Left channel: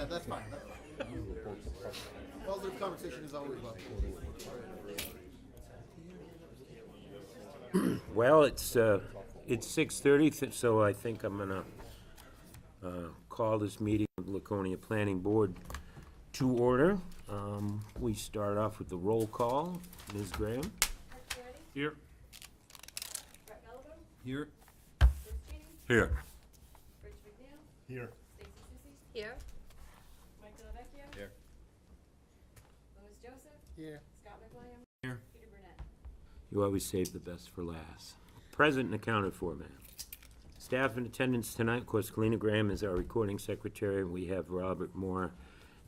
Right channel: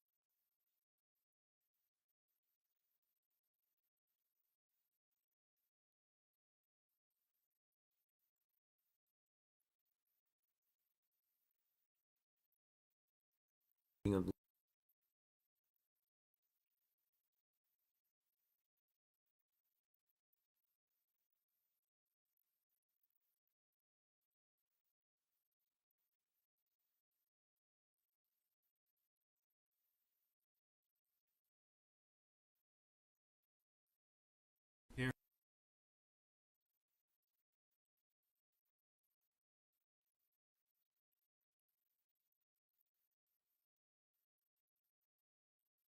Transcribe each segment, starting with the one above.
that. That's fine. That's fine. Positive conversation is always welcome. Well, it's 6:30, so I think I'm gonna call this meeting of the Laconia Planning Board to order. We start off with the roll call. Ms. Graham? Here. Brett Gallagher, Here. Bruce Cheney, Here. Rich McNeil, Here. Stacy Susie, Here. Mike Delavecchio. Here. Louis Joseph, Here. Scott McWilliam, Here. Peter Burnett. You always save the best for last. Present and accounted for, ma'am. Staff in attendance tonight, of course, Kalina Graham is our recording secretary. We have Robert Moore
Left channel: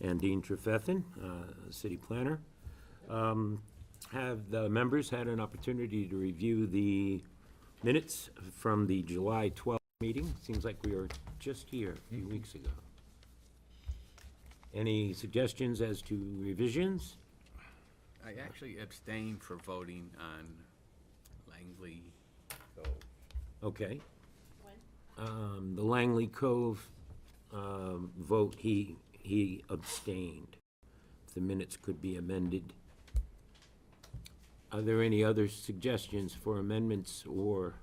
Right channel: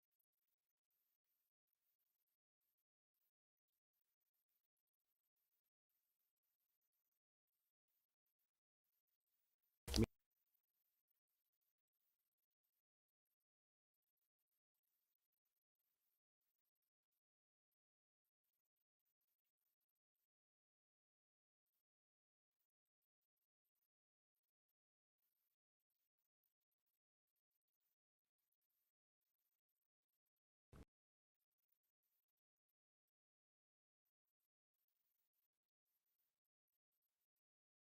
and Dean Trefethen, city planner. Have the members had an opportunity to review the minutes from the July 12th meeting? Seems like we were just here a few weeks ago. Any suggestions as to revisions? I actually abstained for voting on Langley Cove. Okay. When? The Langley Cove vote, he abstained. The minutes could be amended. Are there any other suggestions for amendments or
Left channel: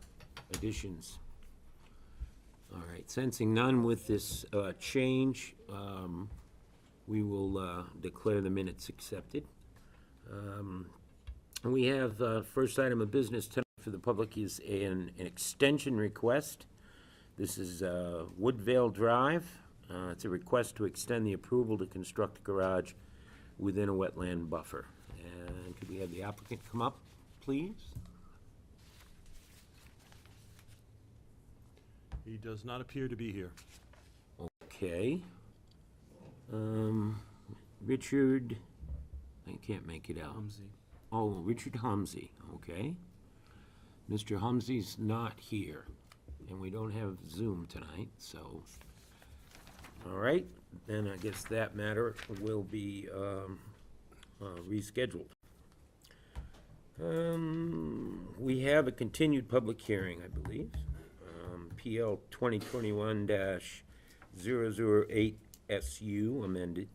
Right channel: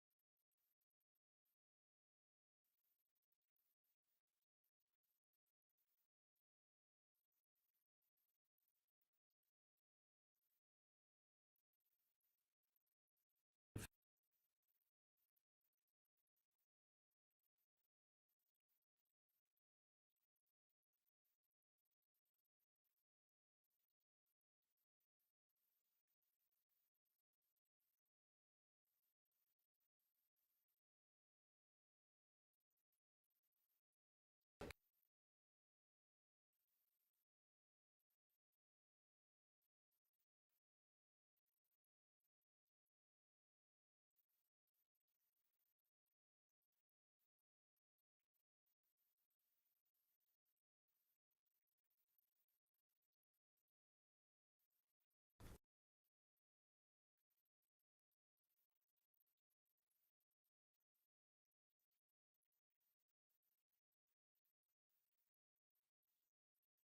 additions? All right, sensing none with this change, we will declare the minutes accepted. We have, first item of business tonight for the public is an extension request. This is Woodvale Drive. It's a request to extend the approval to construct a garage within a wetland buffer. And could we have the applicant come up, please? He does not appear to be here. Okay. Richard, I can't make it out. Oh, Richard Humsey, okay. Mr. Humsey's not here, and we don't have Zoom tonight, so. All right, then I guess that matter will be rescheduled. We have a continued public hearing, I believe. PL 2021-008 SU amended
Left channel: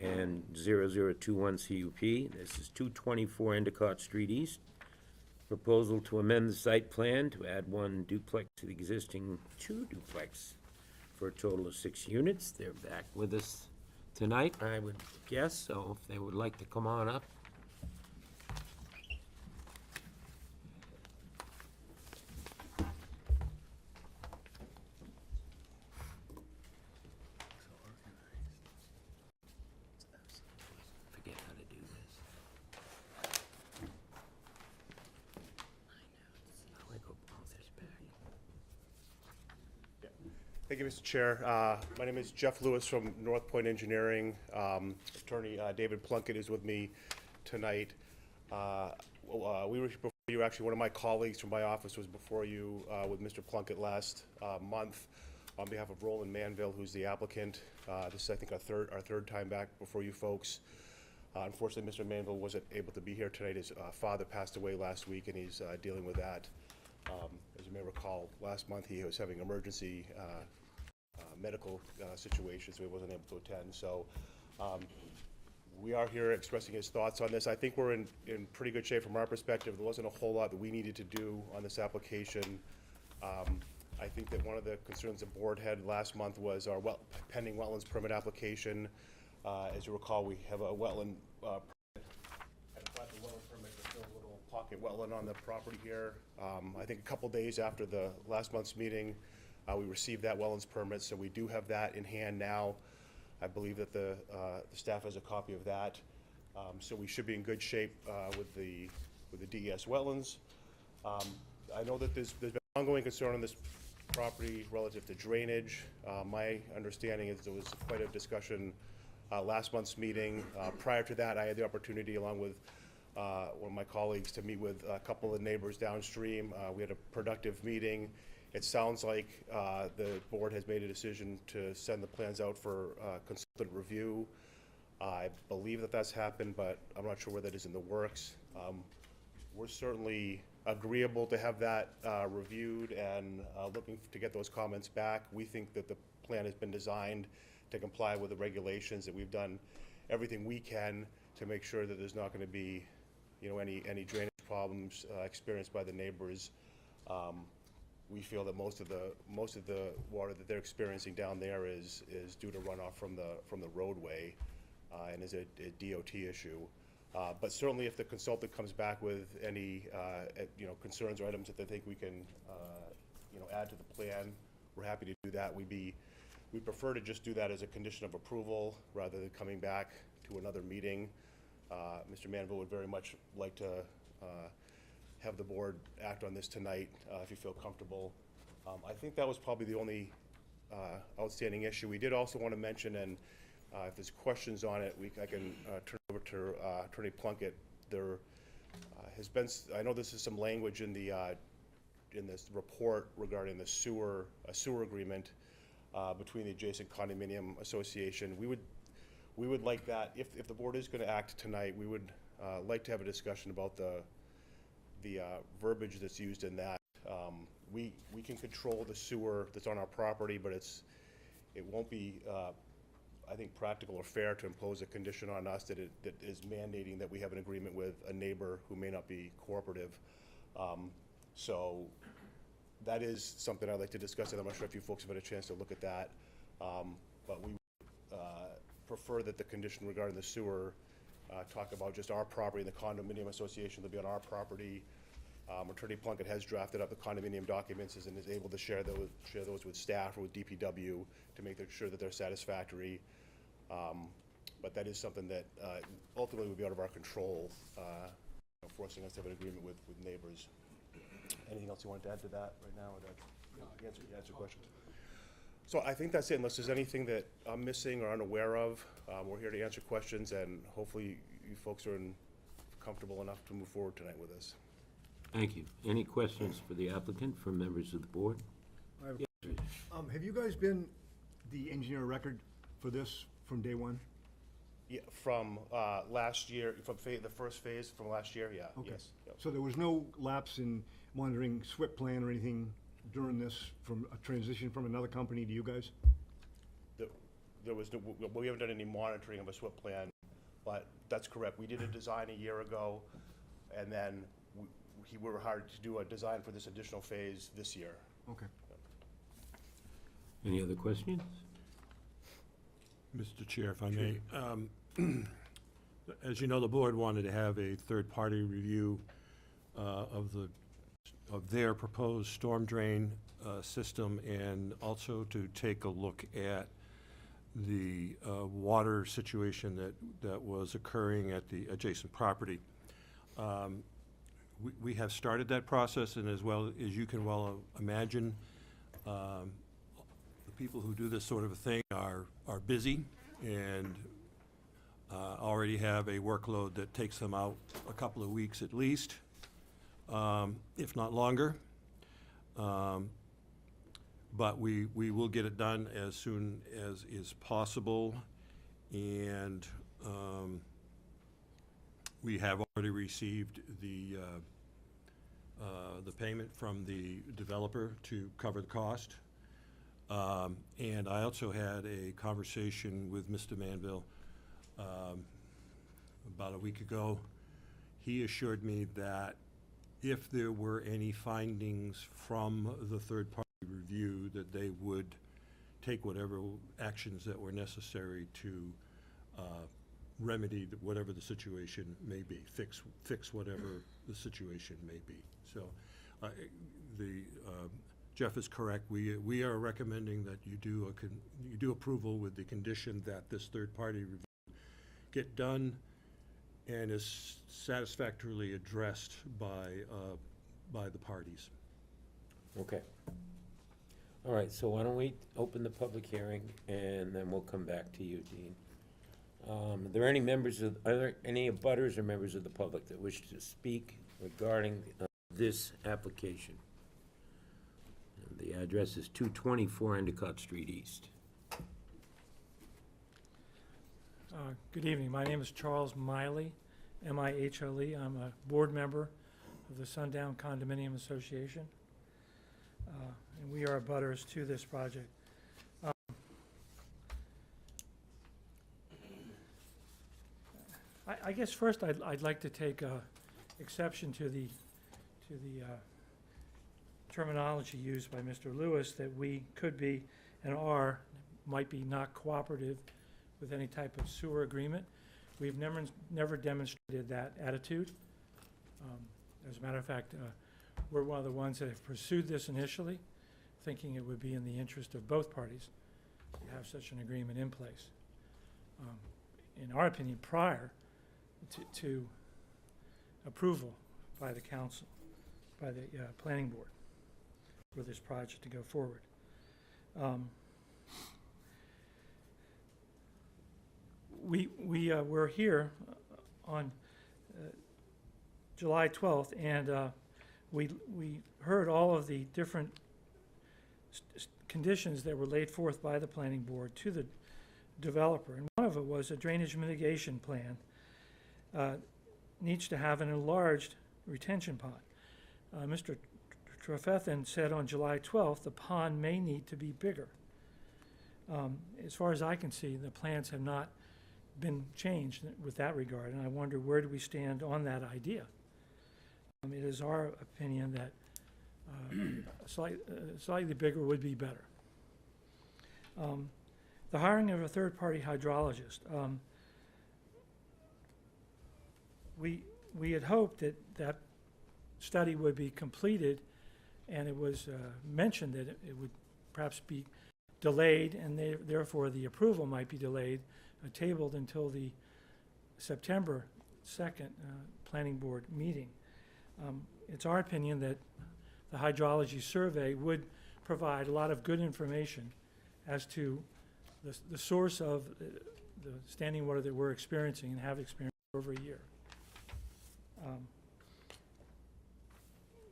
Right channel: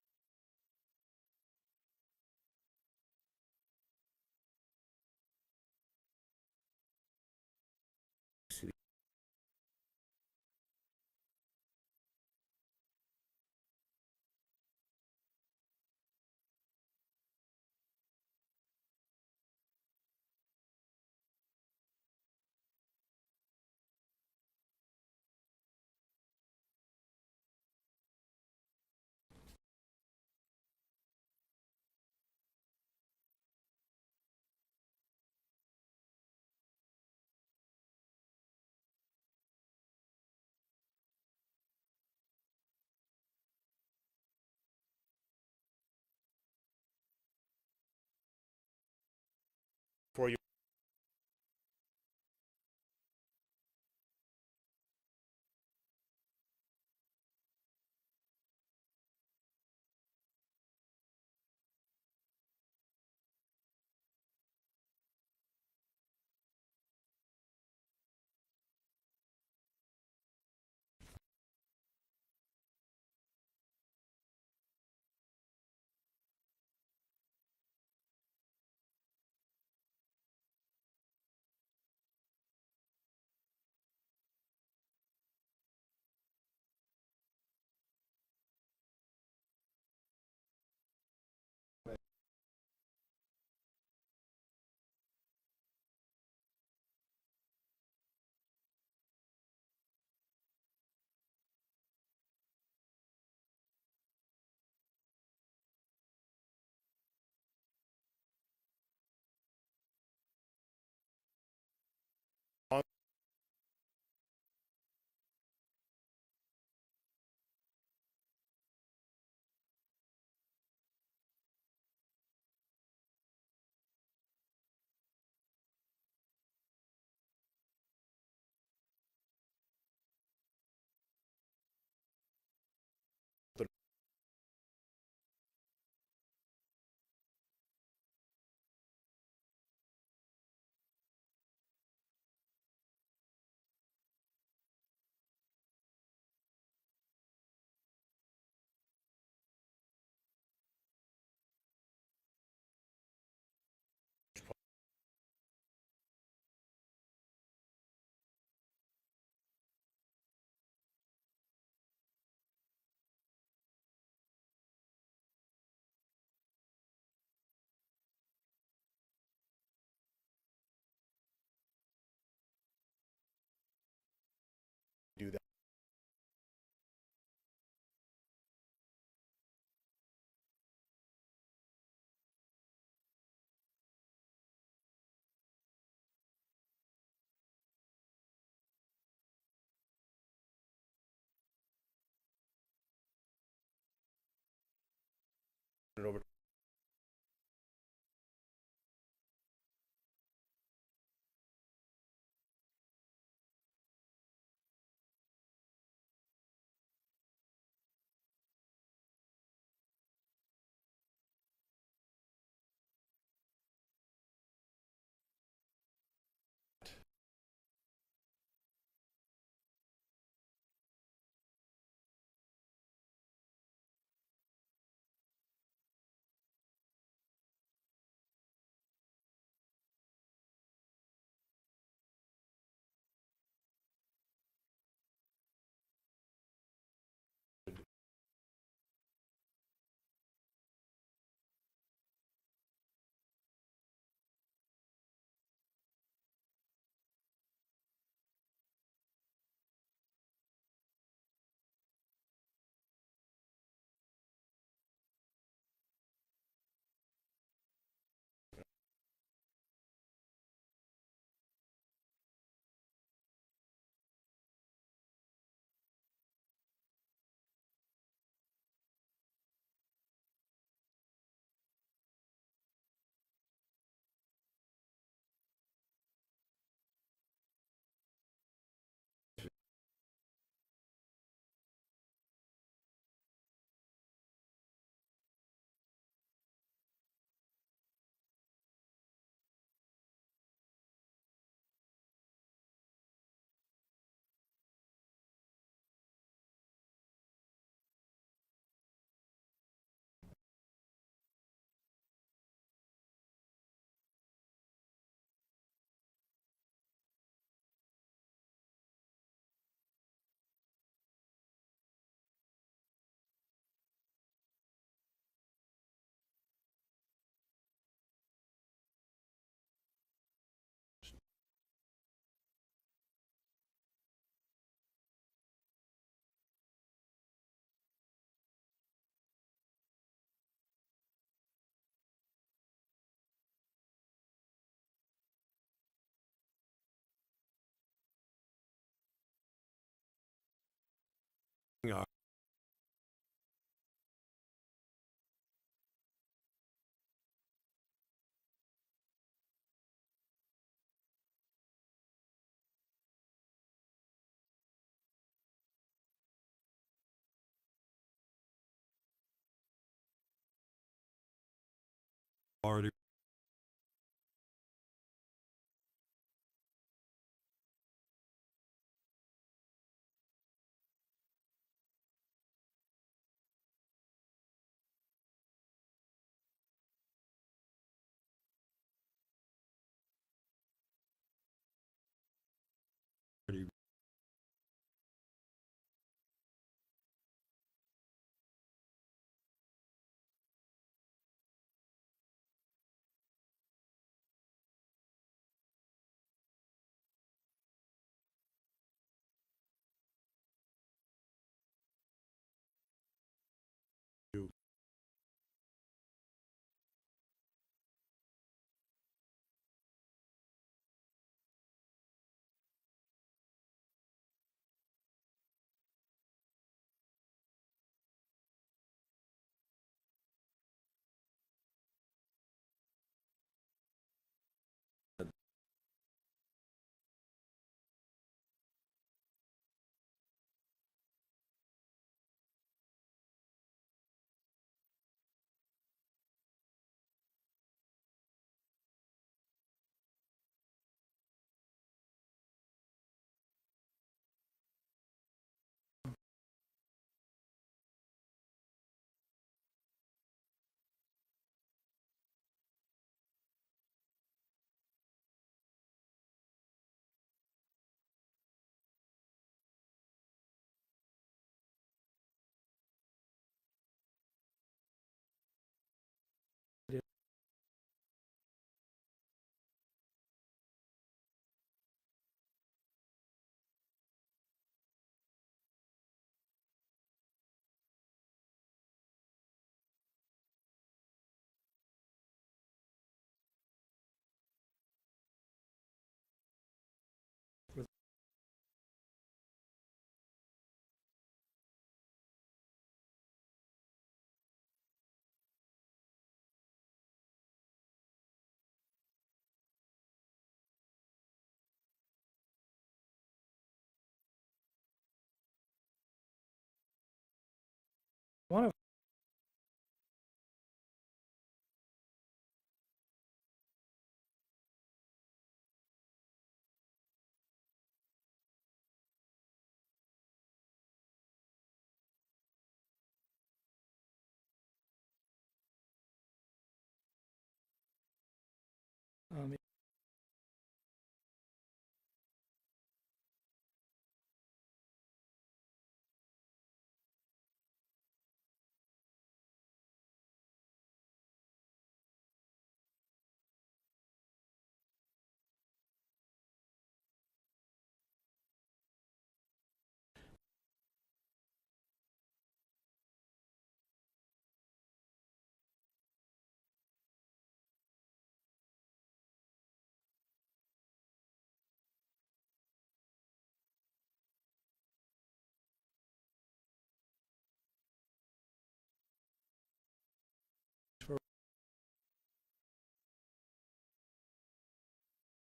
and 0021 CUP. This is 224 Endicott Street East. Proposal to amend the site plan to add one duplex to the existing two duplex for a total of 6 units. They're back with us tonight, I would guess, so if they would like to come on up. Forget how to do this. How I go all this back? Thank you, Mr. Chair. My name is Jeff Lewis from North Point Engineering. Attorney David Plunkett is with me tonight. We were before you, actually, one of my colleagues from my office was before you with Mr. Plunkett last month on behalf of Roland Manville, who's the applicant. This is, I think, our third time back before you folks. Unfortunately, Mr. Manville wasn't able to be here tonight. His father passed away last week, and he's dealing with that. As you may recall, last month he was having emergency medical situation, so he wasn't able to attend. So we are here expressing his thoughts on this. I think we're in pretty good shape from our perspective. There wasn't a whole lot that we needed to do on this application. I think that one of the concerns the board had last month was our pending wetlands permit application. As you recall, we have a wetland permit. And in fact, the wetland permit is still a little pocket wetland on the property here. I think a couple days after the last month's meeting, we received that wetlands permit, so we do have that in hand now. I believe that the staff has a copy of that. So we should be in good shape with the DES wetlands. I know that there's been ongoing concern on this property relative to drainage. My understanding is there was quite a discussion last month's meeting. Prior to that, I had the opportunity, along with one of my colleagues, to meet with a couple of neighbors downstream. We had a productive meeting. It sounds like the board has made a decision to send the plans out for consultative review. I believe that that's happened, but I'm not sure where that is in the works. We're certainly agreeable to have that reviewed and looking to get those comments back. We think that the plan has been designed to comply with the regulations, that we've done everything we can to make sure that there's not going to be, you know, any drainage problems experienced by the neighbors. We feel that most of the water that they're experiencing down there is due to runoff from the roadway, and is a DOT issue. But certainly, if the consultant comes back with any you know, concerns or items that they think we can you know, add to the plan, we're happy to do that. We prefer to just do that as a condition of approval rather than coming back to another meeting. Mr. Manville would very much like to have the board act on this tonight, if you feel comfortable. I think that was probably the only outstanding issue. We did also want to mention, and if there's questions on it, I can turn it over to Attorney Plunkett. There has been, I know this is some language in this report regarding the sewer agreement between the adjacent condominium association. We would like that, if the board is going to act tonight, we would like to have a discussion about the verbiage that's used in that. We can control the sewer that's on our property, but it won't be, I think, practical or fair to impose a condition on us that is mandating that we have an agreement with a neighbor who may not be cooperative. So that is something I'd like to discuss, and I'm not sure if you folks have had a chance to look at that. But we would prefer that the condition regarding the sewer talk about just our property and the condominium association to be on our property. Attorney Plunkett has drafted up the condominium documents and is able to share those with staff or with DPW to make sure that they're satisfactory. But that is something that ultimately would be out of our control, you know, forcing us to have an agreement with neighbors. Anything else you wanted to add to that right now, or that answer questions? So I think that's it, unless there's anything that I'm missing or unaware of. We're here to answer questions, and hopefully you folks are comfortable enough to move forward tonight with us. Thank you. Any questions for the applicant from members of the board? I have a question. Have you guys been the engineer of record for this from day one? Yeah, from last year, from the first phase from last year, yeah. Okay. Yes. Yep. So there was no lapse in monitoring SWIP plan or anything during this, from a transition from another company to you guys? There was no, we haven't done any monitoring of a SWIP plan, but that's correct. We did a design a year ago, and then we were hired to do a design for this additional phase this year. Okay. Any other questions? Mr. Chair, if I may. As you know, the board wanted to have a third-party review of their proposed storm drain system, and also to take a look at the water situation that was occurring at the adjacent property. We have started that process, and as well as you can well imagine, the people who do this sort of a thing are busy and already have a workload that takes them out a couple of weeks at least, if not longer. But we will get it done as soon as is possible, and we have already received the payment from the developer to cover the cost. And I also had a conversation with Mr. Manville about a week ago. He assured me that if there were any findings from the third-party review, that they would take whatever actions that were necessary to remedy whatever the situation may be, fix whatever the situation may be. So Jeff is correct. We are recommending that you do approval with the condition that this third-party review get done and is satisfactorily addressed by the parties. Okay. All right, so why don't we open the public hearing, and then we'll come back to you, Dean. Are there any abutters or members of the public that wish to speak regarding this application? The address is 224 Endicott Street East. Good evening. My name is Charles Miley, M-I-H-L-E. I'm a board member of the Sundown Condominium Association, and we are abutters to this project. I guess first I'd like to take exception to the terminology used by Mr. Lewis, that we could be and might be not cooperative with any type of sewer agreement. We've never demonstrated that attitude. As a matter of fact, we're one of the ones that have pursued this initially, thinking it would be in the interest of both parties to have such an agreement in place. In our opinion, prior to approval by the council, by the planning board, for this project to go forward. We're here on July 12th, and we heard all of the different conditions that were laid forth by the planning board to the developer, and one of it was a drainage mitigation plan needs to have an enlarged retention pond. Mr. Trefethan said on July 12th the pond may need to be bigger. As far as I can see, the plans have not been changed with that regard, and I wonder, where do we stand on that idea? It is our opinion that slightly bigger would be better. The hiring of a third-party hydrologist. We had hoped that that study would be completed, and it was mentioned that it would perhaps be delayed, and therefore the approval might be delayed, tabled until the September 2nd planning board meeting. It's our opinion that the hydrology survey would provide a lot of good information as to the source of the standing water that we're experiencing and have experienced for over a year.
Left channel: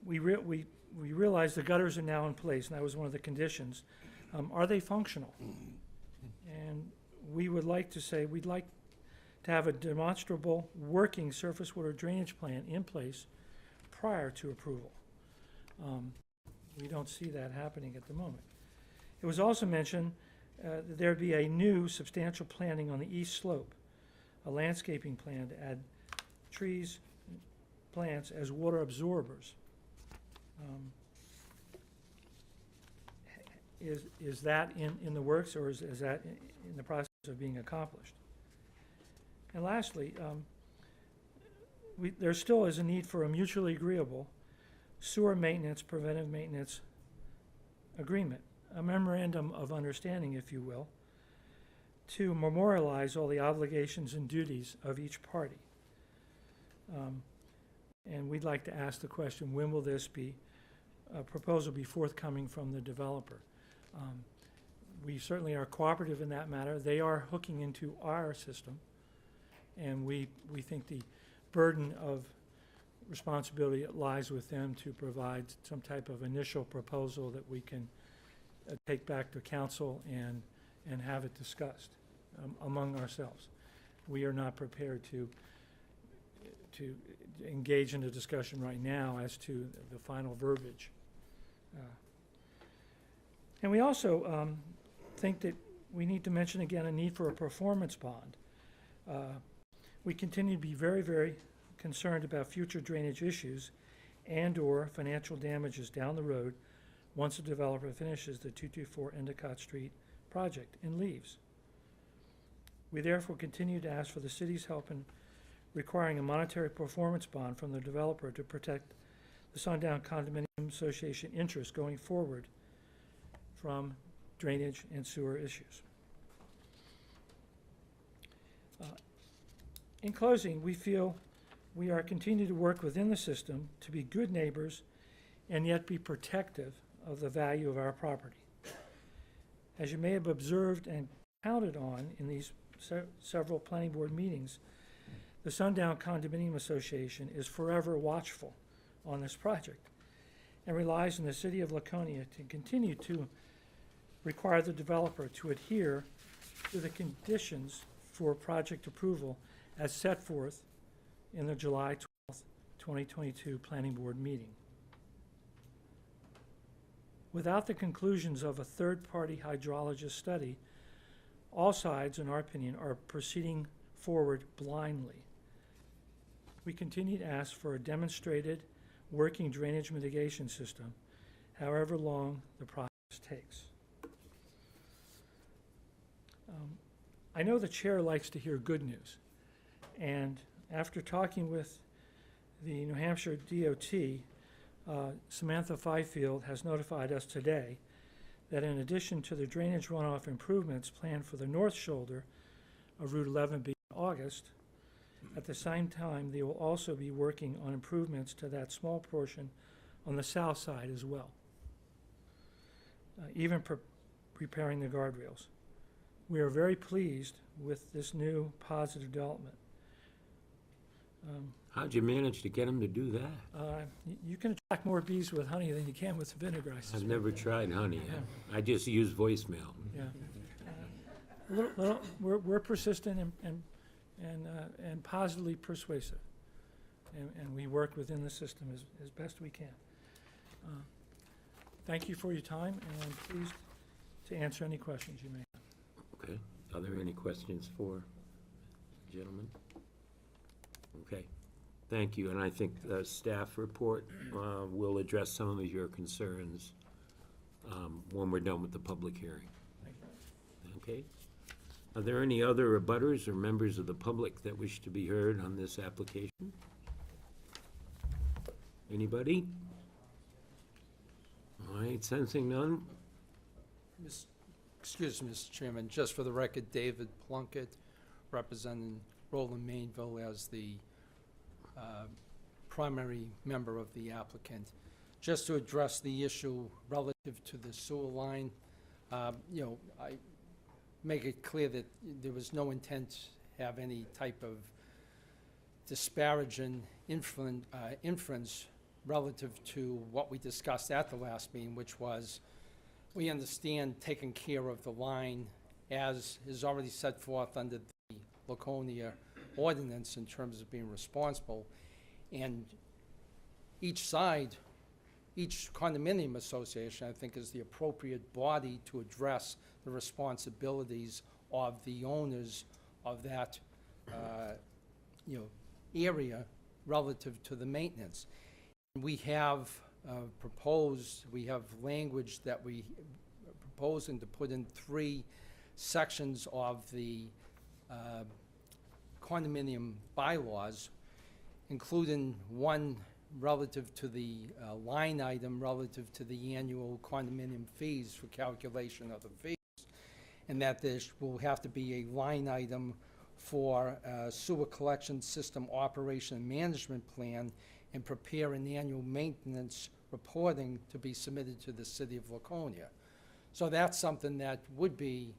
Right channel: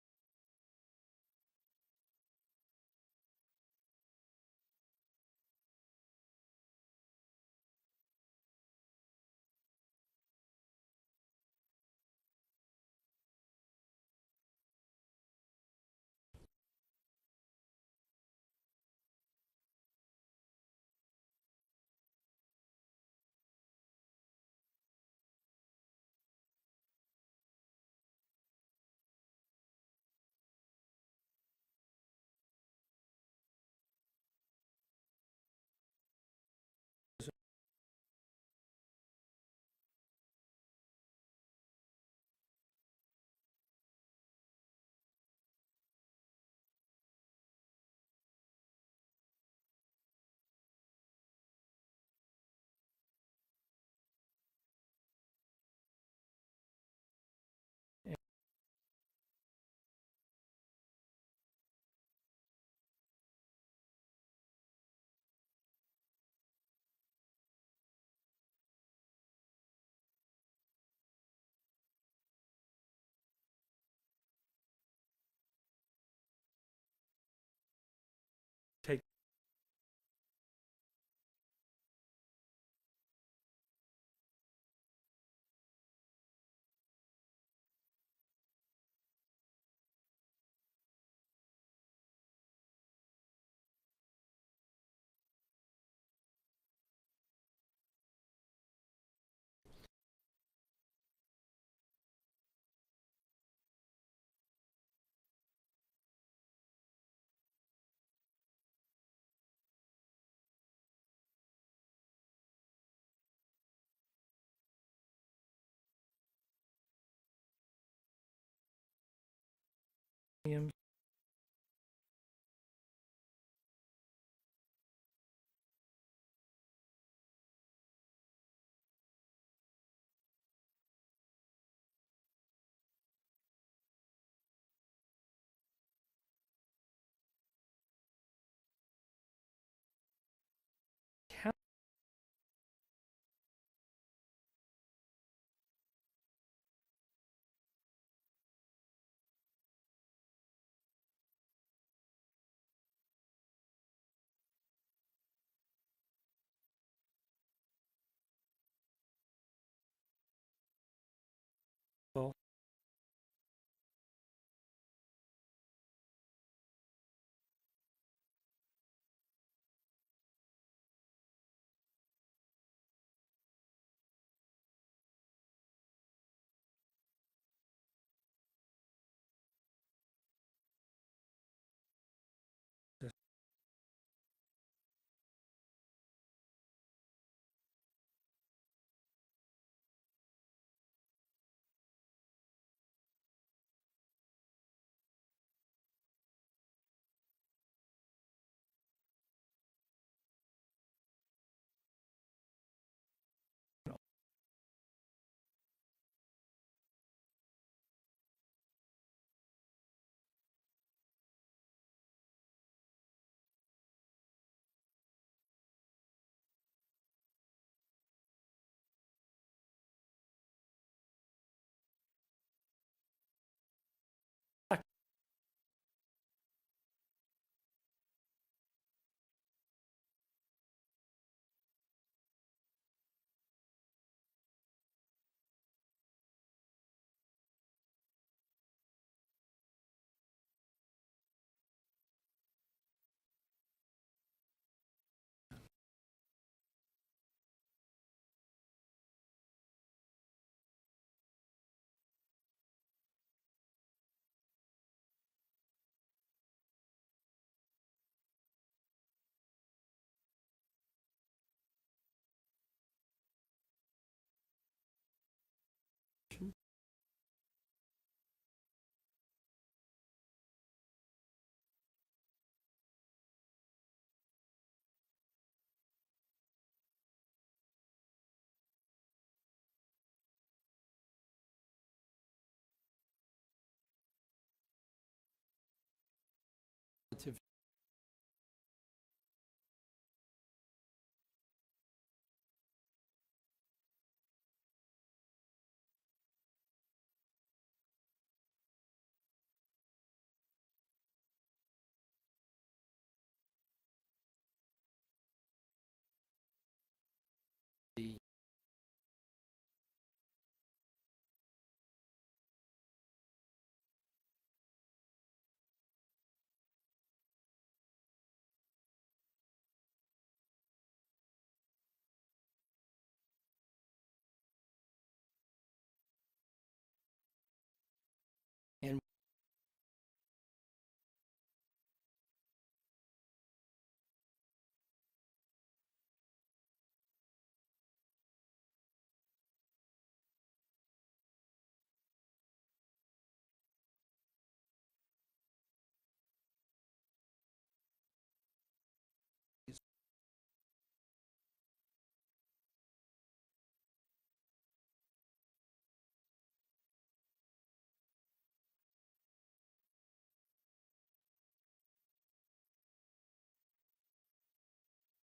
We realize the gutters are now in place, and that was one of the conditions. Are they functional? And we would like to say we'd like to have a demonstrable working surface water drainage plan in place prior to approval. We don't see that happening at the moment. It was also mentioned that there'd be a new substantial planting on the east slope, a landscaping plan to add trees, plants as water absorbers. Is that in the works, or is that in the process of being accomplished? And lastly, there still is a need for a mutually agreeable sewer maintenance, preventive maintenance agreement, a memorandum of understanding, if you will, to memorialize all the obligations and duties of each party. And we'd like to ask the question, when will this proposal be forthcoming from the developer? We certainly are cooperative in that matter. They are hooking into our system, and we think the burden of responsibility lies with them to provide some type of initial proposal that we can take back to council and have it discussed among ourselves. We are not prepared to engage in a discussion right now as to the final verbiage. And we also think that we need to mention again a need for a performance bond. We continue to be very, very concerned about future drainage issues and/or financial damages down the road once the developer finishes the 224 Endicott Street project and leaves. We therefore continue to ask for the city's help in requiring a monetary performance bond from the developer to protect the Sundown Condominium Association interest going forward from drainage and sewer issues. In closing, we feel we are continuing to work within the system to be good neighbors and yet be protective of the value of our property. As you may have observed and counted on in these several planning board meetings, the Sundown Condominium Association is forever watchful on this project and relies on the city of Laconia to continue to require the developer to adhere to the conditions for project approval as set forth in the July 12th, 2022 Planning Board meeting. Without the conclusions of a third-party hydrologist study, all sides, in our opinion, are proceeding forward blindly. we continue to ask for a demonstrated working drainage mitigation system, however long the process takes. I know the chair likes to hear good news, and after talking with the New Hampshire DOT, Samantha Fifield has notified us today that in addition to the drainage runoff improvements planned for the north shoulder of Route 11B in August, at the same time, they will also be working on improvements to that small portion on the south side as well, even repairing the guardrails. We are very pleased with this new positive development. How'd you manage to get them to do that? You can attract more bees with honey than you can with vinegar, I I've suspect. never tried honey. Yeah. I just use voicemail. Yeah. We're persistent and positively persuasive, and we work within the system as best we can. Thank you for your time, and I'm pleased to answer any questions you may have. Okay. Are there any questions for the gentleman? Okay. Thank you, and I think the staff report will address some of your concerns when we're done with the public hearing. Okay? Are there any other abutters or members of the public that wish to be heard on this application? Anybody? All right, sensing none? Excuse me, Mr. Chairman, just for the record, David Plunkett, representing Roland Mainville as the primary member of the applicant. Just to address the issue relative to the sewer line, I make it clear that there was no intent to have any type of disparaging inference relative to what we discussed at the last meeting, which was we understand taking care of the line as is already set forth under the Laconia ordinance in terms of being responsible. And each side, each condominium association, I think, is the appropriate body to address the responsibilities of the owners of that, area relative to the maintenance. And we have we have language that we are proposing to put in 3 sections of the condominium bylaws, including one relative to the line item relative to the annual condominium fees for calculation of the fees, and that there will have to be a line item for sewer collection system operation and management plan, and prepare an annual maintenance reporting to be submitted to the city of Laconia. So that's something that would be,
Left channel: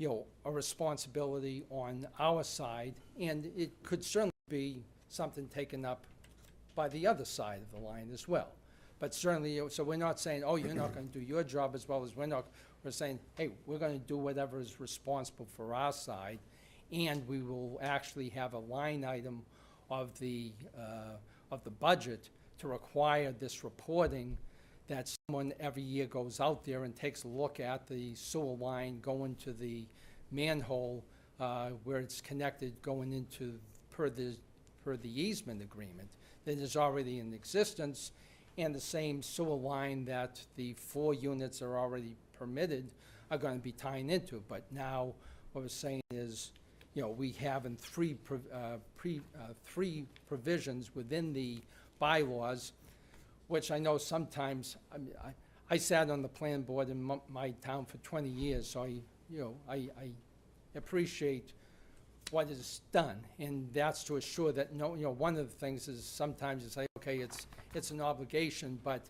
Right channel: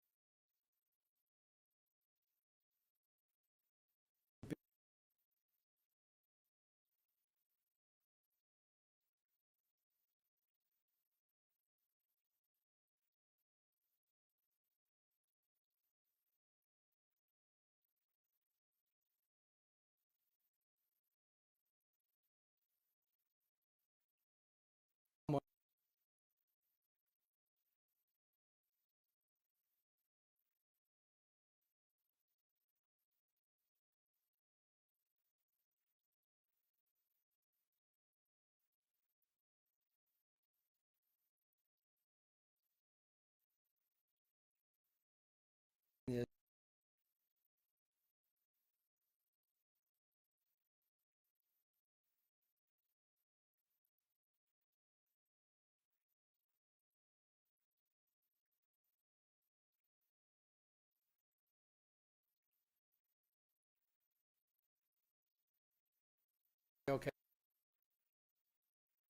a responsibility on our side, and it could certainly be something taken up by the other side of the line as well. But certainly, so we're not saying, oh, you're not going to do your job as well as we're saying, hey, we're going to do whatever is responsible for our side, and we will actually have a line item of the budget to require this reporting, that someone every year goes out there and takes a look at the sewer line going to the manhole where it's connected, going into per the easement agreement that is already in existence, and the same sewer line that the 4 units are already permitted are going to be tying into. But now what we're saying is, we have in 3 provisions within the bylaws, which I know sometimes, I sat on the plan board in my town for 20 years, so I appreciate what is done, and that's to assure that one of the things is sometimes you say, okay, it's an obligation, but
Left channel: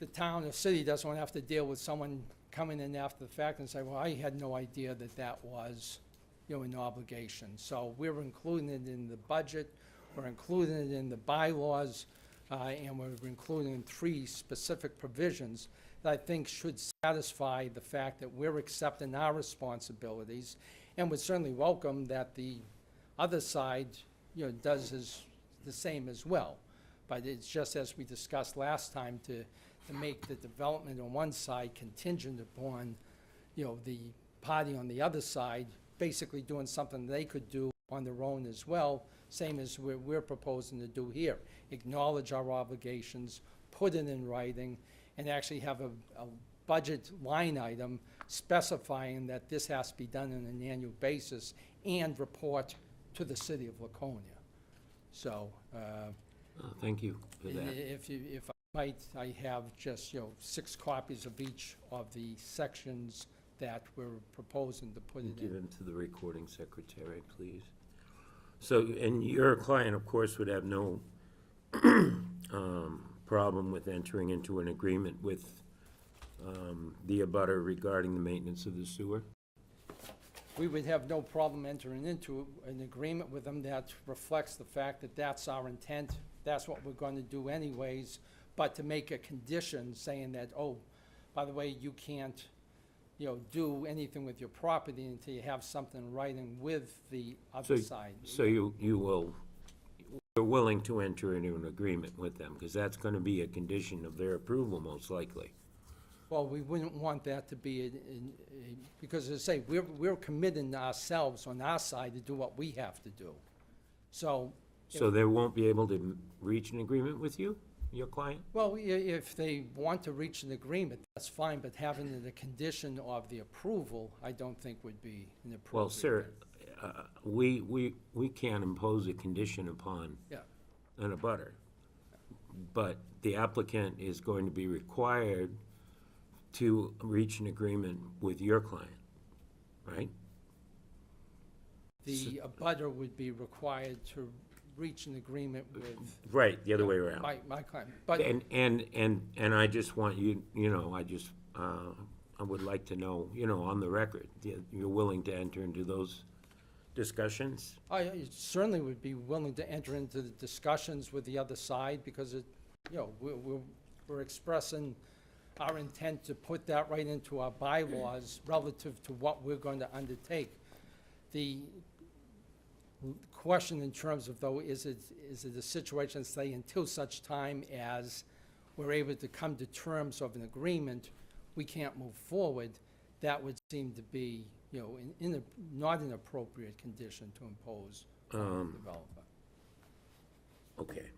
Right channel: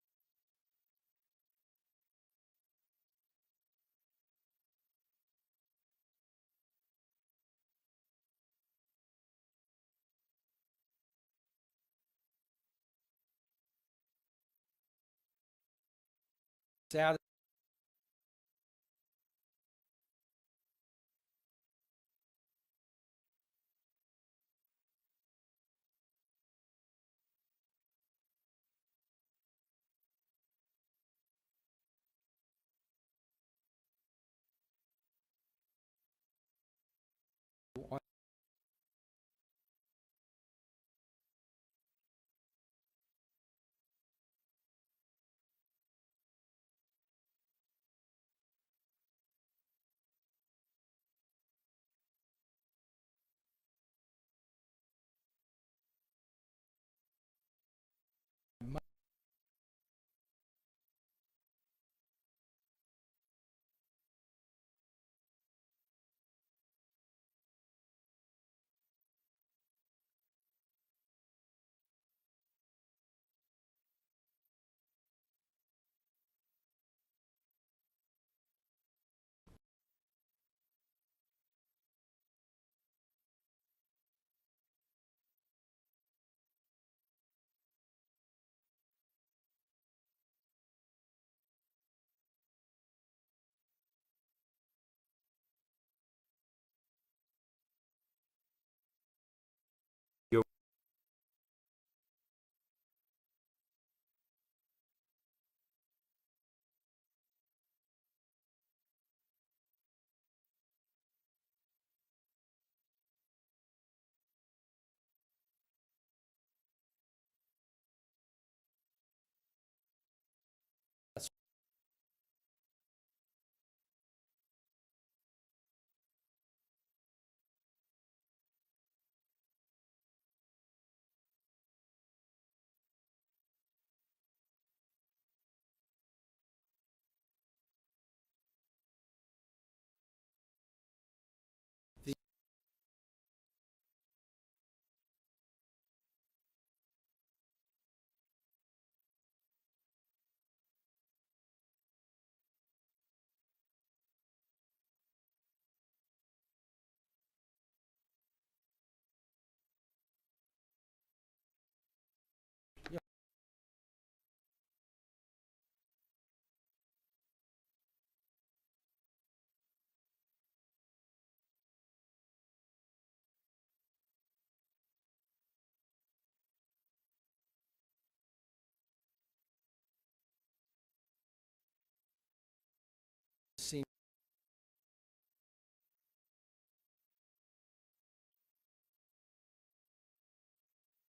the town or city doesn't want to have to deal with someone coming in after the fact and say, well, I had no idea that was an obligation. So we're including it in the budget, we're including it in the bylaws, and we're including in 3 specific provisions that I think should satisfy the fact that we're accepting our responsibilities, and would certainly welcome that the other side, does the same as well. But it's just as we discussed last time, to make the development on one side contingent upon, the party on the other side basically doing something they could do on their own as well, same as we're proposing to do here. Acknowledge our obligations, put it in writing, and actually have a budget line item specifying that this has to be done on an annual basis and report to the city of Laconia. So, Thank you for that. if I might, I have just, 6 copies of each of the sections that we're proposing to put it Give in. them to the recording secretary, please. So, and your client, of course, would have no problem with entering into an agreement with the abutter regarding the maintenance of the sewer? We would have no problem entering into an agreement with them that reflects the fact that that's our intent, that's what we're going to do anyways, but to make a condition saying that, oh, by the way, you can't, do anything with your property until you have something in writing with the other side. So you're willing to enter into an agreement with them, because that's gonna be a condition of their approval, most likely. Well, we wouldn't want that to be, because as I say, we're committing ourselves on our side to do what we have to do. So, So they won't be able to reach an agreement with you, your client? well, if they want to reach an agreement, that's fine, but having it a condition of the approval, I don't think would be an appropriate. Well, sir, we can't impose a condition upon Yeah. an abutter, but the applicant is going to be required to reach an agreement with your client, right? The abutter would be required to reach an agreement with. Right, the other way around. My client, but. And I just want you, I would like to know, on the record, you're willing to enter into those discussions? I certainly would be willing to enter into the discussions with the other side, because we're expressing our intent to put that right into our bylaws relative to what we're going to undertake. The question in terms of, though, is it a situation, say, until such time as we're able to come to terms of an agreement, we can't move forward, that would seem to be, not an appropriate condition to impose on the developer. Okay,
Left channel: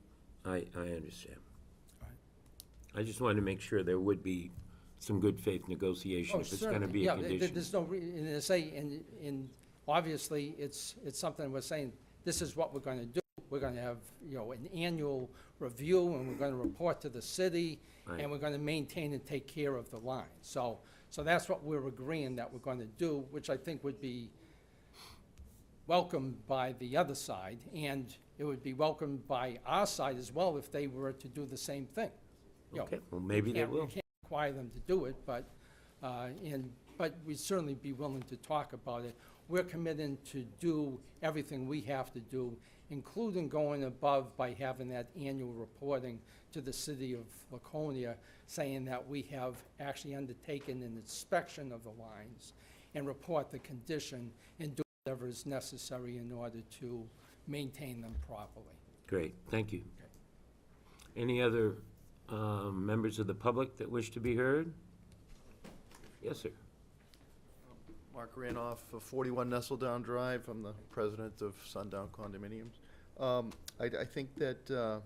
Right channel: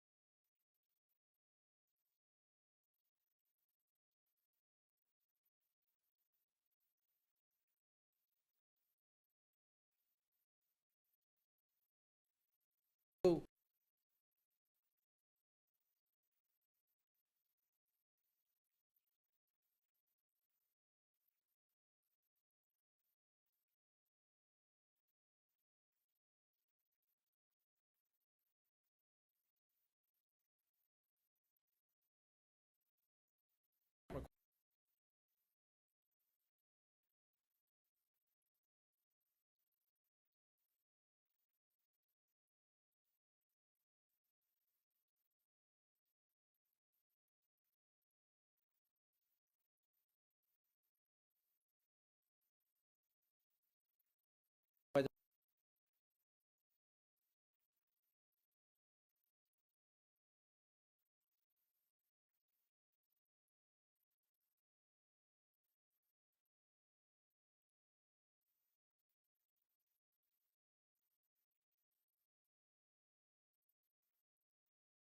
I understand. I just wanted to make sure there would be some good faith negotiation if it's gonna be a condition. There's no, and I say, and obviously, it's something we're saying, this is what we're gonna do. We're gonna have, an annual review, and we're gonna report to the city, Right. and we're gonna maintain and take care of the line. So that's what we're agreeing that we're gonna do, which I think would be welcomed by the other side, and it would be welcomed by our side as well if they were to do the same thing. Okay, well, maybe they will. You can't require them to do it, but we'd certainly be willing to talk about it. We're committed to do everything we have to do, including going above by having that annual reporting to the city of Laconia, saying that we have actually undertaken an inspection of the lines and report the condition and do whatever is necessary in order to maintain them properly. Great, thank you. Any other members of the public that wish to be heard? Yes, sir. Mark Ranoff, 41 Nestledown Drive. I'm the president of Sundown Condominiums. I think that the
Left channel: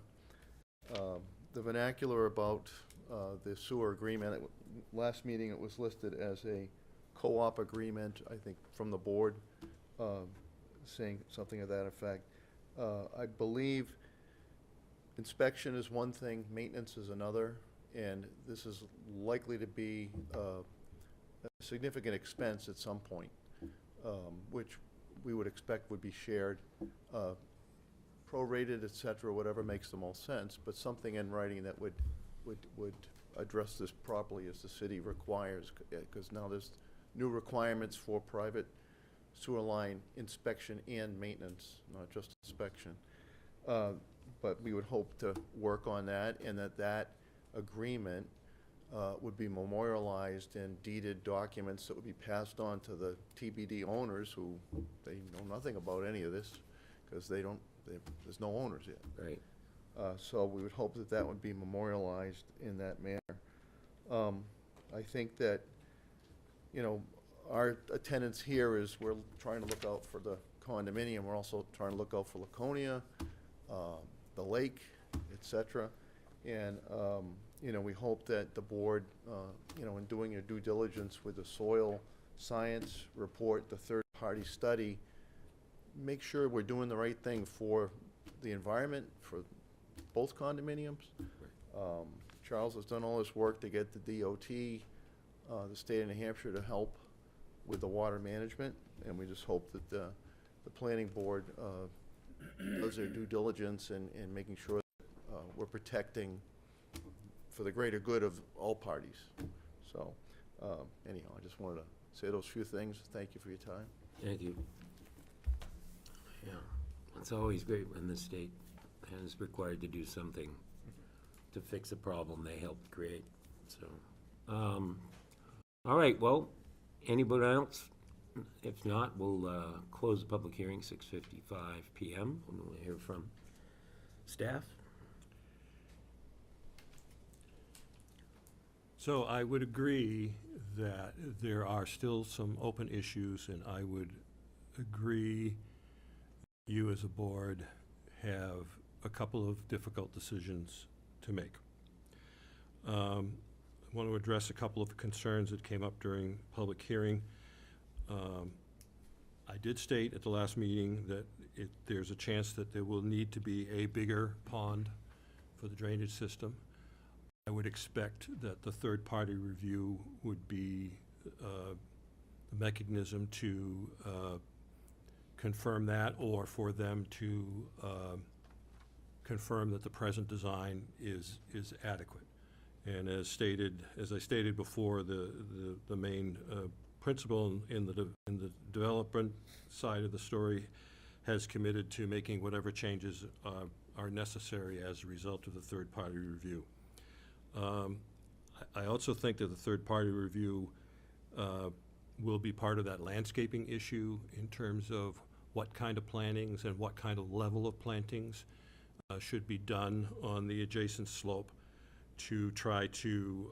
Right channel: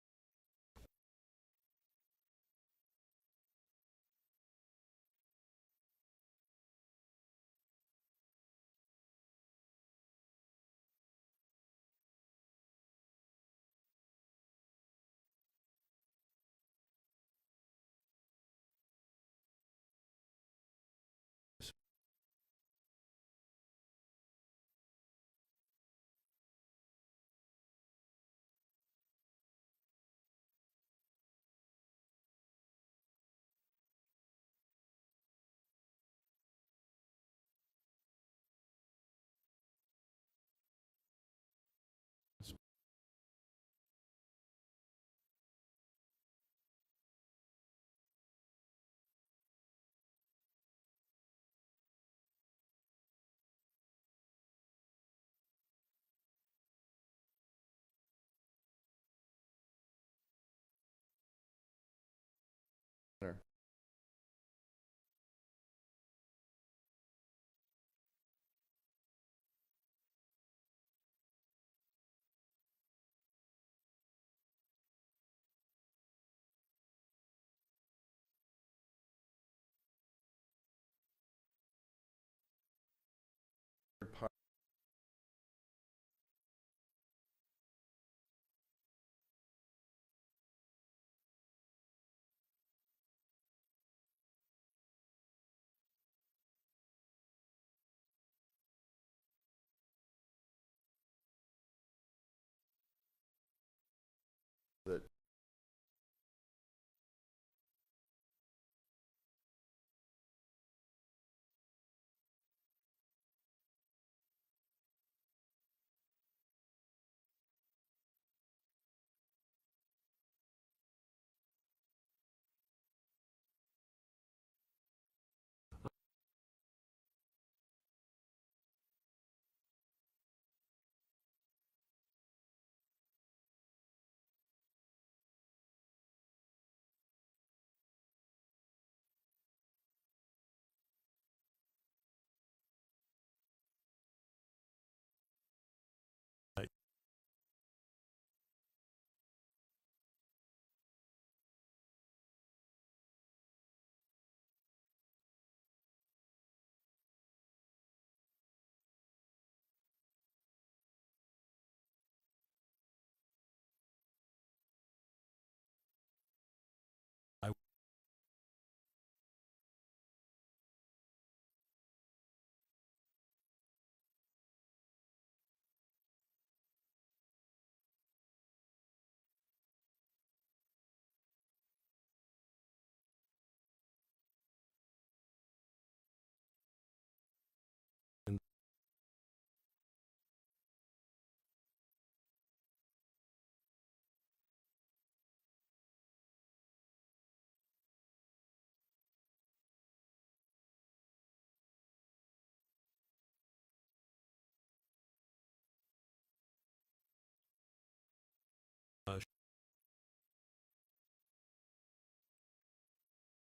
vernacular about the sewer agreement, last meeting it was listed as a co-op agreement, I think, from the board, saying something of that effect. I believe inspection is one thing, maintenance is another, and this is likely to be a significant expense at some point, which we would expect would be shared, prorated, et cetera, whatever makes the most sense, but something in writing that would address this properly as the city requires, because now there's new requirements for private sewer line inspection and maintenance, not just inspection. But we would hope to work on that, and that agreement would be memorialized in deeded documents that would be passed on to the TBD owners, who they know nothing about any of this, because there's no owners yet. Right. So we would hope that that would be memorialized in that manner. I think that, our attendance here is we're trying to look out for the condominium. We're also trying to look out for Laconia, the lake, et cetera. And, you know, we hope that the board, you know, in doing your due diligence with the soil science report, the third-party study, make sure we're doing the right thing for the environment, for both condominiums. Charles has done all this work to get the DOT, the state of New Hampshire, to help with the water management, and we just hope that the planning board does their due diligence in making sure that we're protecting for the greater good of all parties. So, anyhow, I just wanted to say those few things. Thank you for your time. Thank you. Yeah, it's always great when the state is required to do something to fix a problem they helped create, so. All right, well, anybody else? If not, we'll close the public hearing, 6:55 PM, and we'll hear from staff. So I would agree that there are still some open issues, and I would agree that you as a board have a couple of difficult decisions to make. I want to address a couple of concerns that came up during public hearing. I did state at the last meeting that there's a chance that there will need to be a bigger pond for the drainage system. I would expect that the third-party review would be the mechanism to confirm that, or for them to confirm that the present design is adequate. And as I stated before, the main principal in the development side of the story has committed to making whatever changes are necessary as a result of the third-party review. I also think that the third-party review will be part of that landscaping issue in terms of what kind of plantings and what kind of level of plantings should be done on the adjacent slope to try to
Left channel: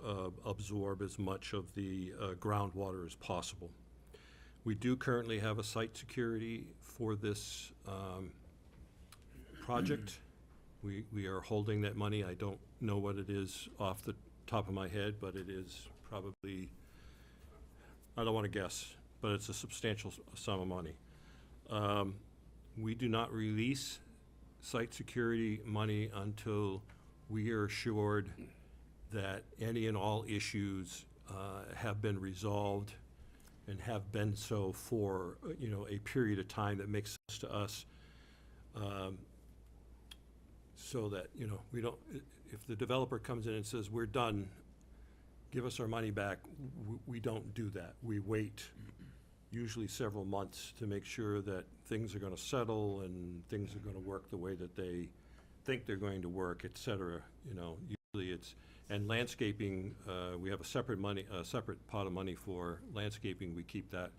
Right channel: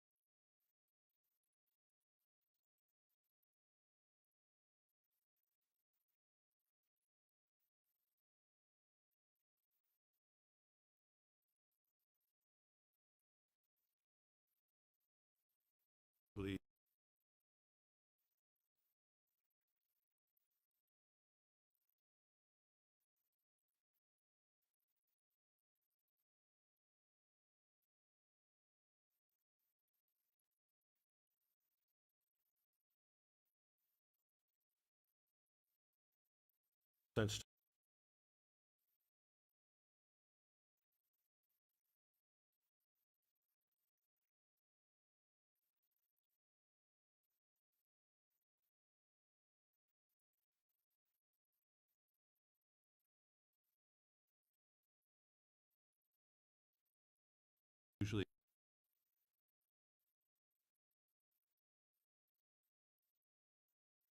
absorb as much of the groundwater as possible. We do currently have a site security for this project. We are holding that money. I don't know what it is off the top of my head, but it is probably, I don't want to guess, but it's a substantial sum of money. We do not release site security money until we are assured that any and all issues have been resolved and have been so for, you know, a period of time that makes sense to us. So that, you know, we don't, if the developer comes in and says, we're done, give us our money back, we don't do that. We wait usually several months to make sure that things are gonna settle and things are gonna work the way that they think they're going to work, et cetera. You know, usually it's, and landscaping, we have a separate pot of money for landscaping. We keep that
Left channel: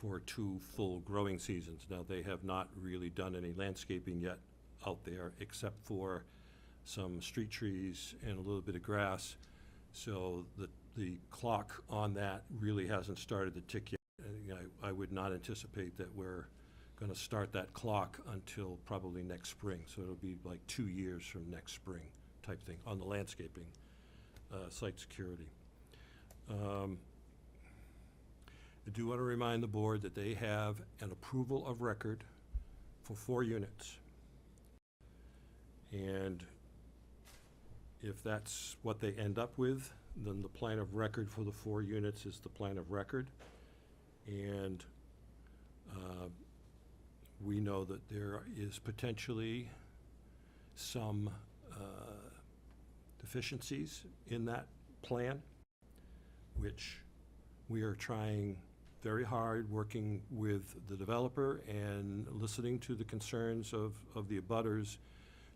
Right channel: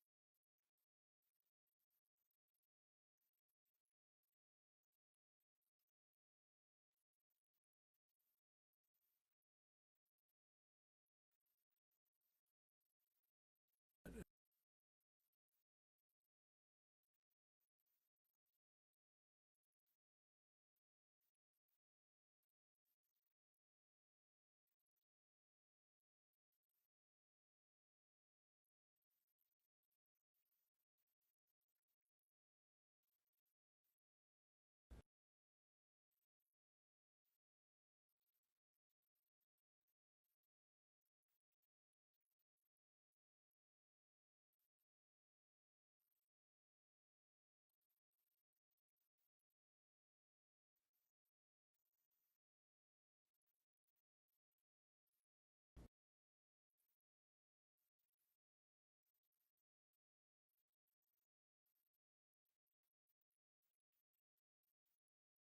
for 2 full growing seasons. Now, they have not really done any landscaping yet out there, except for some street trees and a little bit of grass. So the clock on that really hasn't started to tick yet. And I would not anticipate that we're gonna start that clock until probably next spring. So it'll be like 2 years from next spring type thing on the landscaping, site security. I do want to remind the board that they have an approval of record for 4 units. And if that's what they end up with, then the plan of record for the 4 units is the plan of record. And we know that there is potentially some deficiencies in that plan, which we are trying very hard, working with the developer and listening to the concerns of the abutters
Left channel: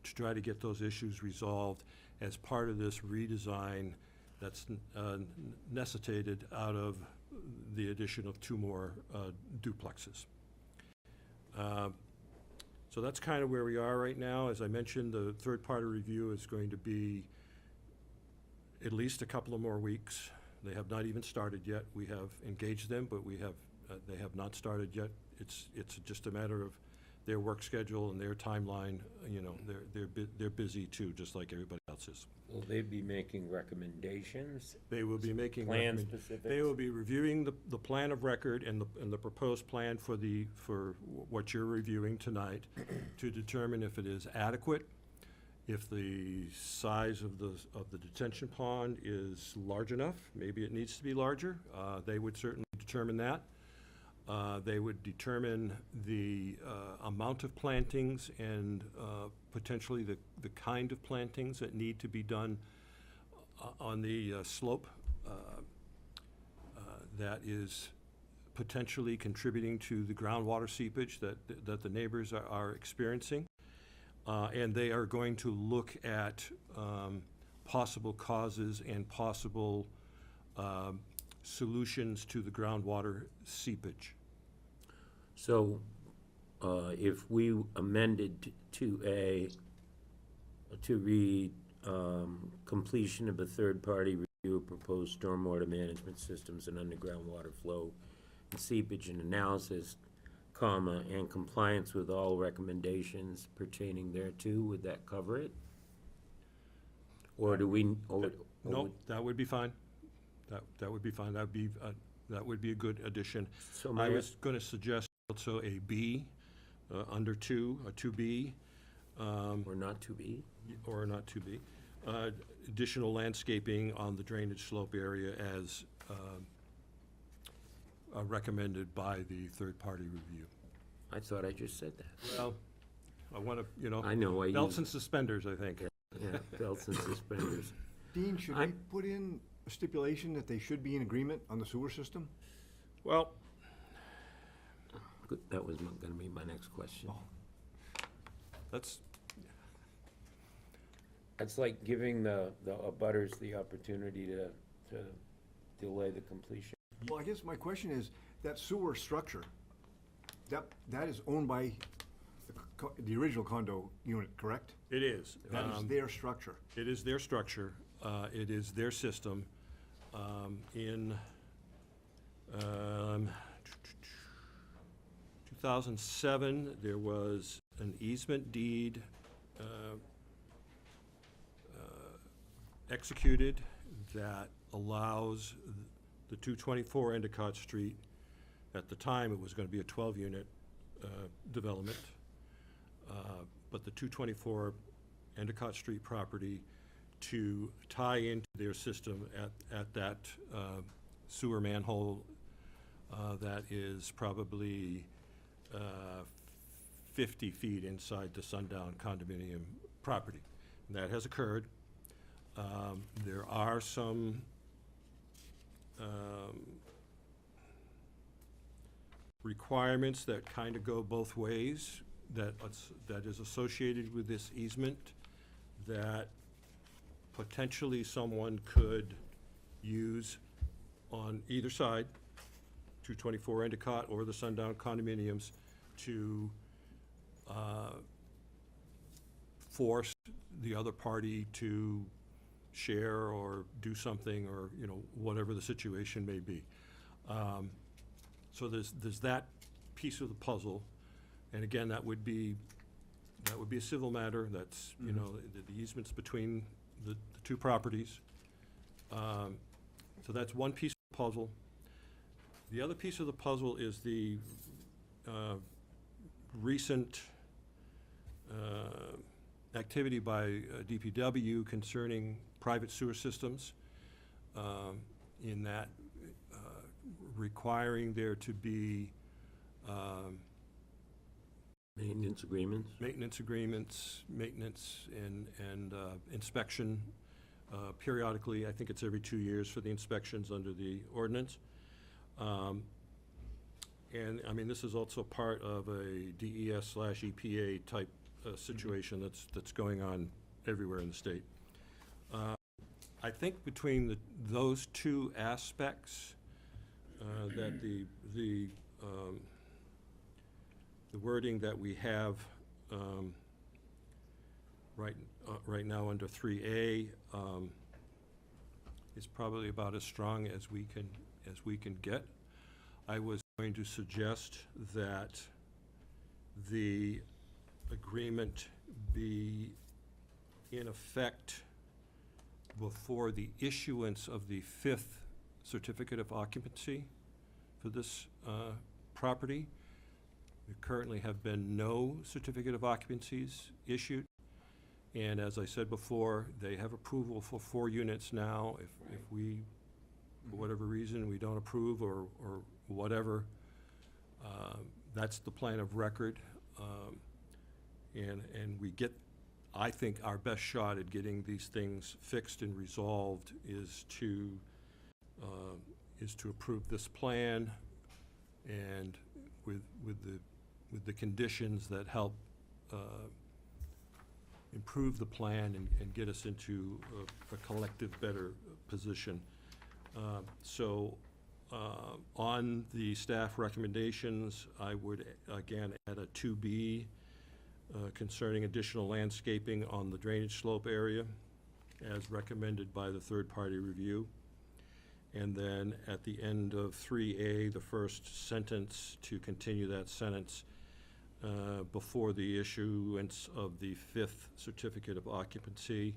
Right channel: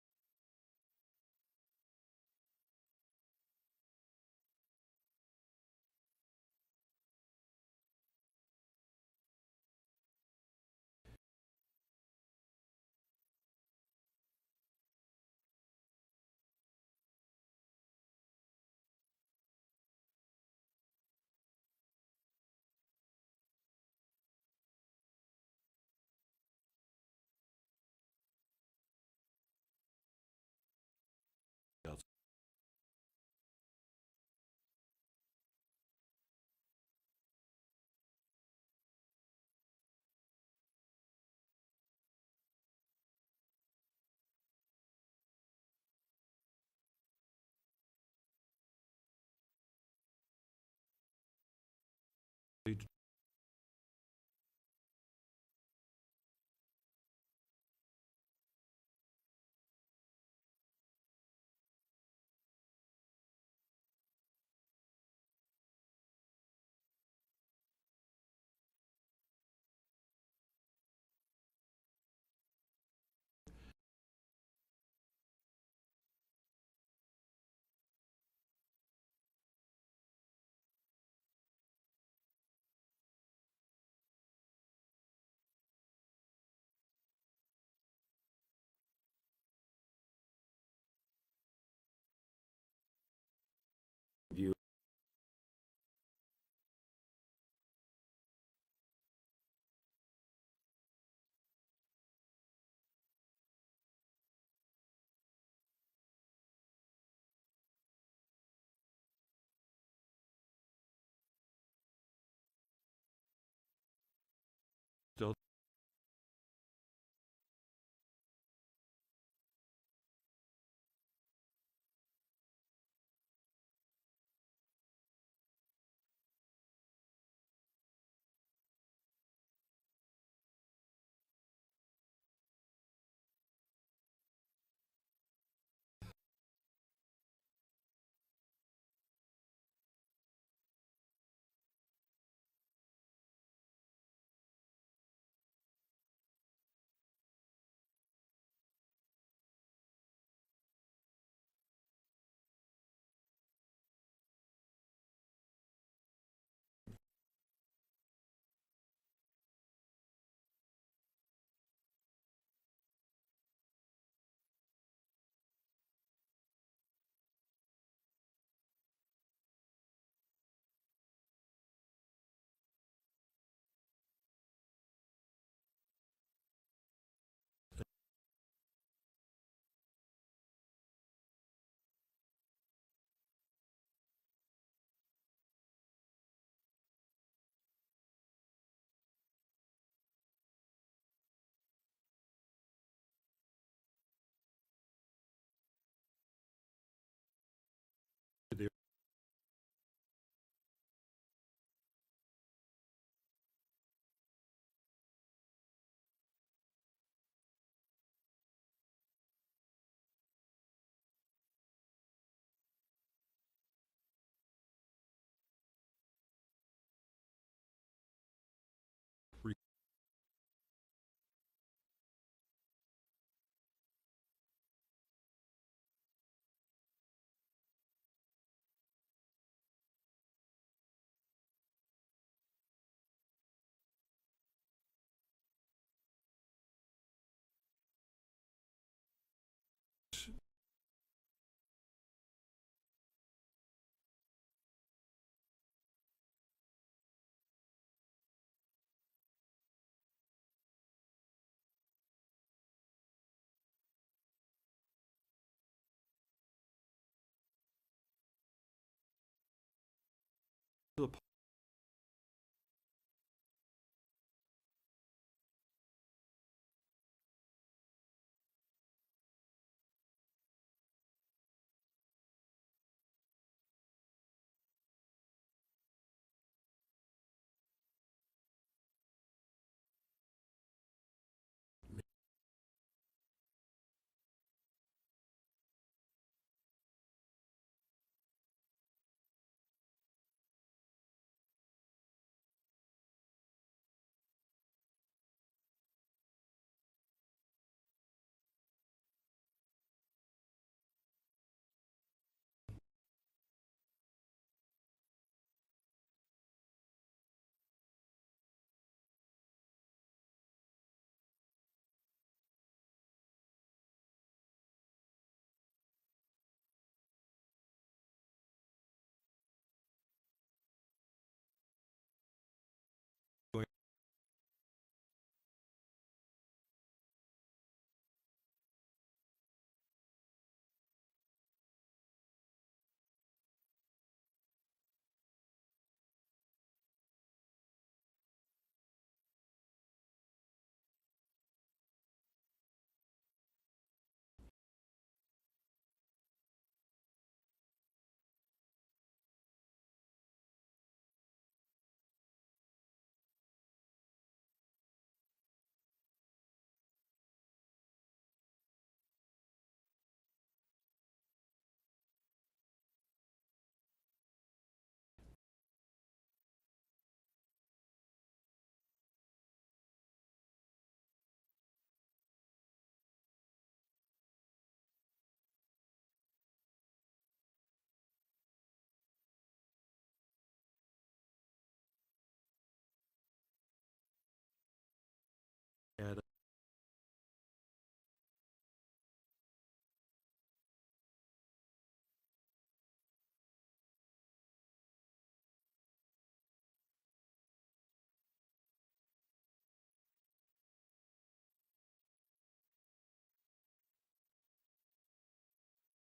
to try to get those issues resolved as part of this redesign that's necessitated out of the addition of 2 more duplexes. So that's kind of where we are right now. As I mentioned, the third-party review is going to be at least a couple of more weeks. They have not even started yet. We have engaged them, but they have not started yet. It's just a matter of their work schedule and their timeline. You know, they're busy too, just like everybody else is. Will they be making recommendations? They will be making Plan specifics? They will be reviewing the plan of record and the proposed plan for what you're reviewing tonight to determine if it is adequate, if the size of the detention pond is large enough. Maybe it needs to be larger. They would certainly determine that. They would determine the amount of plantings and potentially the kind of plantings that need to be done on the slope that is potentially contributing to the groundwater seepage that the neighbors are experiencing. And they are going to look at possible causes and possible solutions to the groundwater seepage. So, if we amended to read, completion of a third-party review of proposed stormwater management systems and underground water flow and seepage and analysis, comma, and compliance with all recommendations pertaining thereto, would that cover it? Or do we, No, that would be fine. That would be fine. That would be a good addition. So I may I- was going to suggest also a B, under 2, a 2B. Or not to be? Or not 2B. Additional landscaping on the drainage slope area as recommended by the third-party review. I thought I just said that. Well, I want to, I know, I belts use, and suspenders, I think. yeah, belts and suspenders. Dean, should I- we put in a stipulation that they should be in agreement on the sewer system? Well, Good, that was gonna be my next question. that's, It's like giving the abutters the opportunity to delay the completion. Well, I guess my question is, that sewer structure, that is owned by the original condo unit, correct? it is. That is their structure. It is their structure. It is their system. In 2007, there was an easement deed executed that allows the 224 Endicott Street, at the time it was going to be a 12-unit development, but the 224 Endicott Street property to tie into their system at that sewer manhole that is probably 50 feet inside the Sundown condominium property. And that has occurred. There are some requirements that kind of go both ways that is associated with this easement that potentially someone could use on either side, 224 Endicott or the Sundown condominiums, to force the other party to share or do something, or, you know, whatever the situation may be. So there's that piece of the puzzle, and again, that would be a civil matter. That's, you know, the easements between the two properties. So that's one piece of the puzzle. The other piece of the puzzle is the recent activity by DPW concerning private sewer systems, in that requiring there to be Maintenance agreements? maintenance agreements, and inspection periodically. I think it's every 2 years for the inspections under the ordinance. And, I mean, this is also part of a DES/EPA type situation that's going on everywhere in the state. I think between those two aspects, that the wording that we have right now under 3A is probably about as strong as we can get. I was going to suggest that the agreement be in effect before the issuance of the 5th certificate of occupancy for this property. There currently have been no certificate of occupancies issued. And as I said before, they have approval for 4 units now. If we, for whatever reason, we don't approve or whatever, that's the plan of record. And we get, I think, our best shot at getting these things fixed and resolved is to approve this plan, and with the conditions that help improve the plan and get us into a collective better position. On the staff recommendations, I would again add a 2B concerning additional landscaping on the drainage slope area as recommended by the third-party review. And then at the end of 3A, the first sentence, to continue that sentence before the issuance of the 5th certificate of occupancy.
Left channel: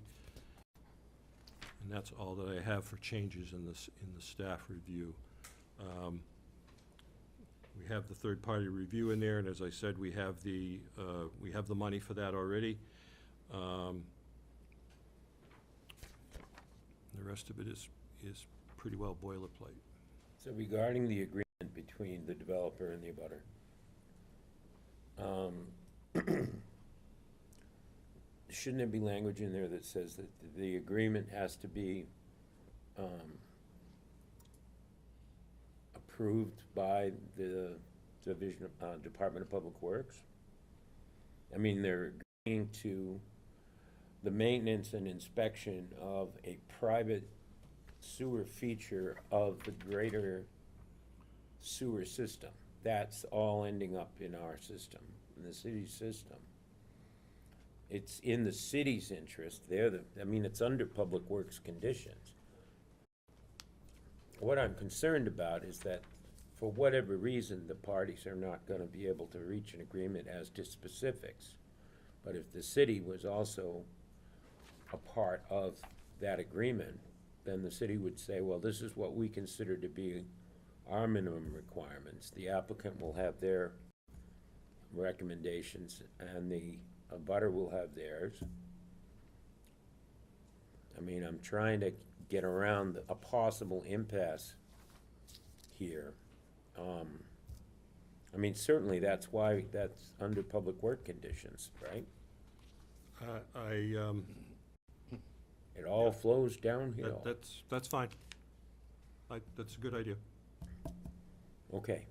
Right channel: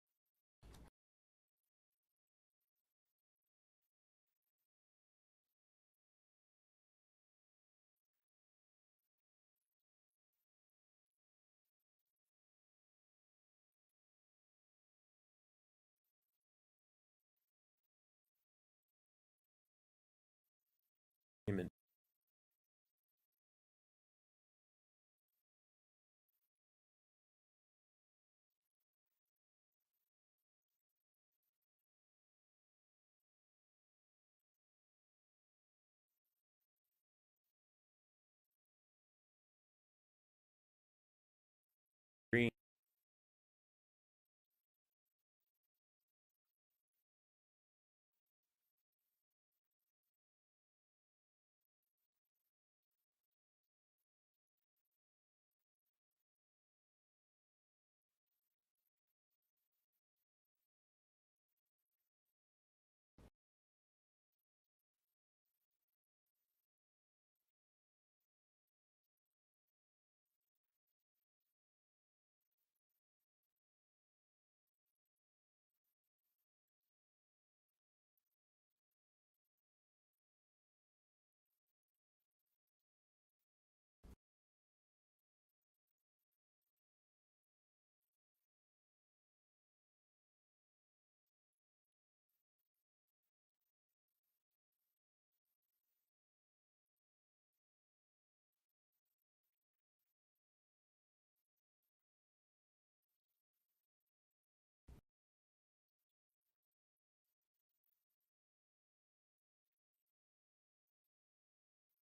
And that's all that I have for changes in the staff review. We have the third-party review in there, and as I said, we have the money for that already. The rest of it is pretty well boilerplate. So regarding the agreement between the developer and the abutter, shouldn't there be language in there that says that the agreement has to be approved by the Department of Public Works? I mean, they're agreeing to the maintenance and inspection of a private sewer feature of the greater sewer system. That's all ending up in our system, in the city's system. It's in the city's interest. It's under Public Works conditions. What I'm concerned about is that for whatever reason, the parties are not gonna be able to reach an agreement as to specifics. But if the city was also a part of that agreement, then the city would say, well, this is what we consider to be our minimum requirements. The applicant will have their recommendations, and the abutter will have theirs. I mean, I'm trying to get around a possible impasse here. Certainly that's why that's under public work conditions, right? It all flows downhill. That's fine. That's a good idea. Okay.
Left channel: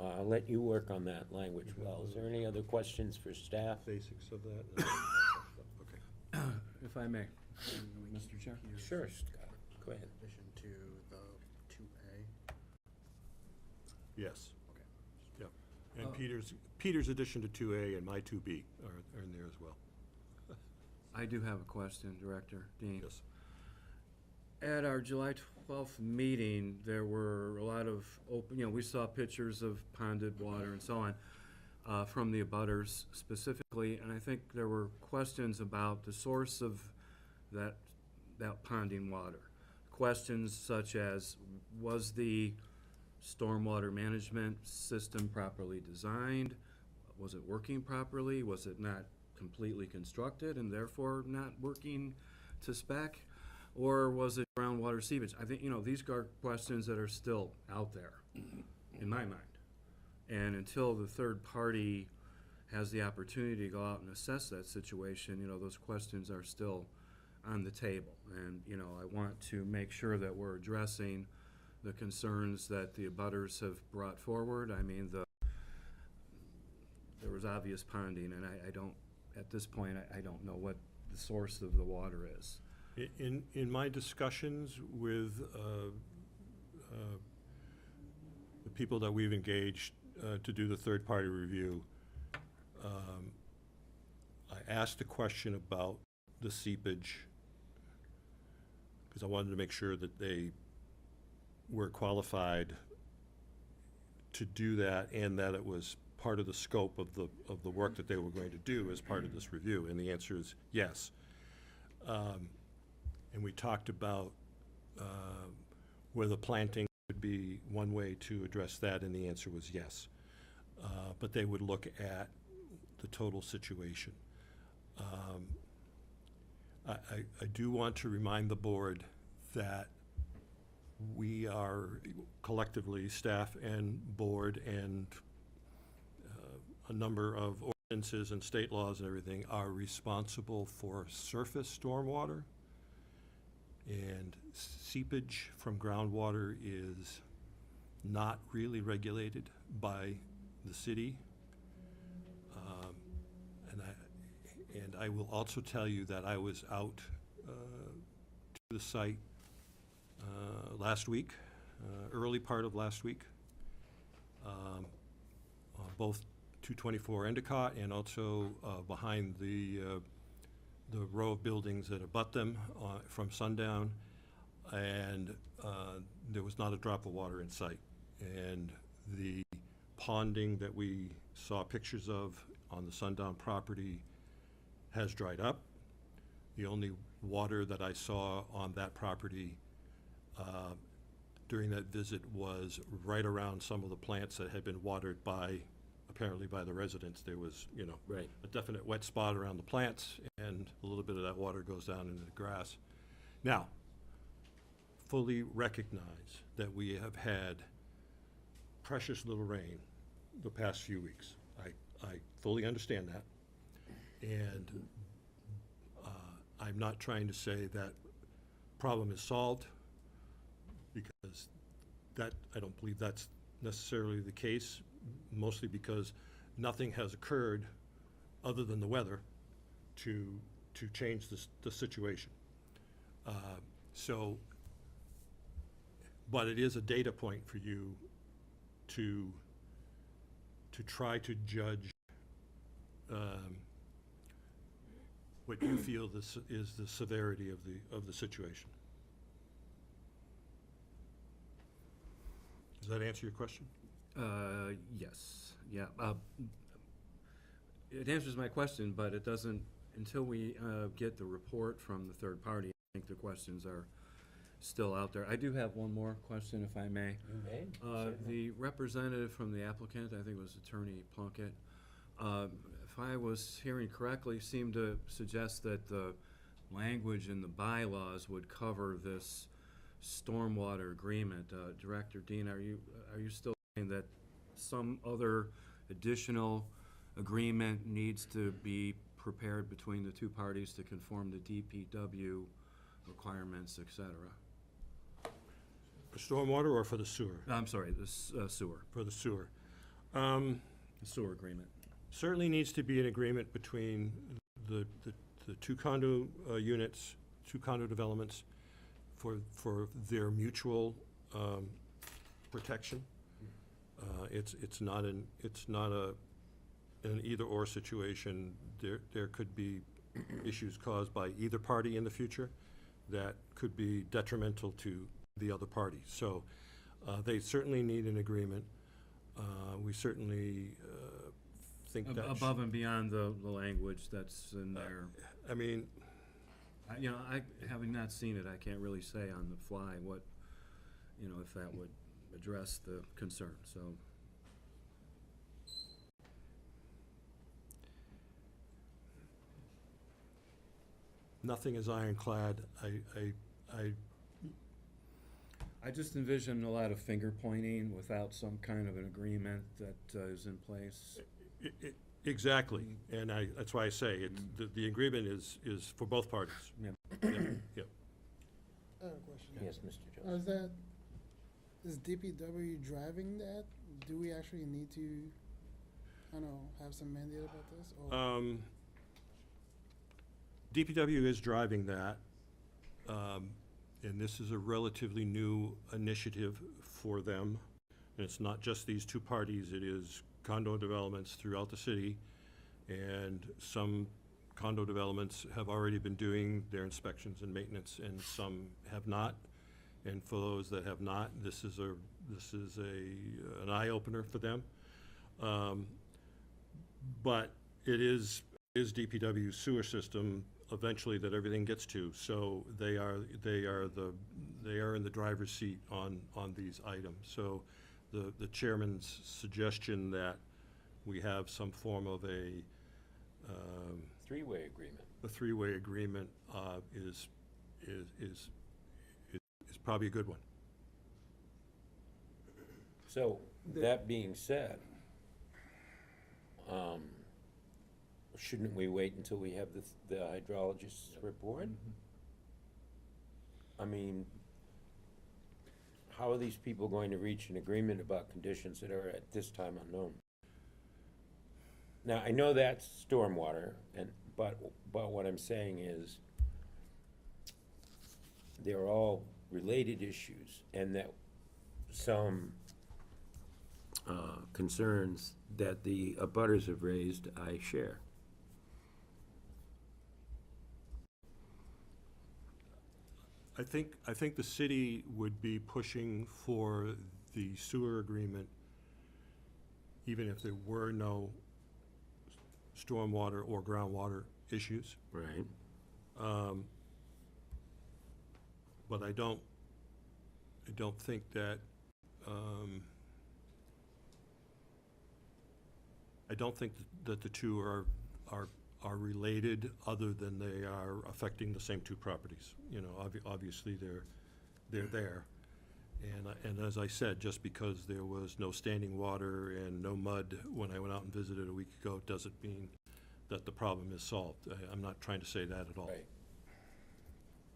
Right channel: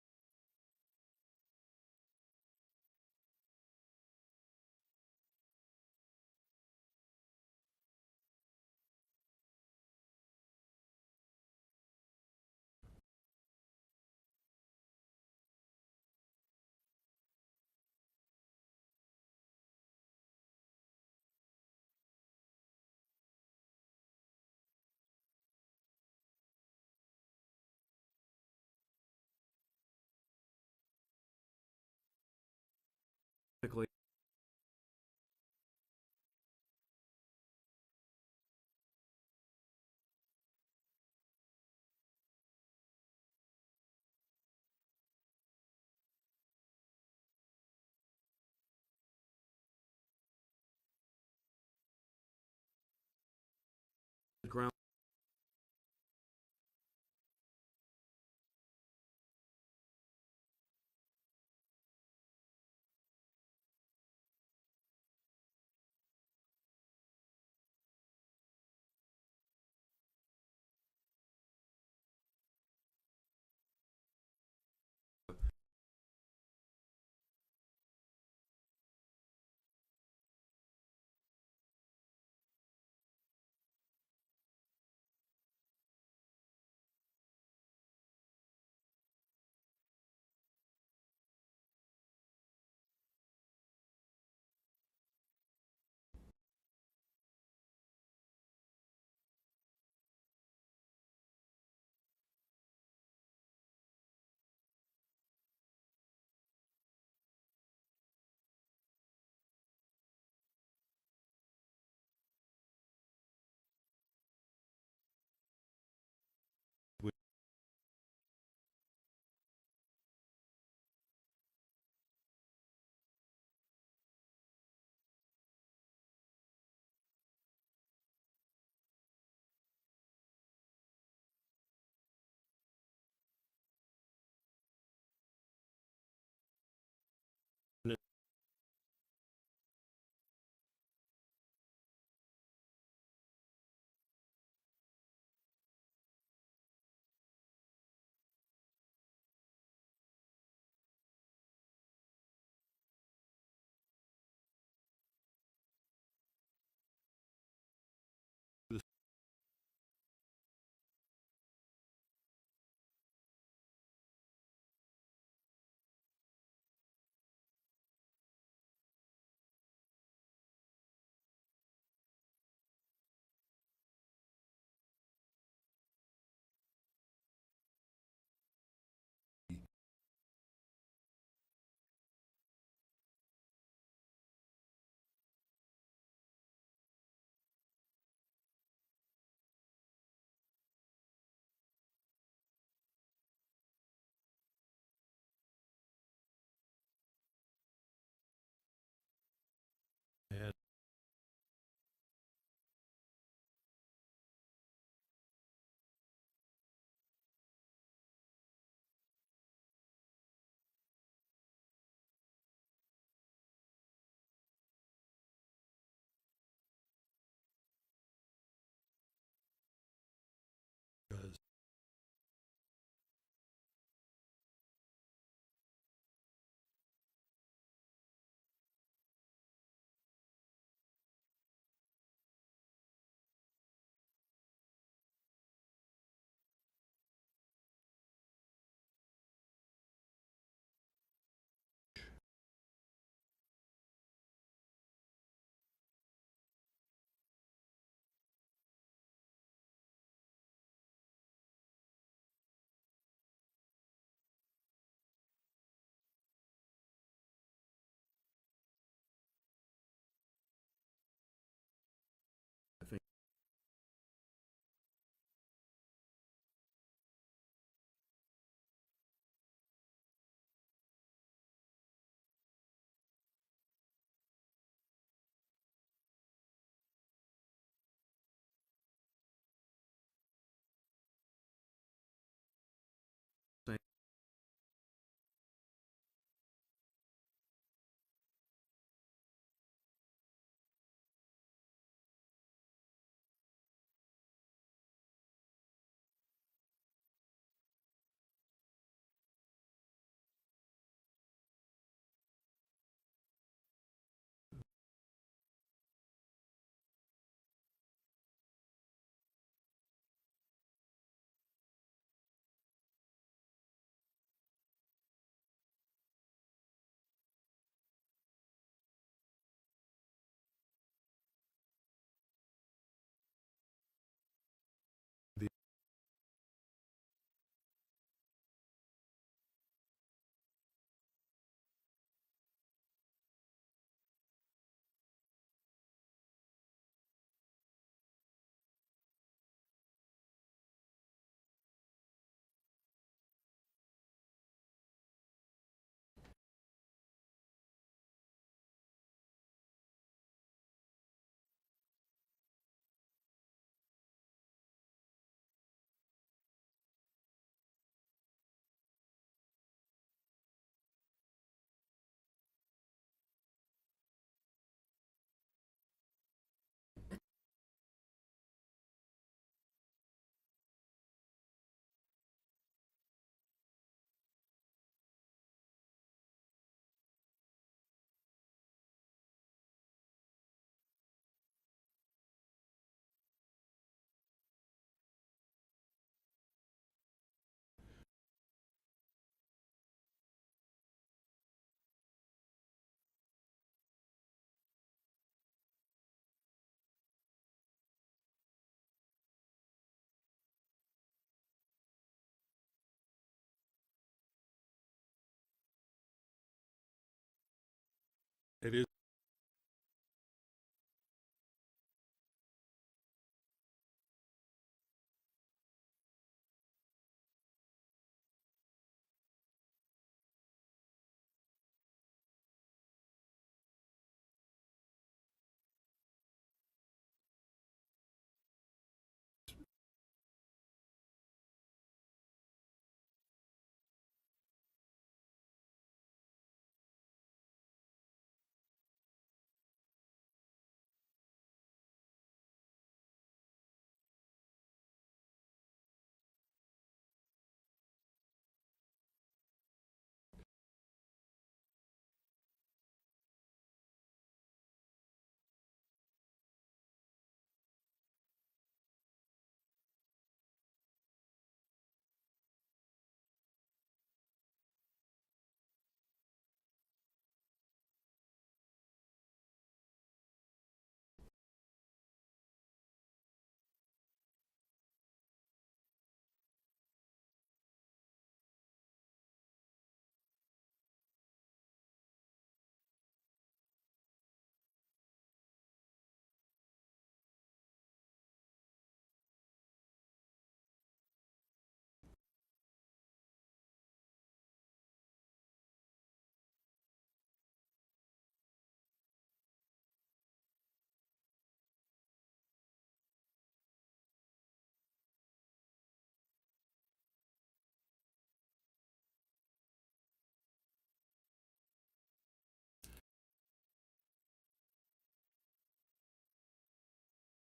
I'll let you work on that language well. Is there any other questions for staff? Basics of that. Okay. If I may, Mr. Chair? Sure, Scott. Go ahead. Addition to the 2A. Yes. Okay. Yeah. And Peter's addition to 2A and my 2B are in there as well. I do have a question, Director Dean. Yes. At our July 12th meeting, there were a lot of we saw pictures of ponded water and so on from the abutters specifically, and I think there were questions about the source of that ponding water. Questions such as, was the stormwater management system properly designed? Was it working properly? Was it not completely constructed and therefore not working to spec? Or was it groundwater seepage? I think, these are questions that are still out there, in my mind. And until the third party has the opportunity to go out and assess that situation, those questions are still on the table. And, I want to make sure that we're addressing the concerns that the abutters have brought forward. I mean, there was obvious ponding, and I don't, at this point, I don't know what the source of the water is. In my discussions with the people that we've engaged to do the third-party review, I asked a question about the seepage because I wanted to make sure that they were qualified to do that, and that it was part of the scope of the work that they were going to do as part of this review, and the answer is yes. And we talked about whether planting would be one way to address that, and the answer was yes. But they would look at the total situation. I do want to remind the board that we are collectively, staff and board and a number of ordinances and state laws and everything, are responsible for surface stormwater, and seepage from groundwater is not really regulated by the city. And I will also tell you that I was out to the site last week, early part of last week, both 224 Endicott and also behind the row of buildings that abut them from sundown, and there was not a drop of water in sight. And the ponding that we saw pictures of on the sundown property has dried up. The only water that I saw on that property during that visit was right around some of the plants that had been watered apparently by the residents. There was, Right. a definite wet spot around the plants, and a little bit of that water goes down into the grass. Now, fully recognize that we have had precious little rain the past few weeks. I fully understand that. And I'm not trying to say that problem is solved, because I don't believe that's necessarily the case, mostly because nothing has occurred other than the weather to change the situation. But it is a data point for you to try to judge what you feel is the severity of the situation. Does that answer your question? Yes, yeah. It answers my question, but it doesn't, until we get the report from the third party, I think the questions are still out there. I do have one more question, if I may. You may. The representative from the applicant, I think it was Attorney Plunkett, if I was hearing correctly, seemed to suggest that the language in the bylaws would cover this stormwater agreement. Director Dean, are you still saying that some other additional agreement needs to be prepared between the two parties to conform to DPW requirements, et cetera? For stormwater or for the sewer? I'm sorry, the sewer. For the sewer. The sewer agreement. Certainly needs to be an agreement between the two condo units, two condo developments, for their mutual protection. It's not an either-or situation. There could be issues caused by either party in the future that could be detrimental to the other party. So they certainly need an agreement. We certainly think that Above and beyond the language that's in there. I mean, I having not seen it, I can't really say on the fly what, if that would address the concern, so. nothing is ironclad. I just envision a lot of finger pointing without some kind of an agreement that is in place. Exactly, and that's why I say the agreement is for both parties. Yeah. Yeah. I have a question. Yes, Mr. Jones. Is DPW driving that? Do we actually need to, have some mandate about this? Or DPW is driving that, and this is a relatively new initiative for them. And it's not just these two parties, it is condo developments throughout the city and some condo developments have already been doing their inspections and maintenance, and some have not. And for those that have not, this is an eye-opener for them. But it is DPW's sewer system eventually that everything gets to, so they are in the driver's seat on these items. So the chairman's suggestion that we have some form of a Three-way agreement. the three-way agreement is probably a good one. So, that being said, shouldn't we wait until we have the hydrologist's report? I mean, how are these people going to reach an agreement about conditions that are at this time unknown? Now, I know that's stormwater, but what I'm saying is, they're all related issues, and that some concerns that the abutters have raised, I share. I think the city would be pushing for the sewer agreement even if there were no stormwater or groundwater issues. Right. But I don't think that, I don't think that the two are related, other than they are affecting the same two properties. You know, obviously they're there. And as I said, just because there was no standing water and no mud when I went out and visited a week ago, doesn't mean that the problem is solved. I'm not trying to say that at all. Right.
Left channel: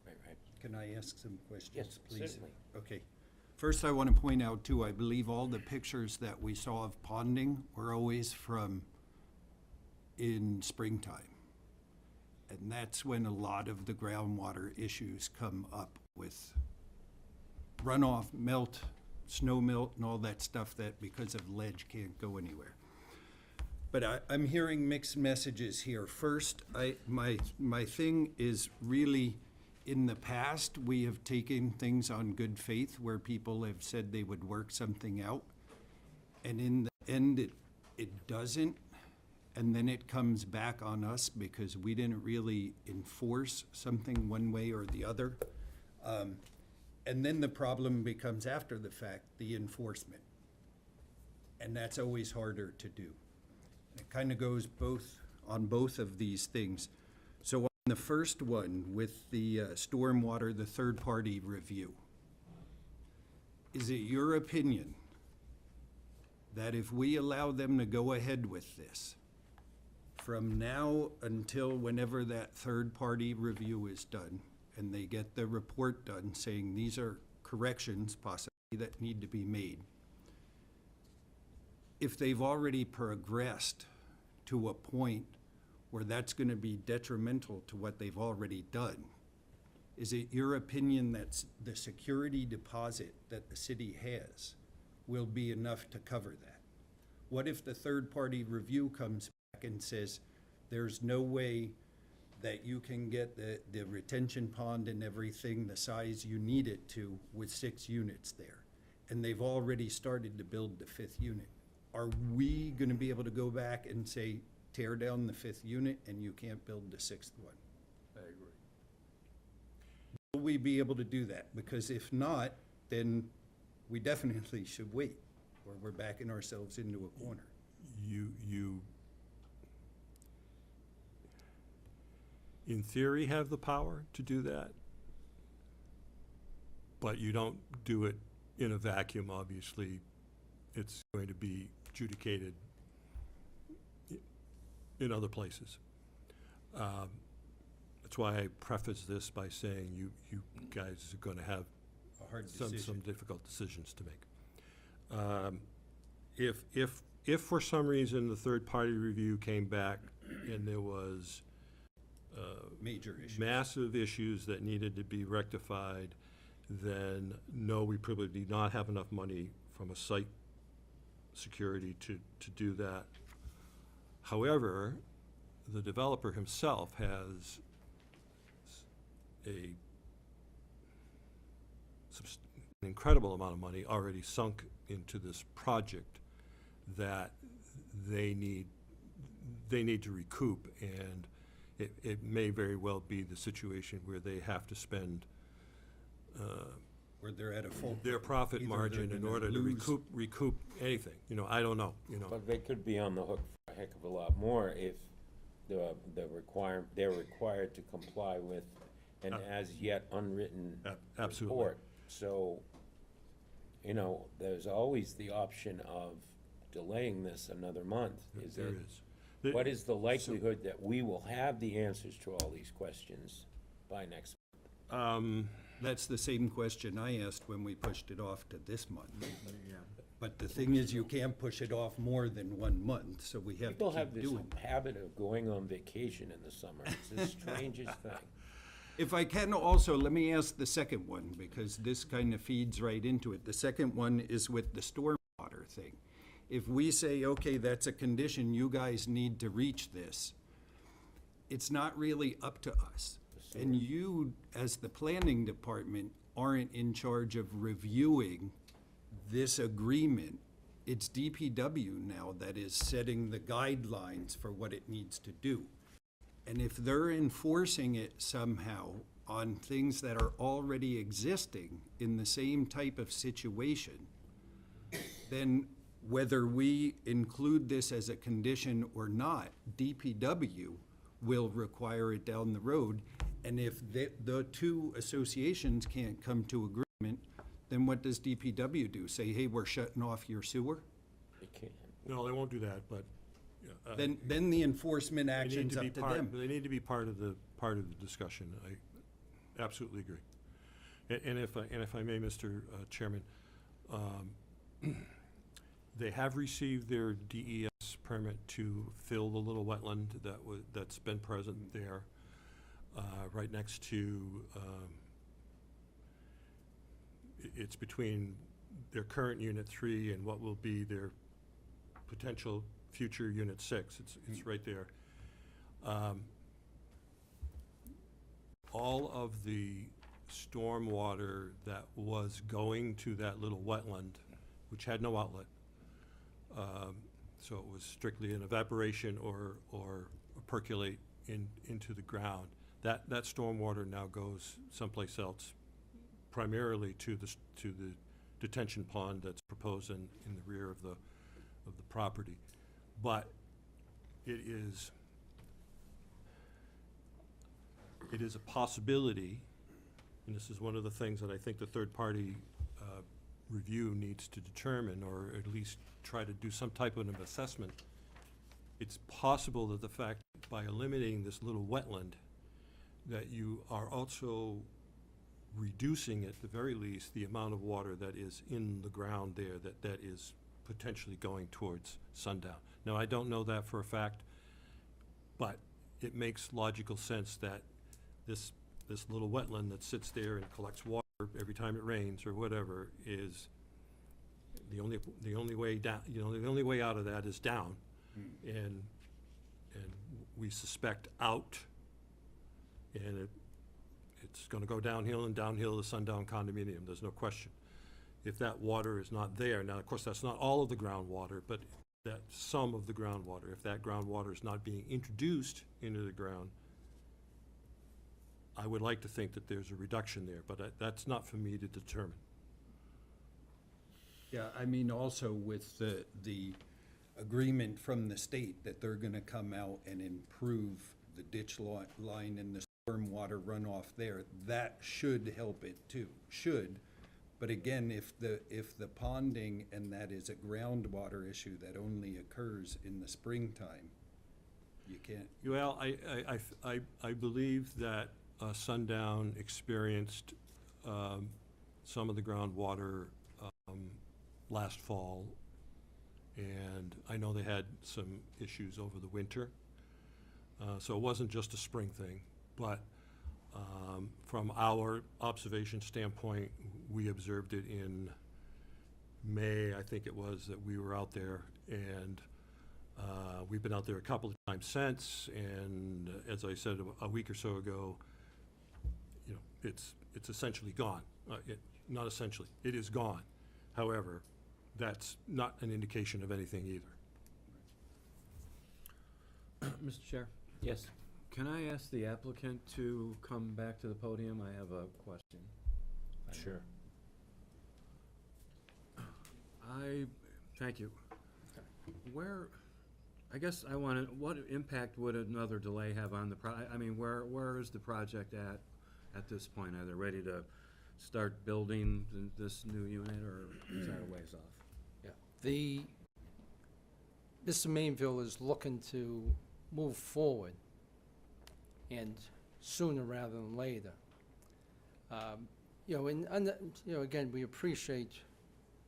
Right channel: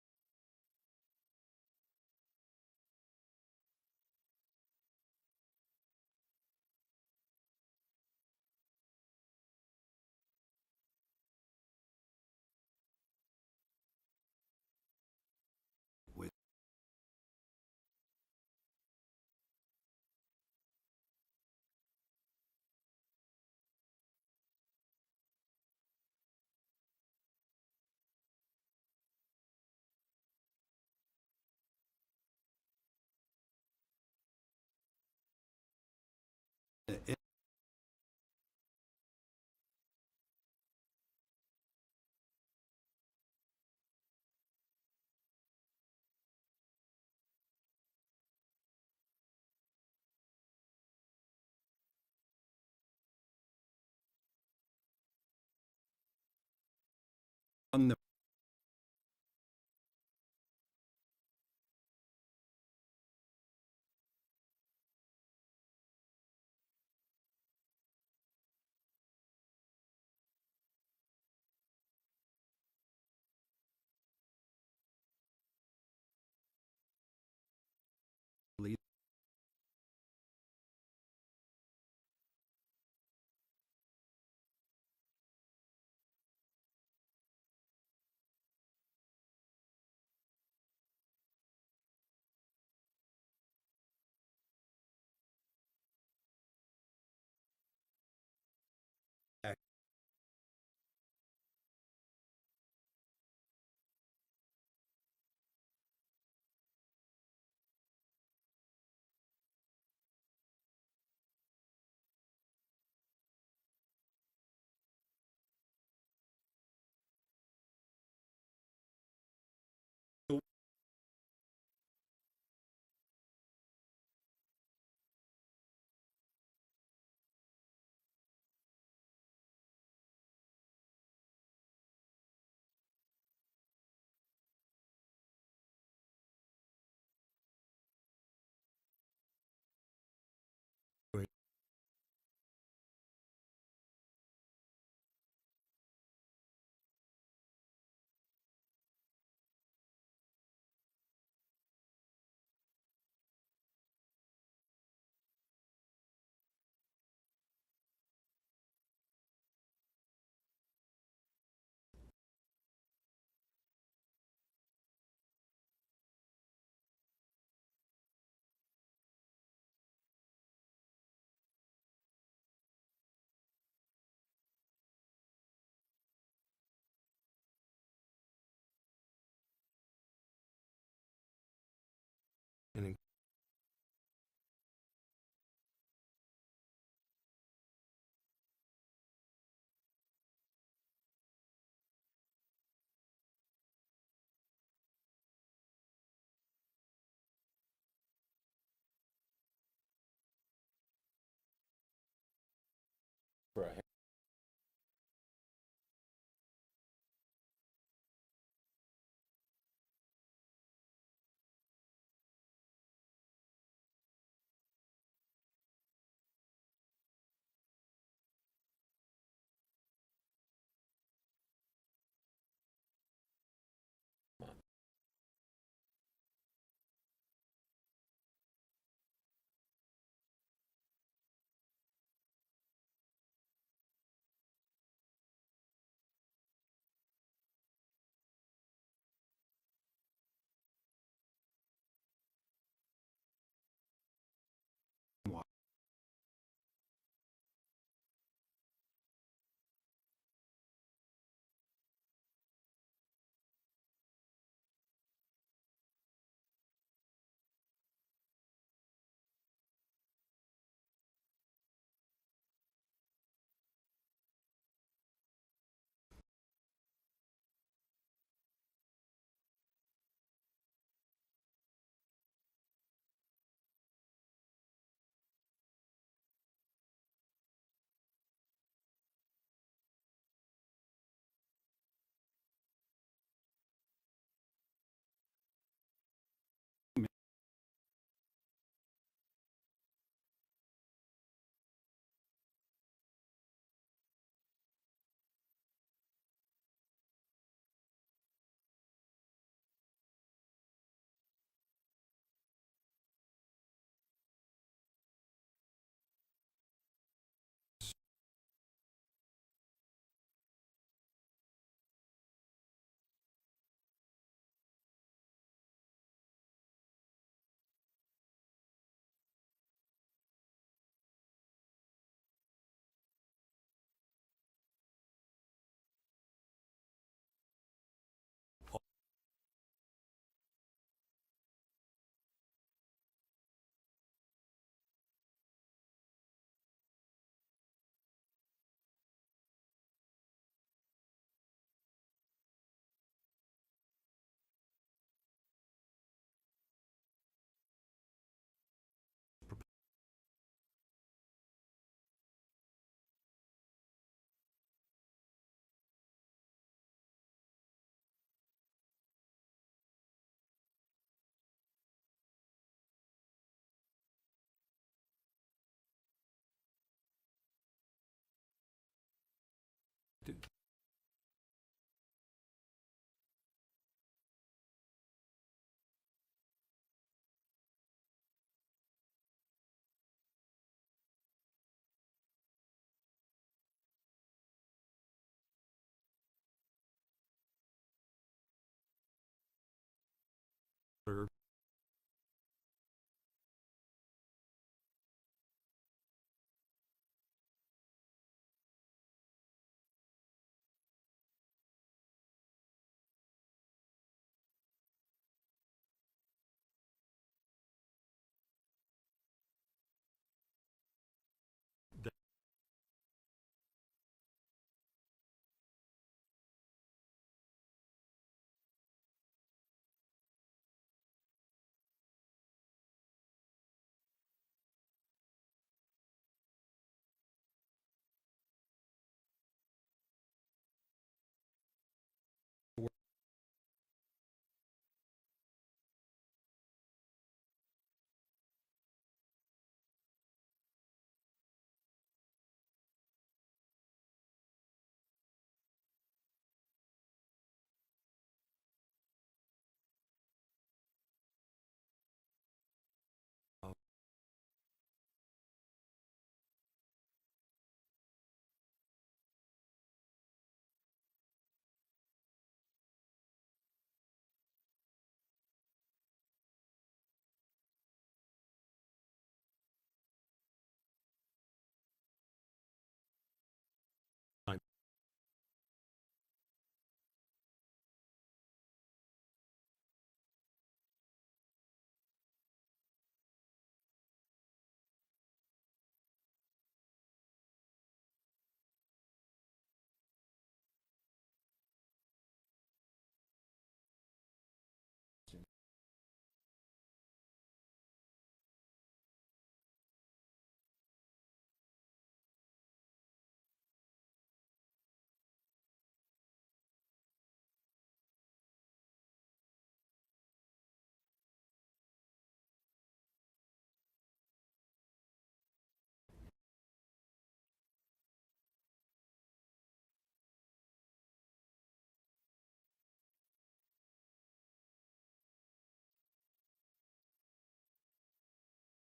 Right. Can I ask some questions, Yes, please? certainly. Okay. First, I want to point out, too, I believe all the pictures that we saw of ponding were always from in springtime. And that's when a lot of the groundwater issues come up with runoff, melt, snow melt, and all that stuff that, because of ledge, can't go anywhere. But I'm hearing mixed messages here. First, my thing is really, in the past, we have taken things on good faith where people have said they would work something out. And in the end, it doesn't. And then it comes back on us because we didn't really enforce something one way or the other. And then the problem becomes after the fact, the enforcement. And that's always harder to do. It kind of goes on both of these things. So on the first one, with the stormwater, the third-party review, is it your opinion that if we allow them to go ahead with this, from now until whenever that third-party review is done, and they get the report done saying these are corrections possibly that need to be made, if they've already progressed to a point where that's going to be detrimental to what they've already done, is it your opinion that the security deposit that the city has will be enough to cover that? What if the third-party review comes back and says, there's no way that you can get the retention pond and everything the size you need it to with 6 units there, and they've already started to build the 5th unit? Are we gonna be able to go back and say, tear down the 5th unit and you can't build the 6th one? I agree. Will we be able to do that? Because if not, then we definitely should wait, or we're backing ourselves into a corner. You in theory have the power to do that, but you don't do it in a vacuum, obviously. It's going to be adjudicated in other places. That's why I preface this by saying you guys are going to have A hard some decision. difficult decisions to make. If for some reason the third-party review came back and there was Major issues. massive issues that needed to be rectified, then no, we probably do not have enough money from a site security to do that. However, the developer himself has an incredible amount of money already sunk into this project that they need to recoup, and it may very well be the situation where they have to spend Where they're at a full. their profit either they're margin in gonna order to lose- recoup anything. I don't know, But they could be on the hook for a heck of a lot more if they're required to comply with an as-yet unwritten Absolutely. report. So, there's always the option of delaying this another month. There is. What is the likelihood that we will have the answers to all these questions by next month? That's the same question I asked when we pushed it off to this month. But the thing is, you can't push it off more than 1 month, so we have to People have keep this doing it. habit of going on vacation in the summer. It's the strangest thing. If I can also, let me ask the second one, because this kind of feeds right into it. The second one is with the stormwater thing. If we say, okay, that's a condition, you guys need to reach this, it's not really up to us. And you, as the planning department, aren't in charge of reviewing this agreement. It's DPW now that is setting the guidelines for what it needs to do. And if they're enforcing it somehow on things that are already existing in the same type of situation, then whether we include this as a condition or not, DPW will require it down the road. And if the two associations can't come to agreement, then what does DPW do? Say, hey, we're shutting off your sewer? They can't. No, they won't do that, but. Then the enforcement they need action's to be up to part- them. They need to be part of the discussion. I absolutely agree. And if I may, Mr. Chairman, they have received their DES permit to fill the little wetland that's been present there, right next to, it's between their current Unit 3 and what will be their potential future Unit 6. It's right there. All of the stormwater that was going to that little wetland, which had no outlet, so it was strictly an evaporation or percolate into the ground, that stormwater now goes someplace else, primarily to the detention pond that's proposed in the rear of the property. But it is a possibility, and this is one of the things that I think the third-party review needs to determine, or at least try to do some type of an assessment. It's possible that the fact that by eliminating this little wetland, that you are also reducing, at the very least, the amount of water that is in the ground there that is potentially going towards Sundown. Now, I don't know that for a fact, but it makes logical sense that this little wetland that sits there and collects water every time it rains or whatever is the only way down. The only way out of that is down, and we suspect out, and it's going to go downhill and downhill to Sundown condominium. There's no question. If that water is not there, now of course that's not all of the groundwater, but that some of the groundwater. If that groundwater is not being introduced into the ground, I would like to think that there's a reduction there, but that's not for me to determine. Yeah, I mean, also with the agreement from the state that they're gonna come out and improve the ditch line and the stormwater runoff there, that should help it too, But again, if the ponding and that is a groundwater issue that only occurs in the springtime, you can't. Well, I believe that Sundown experienced some of the groundwater last fall, and I know they had some issues over the winter. So it wasn't just a spring thing, but from our observation standpoint, we observed it in May, I think it was, that we were out there, and We've been out there a couple of times since, and as I said a week or so ago, you know, it's essentially gone. Not essentially, it is gone. However, that's not an indication of anything either. Mr. Chair, Yes. can I ask the applicant to come back to the podium? I have a question. Sure. Thank you. Where, I guess I want to, what impact would another delay have on the I mean, where is the project at this point? Are they ready to start building this new unit, or is that a ways off? Yeah. Mr. Mainville is looking to move forward, and sooner rather than later. You know, you know, again, we appreciate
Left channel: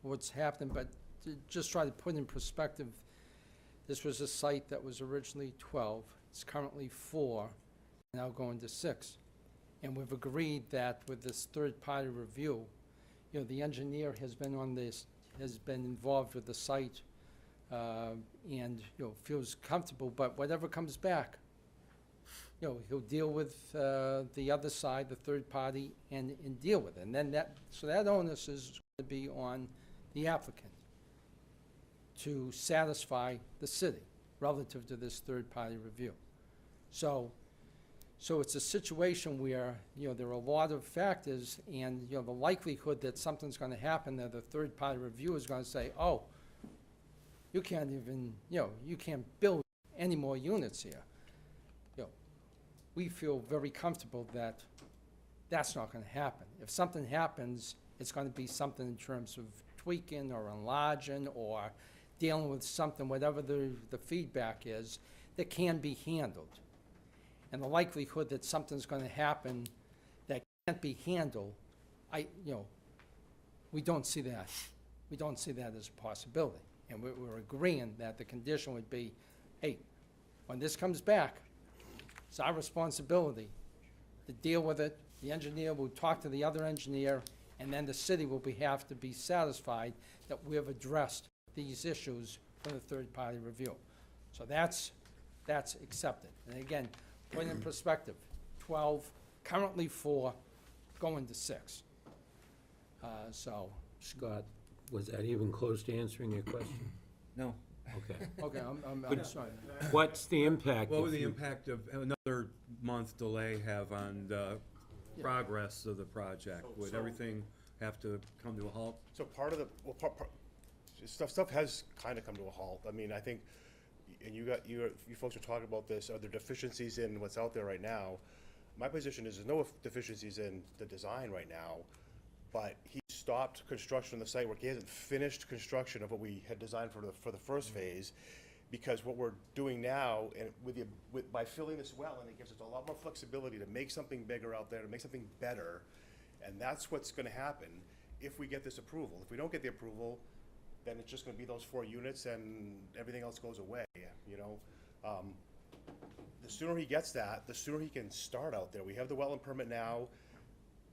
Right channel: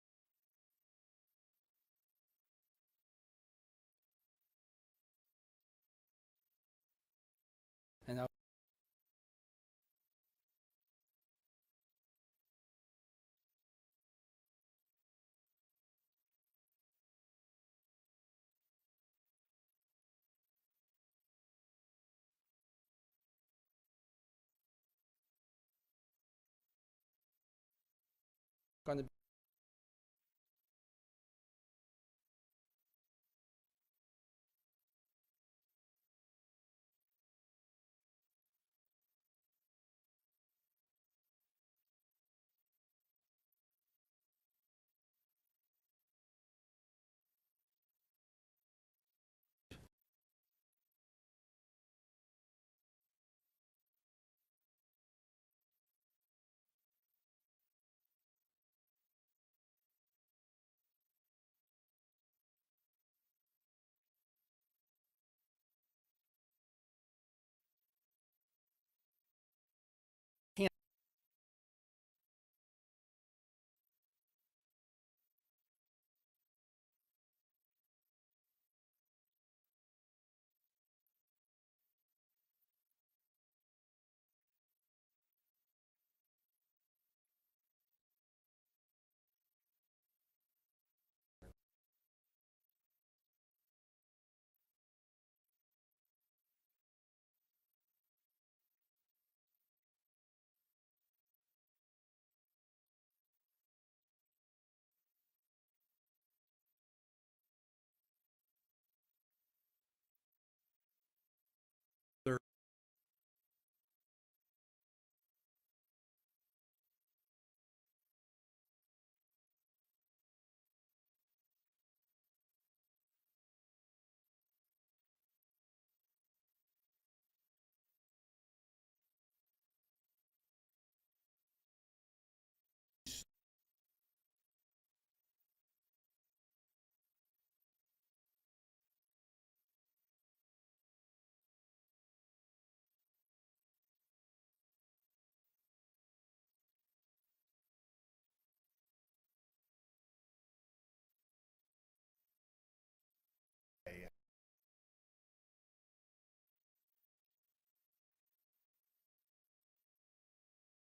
what's happened, but to just try to put in perspective, this was a site that was originally 12, it's currently 4, and now going to 6. And we've agreed that with this third-party review, you know, the engineer has been on this, has been involved with the site, and, you know, feels comfortable, but whatever comes back, you know, he'll deal with the other side, the third party, and deal with it. And then so that onus is going to be on the applicant to satisfy the city relative to this third-party review. So it's a situation where, you know, there are a lot of factors, and, you know, the likelihood that something's going to happen, that the third-party review is going to say, oh, you can't even, you know, you can't build any more units here. You know, we feel very comfortable that that's not going to happen. If something happens, it's going to be something in terms of tweaking or enlarging or dealing with something, whatever the feedback is, that can be handled. And the likelihood that something's going to happen that can't be handled, you know, we don't see that. We don't see that as a possibility. And we're agreeing that the condition would be, hey, when this comes back, it's our responsibility to deal with it. The engineer will talk to the other engineer, and then the city will have to be satisfied that we have addressed these issues for the third-party review. So that's accepted. And again, put in perspective, 12, currently 4, going to 6. So, Scott, was that even close to answering your question? No. Okay. okay, I'm But- sorry. What's the impact? What if would the you- impact of another month delay have on the progress of the project? Would everything have to come to a halt? So part of the, well, stuff has kind of come to a halt. I mean, I think, and you folks are talking about this, are there deficiencies in what's out there right now? My position is there's no deficiencies in the design right now, but he stopped construction on the site work. He hasn't finished construction of what we had designed for the first phase, because what we're doing now, and by filling this well, and it gives us a lot more flexibility to make something bigger out there, to make something better, and that's what's gonna happen if we get this approval. If we don't get the approval, then it's just gonna be those 4 units and everything else goes away, you know? The sooner he gets that, the sooner he can start out there. We have the wetland permit now.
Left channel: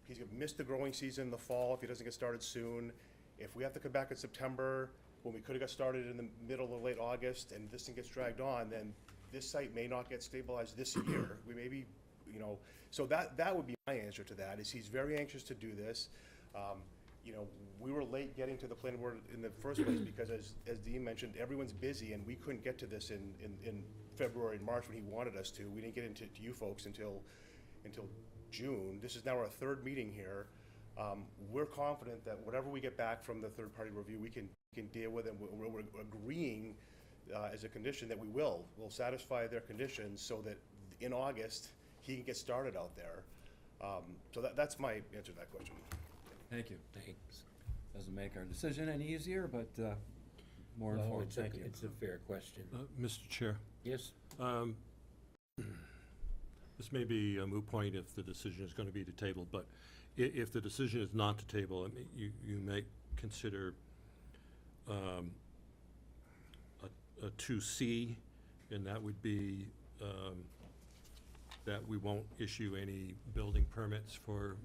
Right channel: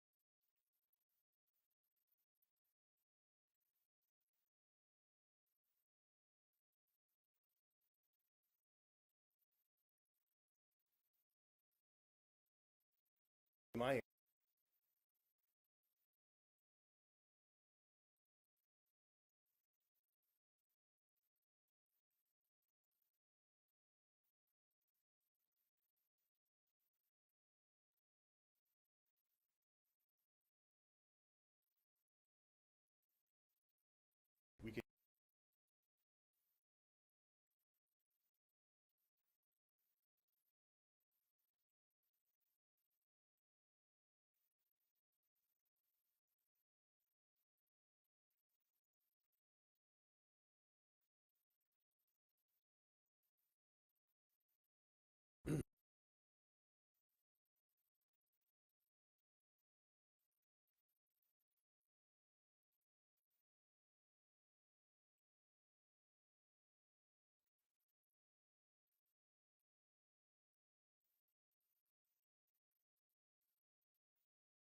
He's gonna miss the growing season in the fall if he doesn't get started soon. If we have to come back in September, when we could've got started in the middle or late August, and this thing gets dragged on, then this site may not get stabilized this year. We may be, you know, so that would be my answer to that, is he's very anxious to do this. You know, we were late getting to the planning board in the first place because, as Dean mentioned, everyone's busy, and we couldn't get to this in February and March when he wanted us to. We didn't get into you folks until June. This is now our 3rd meeting here. We're confident that whatever we get back from the third-party review, we can deal with, and we're agreeing as a condition that we'll satisfy their conditions so that in August he can get started out there. So that's my answer to that question. Thank you. Thanks. Doesn't make our decision any easier, but more Well, informed. it's a- Thank you. It's a fair question. Mr. Chair, Yes? this may be a moot point if the decision is going to be to table, but if the decision is not to table, I mean, you may consider a 2C, and that would be that we won't issue any building permits for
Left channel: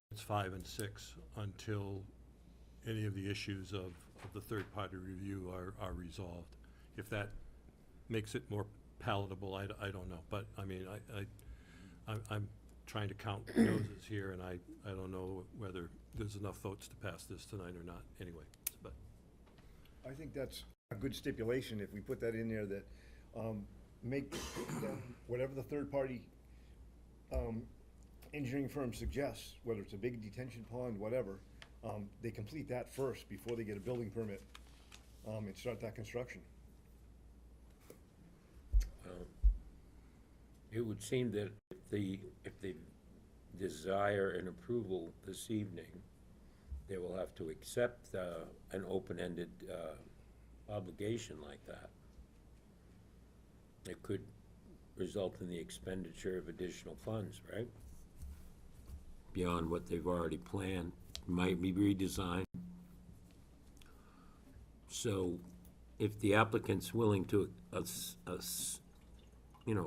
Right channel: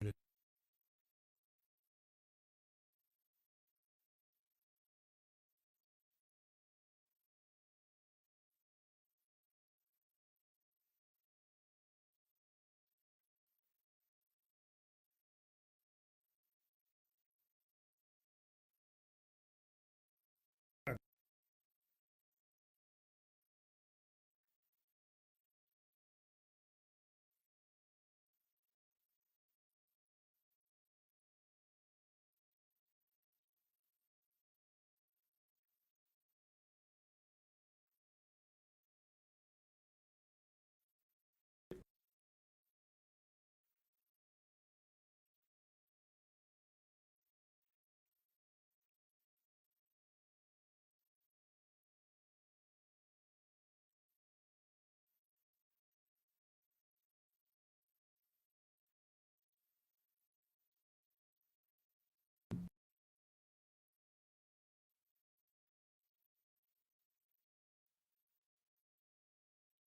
units 5 and 6 until any of the issues of the third-party review are resolved. If that makes it more palatable, I don't know. But, I mean, I'm trying to count noses here, and I don't know whether there's enough votes to pass this tonight or not, anyway, but. I think that's a good stipulation, if we put that in there, that, make, whatever the third-party, engineering firm suggests, whether it's a big detention pond, whatever, they complete that first before they get a building permit, and start that construction. It would seem that if they desire an approval this evening, they will have to accept an open-ended obligation like that. It could result in the expenditure of additional funds, right? Beyond what they've already planned, might be redesigned. So if the applicant's willing to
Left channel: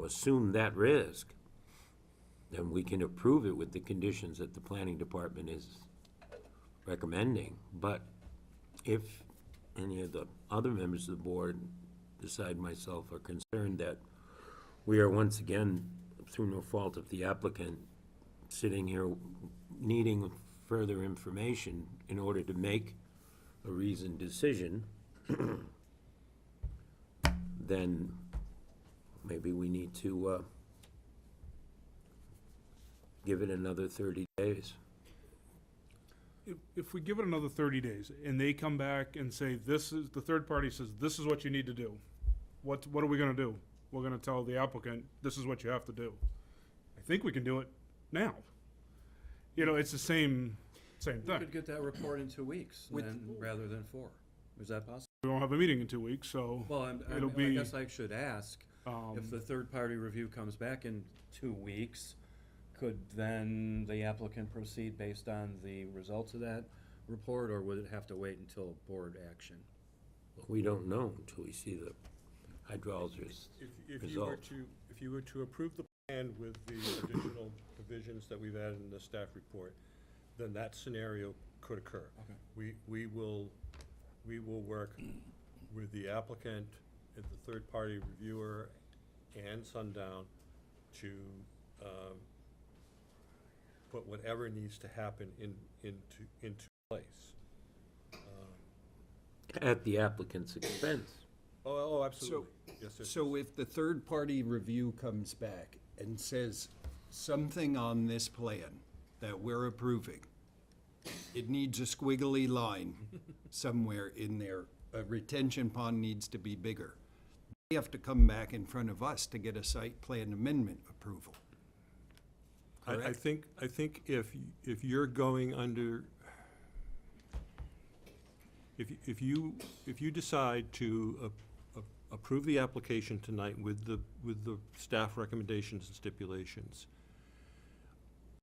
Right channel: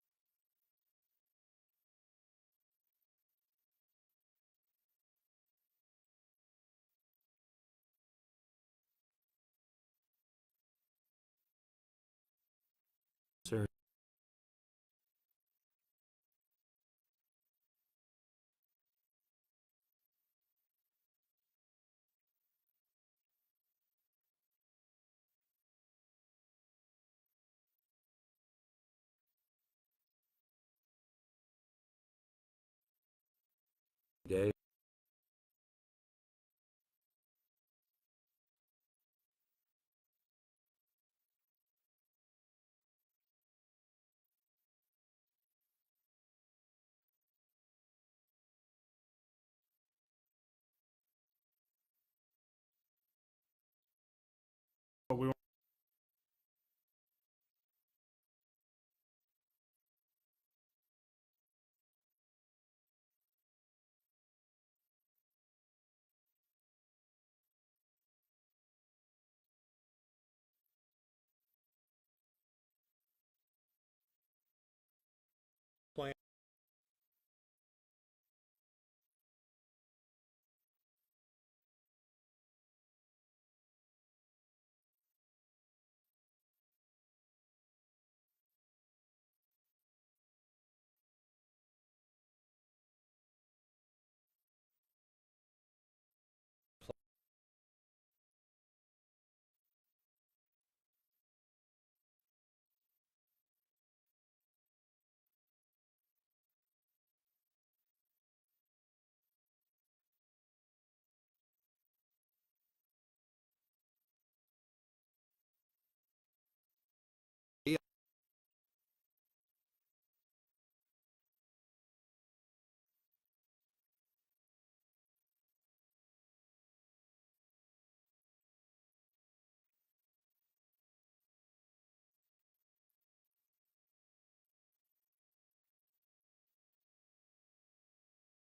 assume that risk, then we can approve it with the conditions that the planning department is recommending. But if any of the other members of the board, beside myself, are concerned that we are once again, through no fault of the applicant, sitting here needing further information in order to make a reasoned decision, then maybe we need to give it another 30 days. If we give it another 30 days and they come back and say, the third party says, this is what you need to do, what are we gonna do? We're gonna tell the applicant, this is what you have to do. I think we can do it now. It's the same We thing. could get that report in 2 weeks, then, rather than 4. Is that possible? But we won't have a meeting in 2 weeks, so Well, it'll I be, guess I should ask, if the third-party review comes back in 2 weeks, could then the applicant proceed based on the results of that report, or would it have to wait until board action? We don't know until we see the hydrologist If you were result. to approve the plan with the additional provisions that we've added in the staff report, then that scenario could occur. Okay. We will work with the applicant and the third-party reviewer and Sundown to put whatever needs to happen into place. At the applicant's expense. Oh, absolutely. Yes, yes, So if the third-party review comes back and says something on this plan that we're approving, it needs a squiggly line somewhere in there, a retention pond needs to be bigger. They have to come back in front of us to get a site plan amendment approval. I think if you're going under, if you decide to approve the application tonight with the staff recommendations and stipulations,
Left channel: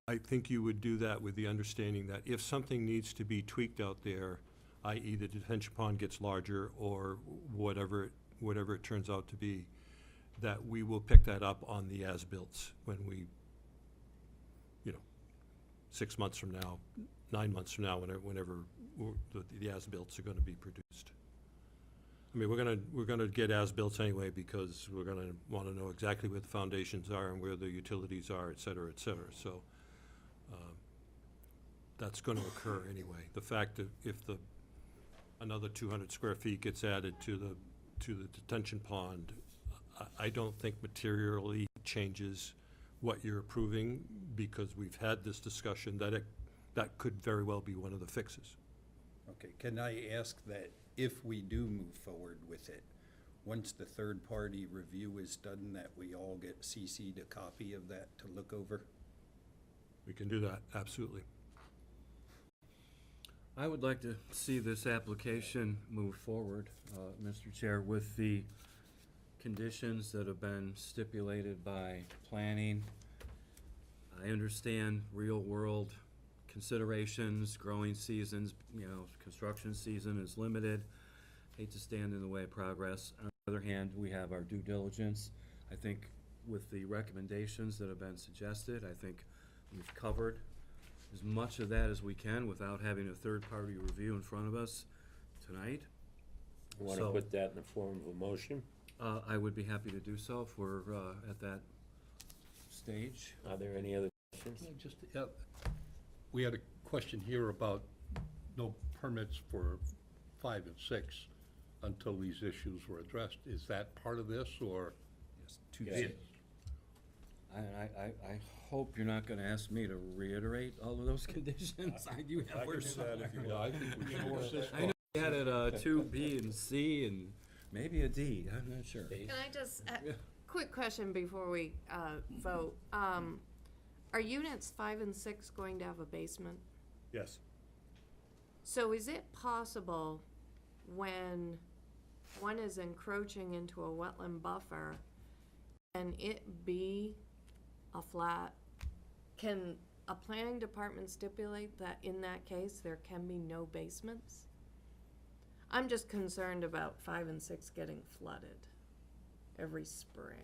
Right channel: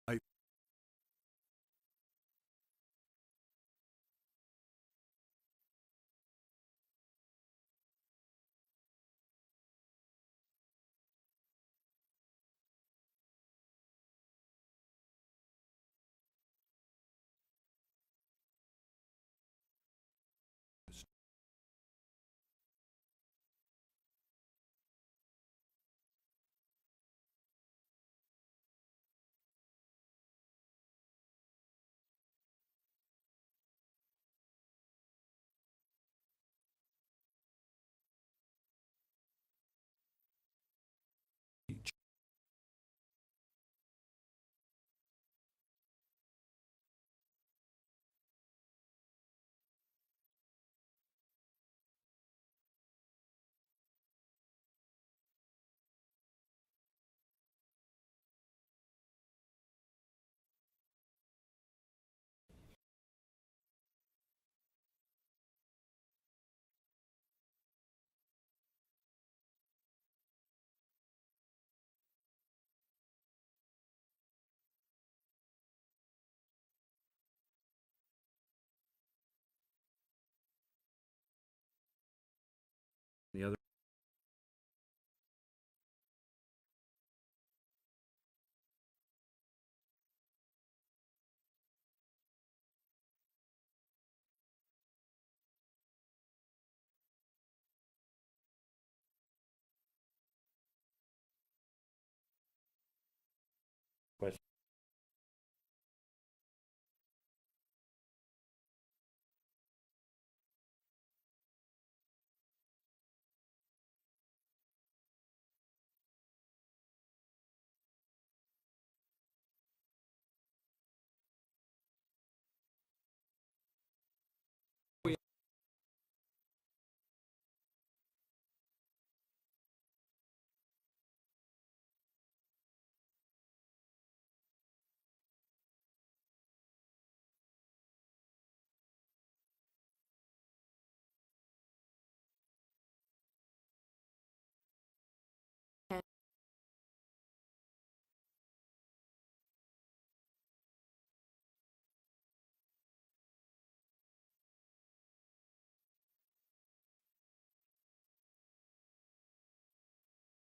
I think you would do that with the understanding that if something needs to be tweaked out there, i.e. the detention pond gets larger or whatever it turns out to be, that we will pick that up on the as-bills when we, 6 months from now, 9 months from now, whenever the as-bills are gonna be produced. I mean, we're gonna get as-bills anyway, because we're gonna wanna know exactly where the foundations are and where the utilities are, et cetera, so, that's gonna occur anyway. The fact that if another 200 square feet gets added to the detention pond, I don't think materially changes what you're approving, because we've had this discussion that could very well be one of the fixes. Okay, can I ask that if we do move forward with it, once the third-party review is done, that we all get CC'd a copy of that to look over? We can do that, absolutely. I would like to see this application move forward, Mr. Chair, with the conditions that have been stipulated by planning. I understand real-world considerations, growing seasons, construction season is limited. Hate to stand in the way of progress. On the other hand, we have our due diligence. I think with the recommendations that have been suggested, I think we've covered as much of that as we can without having a third-party review in front of us tonight. Want to So- put that in the form of a motion? I would be happy to do so if we're at that stage. Are there any other questions? We had a question here about no permits for 5 and 6 until these issues were addressed. Is that part of this, or? Yes. I hope you're not gonna ask me to reiterate all of those conditions. I do have. Yeah, I think we should insist I know we had it, 2, B, and C, and maybe a D, I'm not sure. Can I just, quick question before we vote. Are units 5 and 6 going to have a basement? Yes. So is it possible when one is encroaching into a wetland buffer, can it be a flat? Can a planning department stipulate that in that case, there can be no basements? I'm just concerned about 5 and 6 getting flooded every spring.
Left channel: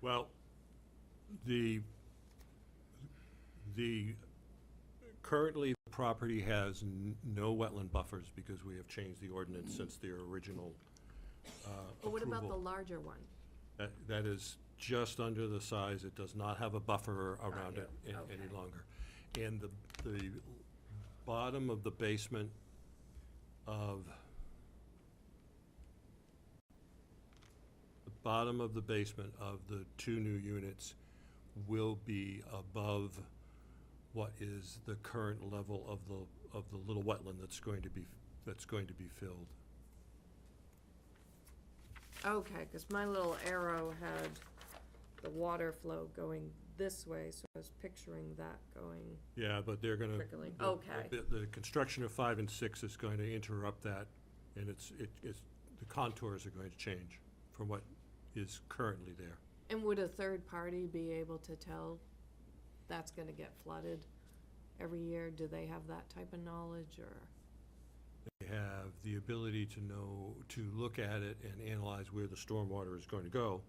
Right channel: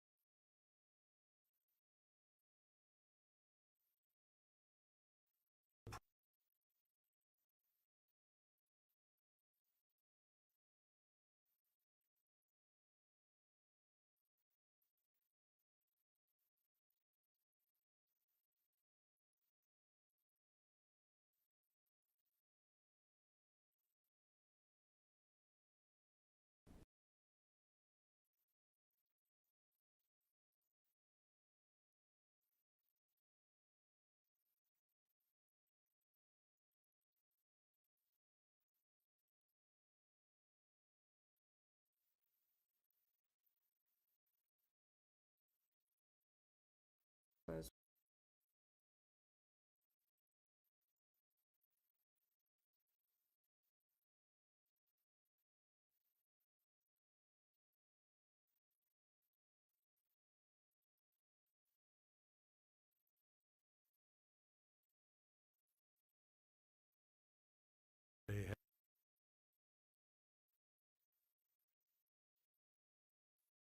Well, currently, the property has no wetland buffers because we have changed the ordinance since their original But what about the approval. larger one? That is just under the size. It does not have a buffer around it any longer. And the bottom of the basement of the 2 new units will be above what is the current level of the little wetland that's going to be filled. Okay, because my little arrow had the water flow going this way, so I was picturing that going. Yeah, but they're gonna. Trickling. the- Okay. The construction of 5 and 6 is going to interrupt that, and the contours are going to change from what is currently there. And would a third party be able to tell that's gonna get flooded every year? Do they have that type of knowledge, or? They have the ability to know, to look at it and analyze where the stormwater is going to go.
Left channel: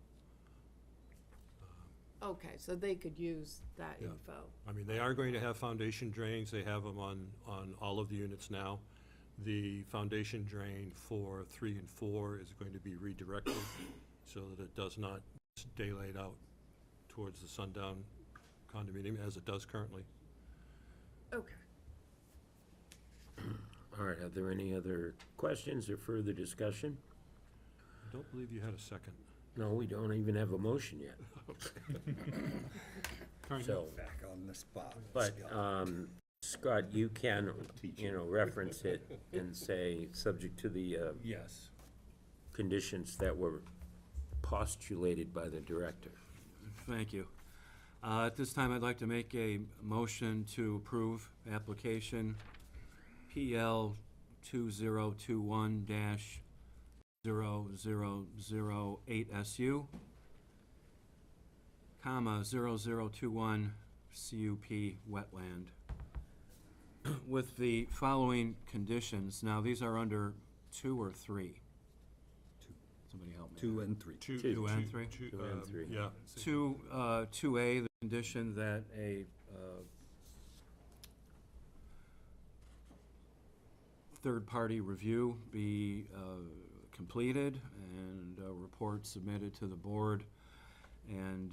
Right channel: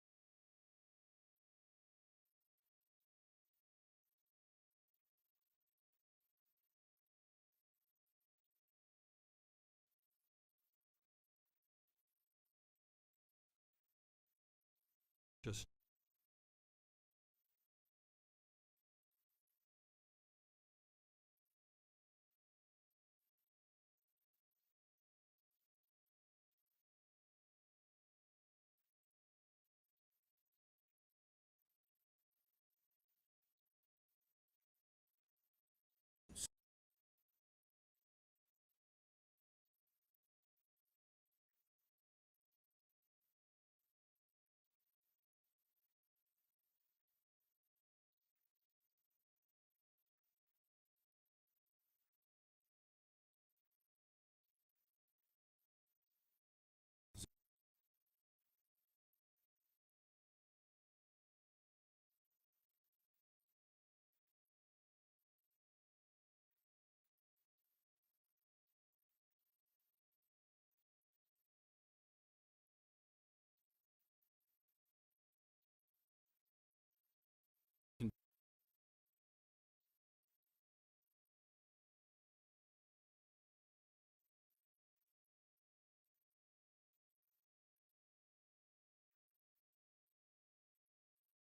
Okay, so they could use that Yeah. info. I mean, they are going to have foundation drains. They have them on all of the units now. The foundation drain for 3 and 4 is going to be redirected so that it does not just stay laid out towards the Sundown condominium as it does currently. Okay. All right, are there any other questions or further discussion? I don't believe you had a second. No, we don't even have a motion yet. So, Back on the spot. but, Scott, you can, reference it and say, subject to the, Yes. conditions that were postulated by the director. Thank you. At this time, I'd like to make a motion to approve application PL 2021-0008SU, comma, 0021 CUP wetland, with the following conditions. Now, these are under 2 or 3? Somebody help me. 2 and 3. Two and three? Two and three. Yeah. 2A, the condition that a third-party review be completed and a report submitted to the board, and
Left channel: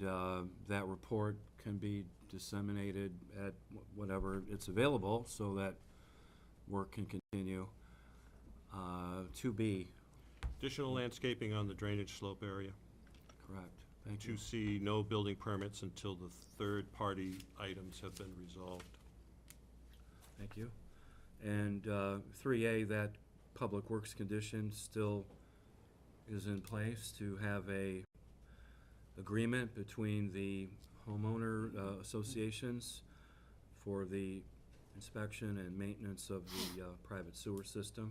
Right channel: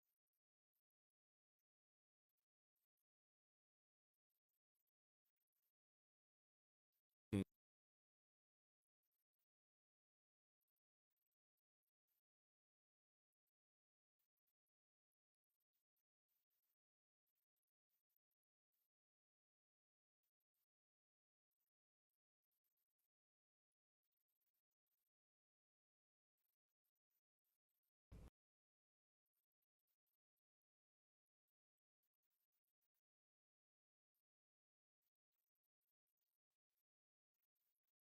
that report can be disseminated at whatever it's available so that work can continue. 2B, Additional landscaping on the drainage slope area. correct, thank you. 2C, no building permits until the third-party items have been resolved. Thank you. And 3A, that public works condition still is in place to have a agreement between the homeowner associations for the inspection and maintenance of the private sewer system,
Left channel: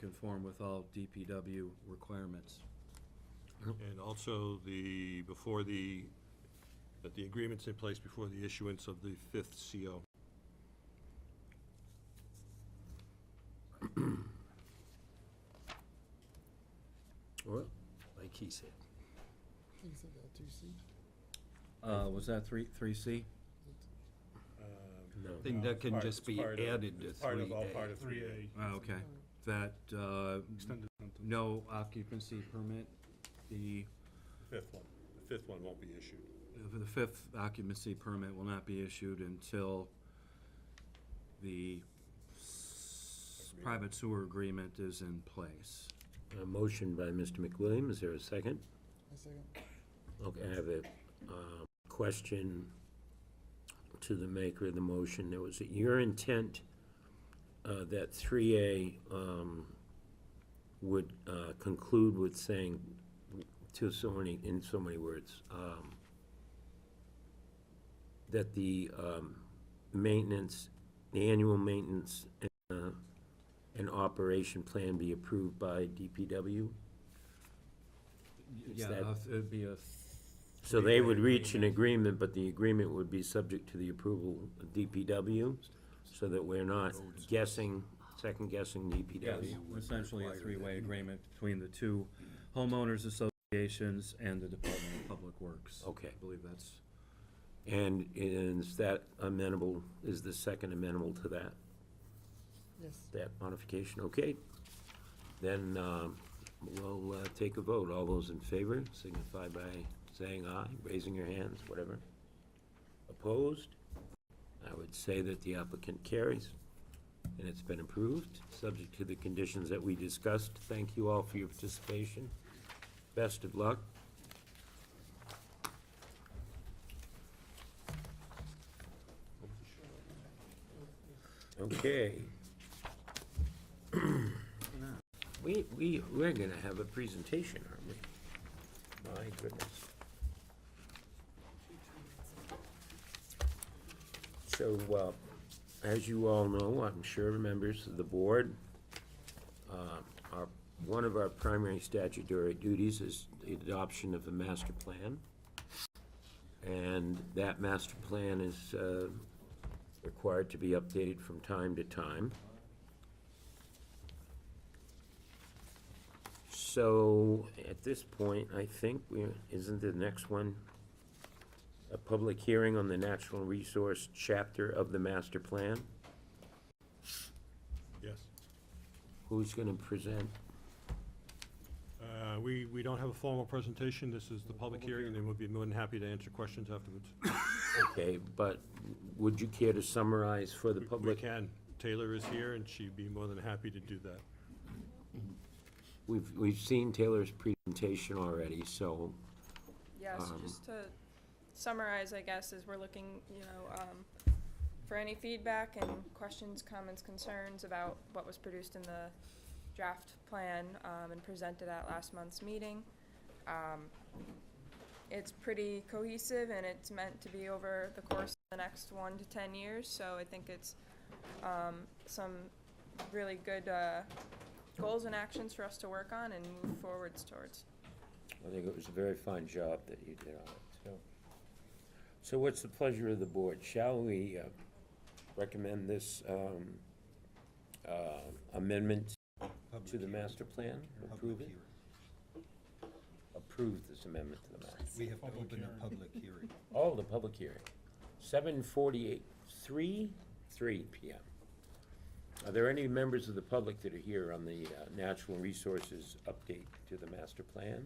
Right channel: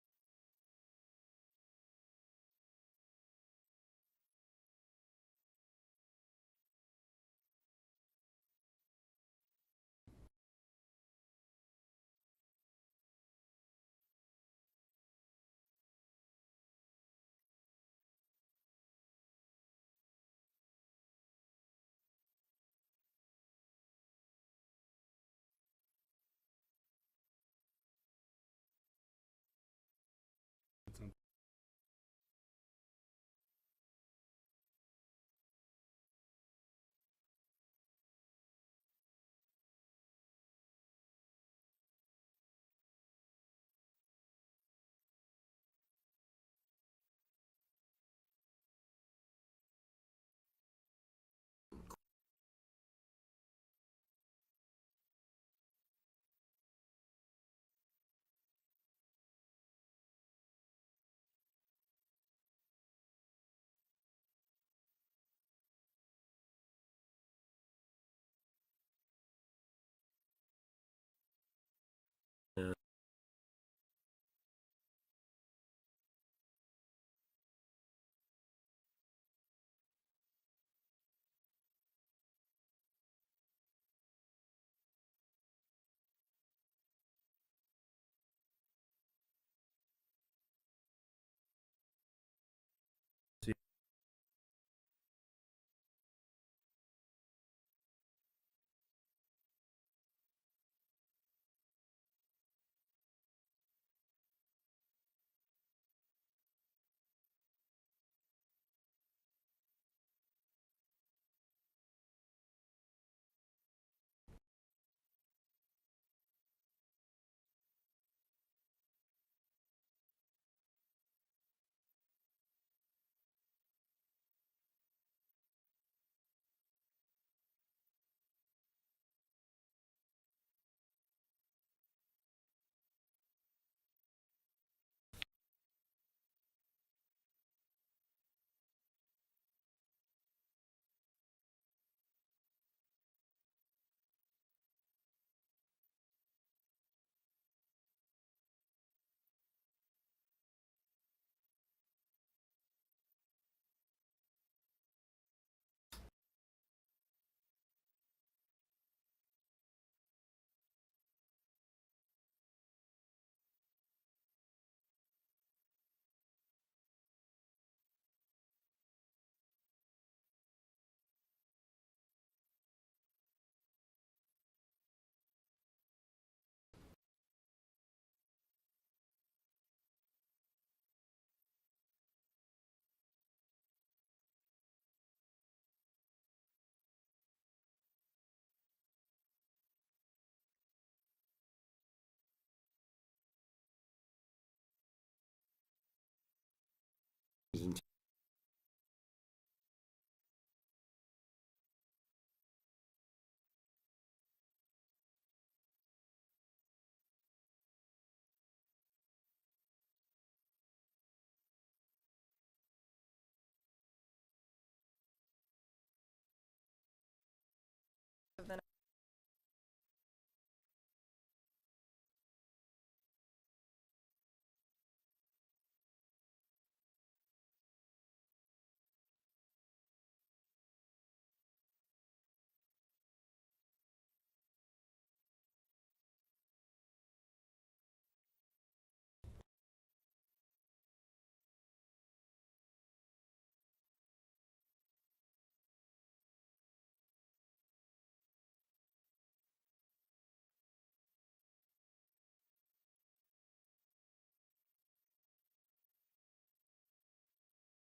conform with all DPW requirements. And also that the agreement's in place before the issuance of the 5th CO. Well, like he said. You said that 2C? Was that 3C? No. Thing that can just be Part of- added to it's part of 3A. all part of 3A. Okay. that, Extended sentence. no occupancy permit, the Fifth one won't be issued. the fifth occupancy permit will not be issued until the private sewer agreement is in place. A motion by Mr. McWilliam, is there a second? A second. Okay, I have a question to the maker of the motion. There was your intent that 3A would conclude with saying, in so many words, that the maintenance, the annual maintenance and operation plan be approved by DPW? Is Yeah, that- it'd be a. So they would three-way reach an agreement, but the agreement would be subject to the approval of DPW, so that we're not second-guessing Yes, DPW? essentially a three-way agreement between the two homeowners associations and the Department of Public Works. Okay. I believe that's, And is that amenable, is the second amenable to that, Yes. that modification? Okay. Then we'll take a vote. All those in favor signify by saying aye, raising your hands, whatever. Opposed? I would say that the applicant carries, and it's been approved, subject to the conditions that we discussed. Thank you all for your participation. Best of luck. Okay. We're gonna have a presentation, aren't we? My goodness. So, as you all know, I'm sure members of the board, one of our primary statutory duties is the adoption of a master plan. And that master plan is required to be updated from time to time. So, at this point, I think isn't the next one a public hearing on the natural resource chapter of the master plan? Yes. Who's gonna present? We don't have a formal presentation. This is the public hearing, and then we'll be more than happy to answer questions afterwards. Okay, but would you care to summarize for the We public? can. Taylor is here, and she'd be more than happy to do that. We've seen Taylor's presentation already, so, Yes, just to summarize, I guess, is we're looking, for any feedback and questions, comments, concerns about what was produced in the draft plan, and presented at last month's meeting. It's pretty cohesive, and it's meant to be over the course of the next 1 to 10 years, so I think it's, some really good, goals and actions for us to work on and move forwards towards. I think it was a very fine job that you did on it, so what's the pleasure of the board? Shall we recommend this amendment to the master plan? Approve it? Approve this amendment to the master. We have to open a public hearing. Oh, the public hearing. 7:48, 3 p.m. Are there any members of the public that are here on the natural resources update to the master plan?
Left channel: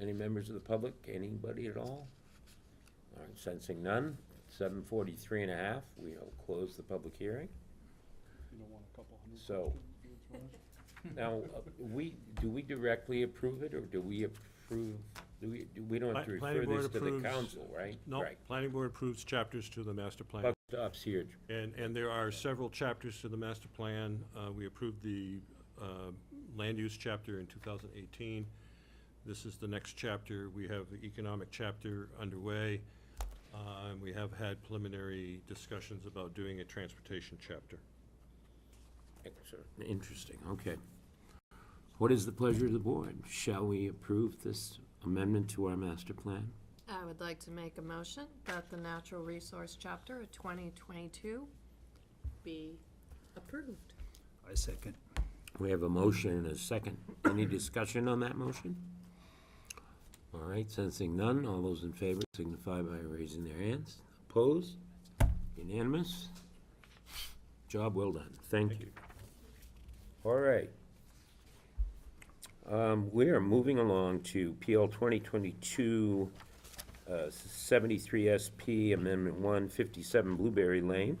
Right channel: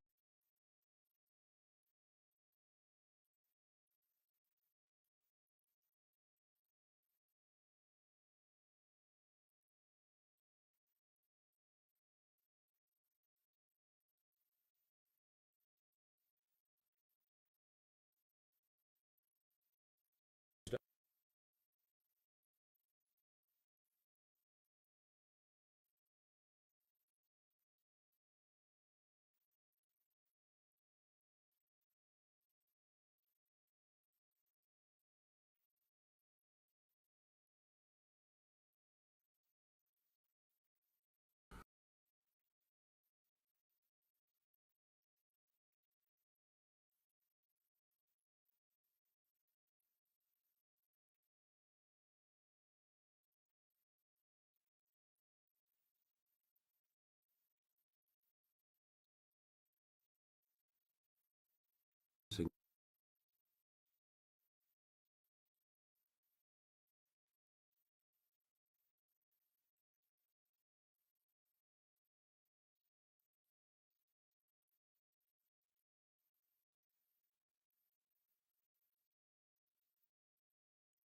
Any members of the public? Anybody at all? All right, sensing none. 7:43 and a half, we'll close the public hearing. You don't want a couple hundred. So, now, do we directly approve it, or do we approve, we don't have to refer Planning board this to the approves- council, right? No, Right. planning board approves chapters to the master plan. Buck stops here. And there are several chapters to the master plan. We approved the land use chapter in 2018. This is the next chapter. We have the economic chapter underway. And we have had preliminary discussions about doing a transportation chapter. Excellent. Interesting, okay. What is the pleasure of the board? Shall we approve this amendment to our master plan? I would like to make a motion that the natural resource chapter of 2022 be approved. I second. We have a motion and a second. Any discussion on that motion? All right, sensing none, all those in favor signify by raising their hands. Opposed? Unanimous? Job well done. Thank you. All right. We are moving along to PL 2022 73 SP Amendment 157 Blueberry Lane.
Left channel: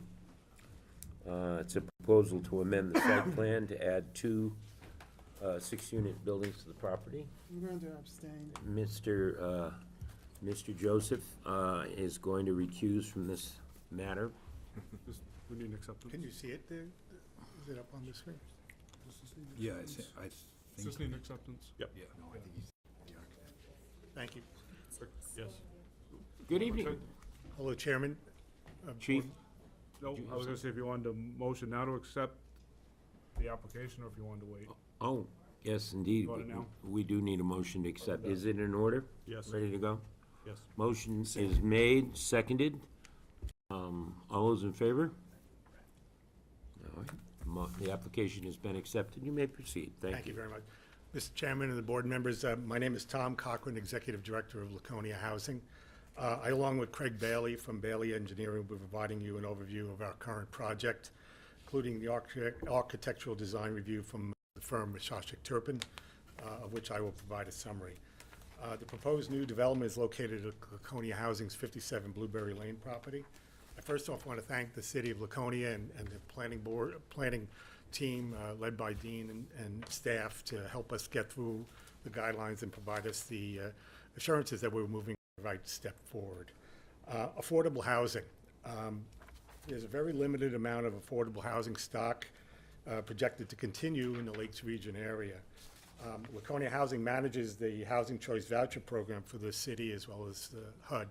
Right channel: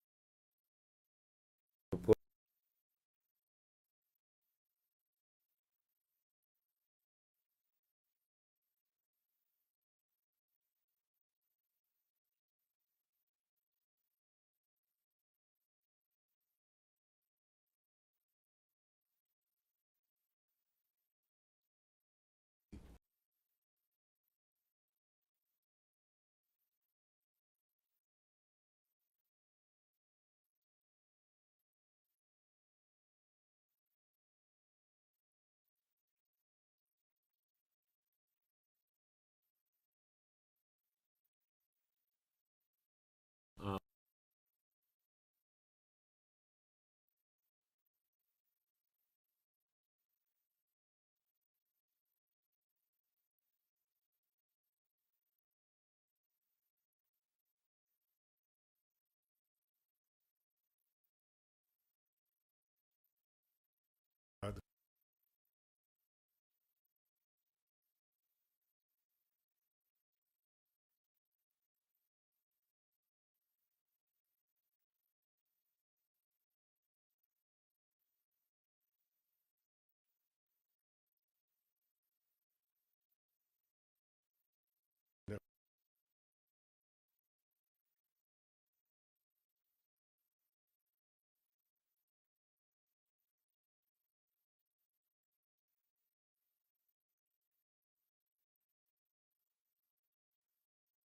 It's a proposal to amend the site plan to add two 6-unit buildings to the property. I'm going to abstain. Mr. Joseph is going to recuse from this matter. We need an acceptance. Can you see it there? Is it up on the screen? Yeah, I Does this need an acceptance? Yep. Yeah. No, I think he's the architect. Thank you. Yes. Good evening. Hello, Chairman. Chief? No, I was gonna say if you wanted to motion now to accept the application, or if you wanted to wait. Oh, yes, indeed. Want it now? We do need a motion to accept. Is it in order? Yes. Ready to go? Yes. Motion is made, seconded. All those in favor? All right. The application has been accepted. You may proceed. Thank Thank you. you very much. Mr. Chairman and the board members, my name is Tom Cochran, Executive Director of Laconia Housing. I, along with Craig Bailey from Bailey Engineering, will be providing you an overview of our current project, including the architectural design review from the firm Shashik Turpin, of which I will provide a summary. The proposed new development is located at Laconia Housing's 57 Blueberry Lane property. I first off want to thank the City of Laconia and the planning team led by Dean and staff to help us get through the guidelines and provide us the assurances that we're moving the right step forward. Affordable housing. There's a very limited amount of affordable housing stock projected to continue in the Lakes region area. Laconia Housing manages the Housing Choice Voucher Program for the city as well as the HUD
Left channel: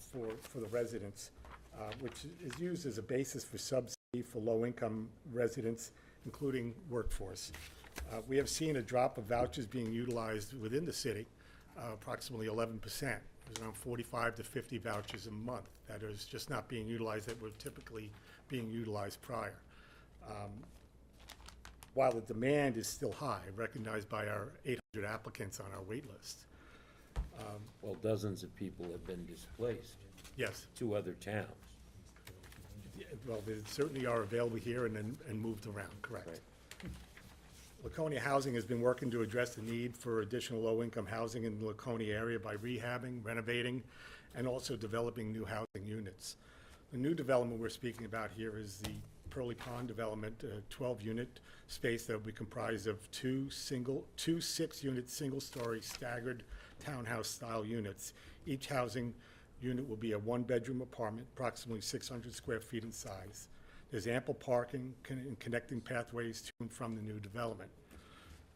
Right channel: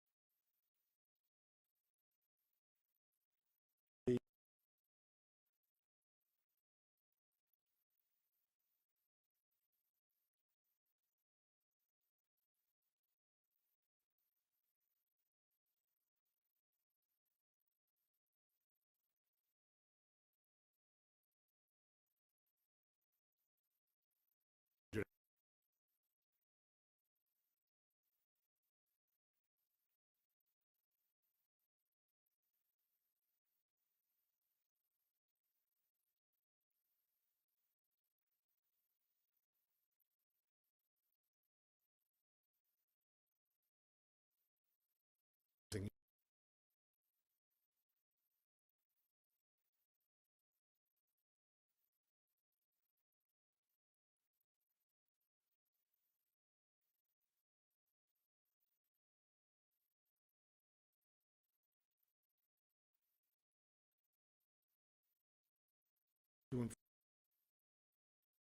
for the residents, which is used as a basis for subsidy for low-income residents, including workforce. We have seen a drop of vouchers being utilized within the city, approximately 11%. There's around 45 to 50 vouchers a month that is just not being utilized that were typically being utilized prior. While the demand is still high, recognized by our 800 applicants on our wait list. Well, dozens of people have been displaced Yes, to other towns. well, they certainly are available here and moved around, correct. Right. Laconia Housing has been working to address the need for additional low-income housing in the Laconia area by rehabbing, renovating, and also developing new housing units. The new development we're speaking about here is the Pearly Pond development, a 12-unit space that will be comprised of two 6-unit, single-story staggered townhouse-style units. Each housing unit will be a 1-bedroom apartment, approximately 600 square feet in size. There's ample parking and connecting pathways to and from the new development.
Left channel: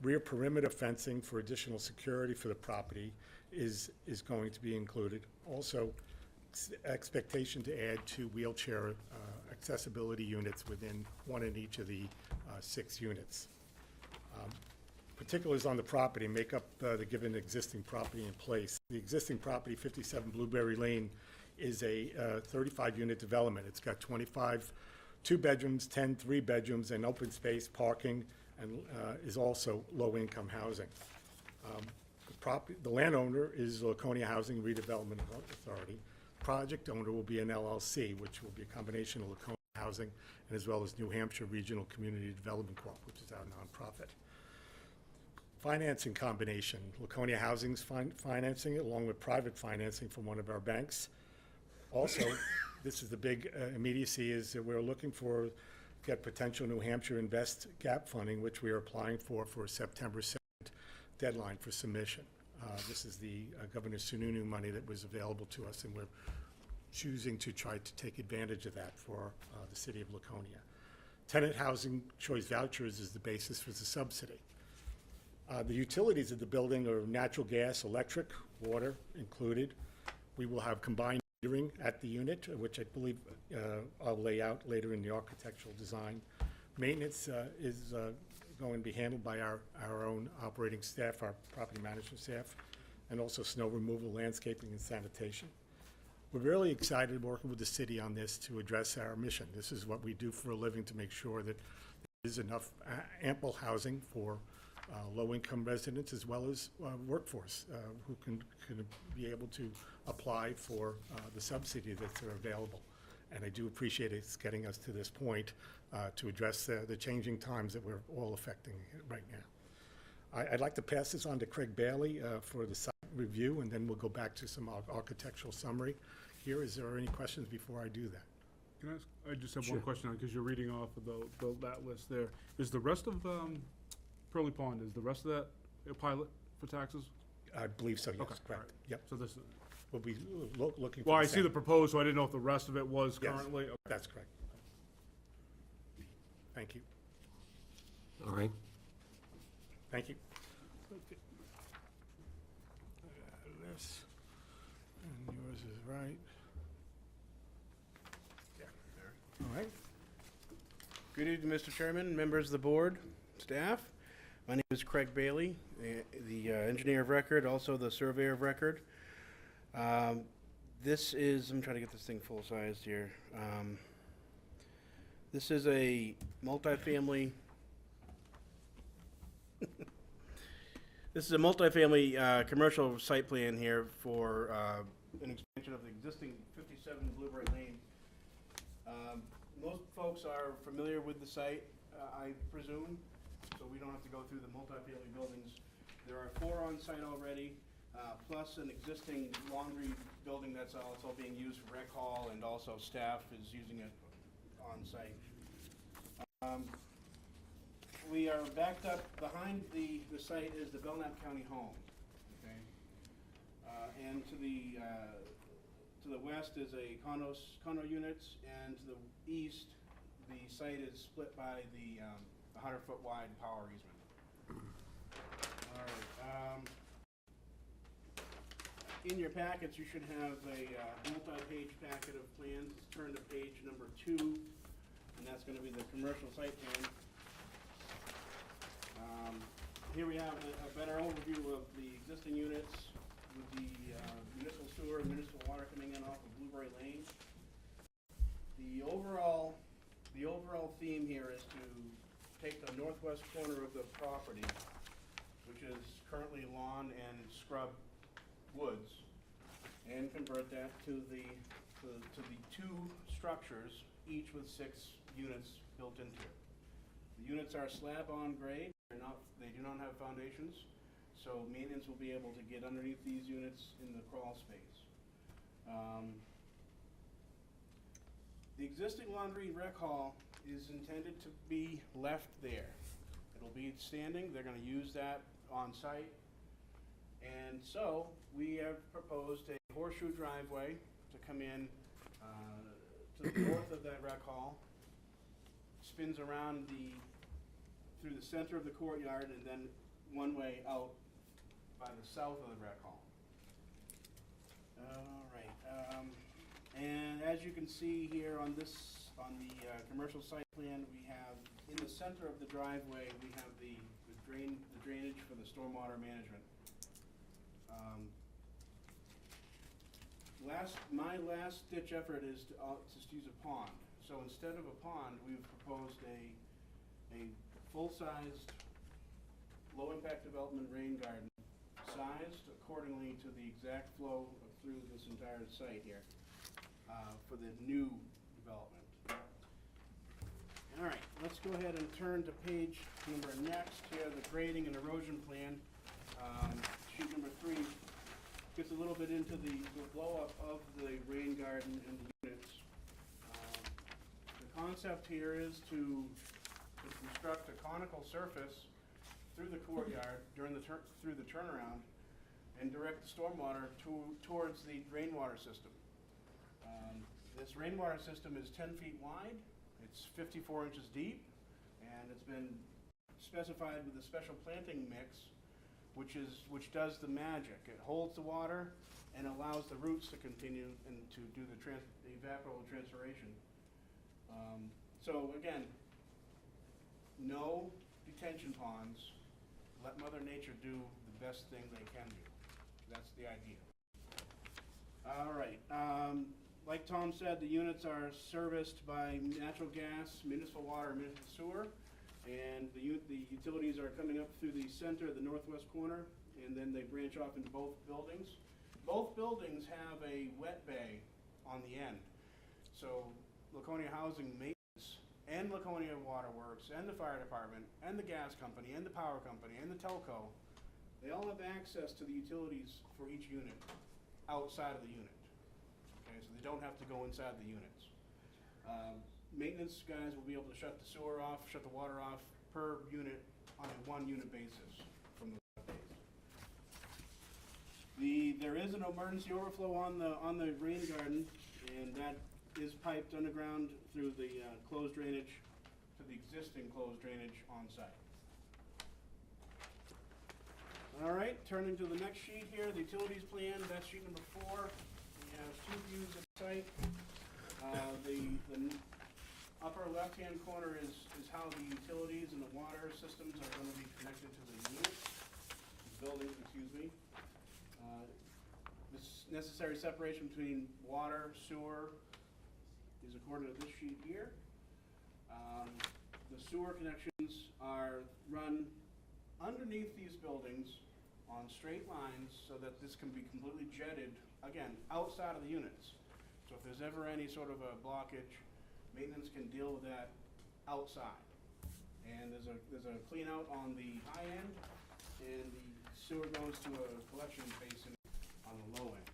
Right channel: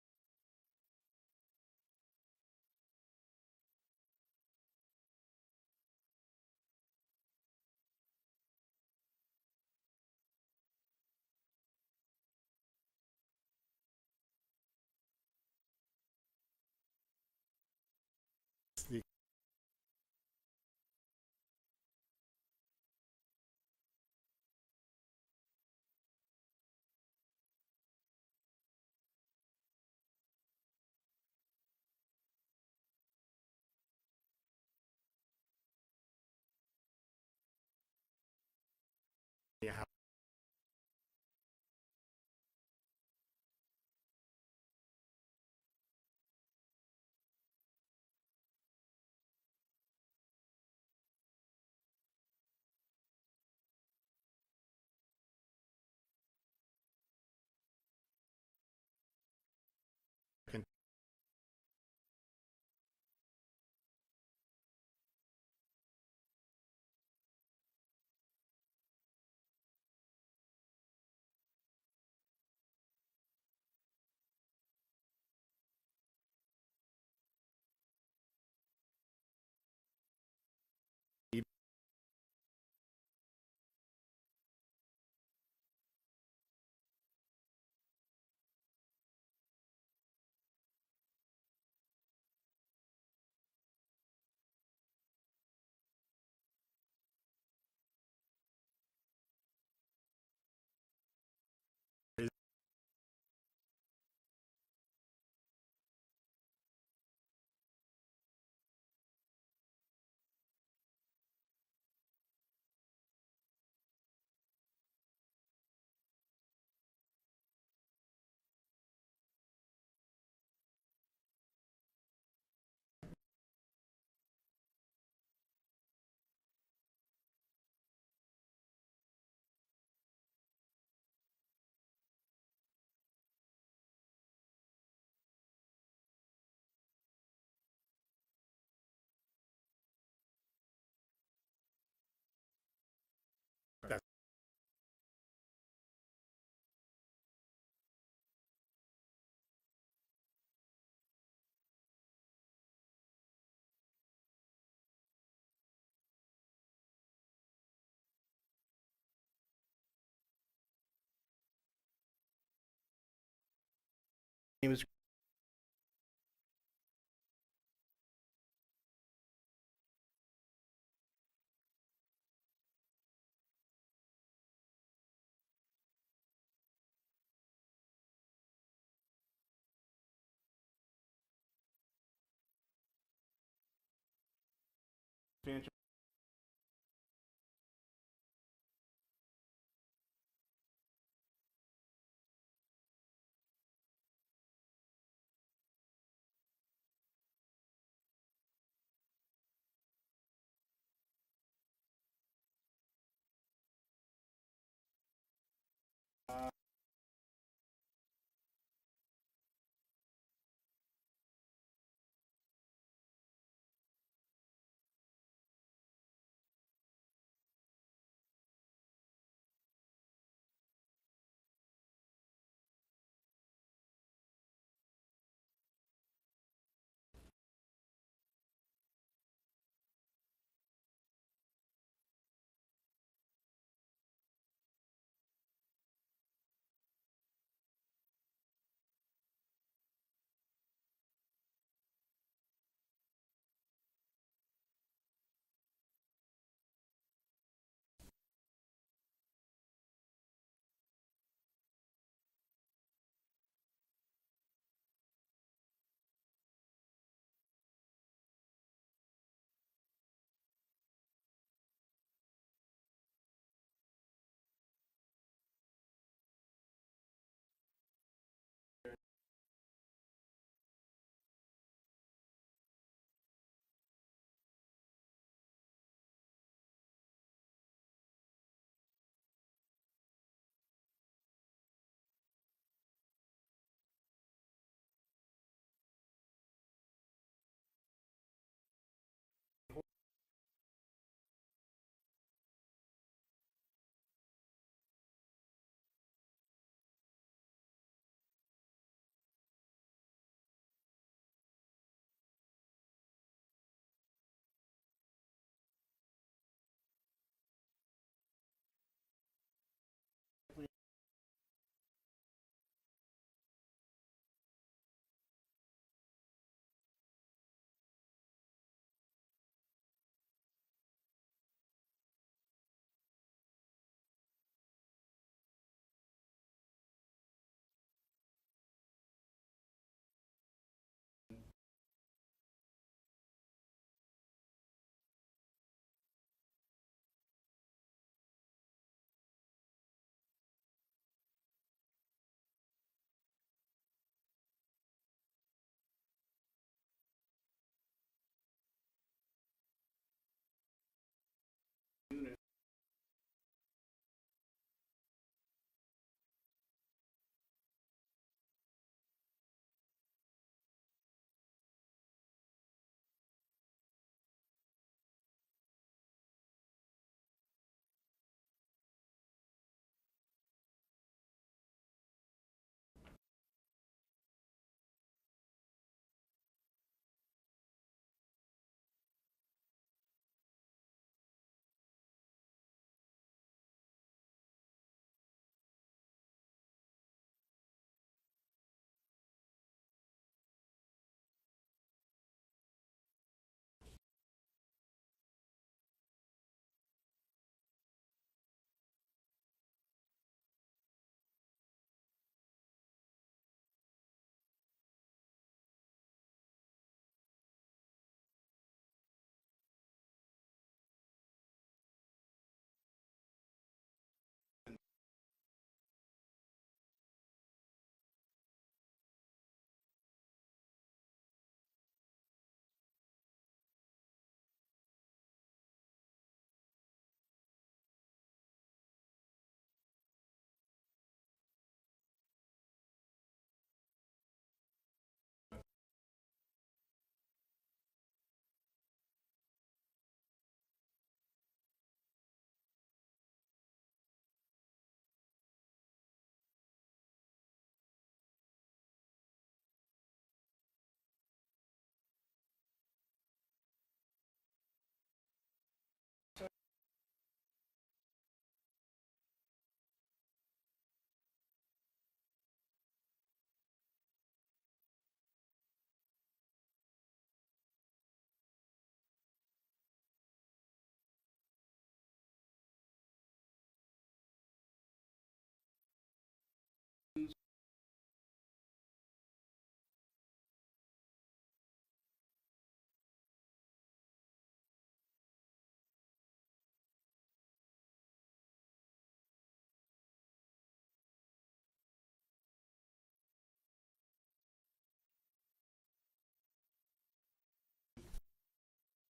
Rear perimeter fencing for additional security for the property is going to be included. Also, expectation to add 2 wheelchair accessibility units within one in each of the 6 units. Particulars on the property make up the given existing property in place. The existing property, 57 Blueberry Lane, is a 35-unit development. It's got 25 2-bedrooms, 10 3-bedrooms, and open space parking, and is also low-income housing. The landowner is Laconia Housing Redevelopment Authority. Project owner will be an LLC, which will be a combination of Laconia Housing and as well as New Hampshire Regional Community Development Corp., which is our nonprofit. Financing combination, Laconia Housing's financing it along with private financing from one of our banks. Also, this is the big immediacy, is that we're looking for get potential New Hampshire Invest Gap funding, which we are applying for September 2nd deadline for submission. This is the Governor Sununu money that was available to us, and we're choosing to try to take advantage of that for the city of Laconia. Tenant housing choice vouchers is the basis for the subsidy. The utilities of the building are natural gas, electric, water included. We will have combined metering at the unit, which I believe I'll lay out later in the architectural design. Maintenance is going to be handled by our own operating staff, our property management staff, and also snow removal, landscaping, and sanitation. We're really excited working with the city on this to address our mission. This is what we do for a living, to make sure that there is enough ample housing for low-income residents as well as workforce who can be able to apply for the subsidy that's available. And I do appreciate it's getting us to this point to address the changing times that we're all affecting right now. I'd like to pass this on to Craig Bailey for the site review, and then we'll go back to some architectural summary. Here, is there any questions before I do that? Can I ask, I just have one question, because you're reading off of that list there. Is the rest of Pearly Pond, is the rest of that a pilot for taxes? I believe so, yes, Okay, correct. all right. Yep. So this is, We'll be looking for well, I the see same. the proposed, so I didn't know if the rest of it was Yes, currently. Okay. that's correct. Thank you. All right. Thank you. This, and yours is right. Yeah, there. All right. Good evening, Mr. Chairman, members of the board, staff. My name is Craig Bailey, the engineer of record, also the surveyor of record. This is, I'm trying to get this thing full-sized here. This is a multifamily commercial site plan here for an expansion of the existing 57 Blueberry Lane. Most folks are familiar with the site, I presume, so we don't have to go through the multifamily buildings. There are 4 on site already, plus an existing laundry building that's also being used for rec hall, and also staff is using it on site. We are backed up, behind the site is the Belknap County home, okay? And to the west is a condo units, and to the east, the site is split by the 100-foot wide power easement. All right. In your packets, you should have a multi-page packet of plans. Turn to page number 2, and that's going to be the commercial site plan. Here we have a better overview of the existing units with the municipal sewer and municipal water coming in off of Blueberry Lane. The overall theme here is to take the northwest corner of the property, which is currently lawn and scrub woods, and convert that to the 2 structures, each with 6 units built into it. The units are slab-on grade. They do not have foundations, so maintenance will be able to get underneath these units in the crawl space. The existing laundry rec hall is intended to be left there. It'll be standing. They're going to use that on site. And so we have proposed a horseshoe driveway to come in to the north of that rec hall, spins around through the center of the courtyard, and then one way out by the south of the rec hall. All right. And as you can see here on the commercial site plan, we have in the center of the driveway, we have the drainage for the stormwater management. My last ditch effort is to use a pond. So instead of a pond, we've proposed a full-sized, low-impact development rain garden, sized accordingly to the exact flow through this entire site here for the new development. All right, let's go ahead and turn to page number next here, the grading and erosion plan. Sheet number 3 gets a little bit into the blow-up of the rain garden and the units. The concept here is to construct a conical surface through the courtyard through the turnaround and direct the stormwater towards the rainwater system. This rainwater system is 10 feet wide, it's 54 inches deep, and it's been specified with a special planting mix which does the magic. It holds the water and allows the roots to continue and to do the evapotranspiration. So again, no detention ponds. Let Mother Nature do the best thing they can do. That's the idea. All right. Like Tom said, the units are serviced by natural gas, municipal water, municipal sewer, and the utilities are coming up through the center, the northwest corner, and then they branch off into both buildings. Both buildings have a wet bay on the end. So Laconia Housing Maintenance, and Laconia Waterworks, and the fire department, and the gas company, and the power company, and the telco, they all have access to the utilities for each unit outside of the unit. Okay, so they don't have to go inside the units. Maintenance guys will be able to shut the sewer off, shut the water off per unit on a one-unit basis from those updates. There is an emergency overflow on the rain garden, and that is piped underground through the closed drainage to the existing closed drainage on site. All right, turning to the next sheet here, the utilities plan, that's sheet number 4. We have 2 views of the site. The upper left-hand corner is how the utilities and the water systems are going to be connected to the unit, buildings, excuse me. This necessary separation between water, sewer is according to this sheet here. The sewer connections are run underneath these buildings on straight lines so that this can be completely jetted, again, outside of the units. So if there's ever any sort of a blockage, maintenance can deal with that outside. And there's a clean out on the high end, and the sewer goes to a collection basin on the low end.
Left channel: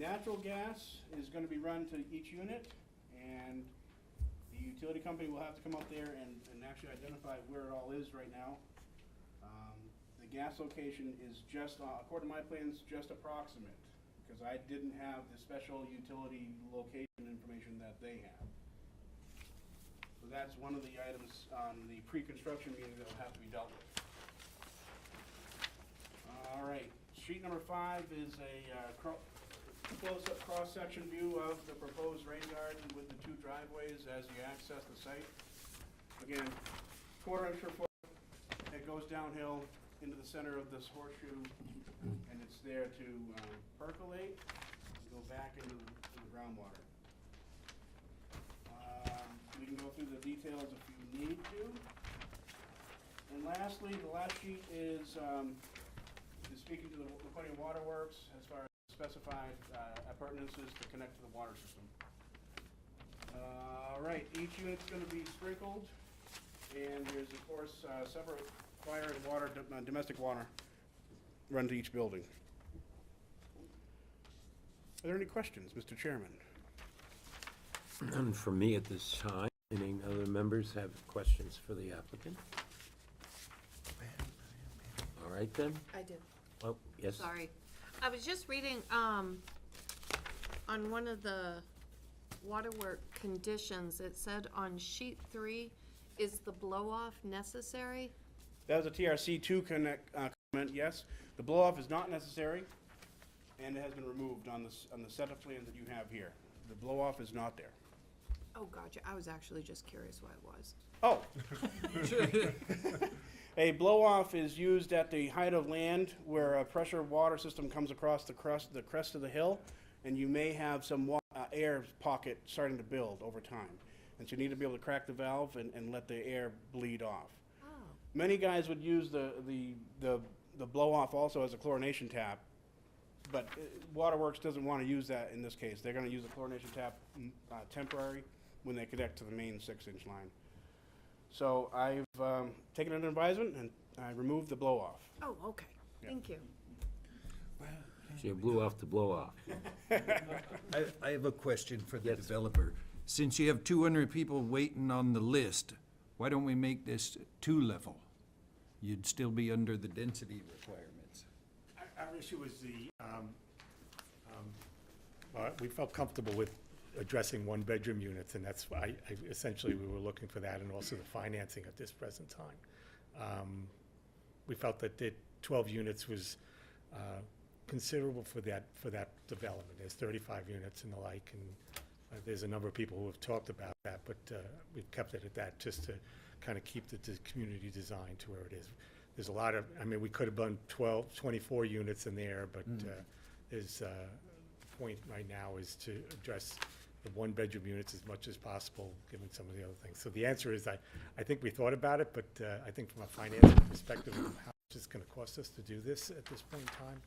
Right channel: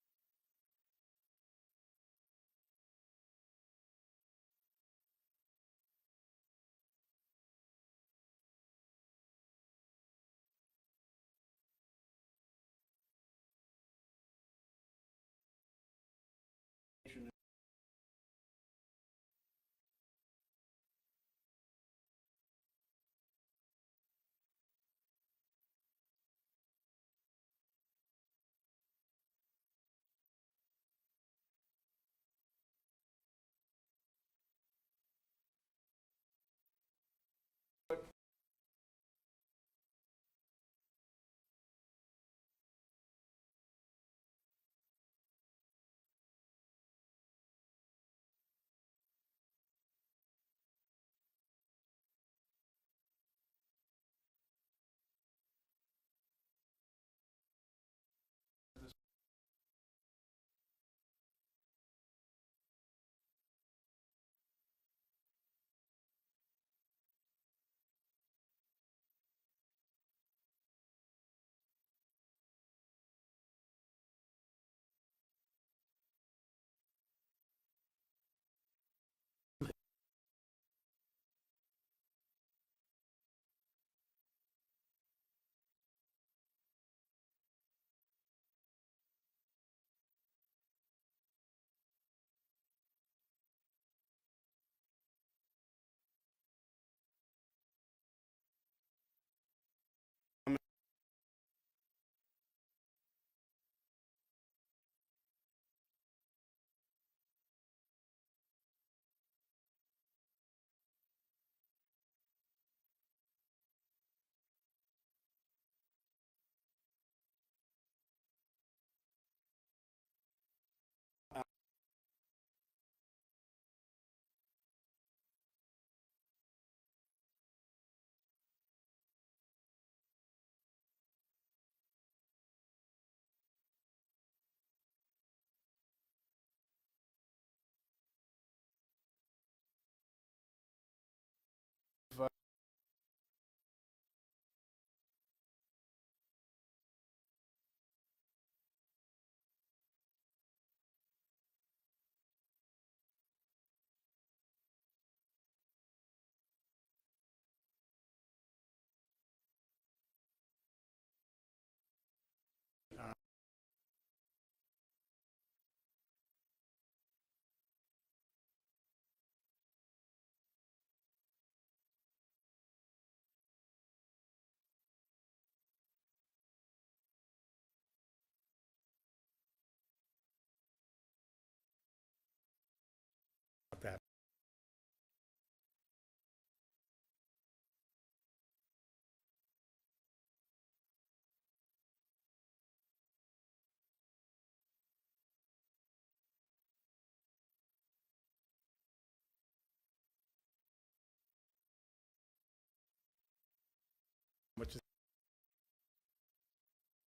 Natural gas is going to be run to each unit, and the utility company will have to come up there and actually identify where it all is right now. The gas location is just, according to my plans, just approximate, because I didn't have the special utility location information that they have. So that's one of the items on the pre-construction meeting that will have to be dealt with. All right, sheet number 5 is a close-up cross-section view of the proposed rain garden with the 2 driveways as you access the site. Again, 1/4 inch per foot, it goes downhill into the center of this horseshoe, and it's there to percolate and go back into the groundwater. We can go through the details if you need to. And lastly, the last sheet is speaking to the Laconia Waterworks as far as the specified appurtenances to connect to the water system. All right, each unit's going to be sprinkled, and there's of course separate fire and water, domestic water, run to each building. Are there any questions, Mr. Chairman? None for me at this time. Any other members have questions for the applicant? All right then. I do. Oh, yes. Sorry. I was just reading, on one of the waterwork conditions, it said on sheet 3, is the blow-off necessary? That was a TRC2 comment, yes. The blow-off is not necessary, and it has been removed on the set of plans that you have here. The blow-off is not there. Oh, gotcha. I was actually just curious why it was. Oh. A blow-off is used at the height of land where a pressure water system comes across the crest of the hill, and you may have some air pocket starting to build over time. And so you need to be able to crack the valve and let the air bleed off. Oh. Many guys would use the blow-off also as a chlorination tap, but Waterworks doesn't want to use that in this case. They're going to use a chlorination tap temporary when they connect to the main 6-inch line. So I've taken an advisement and I removed the blow-off. Oh, okay. Yeah. Thank you. So you blew off the blow-off. I have a question for the developer. Since you have 200 people waiting on the list, why don't we make this 2-level? You'd still be under the density requirements. Our issue is we felt comfortable with addressing 1-bedroom units, and that's why essentially we were looking for that, and also the financing at this present time. We felt that the 12 units was considerable for that development. There's 35 units and the like, and there's a number of people who have talked about that, but we've kept it at that just to kind of keep the community design to where it is. There's a lot of, I mean, we could have done 24 units in there, but there's the point right now is to address the 1-bedroom units as much as possible, given some of the other things. So the answer is I think we thought about it, but I think from a financial perspective of how much it's going to cost us to do this at this point in time,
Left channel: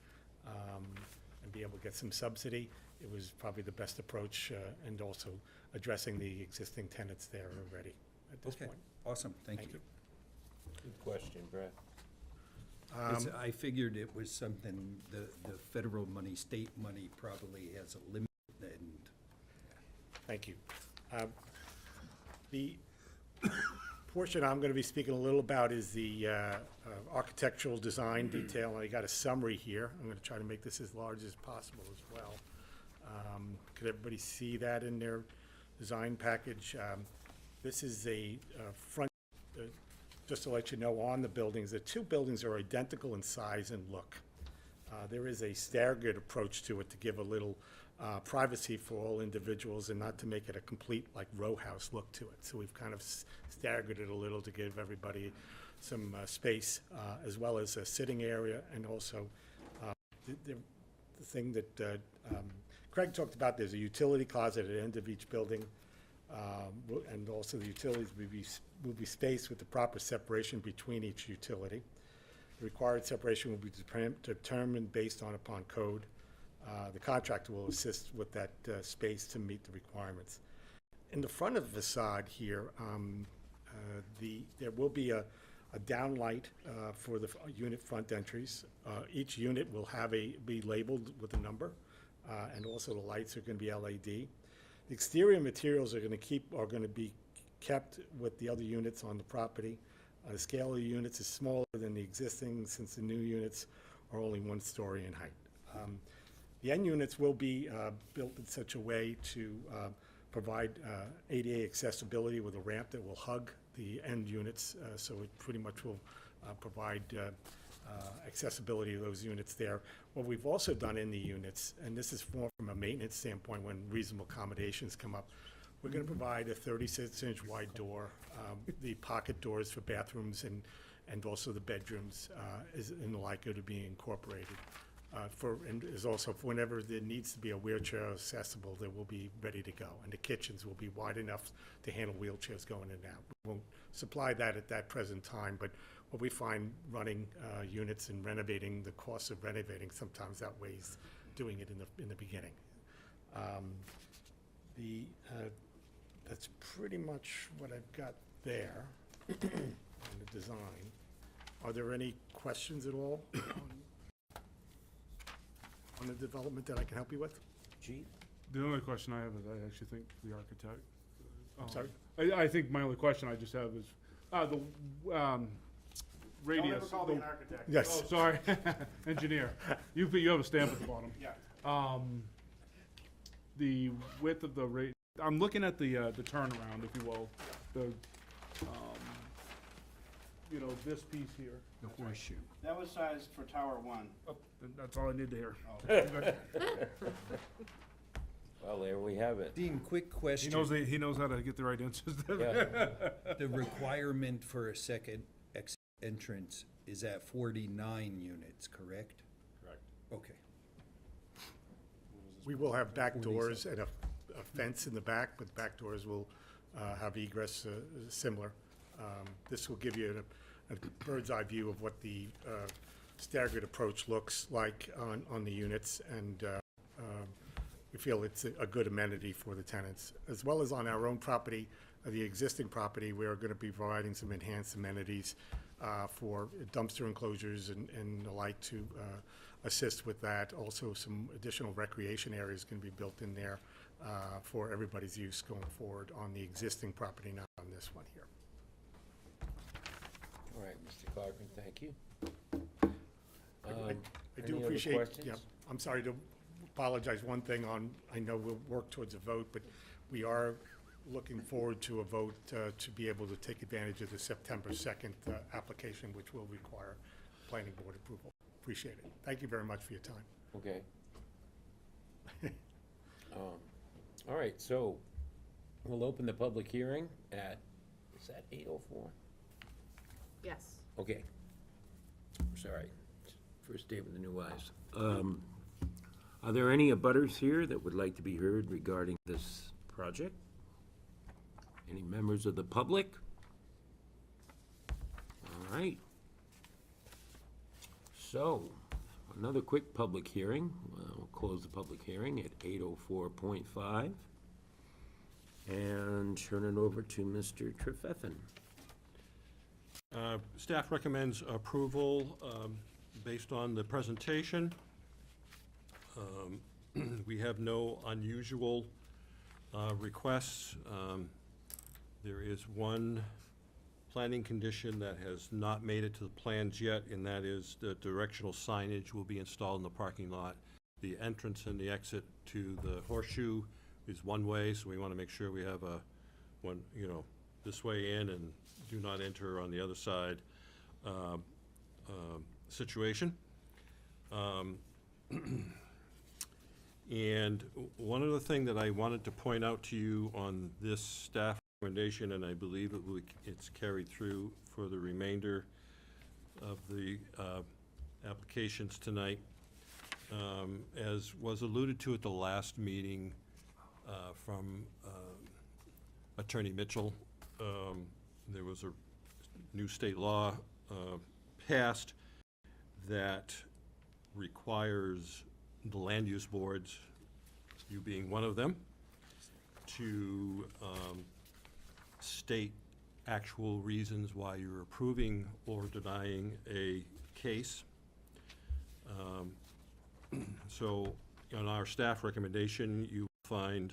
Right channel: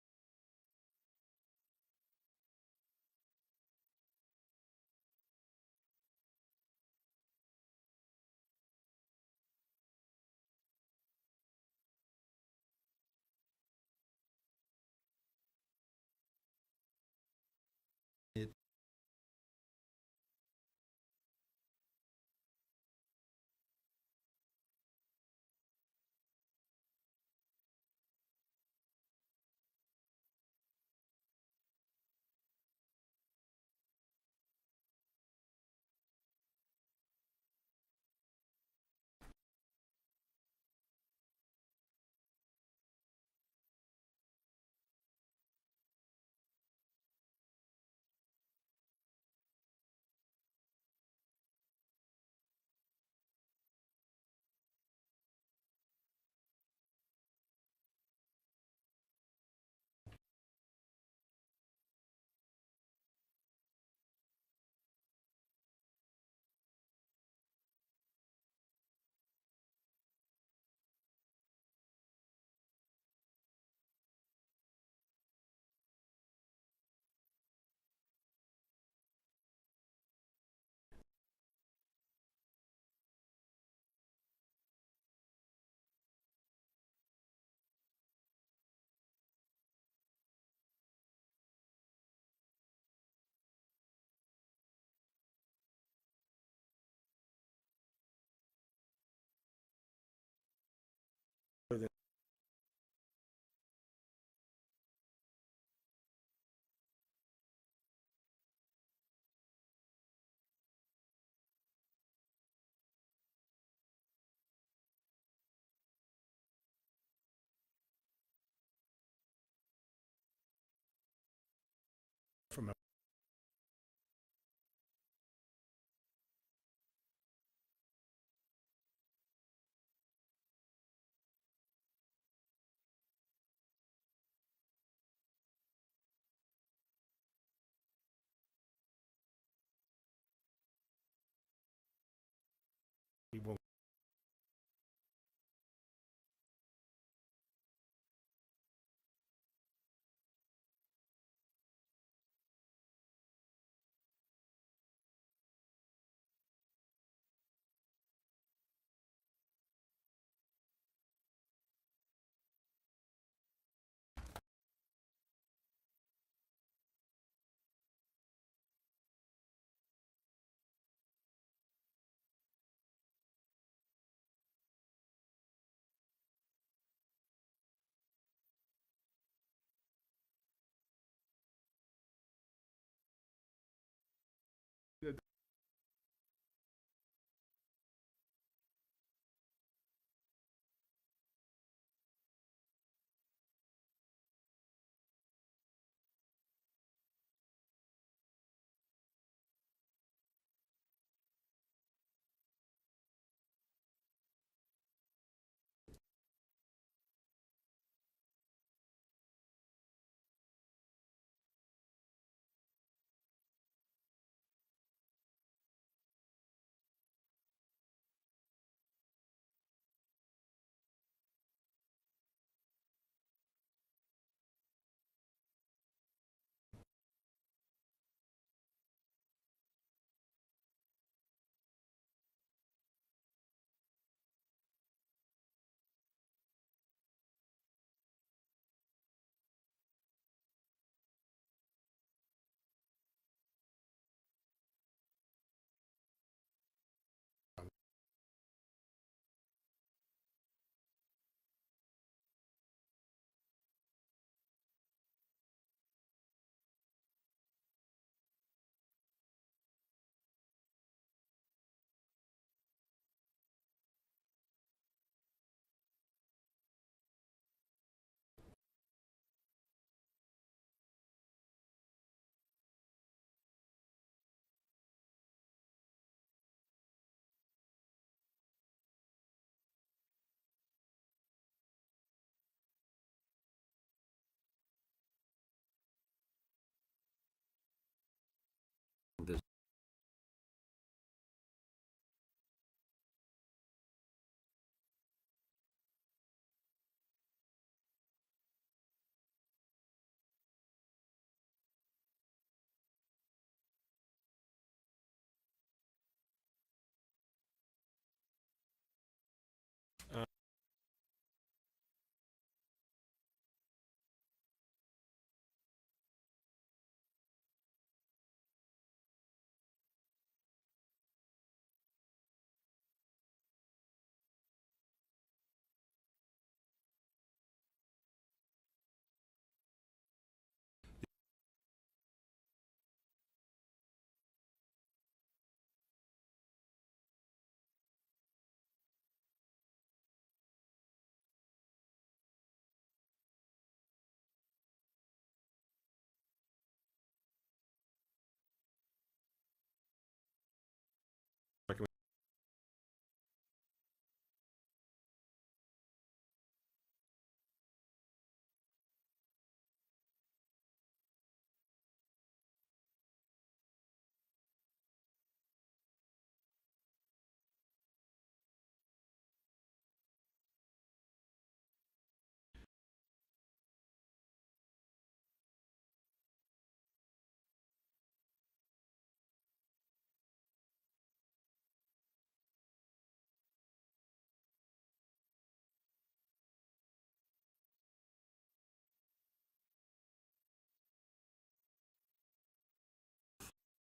and be able to get some subsidy, it was probably the best approach, and also addressing the existing tenants there already at this Okay, point. awesome, thank you. Good question, Brett. 'Cause I figured it was something, the federal money, state money probably has a limit, and Thank you. The portion I'm going to be speaking a little about is the architectural design detail. I got a summary here. I'm going to try to make this as large as possible as well. Could everybody see that in their design package? This is a front, just to let you know, on the buildings, the two buildings are identical in size and look. There is a staggered approach to it to give a little privacy for all individuals and not to make it a complete like row house look to it. So we've kind of staggered it a little to give everybody some space, as well as a sitting area, and also the thing that Craig talked about, there's a utility closet at the end of each building, and also the utilities will be spaced with the proper separation between each utility. The required separation will be determined based upon code. The contractor will assist with that space to meet the requirements. In the front of the facade here, there will be a downlight for the unit front entries. Each unit will be labeled with a number, and also the lights are going to be LED. The exterior materials are going to be kept with the other units on the property. The scale of the units is smaller than the existing, since the new units are only 1 story in height. The end units will be built in such a way to provide ADA accessibility with a ramp that will hug the end units, so it pretty much will provide accessibility to those units there. What we've also done in the units, and this is more from a maintenance standpoint when reasonable accommodations come up, we're going to provide a 36-inch wide door, the pocket doors for bathrooms and also the bedrooms and the like are to be incorporated. And is also, whenever there needs to be a wheelchair accessible, they will be ready to go. And the kitchens will be wide enough to handle wheelchairs going in and out. We won't supply that at that present time, but what we find running units and renovating, the cost of renovating sometimes outweighs doing it in the beginning. That's pretty much what I've got there on the design. Are there any questions at all on the development that I can help you with? Chief? The only question I have is, I actually think the architect. Sorry? I think my only question I just have is, the radius. Don't ever call me an architect. Yes. Oh, sorry, engineer. You have a stamp at the bottom. Yeah. The width of the I'm looking at the turnaround, if you will, this piece here. the horseshoe. That was sized for Tower 1. Oh, that's all I need to hear. Oh. Well, there we have it. Dean, quick question. He knows how to get the right answers. Yeah. The requirement for a second exit entrance is at 49 units, correct? Correct. Okay. We will have back doors and a fence in the back, but the back doors will have egress similar. This will give you a bird's eye view of what the staggered approach looks like on the units, and we feel it's a good amenity for the tenants. As well as on our own property, the existing property, we are going to be providing some enhanced amenities for dumpster enclosures and the like to assist with that. Also, some additional recreation areas can be built in there for everybody's use going forward on the existing property, not on this one here. All right, Mr. Clarkin, thank you. I do any other appreciate, questions? yeah, I'm sorry to apologize, one thing I know we'll work towards a vote, but we are looking forward to a vote to be able to take advantage of the September 2nd application, which will require planning board approval. Appreciate it. Thank you very much for your time. Okay. All right, so we'll open the public hearing at, is that 8:04? Yes. Okay. Sorry, first day with the new eyes. Are there any abutters here that would like to be heard regarding this project? Any members of the public? All right. So, another quick public hearing. We'll close the public hearing at 8:04:5 and turn it over to Mr. Trefethan. Staff recommends approval based on the presentation. We have no unusual requests. There is one planning condition that has not made it to the plans yet, and that is the directional signage will be installed in the parking lot. The entrance and the exit to the horseshoe is one way, so we want to make sure we have a one, this way in and do not enter on the other side situation. And one other thing that I wanted to point out to you on this staff recommendation, and I believe it's carried through for the remainder of the applications tonight, as was alluded to at the last meeting from Attorney Mitchell, there was a new state law passed that requires the land use boards, you being one of them, to state actual reasons why you're approving or denying a case. So on our staff recommendation, you find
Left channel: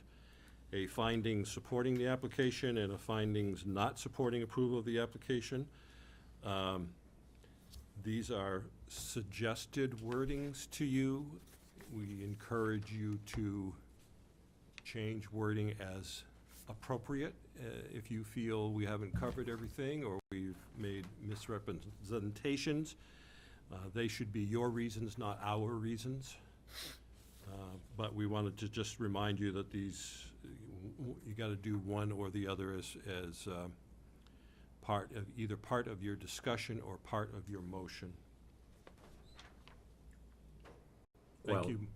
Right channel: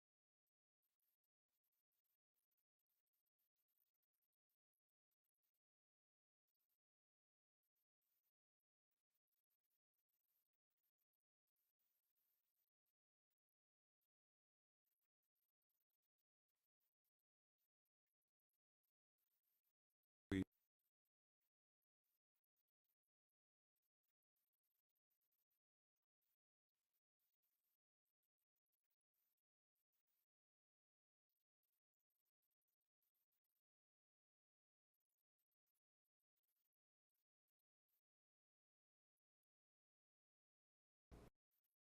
a finding supporting the application and a findings not supporting approval of the application. These are suggested wordings to you. We encourage you to change wording as appropriate. If you feel we haven't covered everything or we've made misrepresentations, they should be your reasons, not our reasons. But we wanted to just remind you that these, you got to do one or the other as either part of your discussion or part of your motion.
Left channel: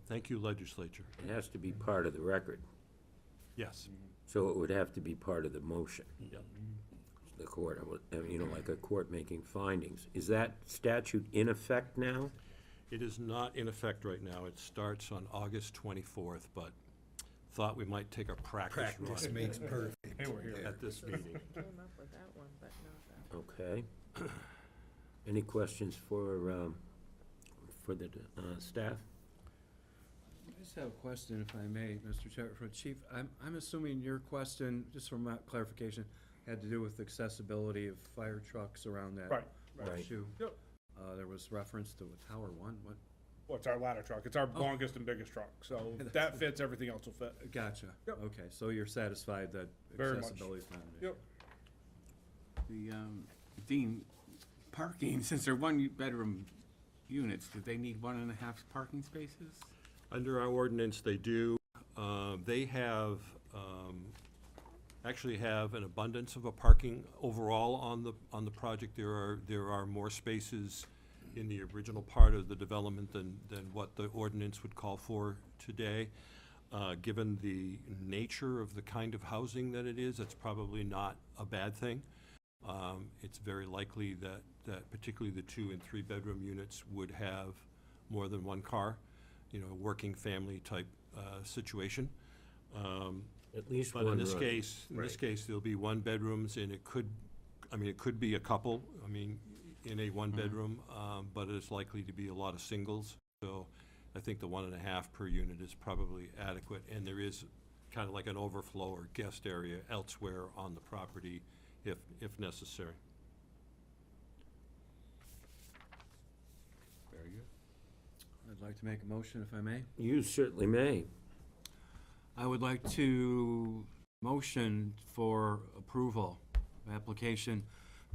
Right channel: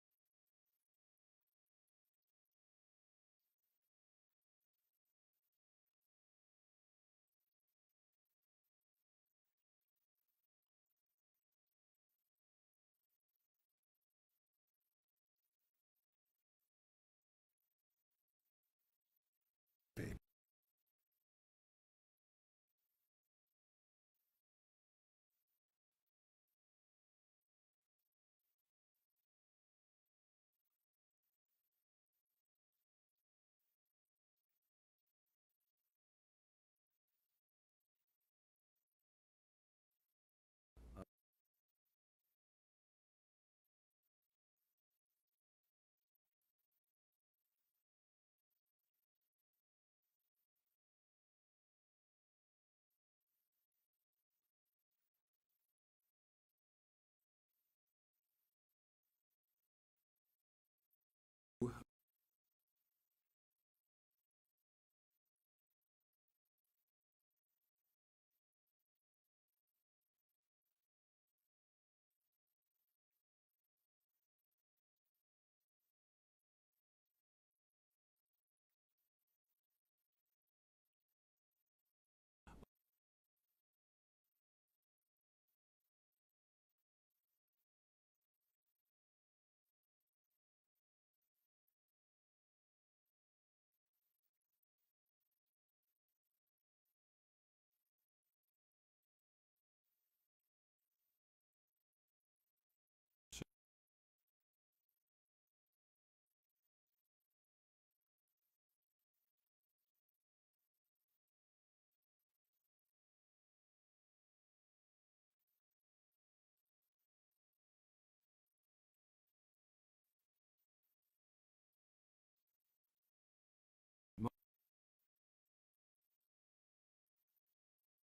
Thank you, legislature. It has to be part of the record, Yes. so it would have to be part of the motion. Yep. The court, like a court making findings. Is that statute in effect now? It is not in effect right now. It starts on August 24th, but thought we might take a practice run. Practice makes perfect. At this meeting. Came up with that one, but not that. Okay. Any questions for the staff? I just have a question, if I may, Mr. Chair, for Chief. I'm assuming your question, just for my clarification, had to do with accessibility of fire trucks around that Right. horseshoe. Yep. There was reference to a Tower One, what? Well, it's our ladder truck. It's our longest and biggest truck, so that fits, everything else will fit. Gotcha. Yep. Okay, so you're satisfied that Very much. accessibility is not an issue? Yep. The, Dean, parking, since they're one-bedroom units, do they need 1.5 parking spaces? Under our ordinance, they do. They have, actually have an abundance of a parking overall on the project. There are more spaces in the original part of the development than what the ordinance would call for today. Given the nature of the kind of housing that it is, it's probably not a bad thing. It's very likely that particularly the 2- and 3-bedroom units would have more than one car, working family type situation. At least But one in this room. case, there'll be 1-bedrooms, and it could be a couple, in a 1-bedroom, but it's likely to be a lot of singles. So I think the 1.5 per unit is probably adequate, and there is kind of like an overflow or guest area elsewhere on the property if necessary. Very good. I'd like to make a motion, if I may. You certainly may. I would like to motion for approval of application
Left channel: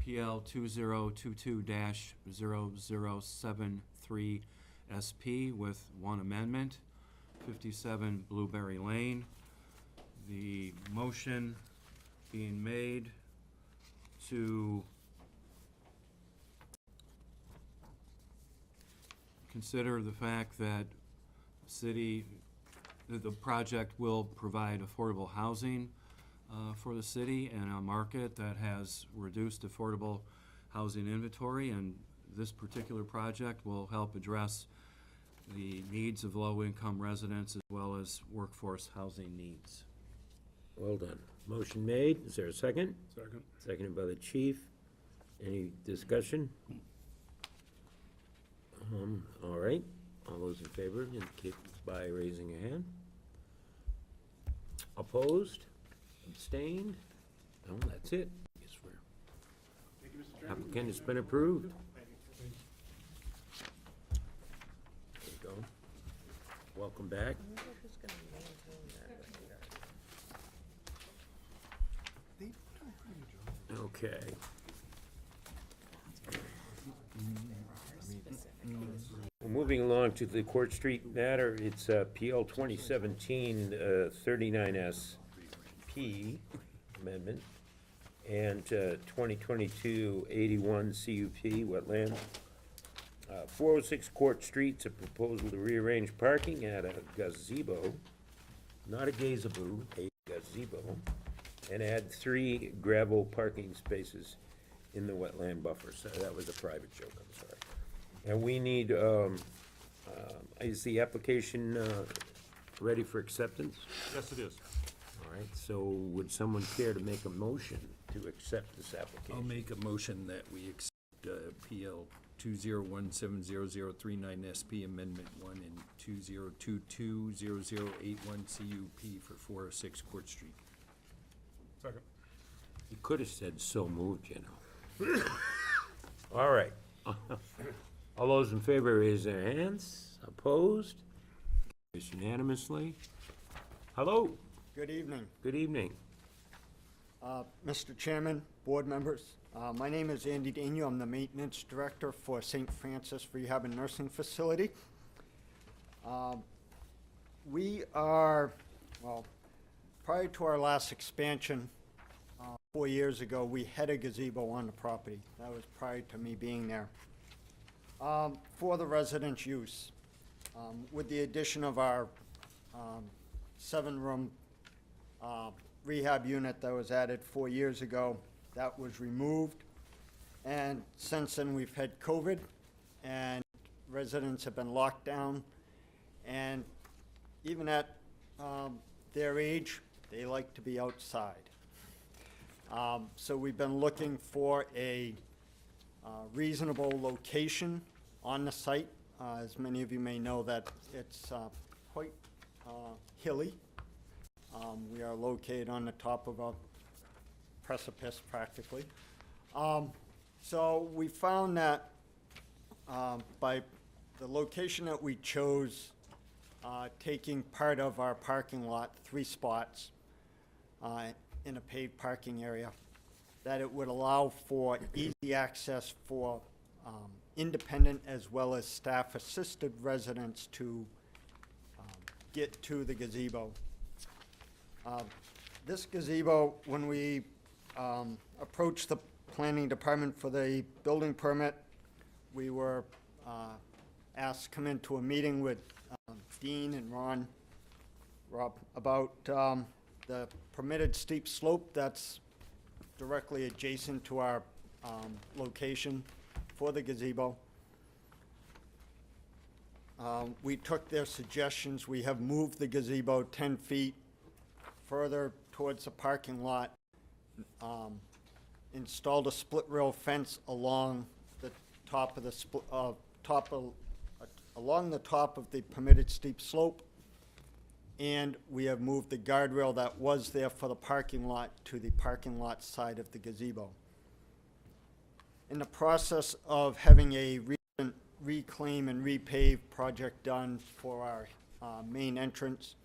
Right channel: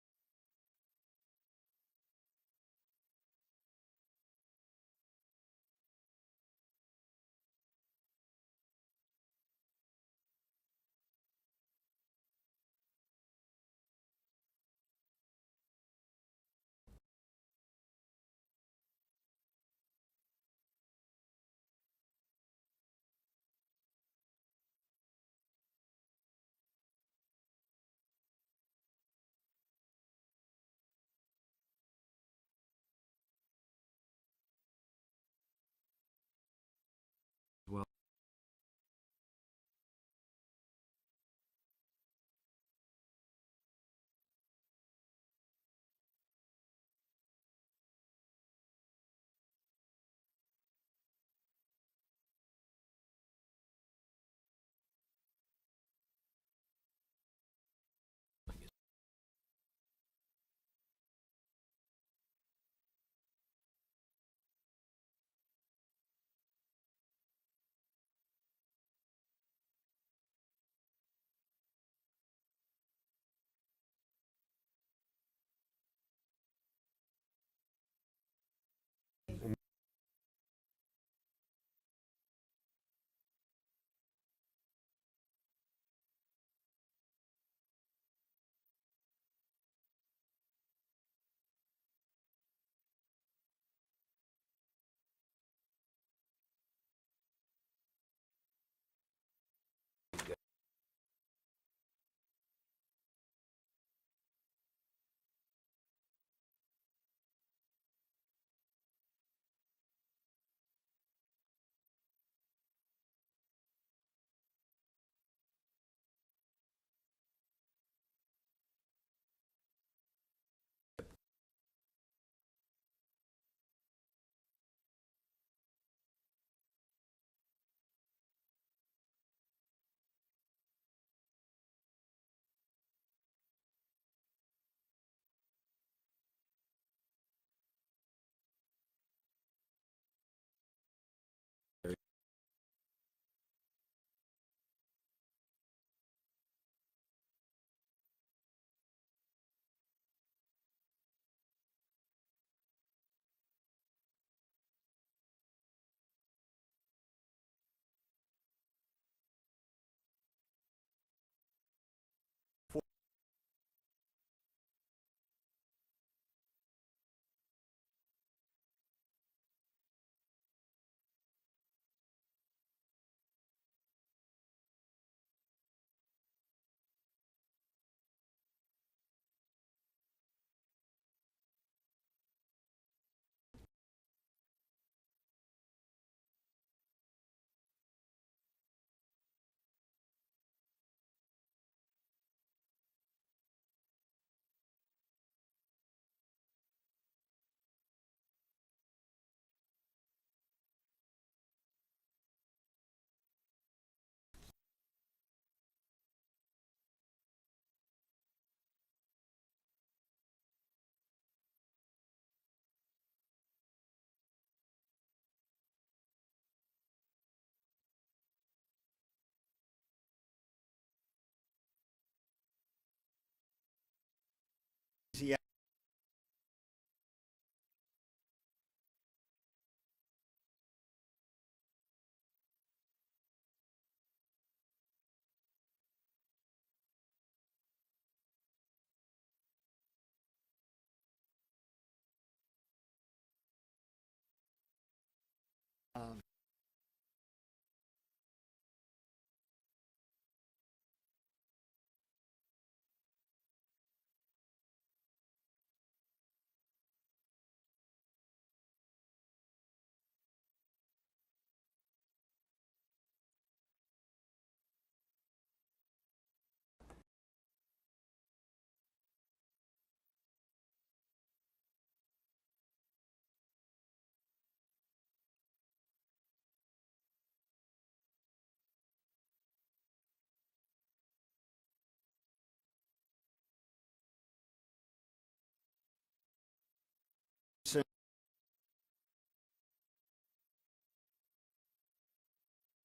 PL 2022-0073 SP with one amendment, 57 Blueberry Lane. The motion being made to consider the fact that the project will provide affordable housing for the city and a market that has reduced affordable housing inventory, and this particular project will help address the needs of low-income residents as well as workforce housing needs. Well done. Motion made. Is there a second? Second. Seconded by the chief. Any discussion? All right. All those in favor indicate by raising a hand. Opposed? Abstained? No, that's it. I guess we're, Thank you, Mr. Chairman. applicant has been approved. There you go. Welcome back. Okay. Well, moving along to the Court Street matter, it's PL 2017 39SP amendment and 2022 81 CUP wetland. 406 Court Street's a proposal to rearrange parking at a gazebo, not a gazebo, a gazebo, and add 3 gravel parking spaces in the wetland buffer. So that was a private joke, I'm sorry. And we need, is the application ready for acceptance? Yes, it is. All right, so would someone care to make a motion to accept this application? I'll make a motion that we accept PL 20170039SP Amendment 1 and 20220081 CUP for 406 Court Street. Second. You could have said so moved, you know. All right. All those in favor raise their hands. Opposed? Carries unanimously. Hello. Good evening. Good evening. Mr. Chairman, board members, my name is Andy Daniel. I'm the maintenance director for St. Francis Rehab and Nursing Facility. We are, well, prior to our last expansion, 4 years ago, we had a gazebo on the property. That was prior to me being there. For the residents' use. With the addition of our 7-room rehab unit that was added 4 years ago, that was removed. And since then, we've had COVID, and residents have been locked down. And even at their age, they like to be outside. So we've been looking for a reasonable location on the site. As many of you may know, that it's quite hilly. We are located on the top of a precipice, practically. So we found that by the location that we chose, taking part of our parking lot, 3 spots, in a paved parking area, that it would allow for easy access for independent as well as staff-assisted residents to get to the gazebo. This gazebo, when we approached the planning department for the building permit, we were asked to come into a meeting with Dean and Rob, about the permitted steep slope that's directly adjacent to our location for the gazebo. We took their suggestions. We have moved the gazebo 10 feet further towards the parking lot, installed a split rail fence along the top of the along the top of the permitted steep slope, and we have moved the guardrail that was there for the parking lot to the parking lot side of the gazebo. In the process of having a recent reclaim and repave project done for our main entrance,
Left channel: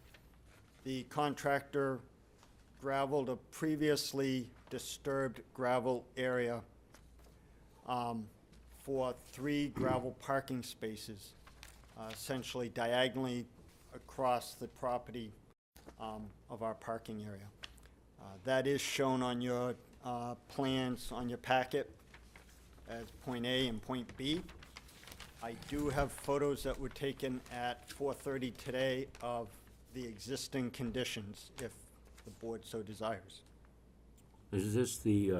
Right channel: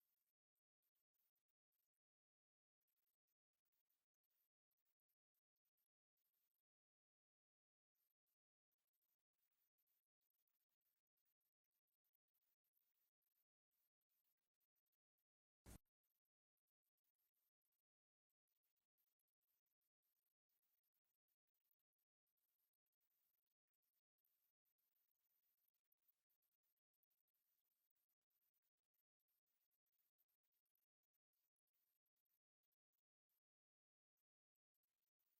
the contractor gravelled a previously disturbed gravel area for 3 gravel parking spaces, essentially diagonally across the property of our parking area. That is shown on your plans on your packet as point A and point B. I do have photos that were taken at 4:30 today of the existing conditions, if the board so desires. Is this the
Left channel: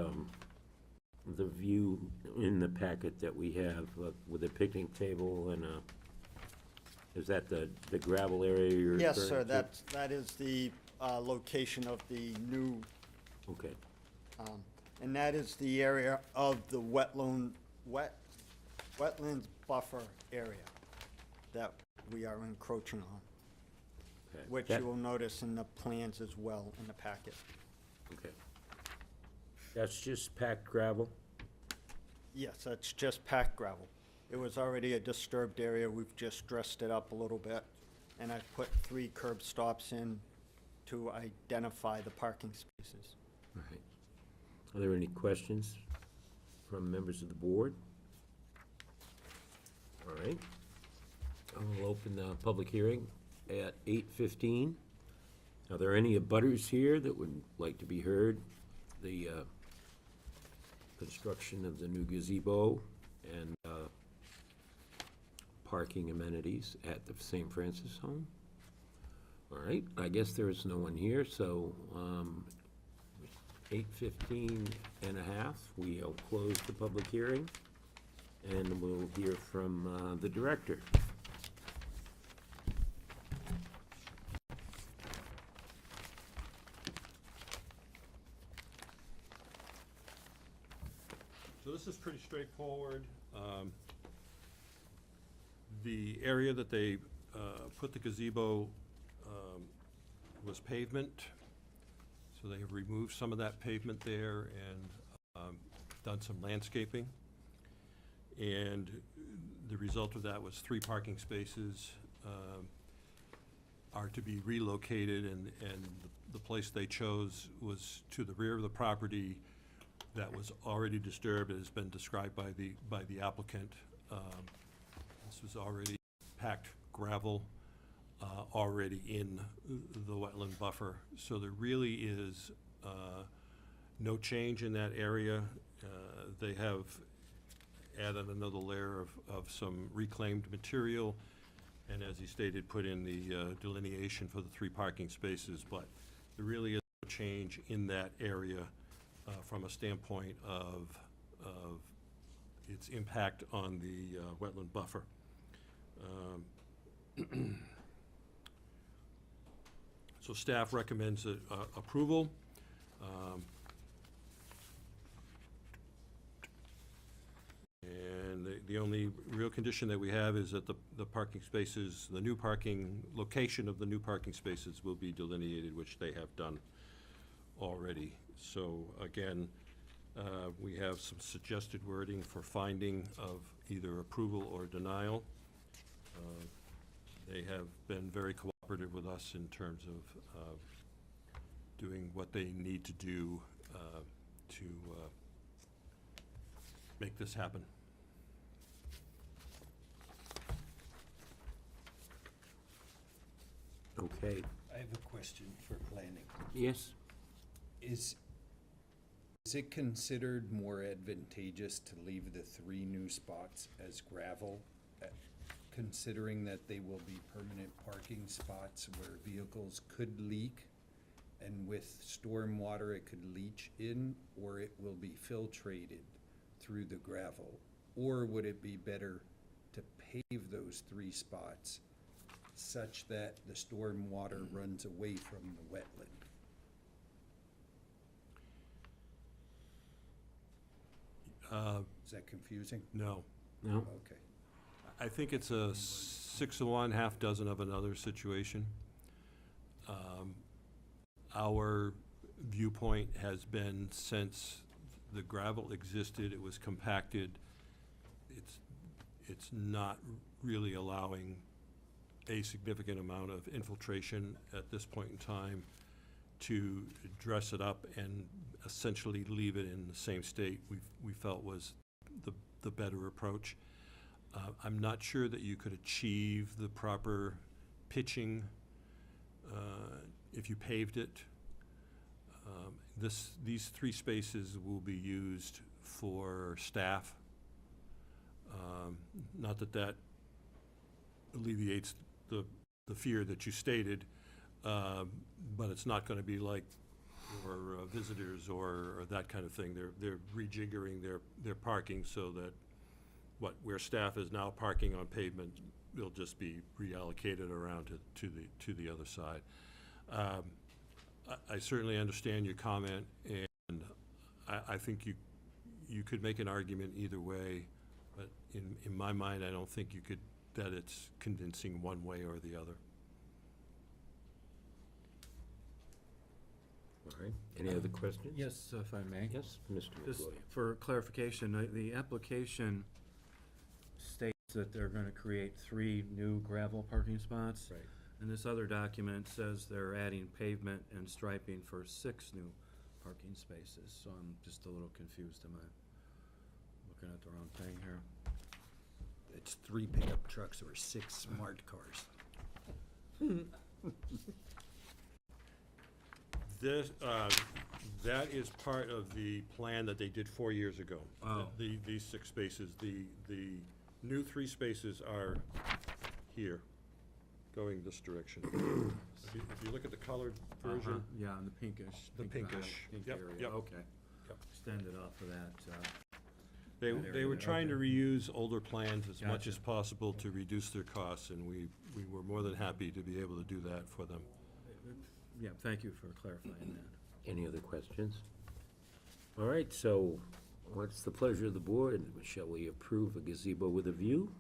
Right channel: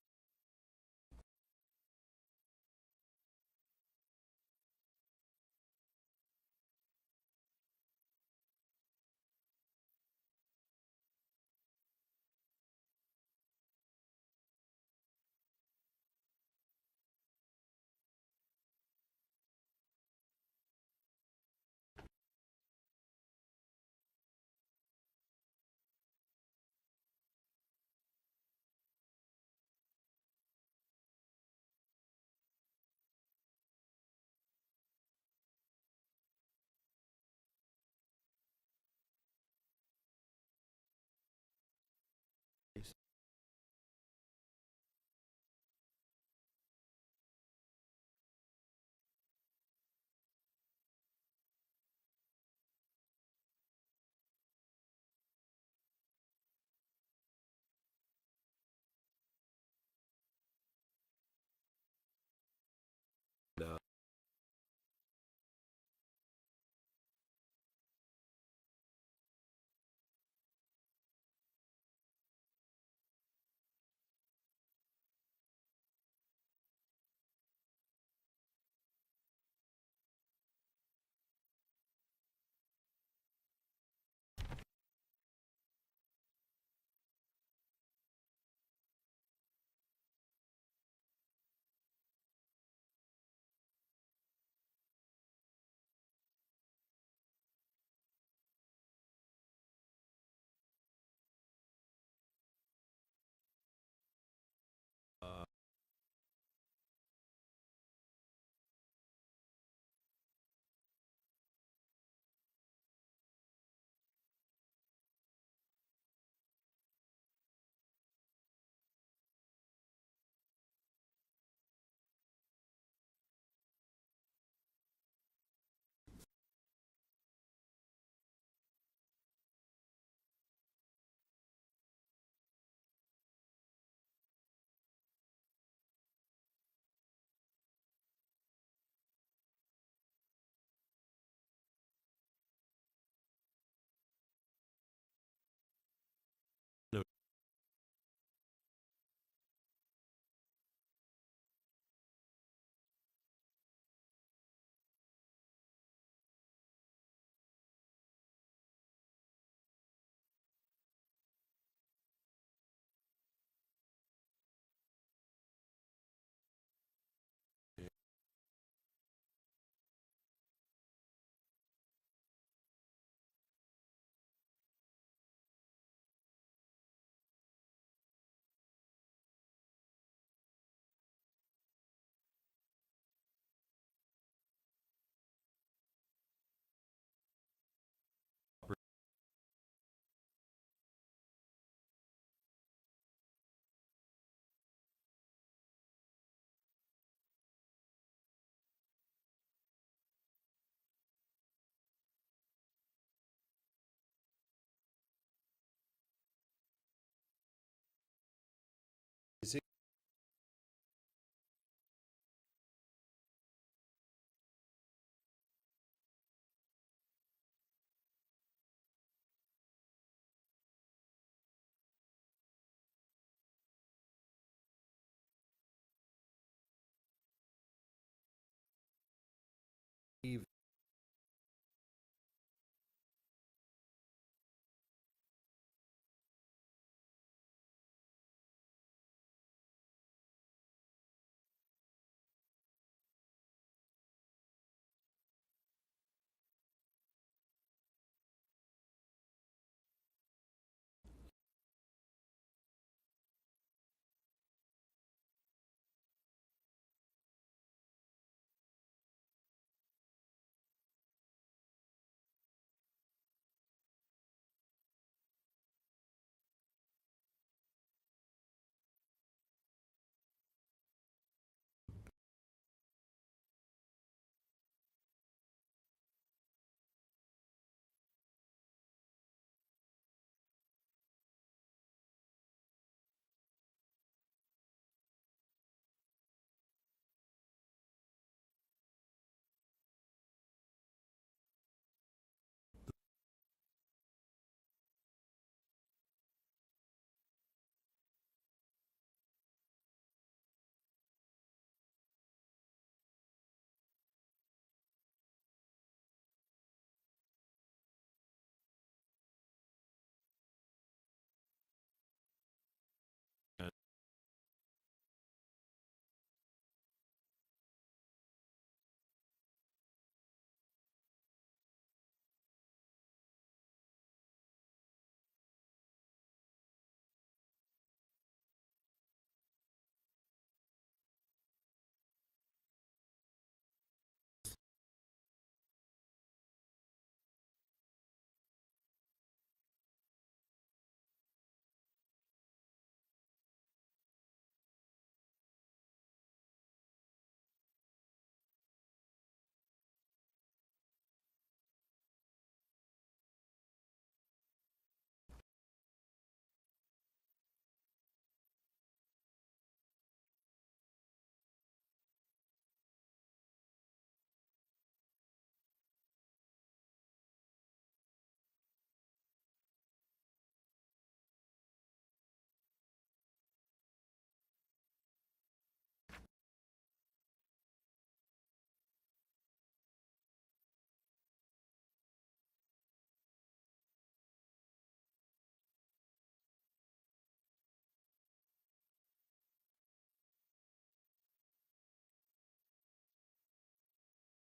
view in the packet that we have with a picnic table and Is that the gravel area you're referring to? Yes, sir, that is the location of the new, Okay. and that is the area of the wetlands buffer area that we are encroaching on, Okay. which That- you will notice in the plans as well in the packet. Okay. That's just packed gravel? Yes, that's just packed gravel. It was already a disturbed area, we've just dressed it up a little bit, and I've put 3 curb stops in to identify the parking spaces. All right. Are there any questions from members of the board? All right. I'll open the public hearing at 8:15. Are there any abutters here that would like to be heard? The construction of the new gazebo and parking amenities at the St. Francis home? All right, I guess there is no one here, so 8:15 and a half, we'll close the public hearing, and we'll hear from the director. So this is pretty straightforward. The area that they put the gazebo was pavement, so they have removed some of that pavement there and done some landscaping. And the result of that was 3 parking spaces are to be relocated, and the place they chose was to the rear of the property that was already disturbed. It has been described by the applicant. This was already packed gravel, already in the wetland buffer. So there really is no change in that area. They have added another layer of some reclaimed material, and as he stated, put in the delineation for the 3 parking spaces, but there really is no change in that area from a standpoint of its impact on the wetland buffer. So staff recommends approval. And the only real condition that we have is that the parking spaces, the new parking, location of the new parking spaces will be delineated, which they have done already. So again, we have some suggested wording for finding of either approval or denial. They have been very cooperative with us in terms of doing what they need to do to make this happen. Okay. I have a question for planning. Yes? Is it considered more advantageous to leave the 3 new spots as gravel, considering that they will be permanent parking spots where vehicles could leak, and with storm water it could leach in, or it will be filtrated through the gravel? Or would it be better to pave those 3 spots such that the storm water runs away from the wetland? Is that confusing? No. No? Okay. I think it's a 6 of one, half dozen of another situation. Our viewpoint has been, since the gravel existed, it was compacted, it's not really allowing a significant amount of infiltration at this point in time to dress it up and essentially leave it in the same state we felt was the better approach. I'm not sure that you could achieve the proper pitching if you paved it. These 3 spaces will be used for staff. Not that alleviates the fear that you stated, but it's not going to be like for visitors or that kind of thing. They're rejiggering their parking so that where staff is now parking on pavement, will just be reallocated around to the other side. I certainly understand your comment, and I think you could make an argument either way, but in my mind, I don't think that it's convincing one way or the other. All right, any other questions? Yes, if I may. Yes, Mr. Just McWilliams. for clarification, the application states that they're gonna create 3 new gravel parking spots. Right. And this other document says they're adding pavement and striping for 6 new parking spaces. So I'm just a little confused. Am I looking at the wrong thing here? It's 3 pickup trucks or 6 smart cars. This, that is part of the plan that they did 4 years ago. Oh. These 6 spaces, the new 3 spaces are here, going this direction. If you look at the colored version, Yeah, and the pinkish. The pink pinkish. Pink Yep, area, yep. okay. Yep. Extended off of that, they that were area, trying to okay. reuse older plans as much Gotcha. as possible to reduce their costs, and we were more than happy to be able to do that for them. Yeah, thank you for clarifying that. Any other questions? All right, so what's the pleasure of the board? Shall we approve a gazebo with a view?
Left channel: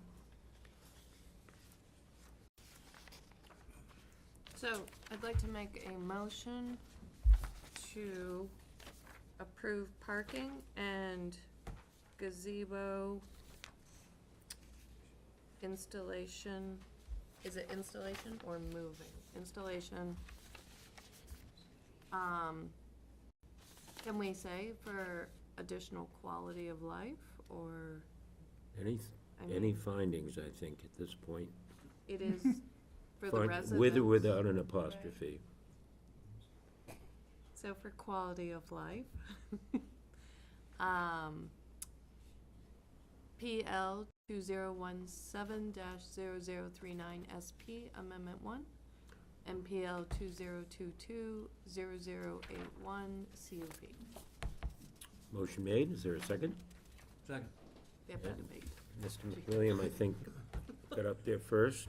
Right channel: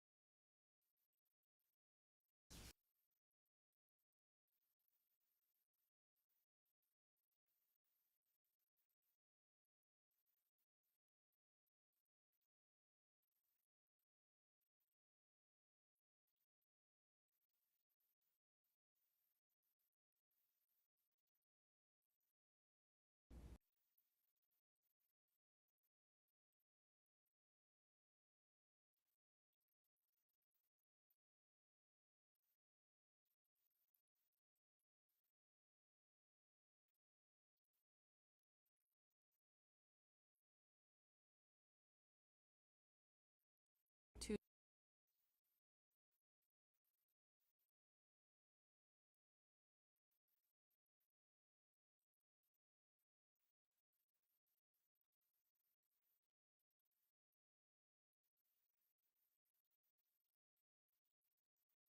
So I'd like to make a motion to approve parking and gazebo installation. Is it installation or moving? Installation. Can we say for additional quality of life, or? Any, I mean- any findings, I think, at this point? It is for the Find- residents? With or without an apostrophe. So for quality of life. PL 2017-0039 SP Amendment 1, and PL 2022-0081 CUP. Motion made, is there a second? Second. They've had debate. Mr. McWilliam, I think, got up there first.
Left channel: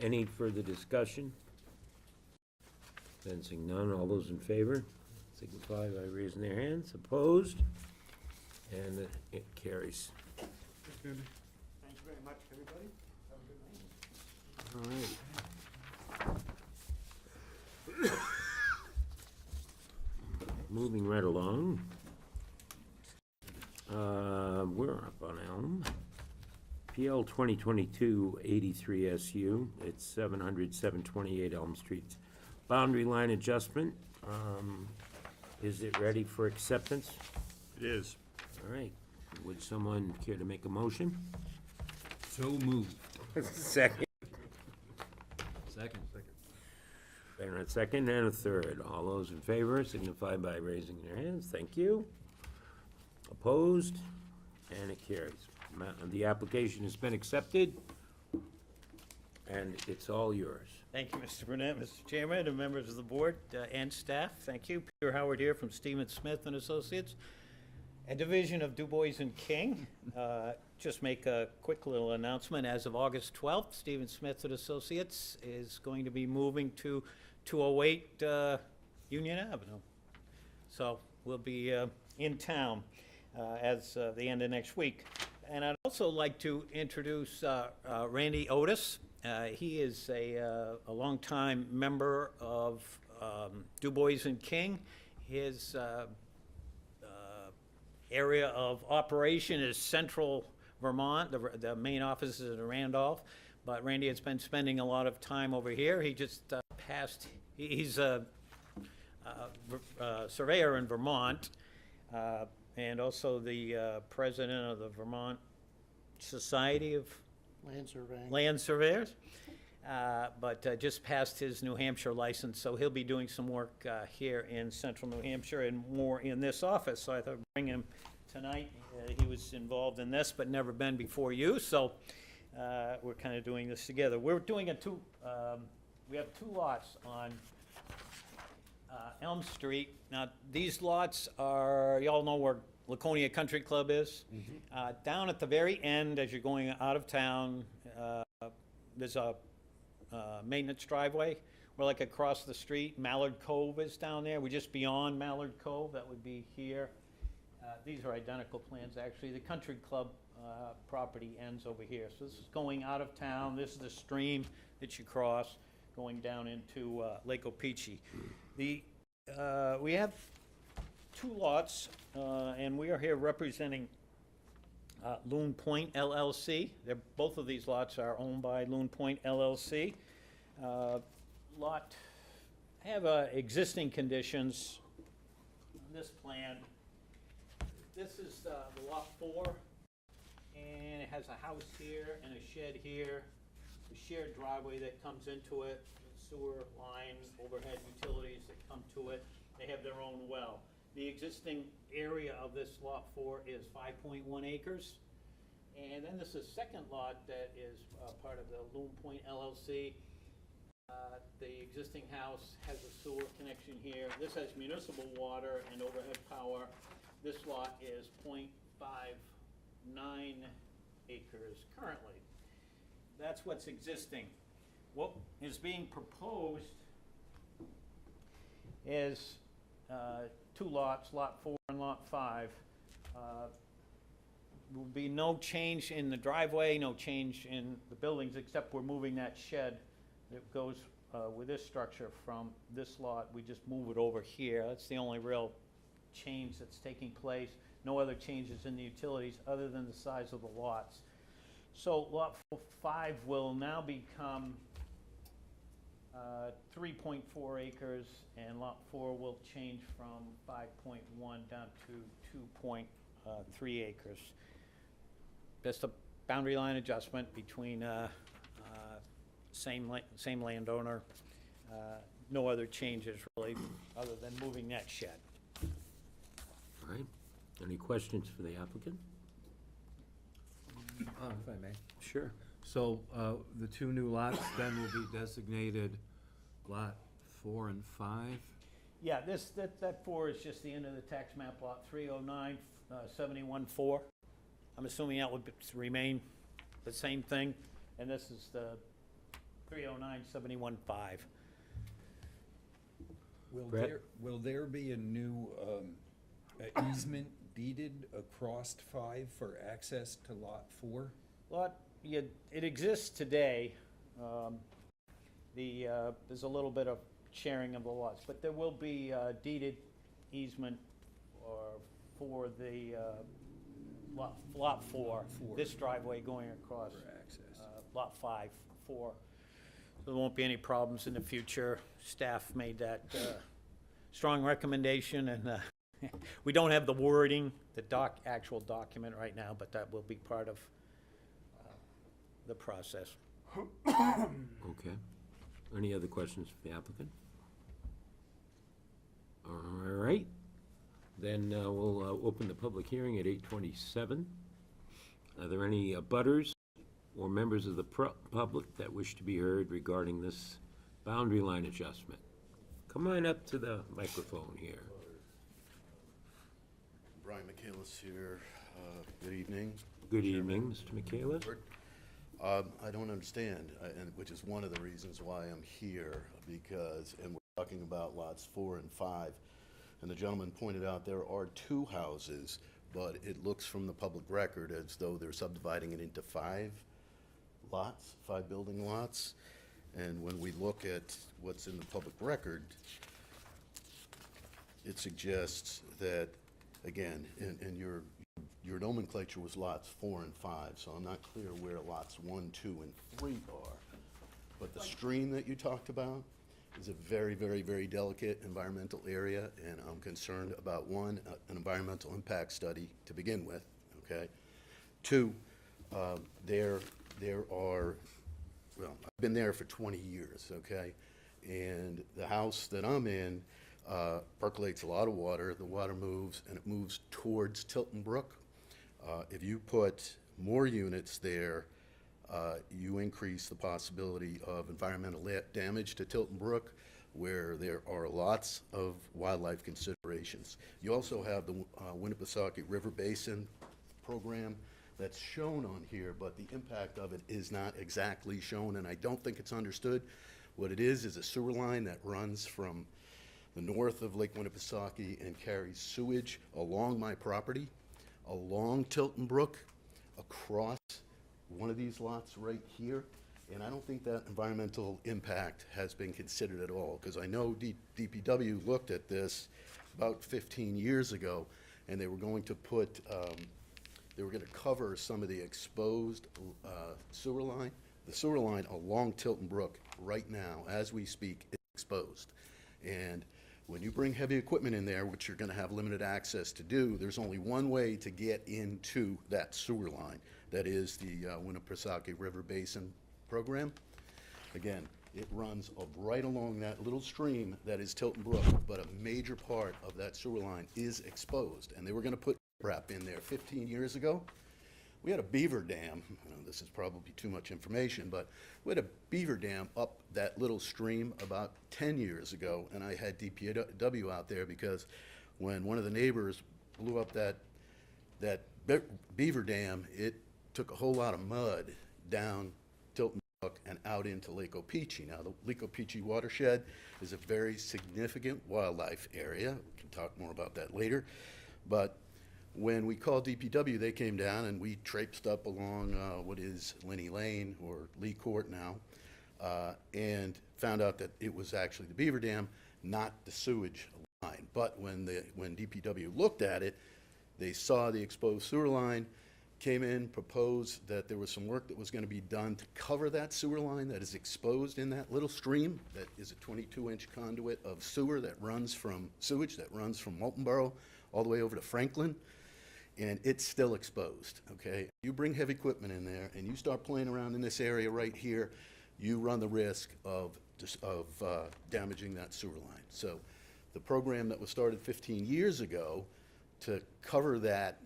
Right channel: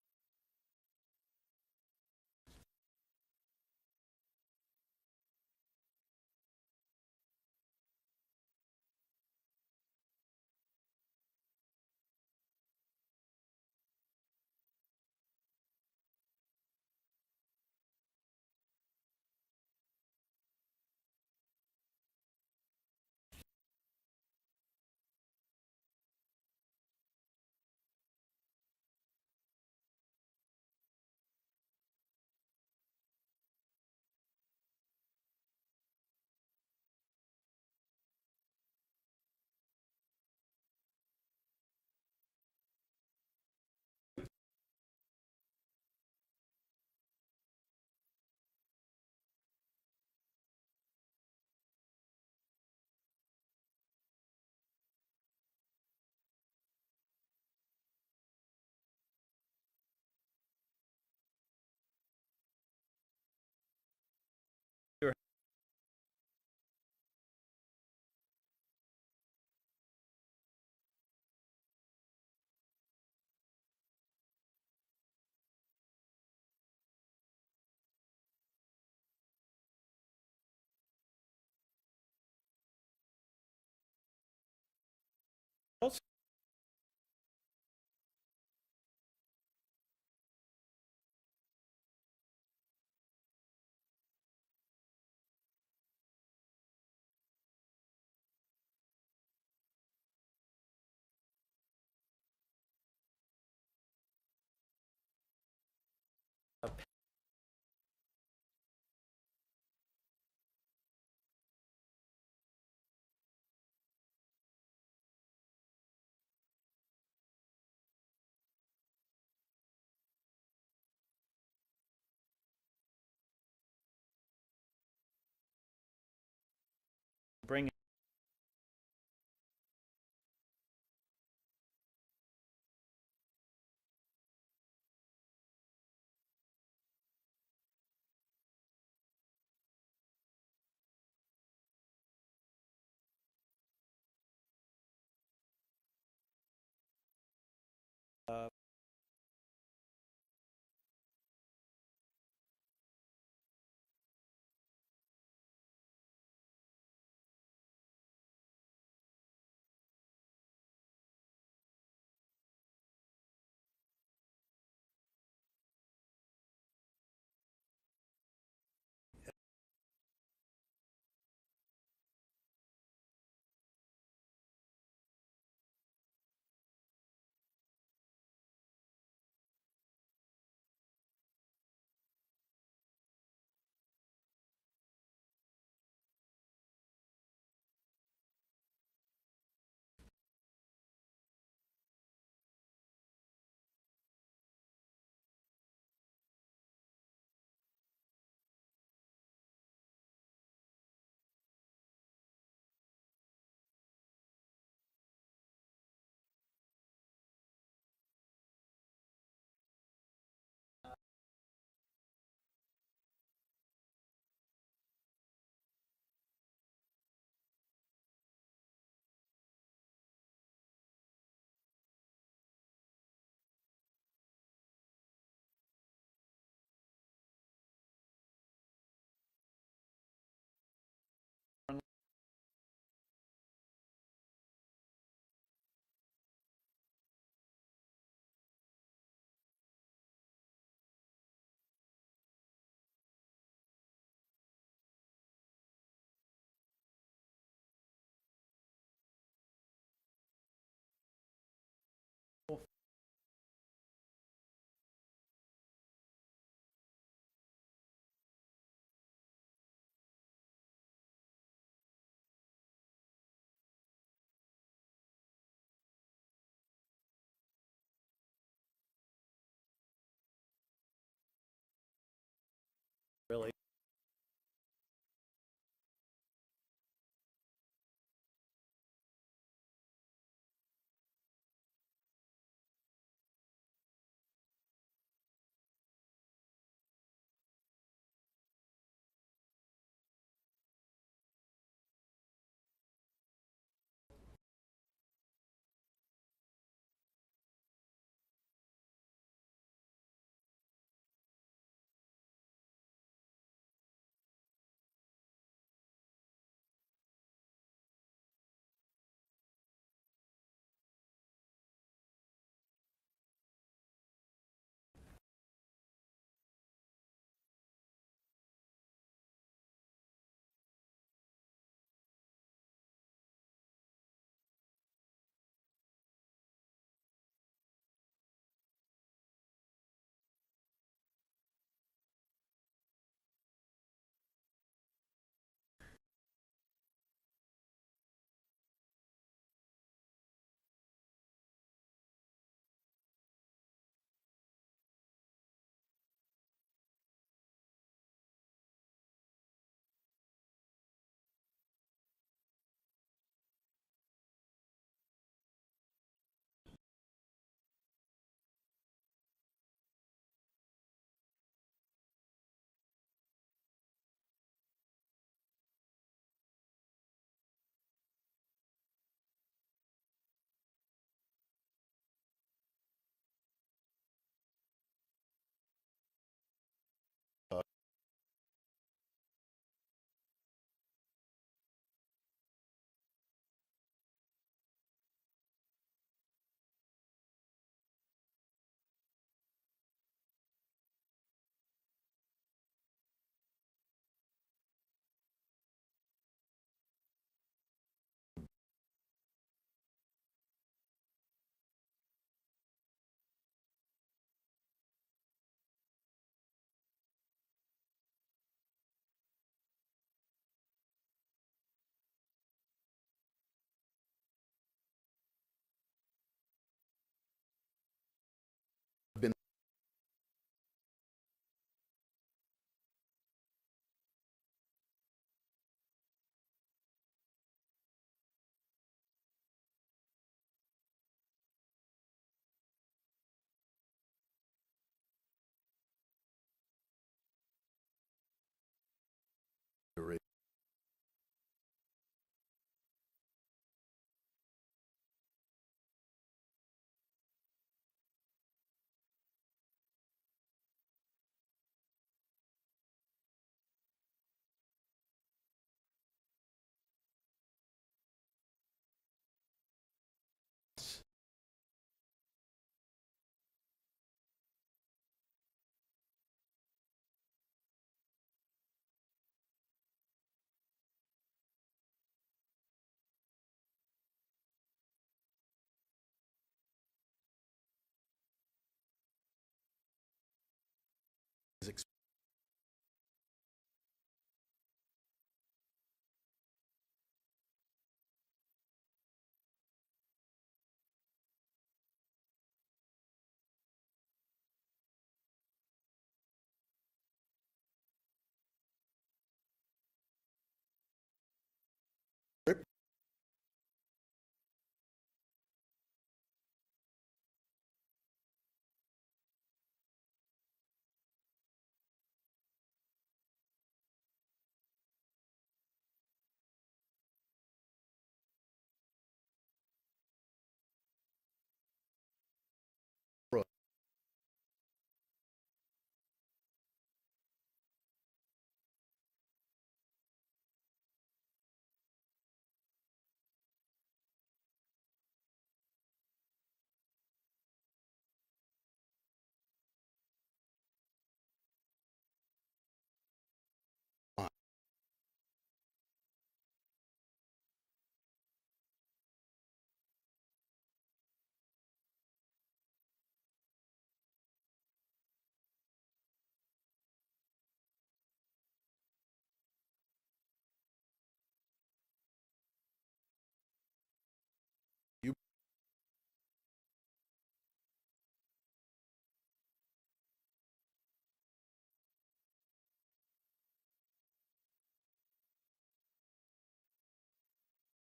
Any further discussion? Sensing none, all those in favor signify by raising their hands. Opposed? And it carries. Thank you very much, everybody. Have a good night. All right. Moving right along. We're up on Elm. PL 2022-83 SU, it's 728 Elm Street. Boundary line adjustment. Is it ready for acceptance? It is. All right. Would someone care to make a motion? So moved. Second. Second. And a second and a third. All those in favor signify by raising their hands. Thank you. Opposed? And it carries. The application has been accepted, and it's all yours. Thank you, Mr. Burnett, Mr. Chairman, and members of the board and staff. Thank you. Peter Howard here from Stevens Smith and Associates, a division of Du Bois and King. Just make a quick little announcement. As of August 12th, Stevens Smith and Associates is going to be moving to 208 Union Avenue. So we'll be in town as the end of next week. And I'd also like to introduce Randy Otis. He is a longtime member of Du Bois and King. His area of operation is central Vermont. The main office is in Randolph, but Randy has been spending a lot of time over here. He just passed, he's a surveyor in Vermont, and also the president of the Vermont Society of Land Surveyors, but just passed his New Hampshire license, so he'll be doing some work here in central New Hampshire and more in this office. So I thought I'd bring him tonight. He was involved in this, but never been before you, so we're kind of doing this together. We're doing we have 2 lots on Elm Street. Now, these lots are, y'all know where Laconia Country Club is. Down at the very end, as you're going out of town, there's a maintenance driveway. We're like across the street. Mallard Cove is down there. We're just beyond Mallard Cove. That would be here. These are identical plans, actually. The Country Club property ends over here. So this is going out of town. This is the stream that you cross going down into Lake Opeechee. We have two lots, and we are here representing Loon Point LLC. Both of these lots are owned by Loon Point LLC. Lot have existing conditions on this plan. This is the lot 4, and it has a house here and a shed here, a shared driveway that comes into it, sewer line, overhead utilities that come to it. They have their own well. The existing area of this lot 4 is 5.1 acres. And then there's a second lot that is part of the Loon Point LLC. The existing house has a sewer connection here. This has municipal water and overhead power. This lot is 0.59 acres currently. That's what's existing. What is being proposed is two lots, Lot 4 and Lot 5. Will be no change in the driveway, no change in the buildings, except we're moving that shed that goes with this structure from this lot. We just move it over here. That's the only real change that's taking place. No other changes in the utilities other than the size of the lots. So Lot 5 will now become 3.4 acres, and Lot 4 will change from 5.1 down to 2.3 acres. Just a boundary line adjustment between same landowner. No other changes really, other than moving that shed. All right. Any questions for the applicant? If I may. Sure. So the two new lots then will be designated Lot 4 and 5? Yeah, that 4 is just the end of the tax map, Lot 309, 71-4. I'm assuming that would remain the same thing, and this is the 309, 71-5. Will there be a new easement deeded across 5 for access to Lot 4? It exists today. There's a little bit of sharing of the lots, but there will be deeded easement for the lot 4, this driveway going across lot 5, 4. So there won't be any problems in the future. Staff made that strong recommendation, and we don't have the wording, the actual document right now, but that will be part of the process. Okay. Any other questions for the applicant? All right. Then we'll open the public hearing at 8:27. Are there any butters or members of the public that wish to be heard regarding this boundary line adjustment? Come on up to the microphone here. Brian Michaelis here. Good evening. Good evening, Mr. Michaelis. I don't understand, and which is one of the reasons why I'm here, and we're talking about lots 4 and 5, and the gentleman pointed out there are 2 houses, but it looks from the public record as though they're subdividing it into 5 lots, 5 building lots, and when we look at what's in the public record, it suggests that, again, and your nomenclature was lots 4 and 5, so I'm not clear where lots 1, 2, and 3 are. But the stream that you talked about is a very, very, very delicate environmental area, and I'm concerned about, 1, an environmental impact study to begin with, okay? 2, there are, well, I've been there for 20 years, okay? And the house that I'm in percolates a lot of water. The water moves, and it moves towards Tilton Brook. If you put more units there, you increase the possibility of environmental damage to Tilton Brook. where there are lots of wildlife considerations. You also have the Winnipesaukee River Basin program that's shown on here, but the impact of it is not exactly shown, and I don't think it's understood. What it is a sewer line that runs from the north of Lake Winnipesaukee and carries sewage along my property, along Tilton Brook, across one of these lots right here. And I don't think that environmental impact has been considered at all, because I know DPW looked at this about 15 years ago, and they were going to put, they were going to cover some of the exposed sewer line. The sewer line along Tilton Brook right now, as we speak, is exposed. And when you bring heavy equipment in there, which you're going to have limited access to do, there's only one way to get into that sewer line. That is the Winnipesaukee River Basin program. Again, it runs right along that little stream that is Tilton Brook, but a major part of that sewer line is exposed. And they were going to put riprap in there 15 years ago. We had a beaver dam. I know this is probably too much information, but we had a beaver dam up that little stream about 10 years ago, and I had DPW out there because when one of the neighbors blew up that beaver dam, it took a whole lot of mud down Tilton Brook and out into Lake Opeechee. Now, the Lake Opeechee watershed is a very significant wildlife area. We can talk more about that later. But when we called DPW, they came down and we traipsed up along what is Lenny Lane, or Lee Court now, and found out that it was actually the beaver dam, not the sewage line. But when DPW looked at it, they saw the exposed sewer line, came in, proposed that there was some work that was going to be done to cover that sewer line that is exposed in that little stream that is a 22-inch conduit of sewer that runs from sewage that runs from Waltonboro all the way over to Franklin, and it's still exposed, okay? You bring heavy equipment in there and you start playing around in this area right here, you run the risk of damaging that sewer line. So the program that was started 15 years ago to cover that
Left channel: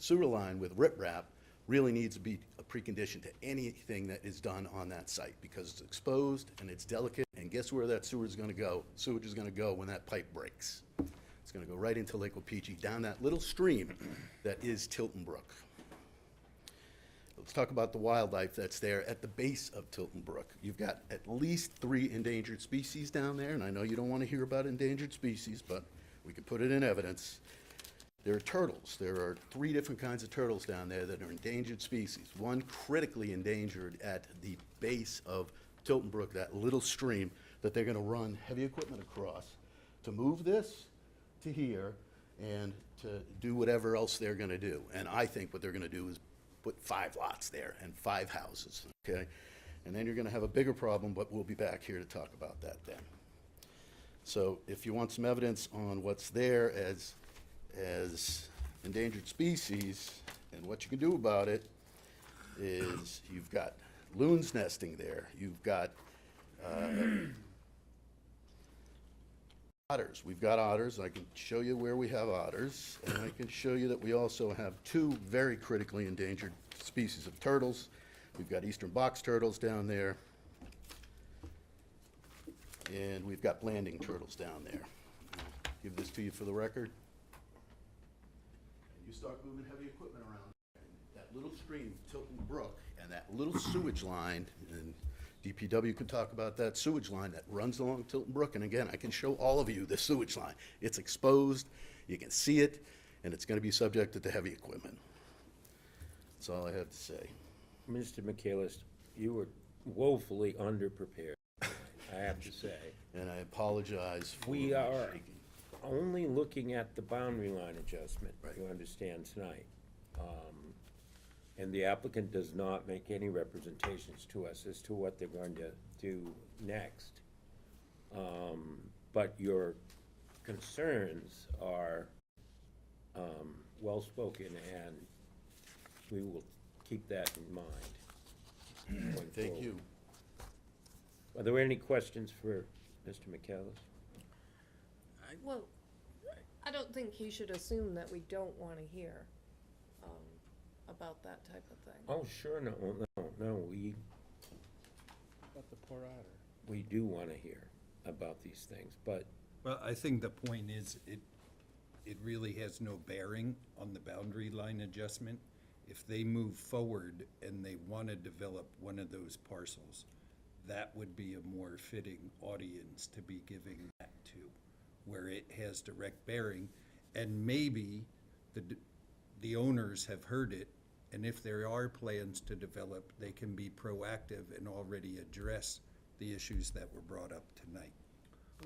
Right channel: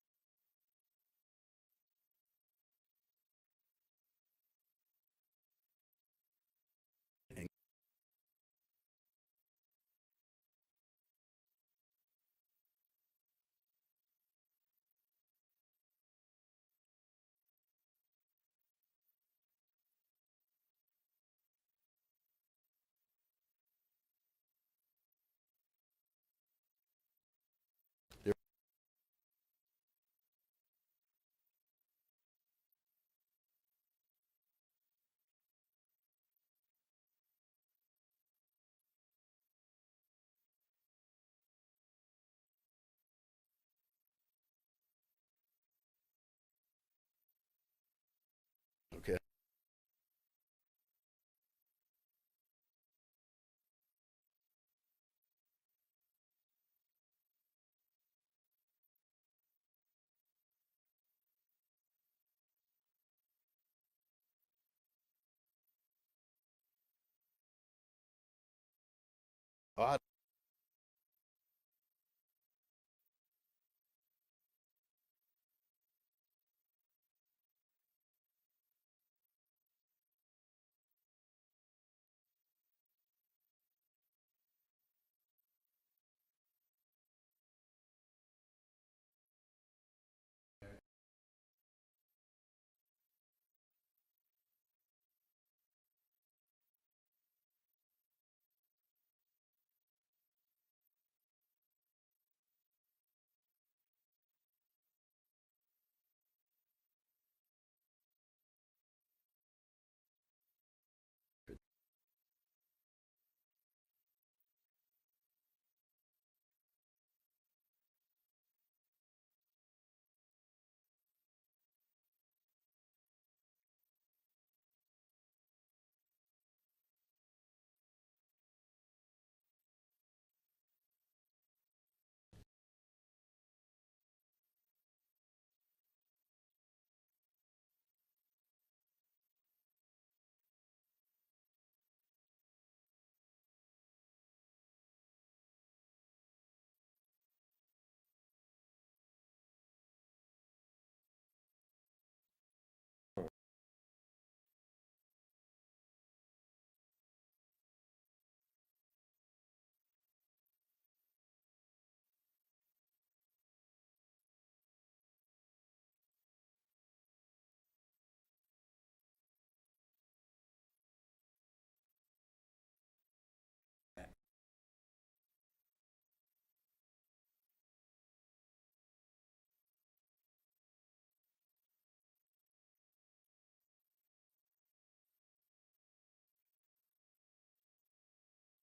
sewer line with riprap really needs to be a precondition to anything that is done on that site, because it's exposed and it's delicate, and guess where that sewer is going to go? Sewage is going to go when that pipe breaks. It's going to go right into Lake Opeechee, down that little stream that is Tilton Brook. Let's talk about the wildlife that's there at the base of Tilton Brook. You've got at least 3 endangered species down there, and I know you don't want to hear about endangered species, but we could put it in evidence. There are turtles. There are 3 different kinds of turtles down there that are endangered species. One critically endangered at the base of Tilton Brook, that little stream that they're going to run heavy equipment across to move this to here and to do whatever else they're going to do. And I think what they're going to do is put 5 lots there and 5 houses, okay? And then you're going to have a bigger problem, but we'll be back here to talk about that then. So if you want some evidence on what's there as endangered species and what you can do about it, is you've got loons nesting there, you've got otters. We've got otters. I can show you where we have otters, and I can show you that we also have 2 very critically endangered species of turtles. We've got eastern box turtles down there, and we've got landing turtles down there. I'll give this to you for the record. And you start moving heavy equipment around there, and that little stream, Tilton Brook, and that little sewage line, and DPW could talk about that sewage line that runs along Tilton Brook. And again, I can show all of you the sewage line. It's exposed, you can see it, and it's going to be subjected to heavy equipment. That's all I have to say. Mr. Michaelis, you were woefully underprepared tonight, I have to say. And I apologize for We my are shaking. only looking at the boundary line adjustment, you understand, tonight. And the applicant does not make any representations to us as to what they're going to do next. But your concerns are well-spoken, and we will keep that in mind. going Thank forward. you. Are there any questions for Mr. McCallis? Well, I don't think he should assume that we don't want to hear about that type of thing. Oh, sure, no, we About the poor otter. we do want to hear. about these things, but Well, I think the point is, it really has no bearing on the boundary line adjustment. If they move forward and they want to develop one of those parcels, that would be a more fitting audience to be giving that to, where it has direct bearing. And maybe the owners have heard it, and if there are plans to develop, they can be proactive and already address the issues that were brought up tonight.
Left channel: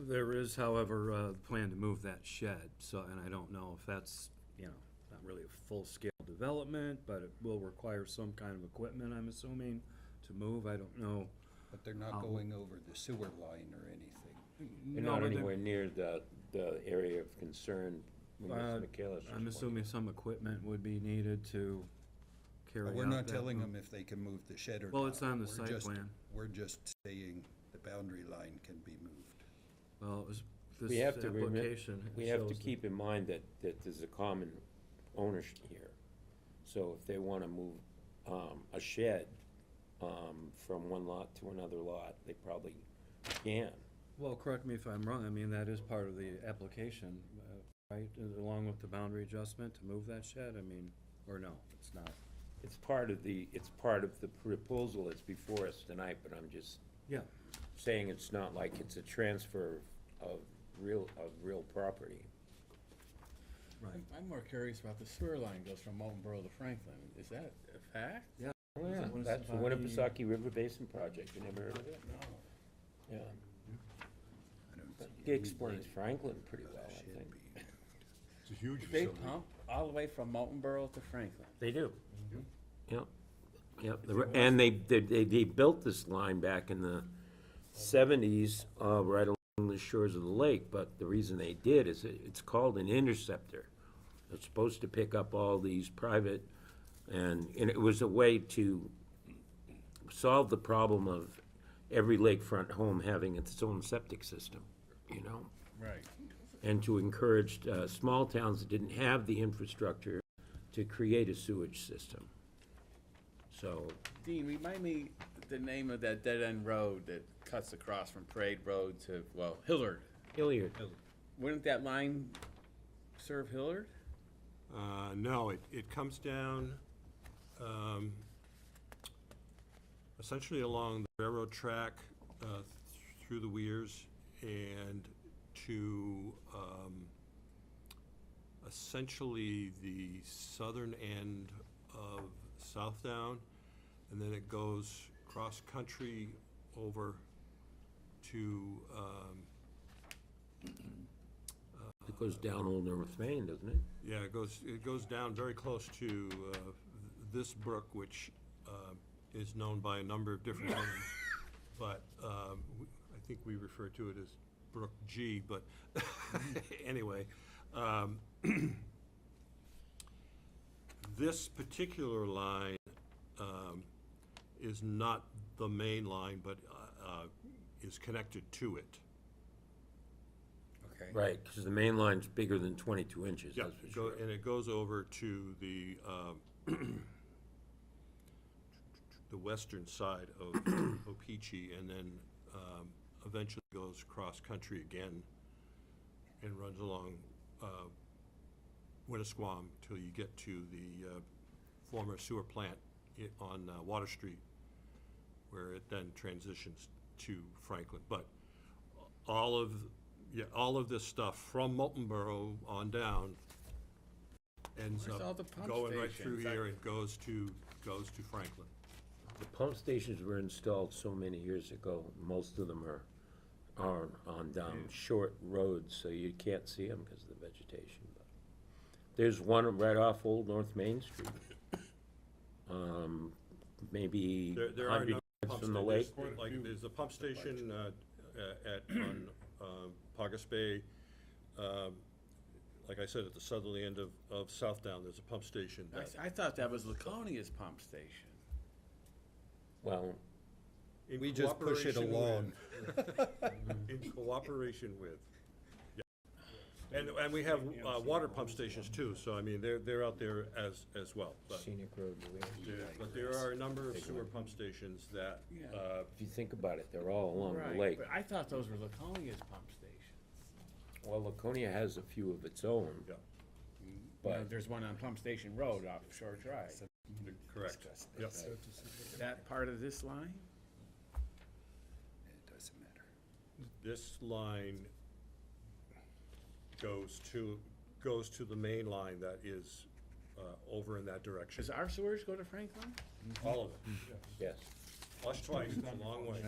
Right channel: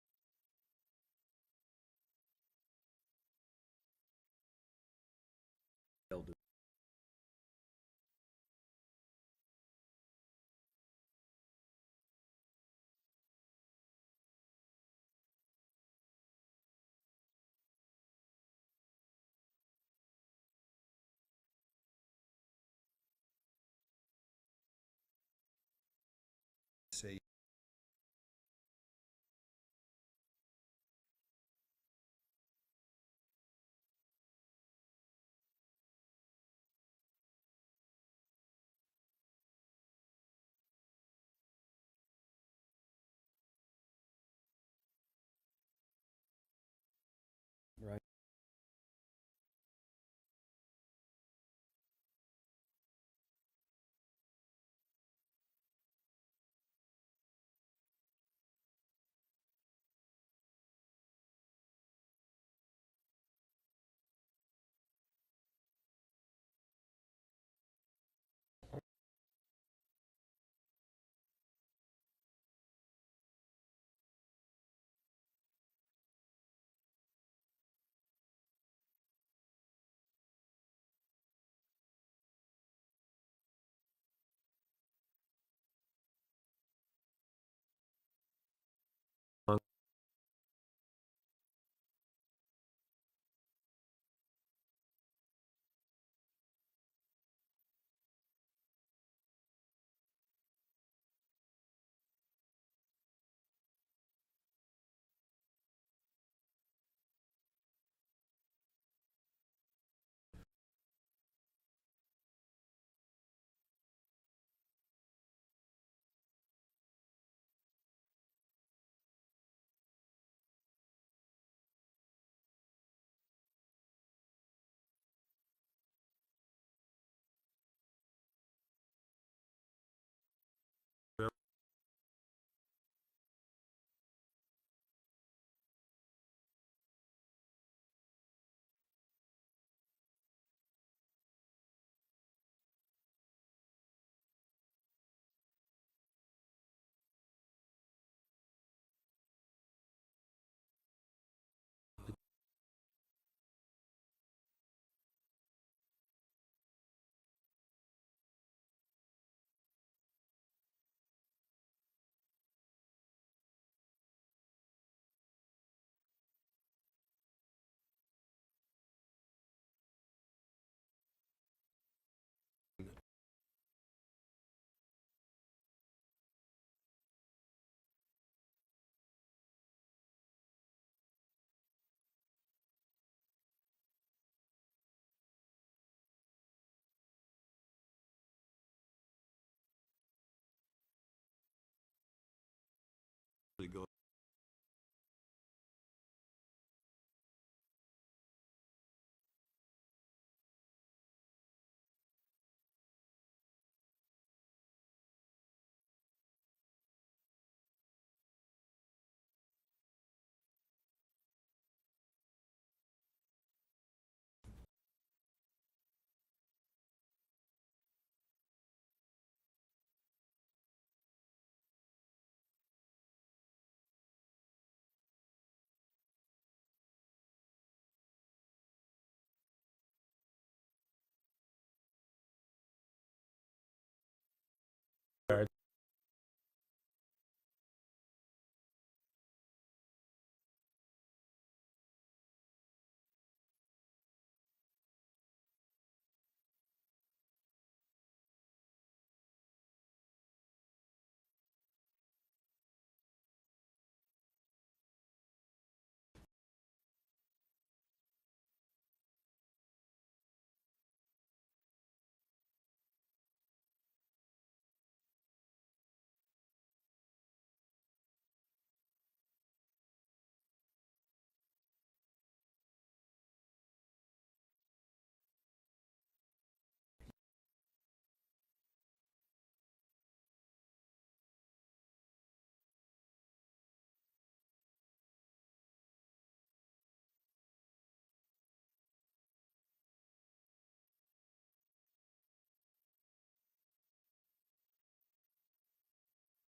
There is, however, a plan to move that shed, so, and I don't know if that's, not really a full-scale development, but it will require some kind of equipment, I'm assuming, to move, I don't know. But they're not going over the sewer line or anything. they're No, not but they- anywhere near the area of concern when Ms. McKayla's I'm assuming some equipment would be needed to carry out But we're not that telling move. them if they can move the shed or not. Well, it's on the We're site just- plan. We're just saying the boundary line can be moved. Well, it was, We this have to application we have to shows that- keep in mind that there's a common ownership here. So if they wanna move, a shed, from one lot to another lot, they probably can. Well, correct me if I'm wrong, I mean, that is part of the application, right, along with the boundary adjustment to move that shed, I mean, or no, it's not? It's part of the proposal that's before us tonight, but I'm just Yeah. saying it's not like it's a transfer of real property. Right. I'm more curious about the sewer line goes from Molten Borough to Franklin. Is that a fact? Yeah. Oh, yeah, that's the Winnipesaukee River Basin Project, you never heard of it? No. Yeah. He explains Franklin pretty well, I think. It's a huge They facility. pump all the way from Molten Borough to Franklin. They do. Yep, yep, and they built this line back in the 70s, right along the shores of the lake, but the reason they did is it's called an interceptor. It's supposed to pick up all these private, and it was a way to solve the problem of every lakefront home having its own septic system, Right. and to encourage small towns that didn't have the infrastructure to create a sewage system. So, Dean, remind me the name of that dead-end road that cuts across from Parade Road to, Hillard. Hilliard. Wouldn't that line serve Hillard? No, it comes down, essentially along the railroad track, through the weirs and to, essentially the southern end of Southdown, and then it goes cross-country over to, It goes down Old North Main, doesn't it? yeah, it goes down very close to this brook, which is known by a number of different names. But I think we refer to it as Brook G, but anyway. This particular line is not the main line, but is connected to it. Okay. Right, because the main line's bigger than 22 inches, Yeah, that's for sure. and it goes over to the the western side of Opeechee, and then eventually goes cross-country again and runs along Winnisquam till you get to the former sewer plant on Water Street, where it then transitions to Franklin. But all of this stuff from Molten Borough on down ends Where's all up the pump going right through stations? here and goes to Franklin. The pump stations were installed so many years ago, most of them are on down short roads, so you can't see them because of the vegetation. But there's one right off Old North Main Street, maybe There are a 100 number of yards pump from the lake. stations. Like, there's a pump station on Pogus Bay. Like I said, at the southerly end of Southdown, there's a pump station. I thought that was Laconia's pump station. Well, We just push it along. In cooperation with, yeah. And we have water pump stations too, so I mean, they're out there as well. But Scenic Road. but there are a number of sewer pump stations that you think about it, they're all along the Right, lake. but I thought those were Laconia's pump stations. Well, Laconia has a few of its own. You know, But there's one on Pump Station Road off Shore Drive. Correct. Yep. Is that part of this line? It doesn't matter. This line goes to the main line that is over in that direction. Does our sewers go to Franklin? All of it. yes. Flush twice, it's a long way.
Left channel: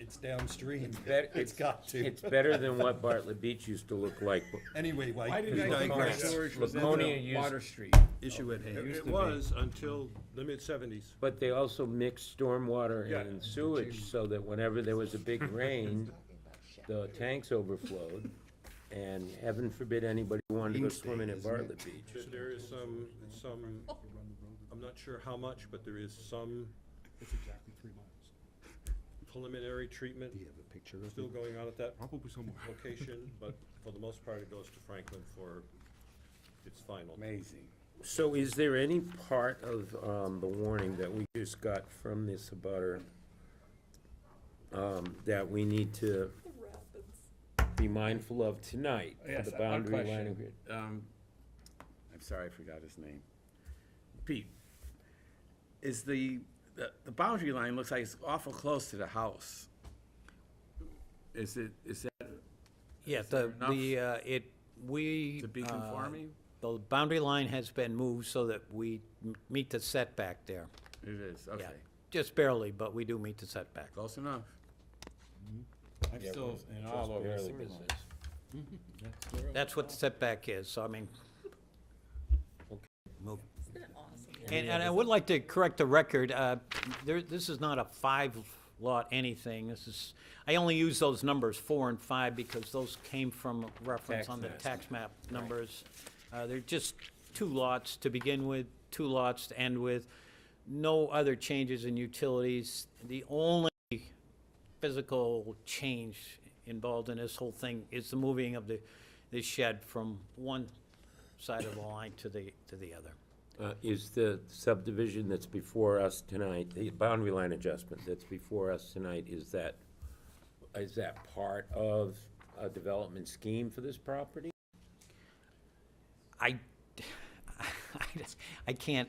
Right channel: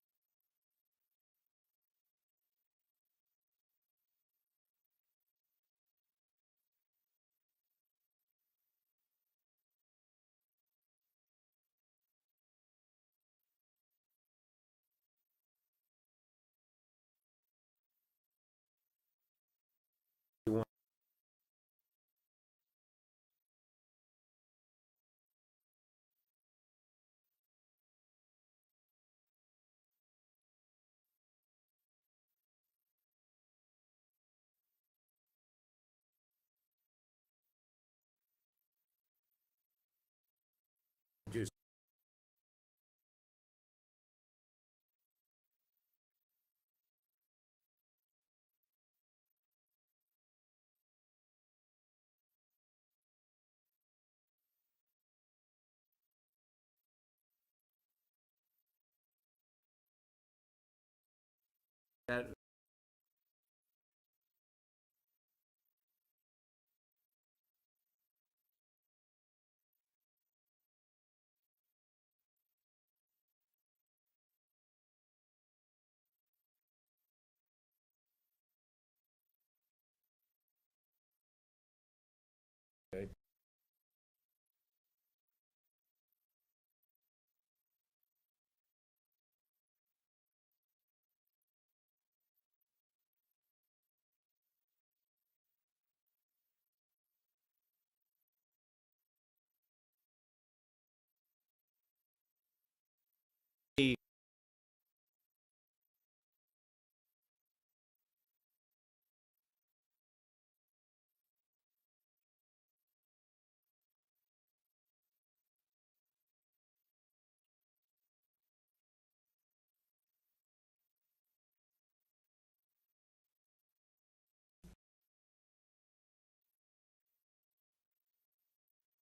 It's downstream. Bet- It's got to. It's better than what Bartlett Beach used to look like. Anyway, Why did I think our digress. storage was in Laconia the used- Water Street? Issue at hand. It was until the mid-seventies. But they also mixed stormwater Yeah. and sewage so that whenever there was a big rain, the tanks overflowed. And heaven forbid anybody wanted to go swimming at Bartlett Beach. There is some, I'm not sure how much, but there is some It's exactly 3 miles. preliminary treatment Do you have a picture of still it? going on at that Probably somewhere. location, but for the most part, it goes to Franklin for its final. Amazing. So is there any part of the warning that we just got from this abutter that we need to be mindful of tonight for Yes, the one boundary line question. agreement? I'm sorry, I forgot his name. Pete, is the boundary line looks like it's awful close to the house. Is that, Yeah, Is there we. to be conforming? The boundary line has been moved so that we meet the setback there. It is, okay. Yeah, just barely, but we do meet the setback. Close enough. I'm Yeah, still we're in all just over the barely sewer line. business. That's what the setback is, so I mean, Okay. move. And I would like to correct the record, this is not a 5-lot anything, I only use those numbers 4 and 5 because those came from reference Tax on the maps. tax map numbers. They're just 2 lots to begin with, 2 lots to end with, no other changes in utilities. The only physical change involved in this whole thing is the moving of the shed from one side of the line to the other. Is the subdivision that's before us tonight, the boundary line adjustment that's before us tonight, is that part of a development scheme for this property? I can't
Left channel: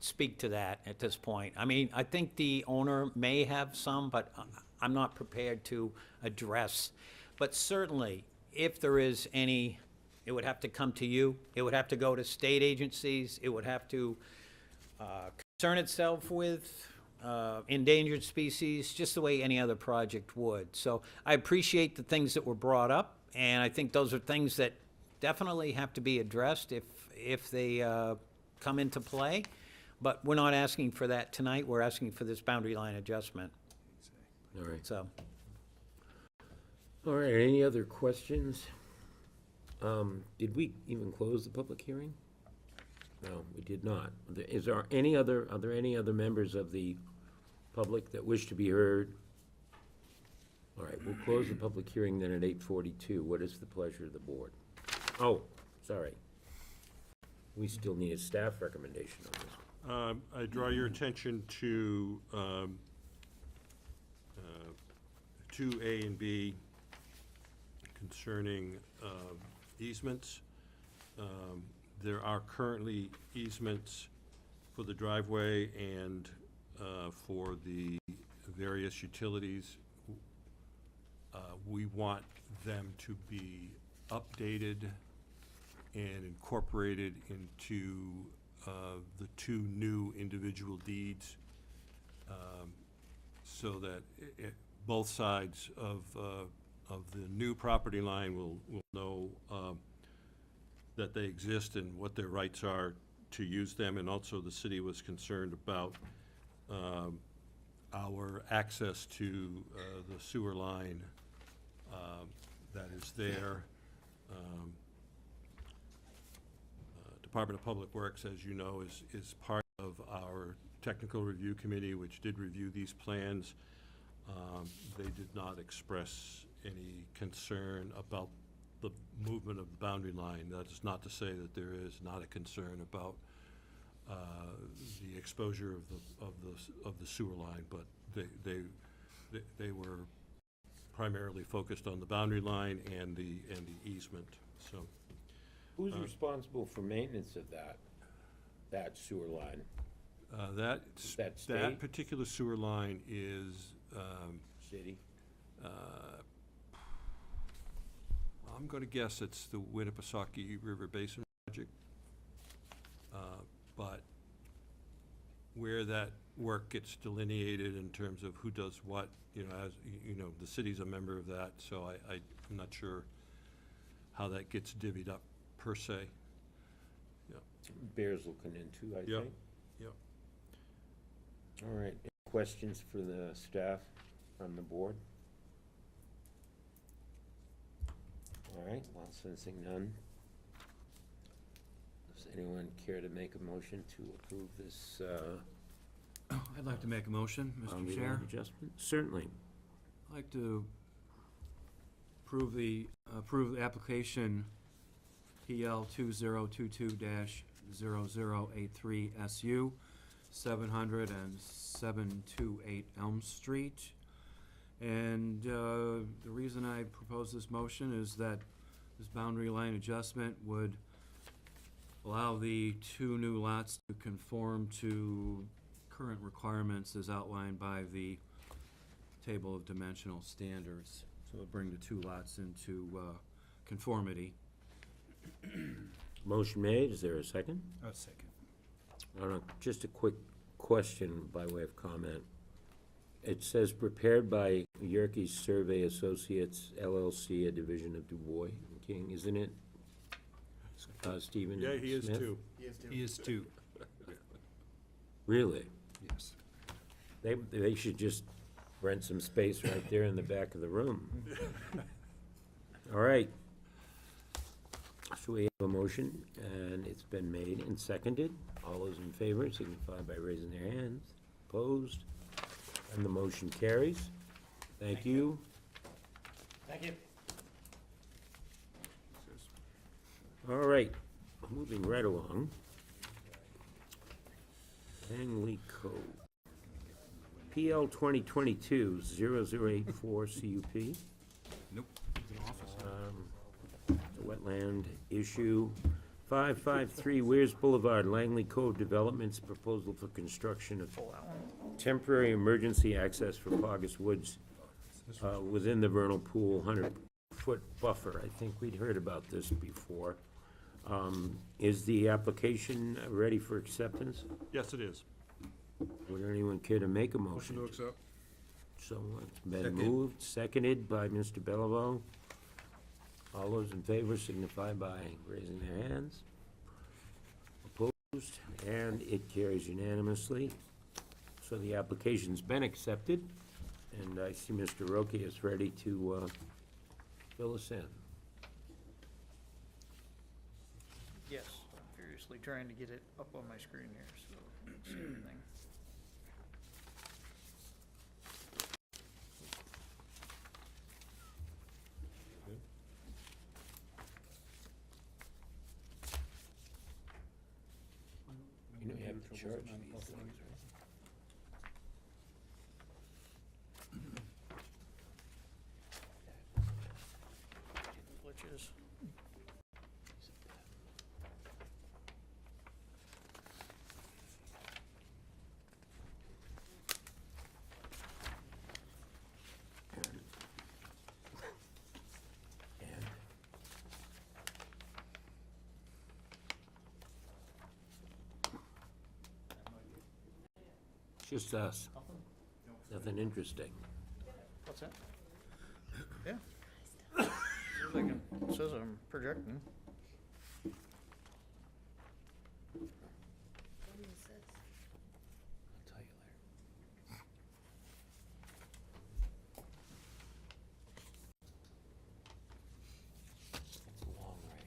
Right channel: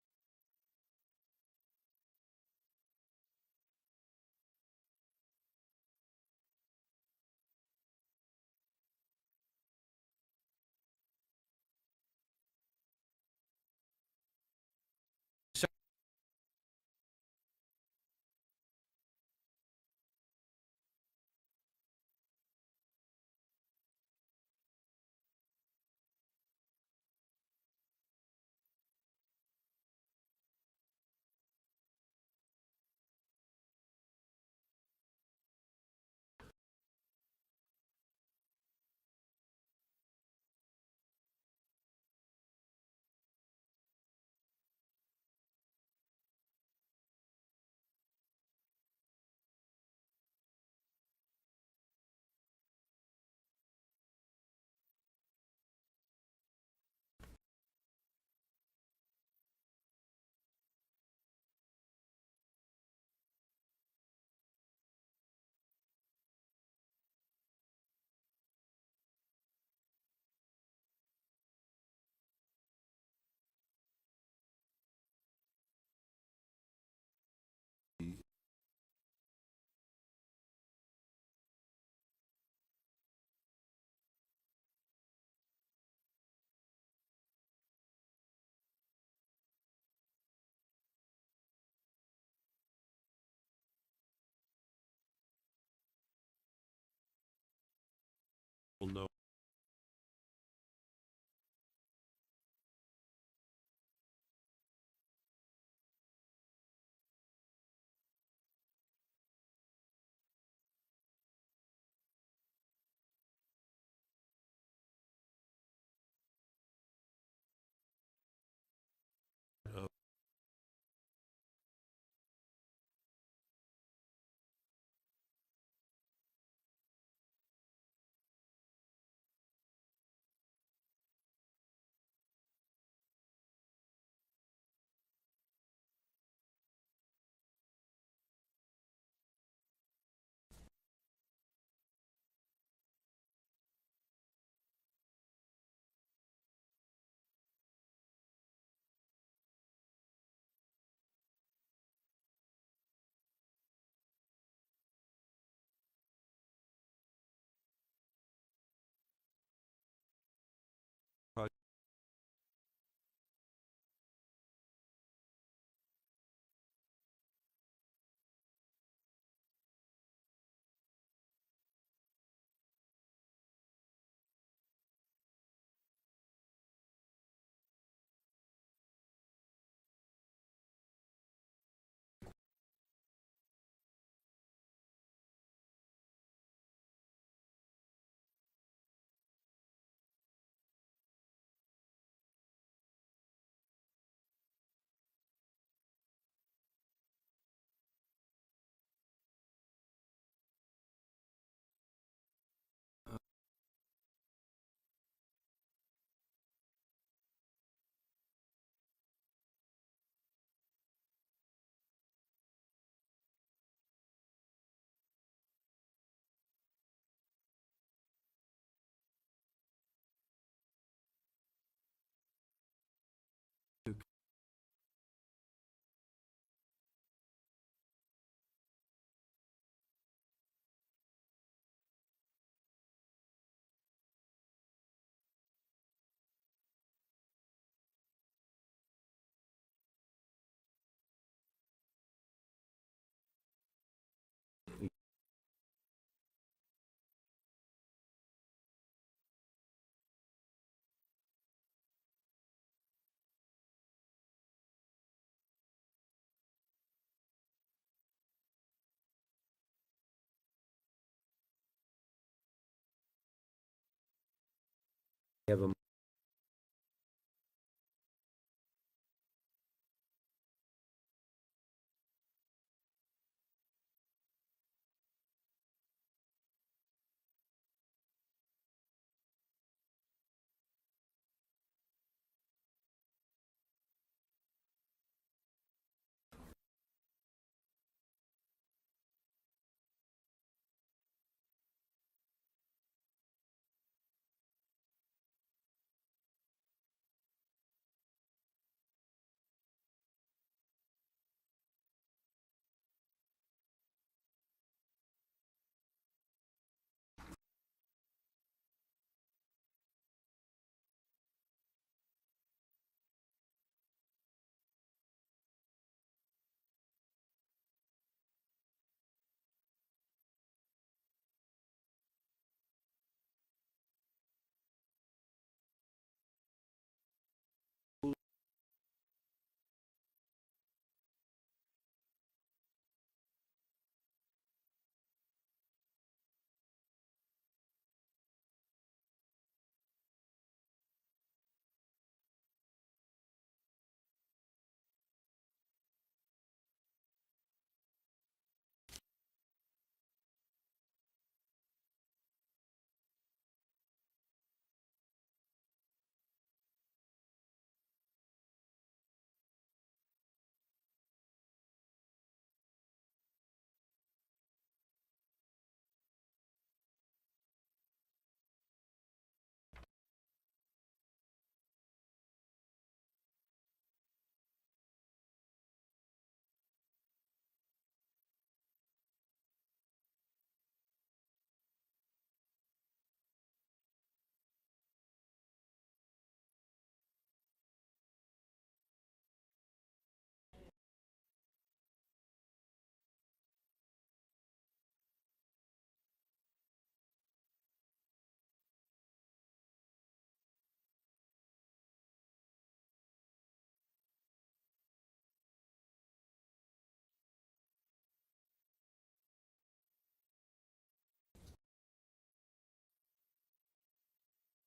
speak to that at this point. I mean, I think the owner may have some, but I'm not prepared to address. But certainly, if there is any, it would have to come to you, it would have to go to state agencies, it would have to concern itself with endangered species, just the way any other project would. So I appreciate the things that were brought up, and I think those are things that definitely have to be addressed if they come into play. But we're not asking for that tonight, we're asking for this boundary line adjustment, All right. so. All right, any other questions? Did we even close the public hearing? No, we did not. Are there any other members of the public that wish to be heard? All right, we'll close the public hearing then at 8:42. What is the pleasure of the board? Oh, sorry. We still need a staff recommendation on this one. I draw your attention to 2A and B concerning easements. There are currently easements for the driveway and for the various utilities. We want them to be updated and incorporated into the 2 new individual deeds, so that both sides of the new property line will know that they exist and what their rights are to use them. And also the city was concerned about our access to the sewer line that is there. Department of Public Works, as you know, is part of our technical review committee, which did review these plans. They did not express any concern about the movement of the boundary line. That is not to say that there is not a concern about the exposure of the sewer line, but they were primarily focused on the boundary line and the easement, so. Who's responsible for maintenance of that sewer line? That state? particular sewer line is, City? I'm gonna guess it's the Winnipesaukee River Basin Project. But where that work gets delineated in terms of who does what, as, the city's a member of that, so I'm not sure how that gets divvied up per se. Bears looking into, I Yep. think. Yep. All right, any questions for the staff on the board? All right, well, sensing none. Does anyone care to make a motion to approve this, I'd like to make a motion, Mr. boundary Chair. line adjustment? Certainly. I'd like to approve the application PL 2022-0083 SU, 700 and 728 Elm Street. And the reason I propose this motion is that this boundary line adjustment would allow the two new lots to conform to current requirements as outlined by the table of dimensional standards. So it'll bring the two lots into conformity. Motion made, is there a second? A second. Just a quick question by way of comment. It says prepared by Yerkes Survey Associates LLC, a division of Du Bois and King, isn't it? Stephen Yeah, he is Smith? too. He is too. Really? Yes. They should just rent some space right there in the back of the room. All right. So we have a motion, and it's been made and seconded. All those in favor signify by raising their hands. Opposed? And the motion carries. Thank you. Thank you. All right, moving right along. Langley Cove. PL 2022-0084 CUP. Nope. It's a wetland issue. 553 Weirs Boulevard, Langley Cove Developments, proposal for construction of temporary emergency access for Pogus Woods within the vernal pool, 100-foot buffer. I think we'd heard about this before. Is the application ready for acceptance? Yes, it is. Would anyone care to make a motion? Motion to accept. So it's been Second. moved, seconded by Mr. Bellevaux. All those in favor signify by raising their hands. Opposed, and it carries unanimously. So the application's been accepted, and I see Mr. Roque is ready to fill us in. Yes, I'm furiously trying to get it up on my screen here, so see everything. You know, you have to charge these things, right? Glitches. It's just us. Nothing interesting. What's that? Yeah. It says I'm projecting. I'll tell you later. It's a long rant.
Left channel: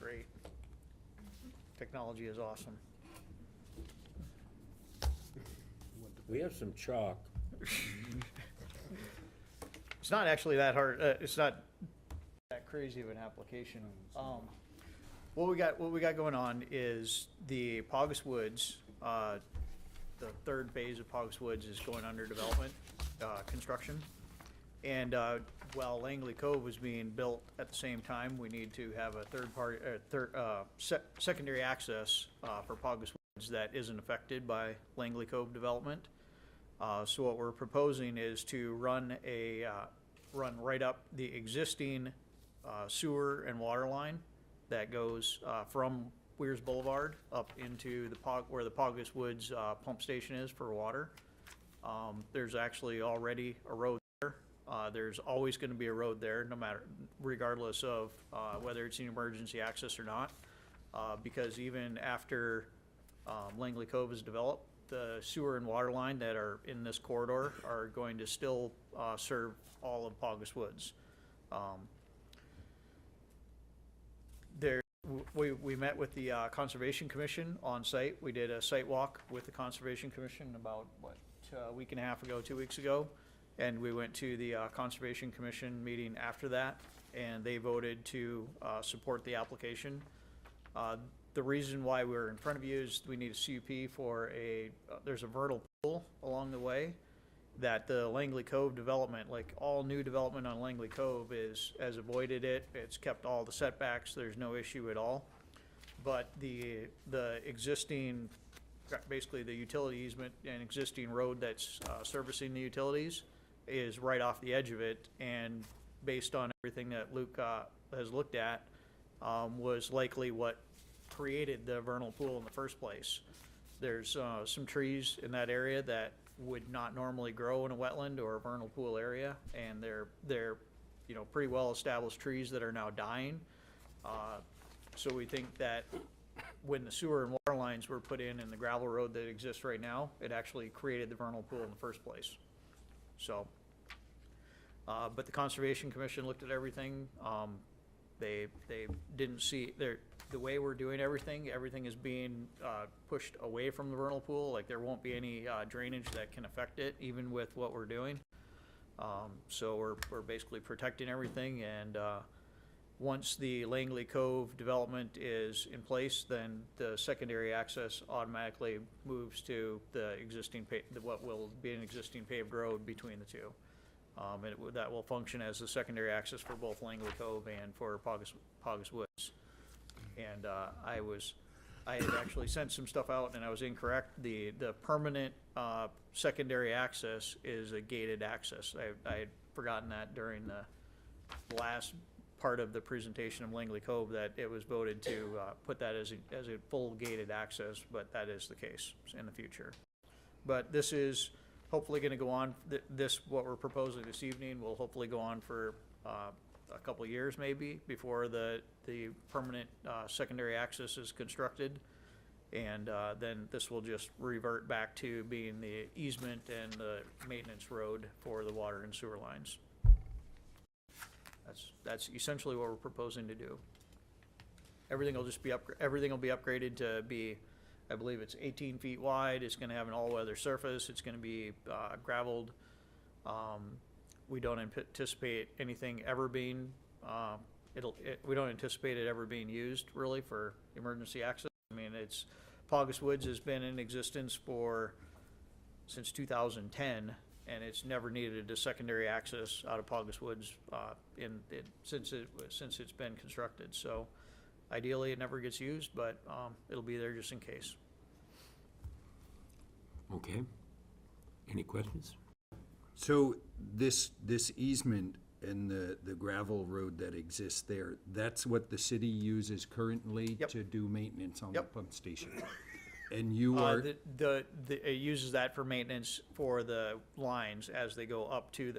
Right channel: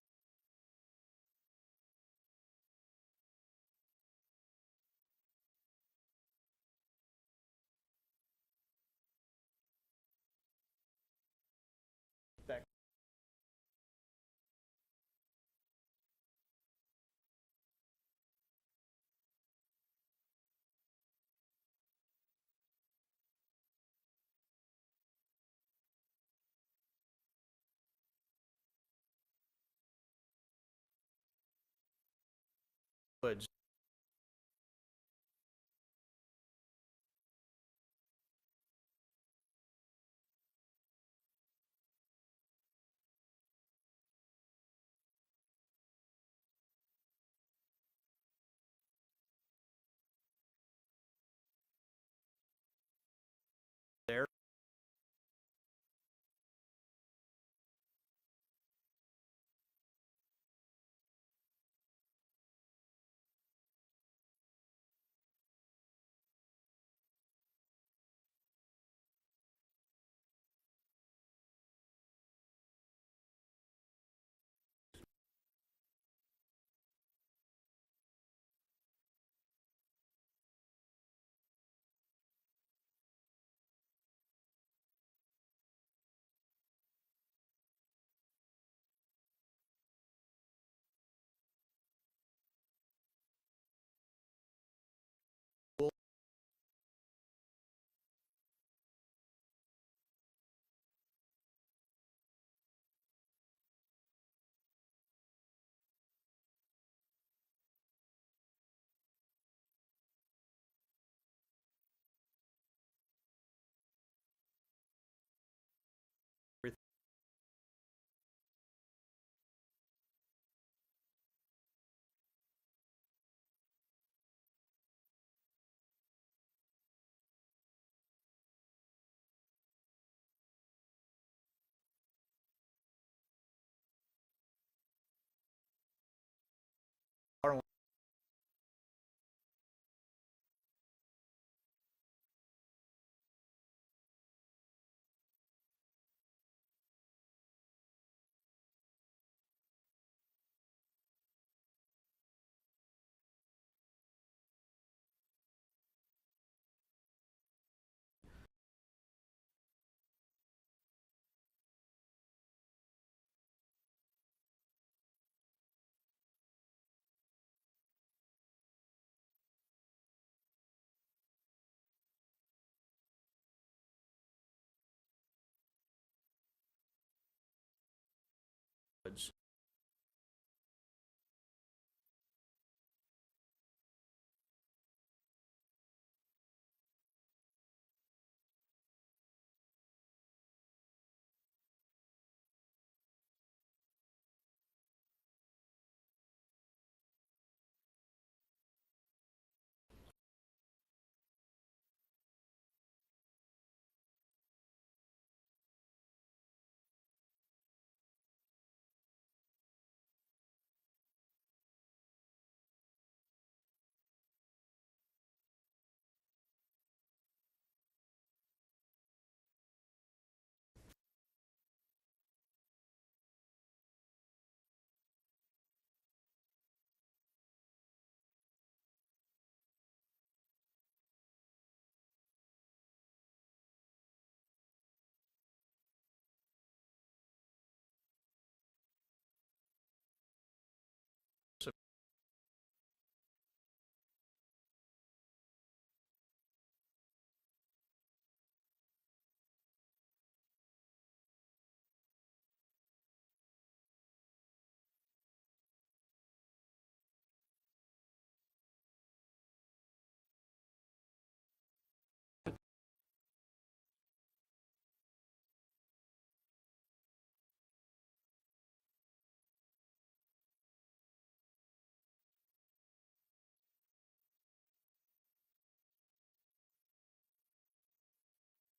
Great. Technology is awesome. We have some chalk. It's not actually that hard, it's not that crazy of an application. what we got going on is the Paugus Woods, the third phase of Paugus Woods is going under development, construction. And, while Langley Cove was being built at the same time, we need to have a secondary access, for Paugus Woods that isn't affected by Langley Cove development. So what we're proposing is to run right up the existing, sewer and water line that goes, from Weirs Boulevard up into where the Paugus Woods, pump station is for water. There's actually already a road there. There's always gonna be a road there, regardless of, whether it's an emergency access or not. Because even after, Langley Cove is developed, the sewer and water line that are in this corridor are going to still, serve all of Paugus Woods. We met with the Conservation Commission on site. We did a site walk with the Conservation Commission about, a week and a half ago, 2 weeks ago. And we went to the Conservation Commission meeting after that, and they voted to support the application. The reason why we're in front of you is we need a CUP for there's a vernal pool along the way that the Langley Cove development, like all new development on Langley Cove has avoided it. It's kept all the setbacks. There's no issue at all. But the existing, basically the utility easement and existing road that's servicing the utilities is right off the edge of it, and based on everything that Luke has looked at, was likely what created the vernal pool in the first place. There's some trees in that area that would not normally grow in a wetland or a vernal pool area, and they're pretty well established trees that are now dying. So we think that when the sewer and water lines were put in the gravel road that exists right now, it actually created the vernal pool in the first place. So, but the Conservation Commission looked at everything. They didn't see, the way we're doing everything is being pushed away from the vernal pool. Like, there won't be any drainage that can affect it, even with what we're doing. So we're basically protecting everything, and once the Langley Cove development is in place, then the secondary access automatically moves to the existing, what will be an existing paved road between the two. And that will function as the secondary access for both Langley Cove and for Paugus Woods. And I had actually sent some stuff out, and I was incorrect. The permanent secondary access is a gated access. I had forgotten that during the last part of the presentation of Langley Cove, that it was voted to put that as a full gated access, but that is the case in the future. But this is hopefully going to go on. What we're proposing this evening will hopefully go on for a couple of years maybe before the permanent secondary access is constructed. And then this will just revert back to being the easement and the maintenance road for the water and sewer lines. That's essentially what we're proposing to do. Everything will just be everything will be upgraded to be, I believe it's 18 feet wide. It's going to have an all-weather surface. It's going to be gravelled. We don't anticipate anything ever being we don't anticipate it ever being used really for emergency access. I mean, Paugus Woods has been in existence since 2010, and it's never needed a secondary access out of Paugus Woods since it's been constructed. So ideally, it never gets used, but it'll be there just in case. Okay. Any questions? So this easement and the gravel road that exists there, that's what the city uses currently to do maintenance on the pump station? And you are... It uses that for maintenance for the lines as they go up to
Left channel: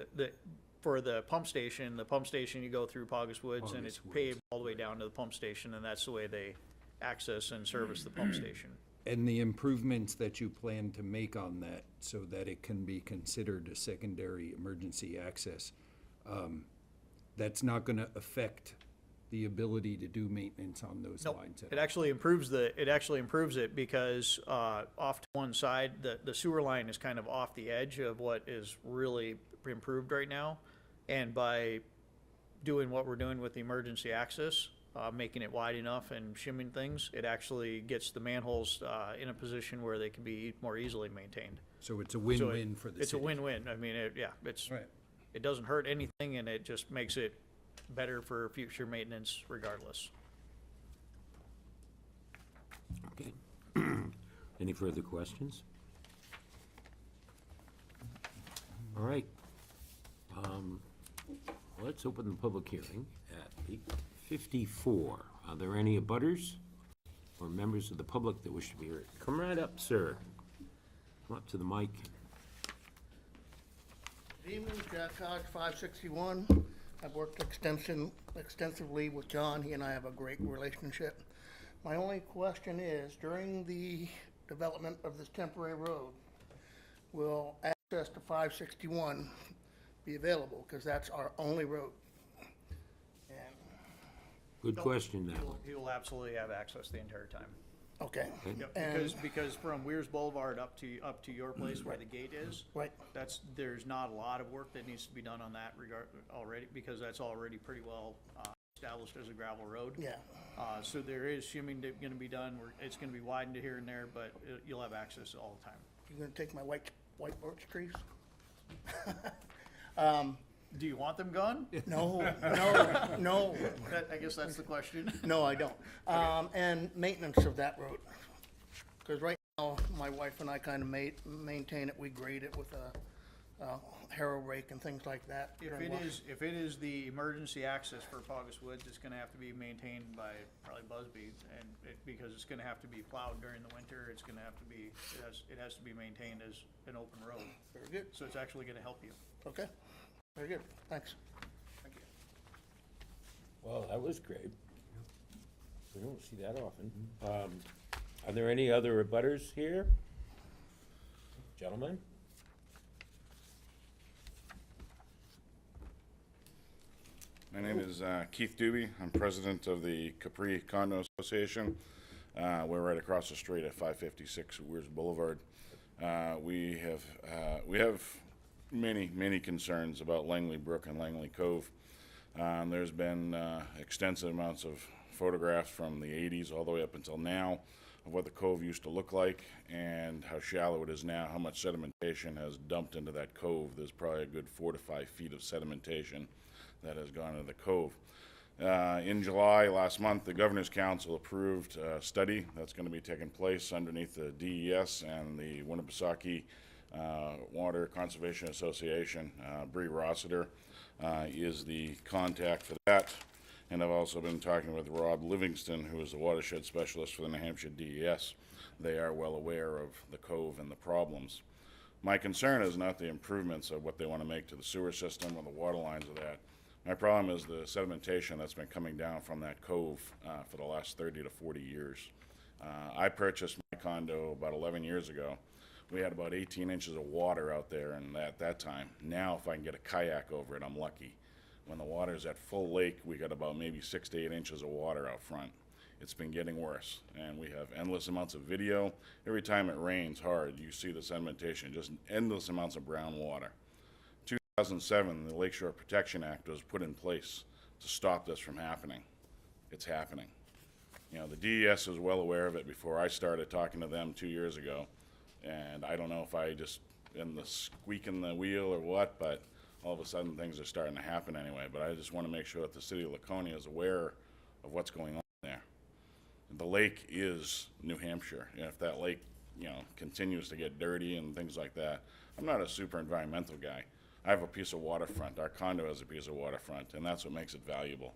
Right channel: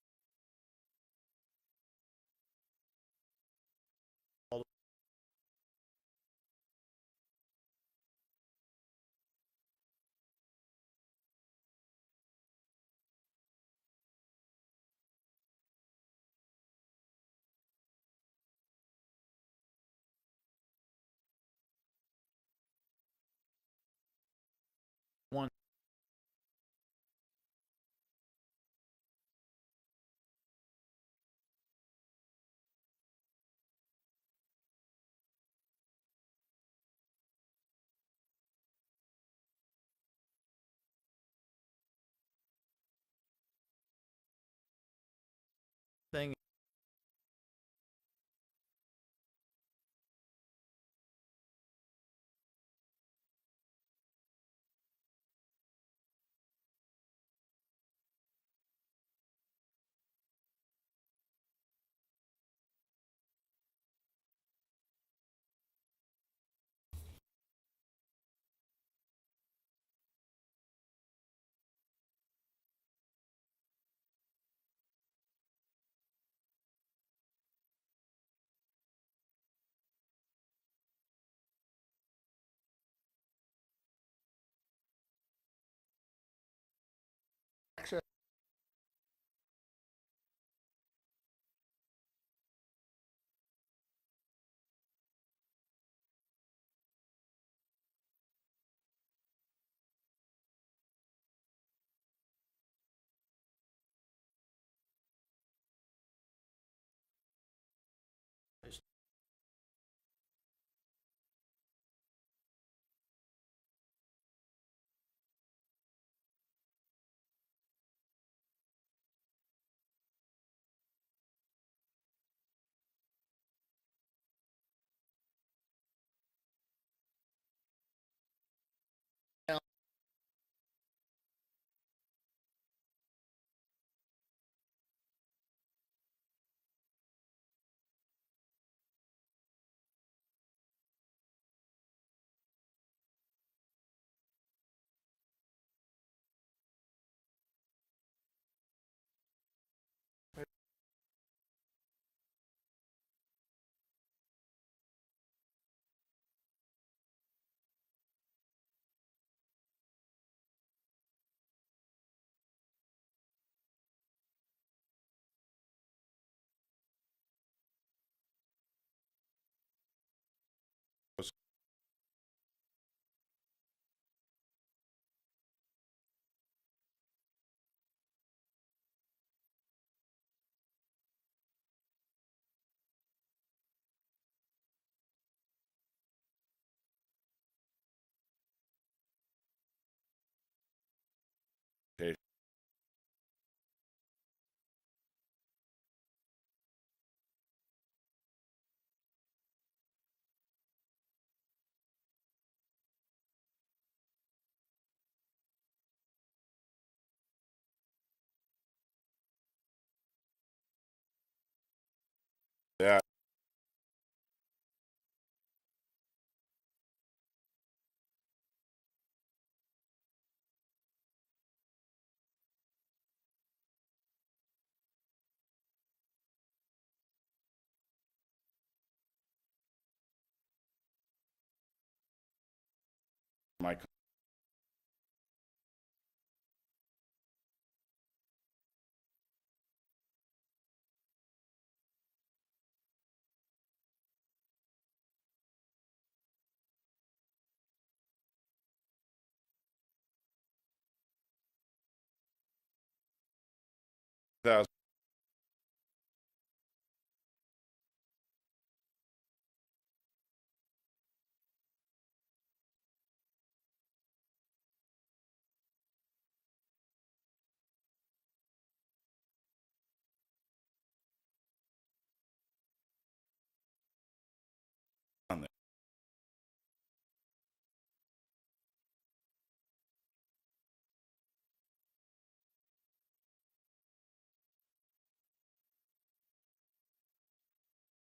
for the pump station. The pump station, you go through Paugus Woods, and it's paved all the way down to the pump station, and that's the way they access and service the pump station. And the improvements that you plan to make on that so that it can be considered a secondary emergency access, that's not going to affect the ability to do maintenance on those lines? It actually improves it because off to one side, the sewer line is kind of off the edge of what is really improved right now. And by doing what we're doing with the emergency access, making it wide enough and shimming things, it actually gets the manholes in a position where they can be more easily maintained. So it's a So win-win for the city. It's a win-win. I mean, it doesn't hurt anything, and it just makes it better for future maintenance regardless. Okay. Any further questions? All right. Let's open the public hearing at 8:54. Are there any abutters or members of the public that wish to be heard? Come right up, sir. Come up to the mic. Good evening, Jack Hodge, 561. I've worked extensively with John. He and I have a great relationship. My only question is, during the development of this temporary road, will access to 561 be available? Because that's our only road. Good question, that one. He will absolutely have access the entire time. Okay. Yep, And- because from Weirs Boulevard up to your place where the gate is. Right. There's not a lot of work that needs to be done on that regard already, because that's already pretty well established as a gravel road. Yeah. So there is shimming gonna be done, it's gonna be widened here and there, but you'll have access all the time. You're gonna take my white birch trees? Do you want them gone? No. I guess that's the question. No, I don't. And maintenance of that road. Because right now, my wife and I kind of maintain it. We grade it with a harrow rake and things like that. If it is the emergency access for Paugus Woods, it's gonna have to be maintained by probably Busby, and because it's gonna have to be plowed during the winter, it's gonna have to be, it has to be maintained as an open road. Very good. So it's actually gonna help you. Okay. Very good. Thanks. Thank you. Well, that was great. We don't see that often. Are there any other abutters here? Gentlemen? My name is Keith Doobie. I'm president of the Capri Condo Association. We're right across the street at 556 Weirs Boulevard. We have many concerns about Langley Brook and Langley Cove. There's been extensive amounts of photographs from the 80s all the way up until now of what the cove used to look like and how shallow it is now, how much sedimentation has dumped into that cove. There's probably a good 4 to 5 feet of sedimentation that has gone into the cove. In July last month, the Governor's Council approved a study that's going to be taking place underneath the DES and the Winnipesaukee Water Conservation Association. Bree Rossiter is the contact for that. And I've also been talking with Rob Livingston, who is the watershed specialist for the New Hampshire DES. They are well aware of the cove and the problems. My concern is not the improvements of what they want to make to the sewer system or the water lines of that. My problem is the sedimentation that's been coming down from that cove for the last 30 to 40 years. I purchased my condo about 11 years ago. We had about 18 inches of water out there and at that time. Now, if I can get a kayak over it, I'm lucky. When the water's at full lake, we got about maybe 6 to 8 inches of water out front. It's been getting worse, and we have endless amounts of video. Every time it rains hard, you see the sedimentation, just endless amounts of brown water. 2007, the Lakeshore Protection Act was put in place to stop this from happening. It's happening. You know, the DES was well aware of it before I started talking to them 2 years ago, and I don't know if I just am the squeak in the wheel or what, but all of a sudden things are starting to happen anyway. But I just want to make sure that the city of Laconia is aware of what's going on there. The lake is New Hampshire, and if that lake, you know, continues to get dirty and things like that, I'm not a super environmental guy. I have a piece of waterfront. Our condo has a piece of waterfront, and that's what makes it valuable.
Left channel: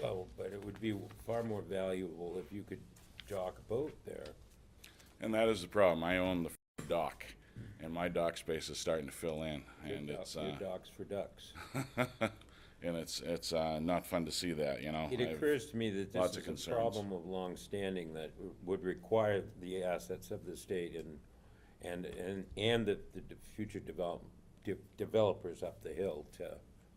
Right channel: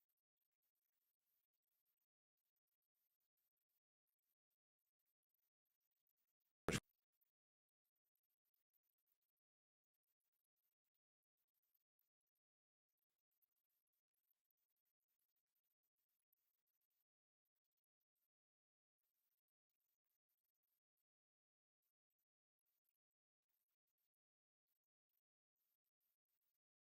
Well, but it would be far more valuable if you could dock a boat there. And that is the problem. I own the first dock, and my dock space is starting to fill in, and it's Good docks for ducks. and it's not fun to see that, you know. It occurs to me that lots this of is a concerns. problem of long standing that would require the assets of the state and the future developers up the hill to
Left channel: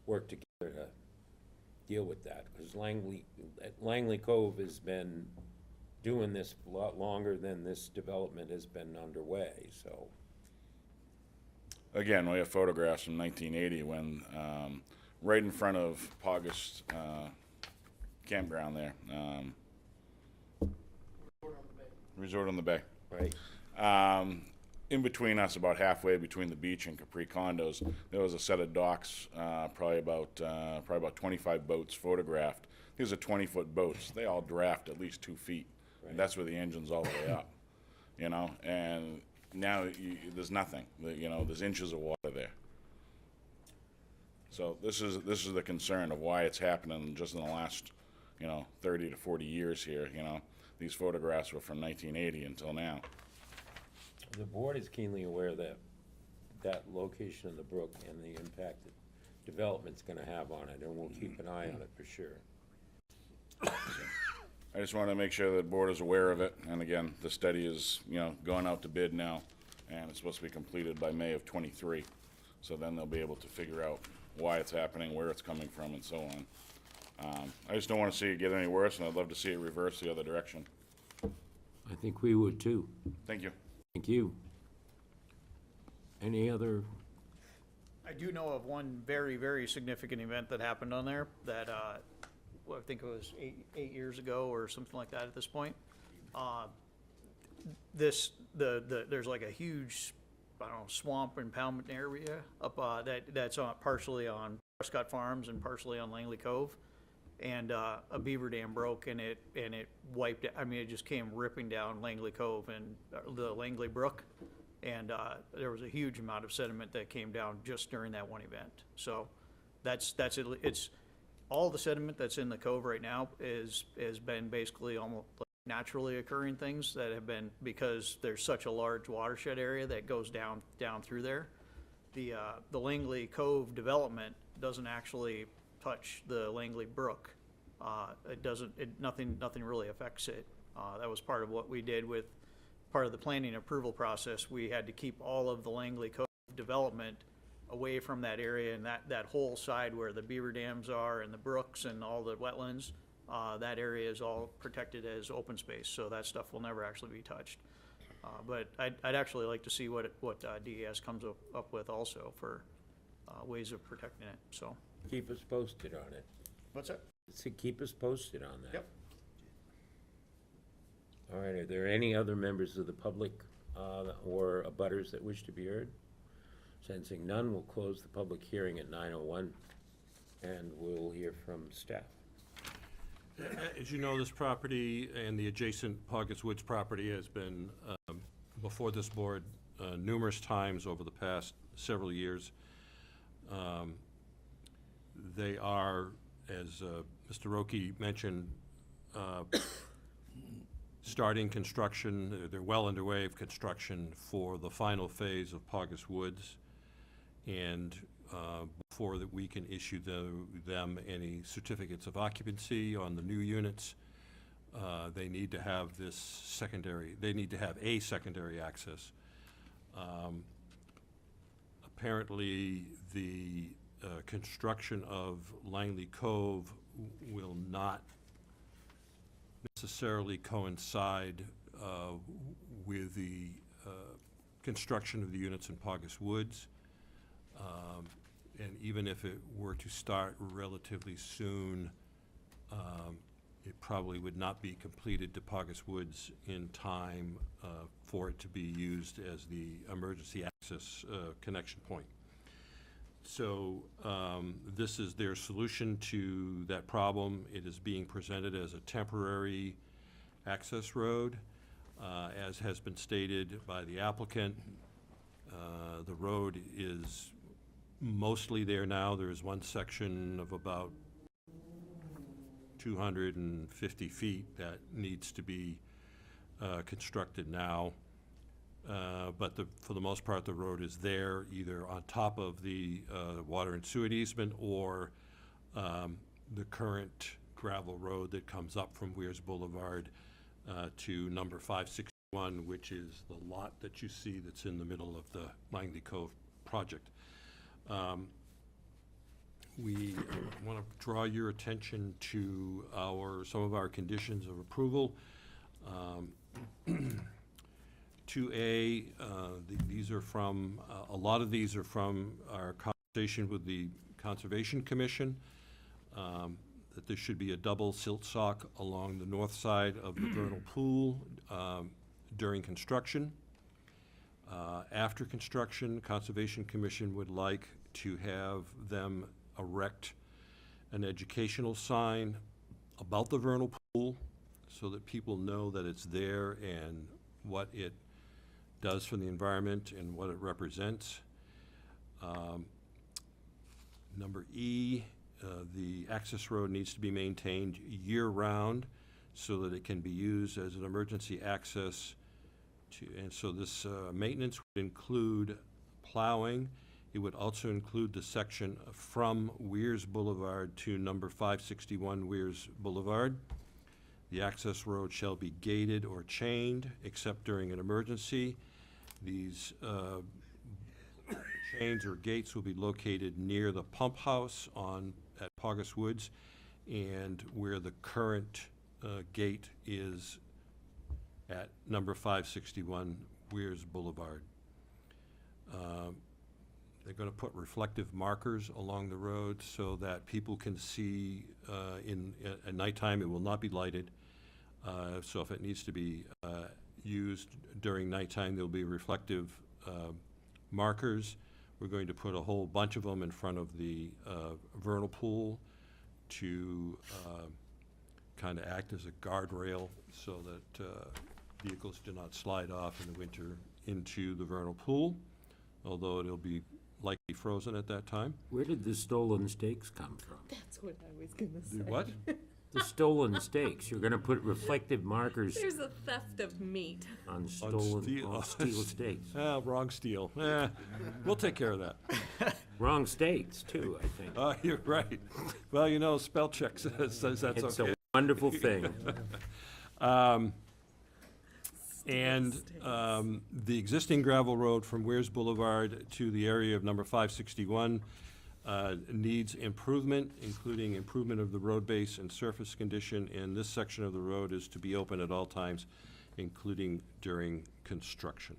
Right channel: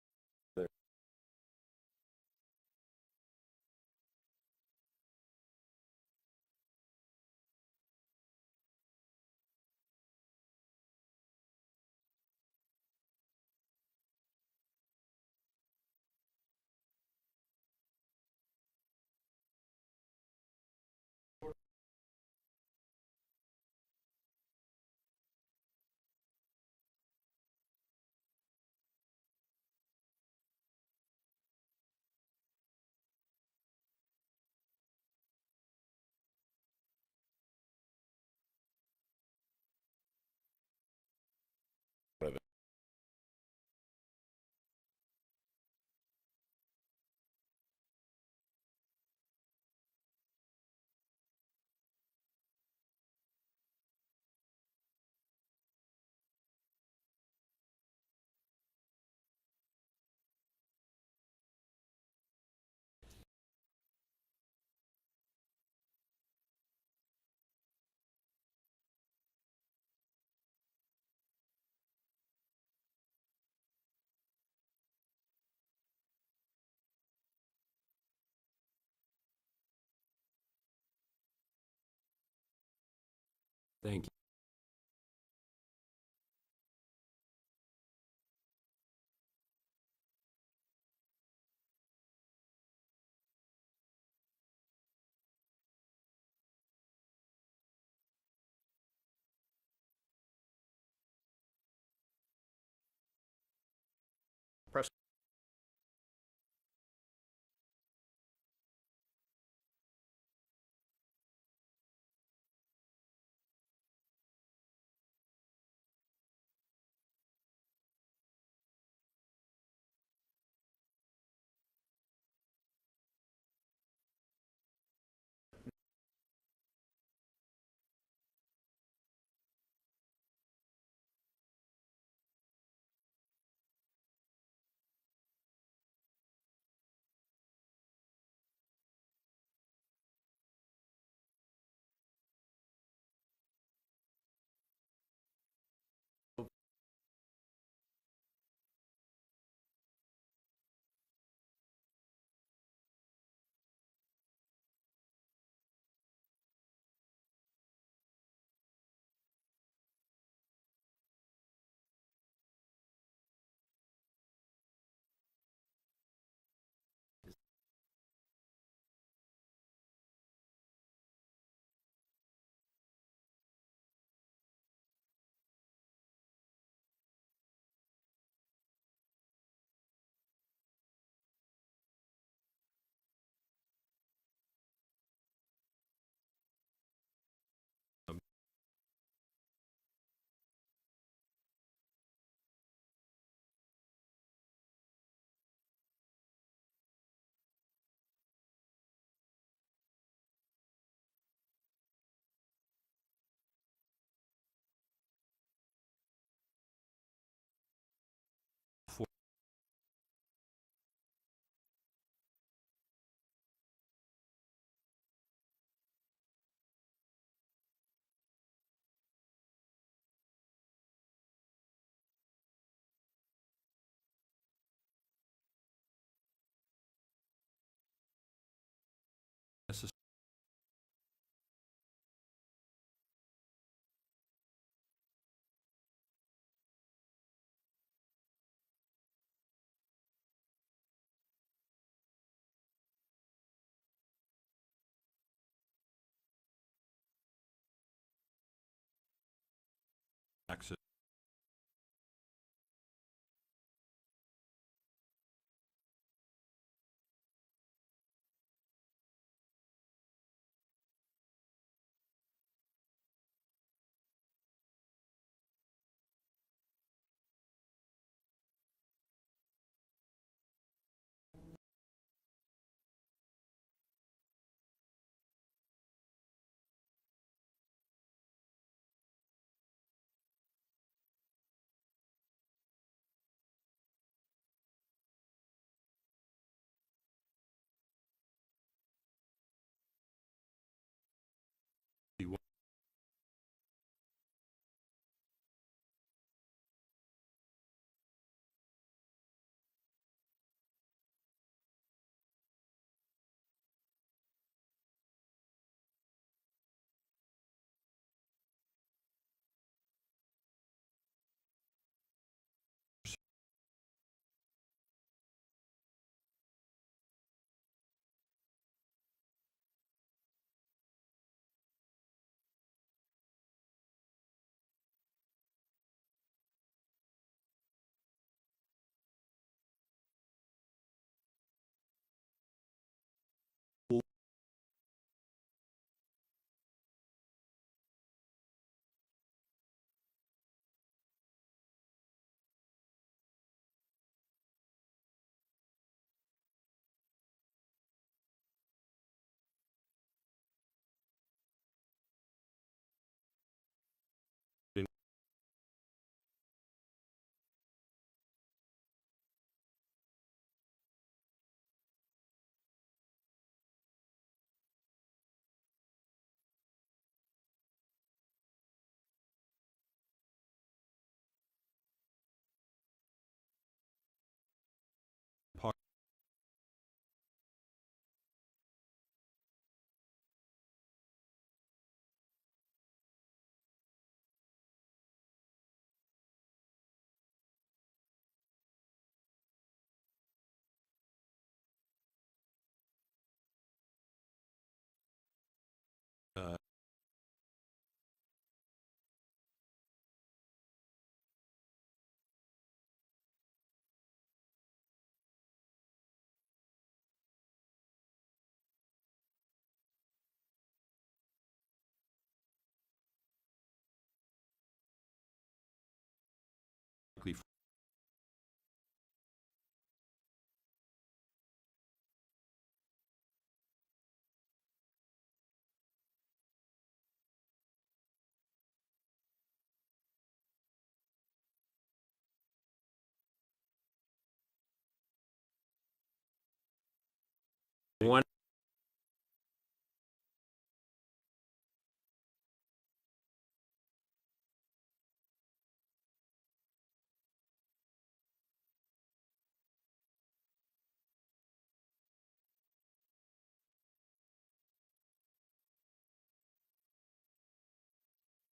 work together to deal with that, because Langley Cove has been doing this a lot longer than this development has been underway, so. Again, we have photographs from 1980 when right in front of Paugus campground there. Resort on the Bay. Right. In between us, about halfway between the beach and Capri condos, there was a set of docks, probably about 25 boats photographed. These are 20-foot boats. They all draft at least 2 feet, and that's where the engine's all the way up. You know, and now there's nothing. You know, there's inches of water there. So this is the concern of why it's happening just in the last, 30 to 40 years here. You know, these photographs were from 1980 until now. The board is keenly aware that that location of the brook and the impact that development's gonna have on it, and we'll keep an eye on it for sure. I just want to make sure the board is aware of it, and again, the study is, going out to bid now, and it's supposed to be completed by May of '23. So then they'll be able to figure out why it's happening, where it's coming from, and so on. I just don't want to see it get any worse, and I'd love to see it reverse the other direction. I think we would too. Thank you. Thank you. Any other? I do know of one very, very significant event that happened on there that, I think it was eight years ago or something like that at this point. There's like a huge, I don't know, swamp impoundment area up, that's partially on Prescott Farms and partially on Langley Cove. And, a beaver dam broke and it wiped it. I mean, it just came ripping down Langley Cove and the Langley Brook. And, there was a huge amount of sediment that came down just during that one event. So that's it. It's all the sediment that's in the cove right now has been basically almost like naturally occurring things that have been, because there's such a large watershed area that goes down through there. The Langley Cove development doesn't actually touch the Langley Brook. Nothing really affects it. That was part of what we did with part of the planning approval process. We had to keep all of the Langley Cove development away from that area, and that whole side where the beaver dams are and the brooks and all the wetlands, that area is all protected as open space, so that stuff will never actually be touched. But I'd actually like to see what DES comes up with also for ways of protecting it, so. Keep us posted on it. What's that? Keep us posted on that. Yep. All right, are there any other members of the public or abutters that wish to be heard? Sensing none, we'll close the public hearing at 9:01, and we'll hear from staff. As you know, this property and the adjacent Poggets Woods property has been before this board numerous times over the past several years. They are, as Mr. Roque mentioned, starting construction. They're well underway of construction for the final phase of Poggets Woods. And before that we can issue them any certificates of occupancy on the new units, they need to have a secondary access. Apparently, the construction of Langley Cove will not necessarily coincide with the construction of the units in Poggets Woods. And even if it were to start relatively soon, it probably would not be completed to Poggets Woods in time for it to be used as the emergency access connection point. So this is their solution to that problem. It is being presented as a temporary access road. As has been stated by the applicant, the road is mostly there now. There is one section of about 250 feet that needs to be constructed now. But for the most part, the road is there, either on top of the water and sewer easement or the current gravel road that comes up from Weirs Boulevard to number 561, which is the lot that you see that's in the middle of the Langley Cove project. We want to draw your attention to some of our conditions of approval. 2A, these are from, a lot of these are from our conversation with the Conservation Commission. that there should be a double silt sock along the north side of the vernal pool during construction. After construction, Conservation Commission would like to have them erect an educational sign about the vernal pool so that people know that it's there and what it does for the environment and what it represents. Number E, the access road needs to be maintained year-round so that it can be used as an emergency access and so this maintenance would include plowing. It would also include the section from Weirs Boulevard to number 561 Weirs Boulevard. The access road shall be gated or chained except during an emergency. These chains or gates will be located near the pump house at Paugus Woods and where the current gate is at number 561 Weirs Boulevard. They're going to put reflective markers along the road so that people can see at nighttime. It will not be lighted. So if it needs to be used during nighttime, there'll be reflective markers. We're going to put a whole bunch of them in front of the vernal pool to kind of act as a guardrail so that vehicles do not slide off in the winter into the vernal pool, although it'll be likely frozen at that time. Where did the stolen stakes come from? That's what I was gonna say. The what? The stolen stakes. You're gonna put reflective markers There's a theft of meat. on steel stakes. Wrong steel. We'll take care of that. Wrong stakes, too, I think. You're right. Well, you know, spell check says that's okay. It's a wonderful thing. And the existing gravel road from Weirs Boulevard to the area of number 561 needs improvement, including improvement of the road base and surface condition, and this section of the road is to be open at all times, including during construction.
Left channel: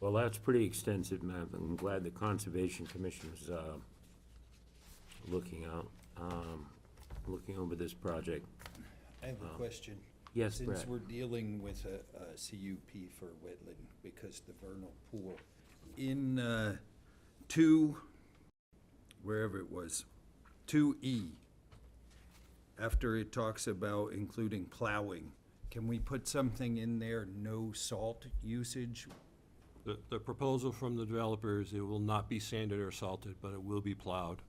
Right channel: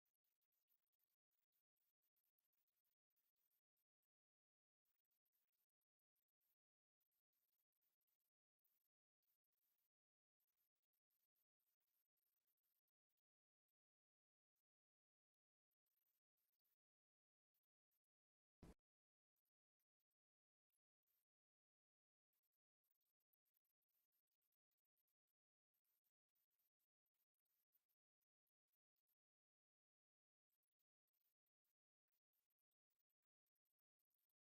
Well, that's pretty extensive, Matt. I'm glad the Conservation Commission is looking over this project. I have a question. Yes, Since Brad. we're dealing with a CUP for wetland, because the vernal pool, in 2E, after it talks about including plowing, can we put something in there, no salt usage? The proposal from the developers, it will not be sanded or salted, but it will be plowed.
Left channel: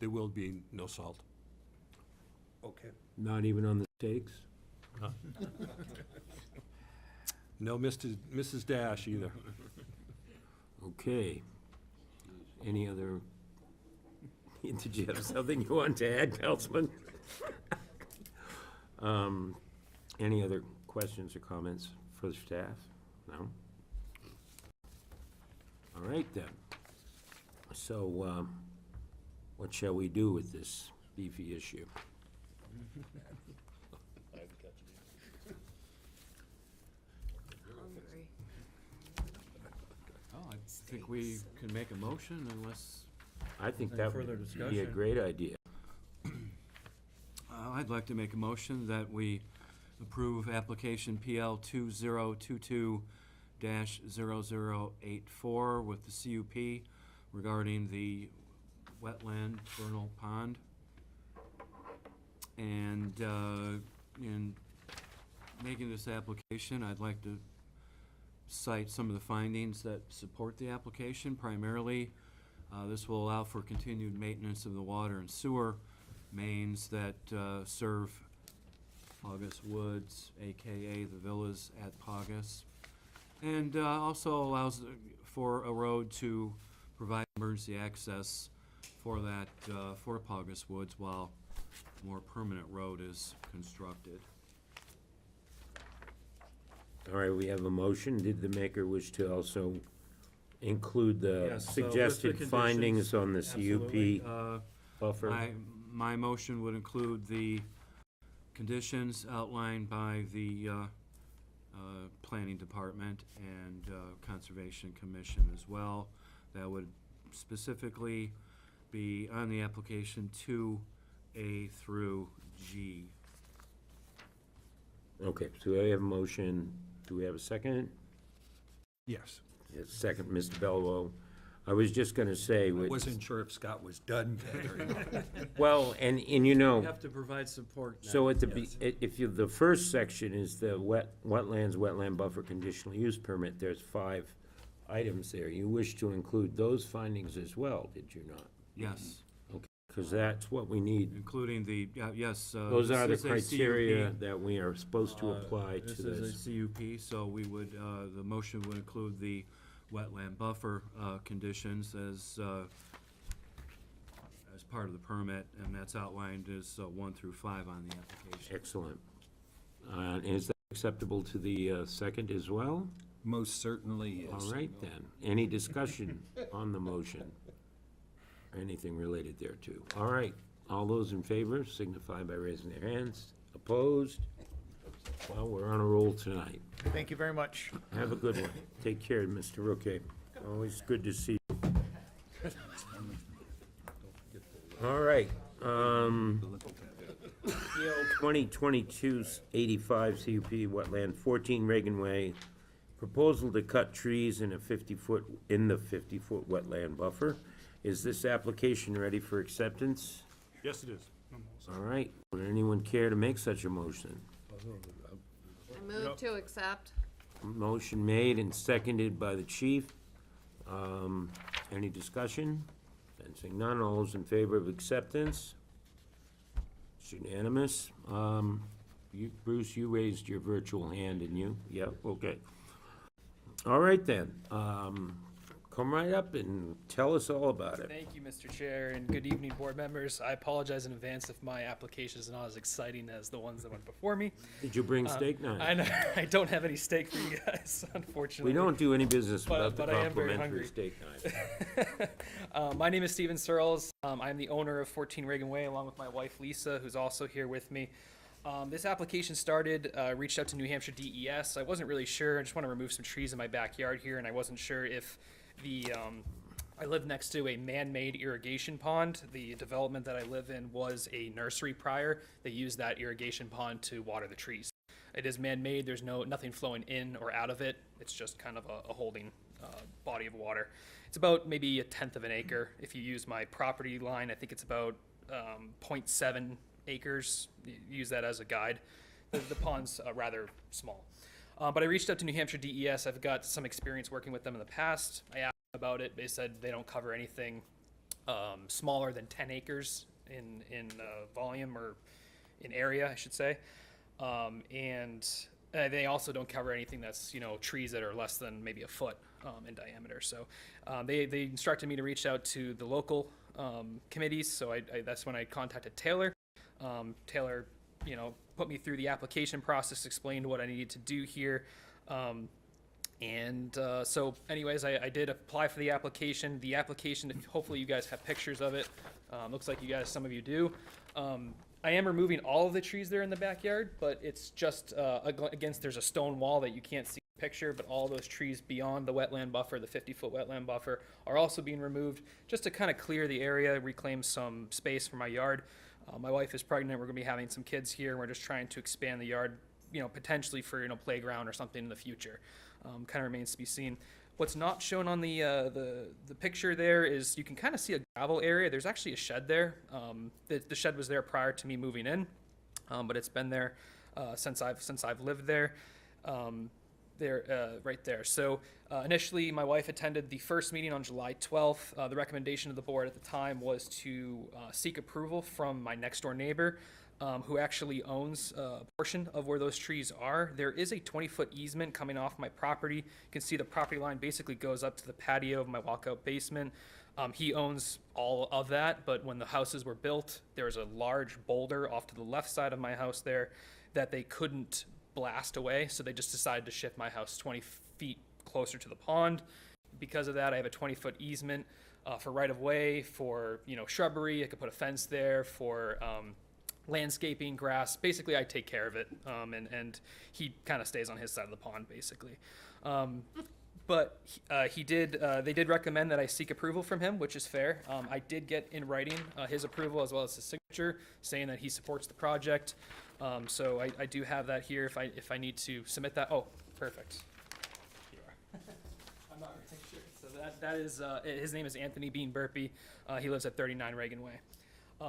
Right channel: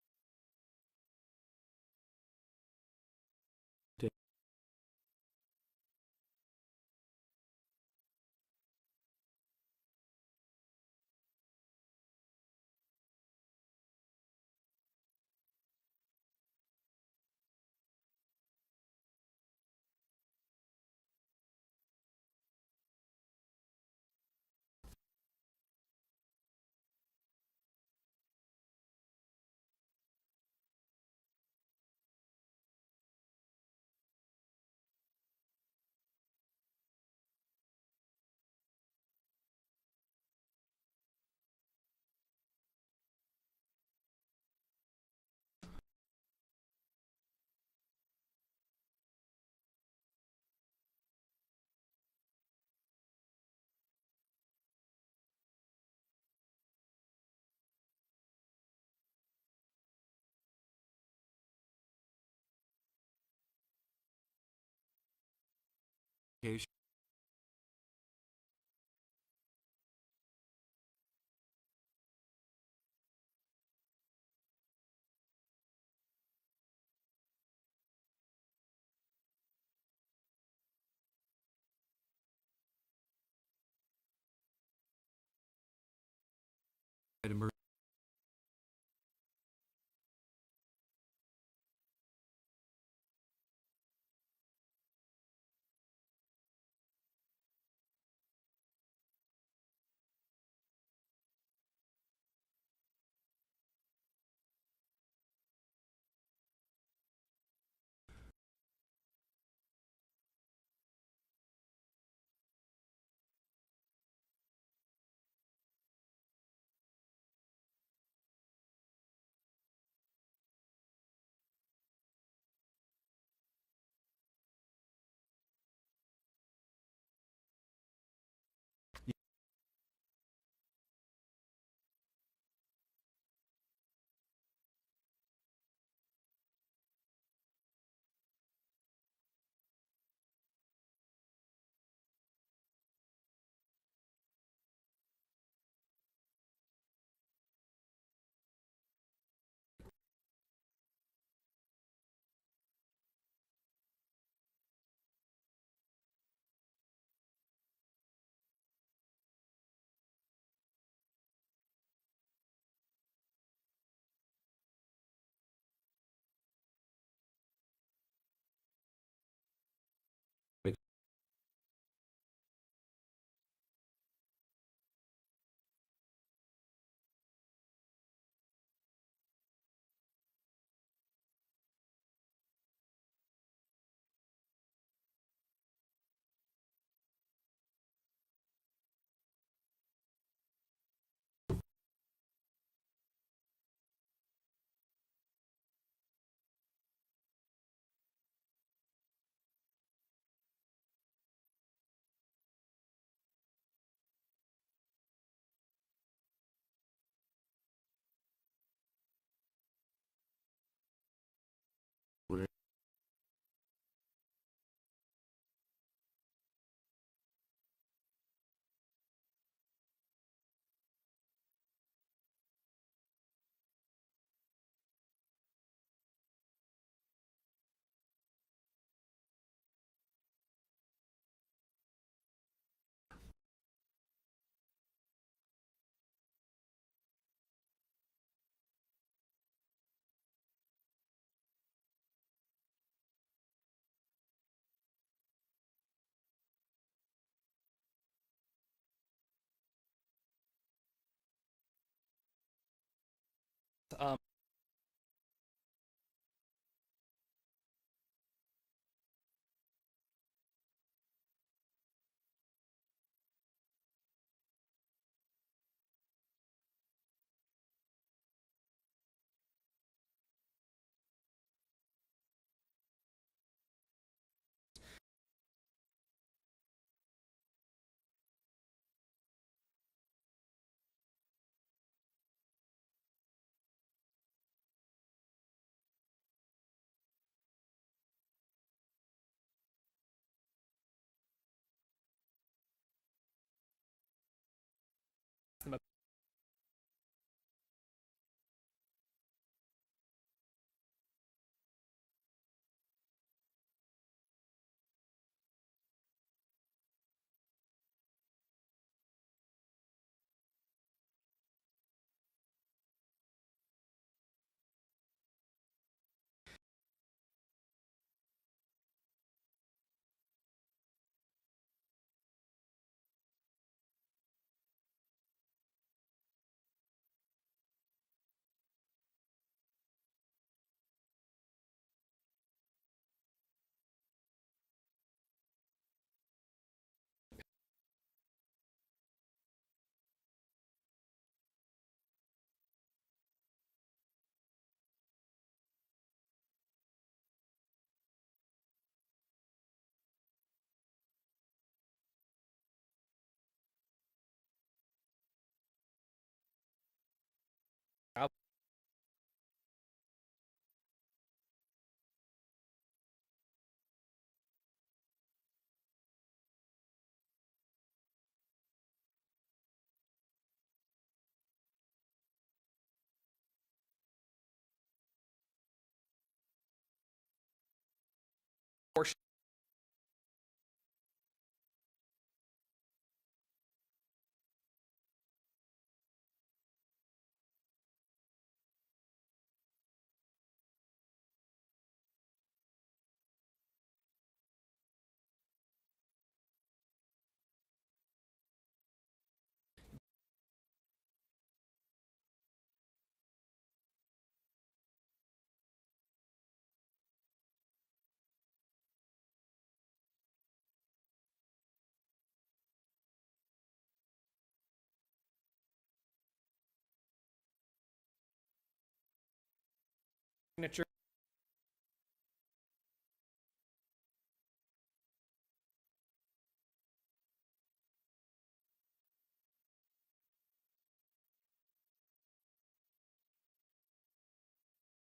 There will be no salt. Okay. Not even on the stakes? No Mrs. Dash either. Okay. Any other, did you have something you want to add, Councilman? Any other questions or comments for the staff? No? All right, then. So, what shall we do with this beefy issue? Hungry. Oh, I think we can make a motion unless I think any that further would be a discussion. great idea. I'd like to make a motion that we approve application PL 2022-0084 with the CUP regarding the wetland vernal pond. And in making this application, I'd like to cite some of the findings that support the application. Primarily, this will allow for continued maintenance of the water and sewer mains that serve Paugus Woods, AKA the villas at Paugus, and also allows for a road to provide emergency access for that, for Paugus Woods while a more permanent road is constructed. All right, we have a motion. Did the maker wish to also include the Yes, so with the suggested findings conditions, on the absolutely. CUP buffer? My motion would include the conditions outlined by the Planning Department and Conservation Commission as well. That would specifically be on the application 2A through G. Okay, so I have a motion. Do we have a second? Yes. Yes, second, Mr. Bellwoe. I was just gonna say. I wasn't sure if Scott was done gathering. Well, and you know. We have to provide support now. So at the, Yes. if you, the first section is the wetland buffer conditional use permit, there's 5 items there. You wish to include those findings as well, did you not? Yes, Okay, because that's what we need. including the, yes. Those this are the is a criteria CUP. that we are supposed to apply to This this. is a CUP, so we would, the motion would include the wetland buffer conditions as part of the permit, and that's outlined as 1 through 5 on the application. Excellent. Is that acceptable to the second as well? Most certainly is. All right then. Any discussion on the motion? Anything related thereto? All right. All those in favor signify by raising their hands. Opposed? Well, we're on a roll tonight. Thank you very much. Have a good one. Take care, Mr. Rookie. Always good to see you. All right. PL 2022-85 CUP Wetland 14 Reagan Way. Proposal to cut trees in the 50-foot wetland buffer. Is this application ready for acceptance? Yes, it is. All right. Would anyone care to make such a motion? I move to accept. Motion made and seconded by the chief. Any discussion? Sensing none, all those in favor of acceptance? It's unanimous. Bruce, you raised your virtual hand, didn't you? Yeah, okay. All right then, come right up and tell us all about it. Thank you, Mr. Chair, and good evening, board members. I apologize in advance if my application is not as exciting as the ones that went before me. Did you bring steak knives? I know, I don't have any steak for you guys, unfortunately. We don't do any business without the but I am very complimentary hungry. steak knife. My name is Steven Searles. I'm the owner of 14 Reagan Way, along with my wife Lisa, who's also here with me. This application started, reached out to New Hampshire DES. I wasn't really sure. I just want to remove some trees in my backyard here, and I wasn't sure if I live next to a man-made irrigation pond. The development that I live in was a nursery prior. They used that irrigation pond to water the trees. It is man-made. There's nothing flowing in or out of it. It's just kind of a holding body of water. It's about maybe 1/10 of an acre. If you use my property line, I think it's about 0.7 acres. Use that as a guide. The pond's rather small. But I reached out to New Hampshire DES. I've got some experience working with them in the past. I asked them about it. They said they don't cover anything smaller than 10 acres in volume or in area, I should say. And they also don't cover anything that's, trees that are less than maybe a foot in diameter. So they instructed me to reach out to the local committees. So that's when I contacted Taylor. Taylor, put me through the application process, explained what I needed to do here. So anyways, I did apply for the application. The application, hopefully you guys have pictures of it. Looks like some of you do. I am removing all of the trees there in the backyard, but it's just against, there's a stone wall that you can't see in the picture, but all those trees beyond the wetland buffer, the 50-foot wetland buffer, are also being removed just to kind of clear the area, reclaim some space for my yard. My wife is pregnant. We're going to be having some kids here. We're just trying to expand the yard, potentially for, playground or something in the future. Kind of remains to be seen. What's not shown on the picture there is you can kind of see a gravel area. There's actually a shed there. The shed was there prior to me moving in, but it's been there since I've lived there. Right there. So initially, my wife attended the first meeting on July 12th. The recommendation of the board at the time was to seek approval from my next door neighbor, who actually owns a portion of where those trees are. There is a 20-foot easement coming off my property. You can see the property line basically goes up to the patio of my walkout basement. He owns all of that, but when the houses were built, there was a large boulder off to the left side of my house there that they couldn't blast away, so they just decided to shift my house 20 feet closer to the pond. Because of that, I have a 20-foot easement for right-of-way, for shrubbery. I could put a fence there for landscaping, grass. Basically, I take care of it, and he kind of stays on his side of the pond, basically. But they did recommend that I seek approval from him, which is fair. I did get in writing his approval as well as his signature, saying that he supports the project. So I do have that here if I need to submit that. Oh, perfect. Here you are. I'm not really sure. So that is his name is Anthony Bean Burpee. He lives at 39 Reagan Way.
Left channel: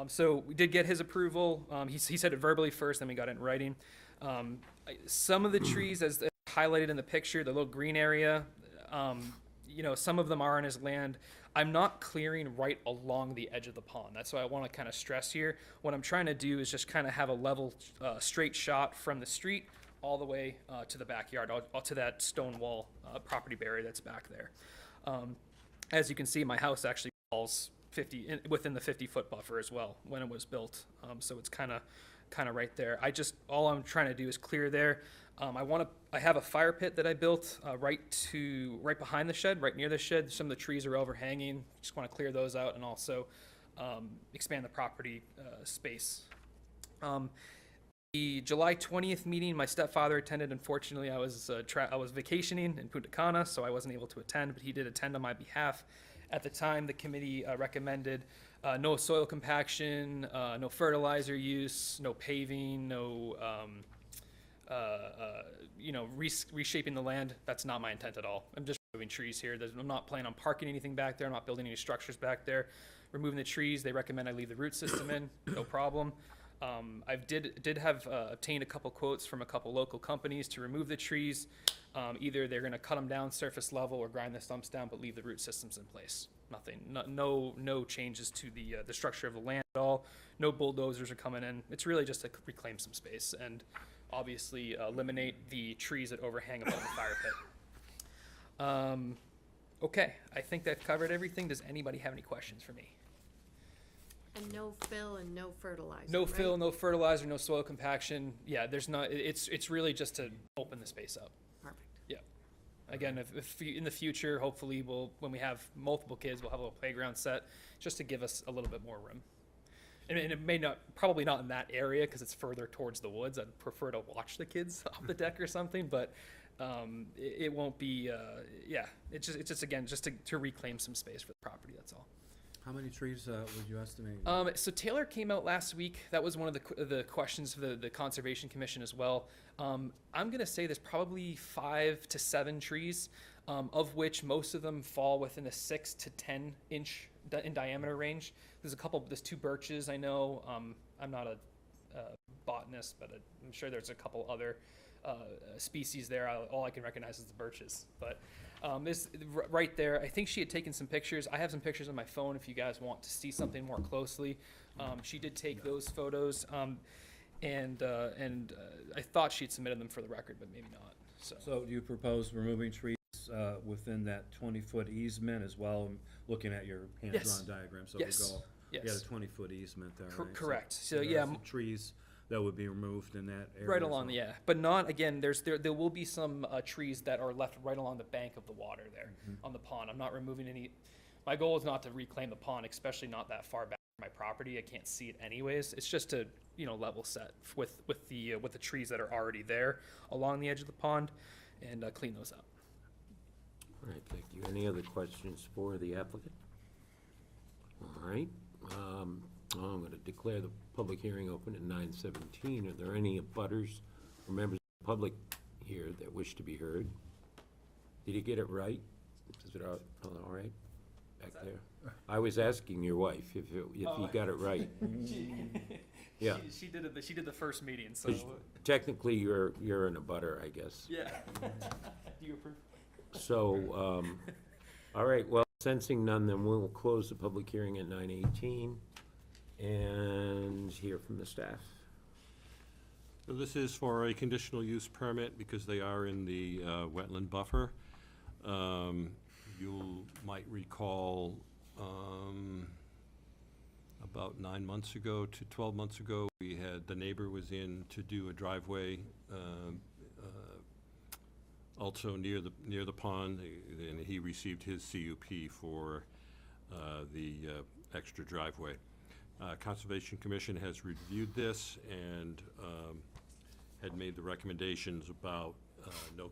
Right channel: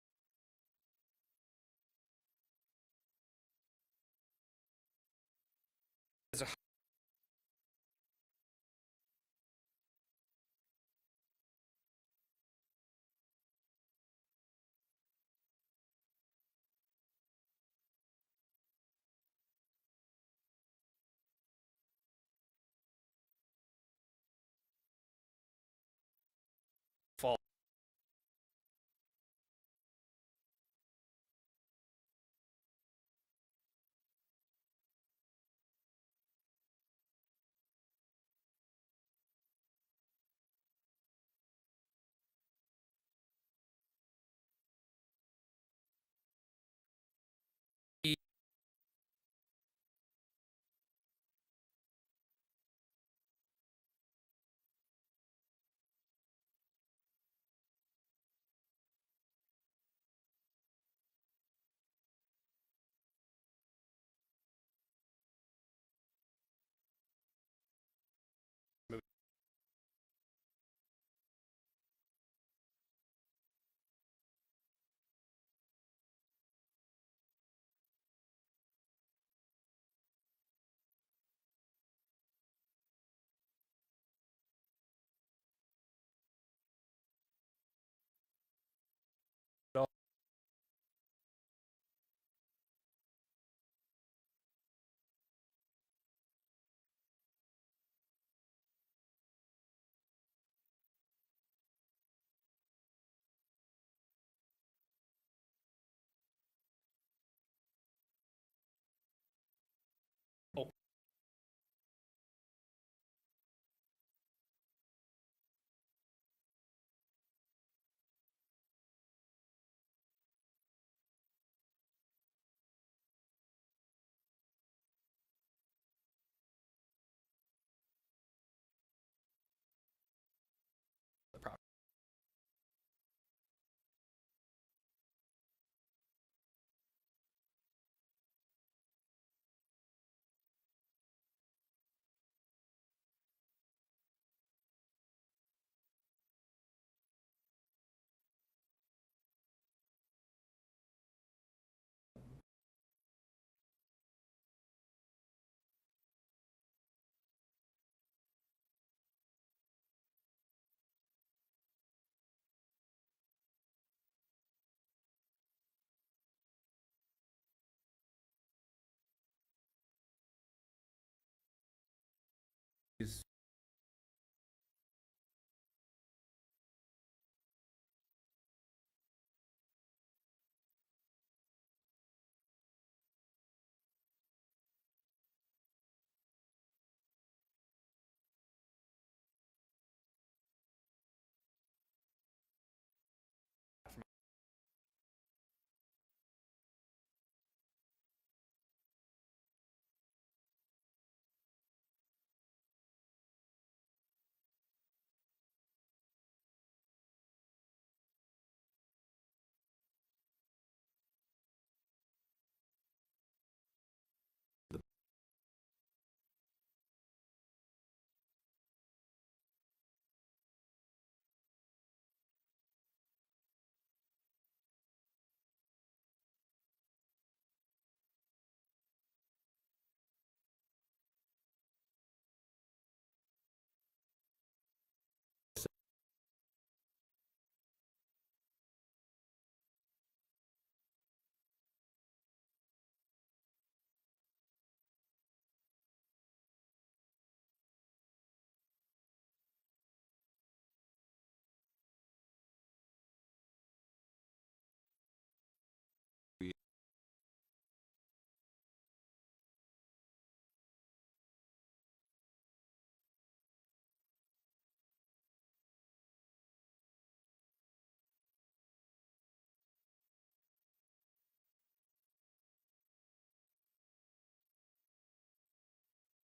So we did get his approval. He said it verbally first, then we got it in writing. Some of the trees, as highlighted in the picture, the little green area, some of them are on his land. I'm not clearing right along the edge of the pond. That's what I want to kind of stress here. What I'm trying to do is just kind of have a level, straight shot from the street all the way to the backyard, to that stone wall property barrier that's back there. As you can see, my house actually falls within the 50-foot buffer as well when it was built. So it's kind of right there. All I'm trying to do is clear there. I have a fire pit that I built right behind the shed, right near the shed. Some of the trees are overhanging. Just want to clear those out and also expand the property space. The July 20th meeting, my stepfather attended. Unfortunately, I was vacationing in Punta Cana, so I wasn't able to attend, but he did attend on my behalf. At the time, the committee recommended no soil compaction, no fertilizer use, no paving, no reshaping the land. That's not my intent at all. I'm just removing trees here. I'm not planning on parking anything back there. I'm not building any structures back there. Removing the trees, they recommend I leave the root system in, no problem. I did have obtained a couple quotes from a couple local companies to remove the trees. Either they're going to cut them down surface level or grind the stumps down, but leave the root systems in place. Nothing, no changes to the structure of the land at all. No bulldozers are coming in. It's really just to reclaim some space and obviously eliminate the trees that overhang above the fire pit. Okay, I think that covered everything. Does anybody have any questions for me? And no fill and no fertilizer, No right? fill, no fertilizer, no soil compaction. Yeah, there's not. It's really just to open the space up. Perfect. Yeah. Again, if in the future, hopefully, when we have multiple kids, we'll have a little playground set just to give us a little bit more room. And it may probably not in that area because it's further towards the woods. I'd prefer to watch the kids off the deck or something, but it won't be. Yeah, it's just again just to reclaim some space for the property. That's all. How many trees would you estimate? So Taylor came out last week. That was one of the questions for the Conservation Commission as well. I'm going to say there's probably 5 to 7 trees, of which most of them fall within the 6 to 10 inch in diameter range. There's 2 birches I know. I'm not a botanist, but I'm sure there's a couple other species there. All I can recognize is the birches, but this right there, I think she had taken some pictures. I have some pictures on my phone if you guys want to see something more closely. She did take those photos, and I thought she had submitted them for the record, but maybe not. So do you propose removing trees within that 20-foot easement as well? I'm looking at your hand-drawn diagram, so Yes. we go. Yes. You had a 20-foot easement there, right? Correct. So there are yeah, some trees that would be removed in that area. right as along, well. yeah, but not again. There will be some trees that are left right along the bank of the water there on the pond. I'm not removing any. My goal is not to reclaim the pond, especially not that far back from my property. I can't see it anyways. It's just to level set with the trees that are already there along the edge of the pond, and clean those up. All right, thank you. Any other questions for the applicant? All right, I'm going to declare the public hearing open at 9:17. Are there any abutters or members of the public here that wish to be heard? Did he get it right? Is it all right back there? I was asking your wife if he got it right. Yeah. She did the first meeting, so 'Cause technically, you're an abutter, I guess. yeah. Do you approve? So, all right, well, sensing none, then we'll close the public hearing at 9:18 and hear from the staff. So this is for a conditional use permit because they are in the wetland buffer. You might recall about 9 months ago to 12 months ago, the neighbor was in to do a driveway also near the pond, and he received his CUP for the extra driveway. Conservation Commission has reviewed this and had made the recommendations about no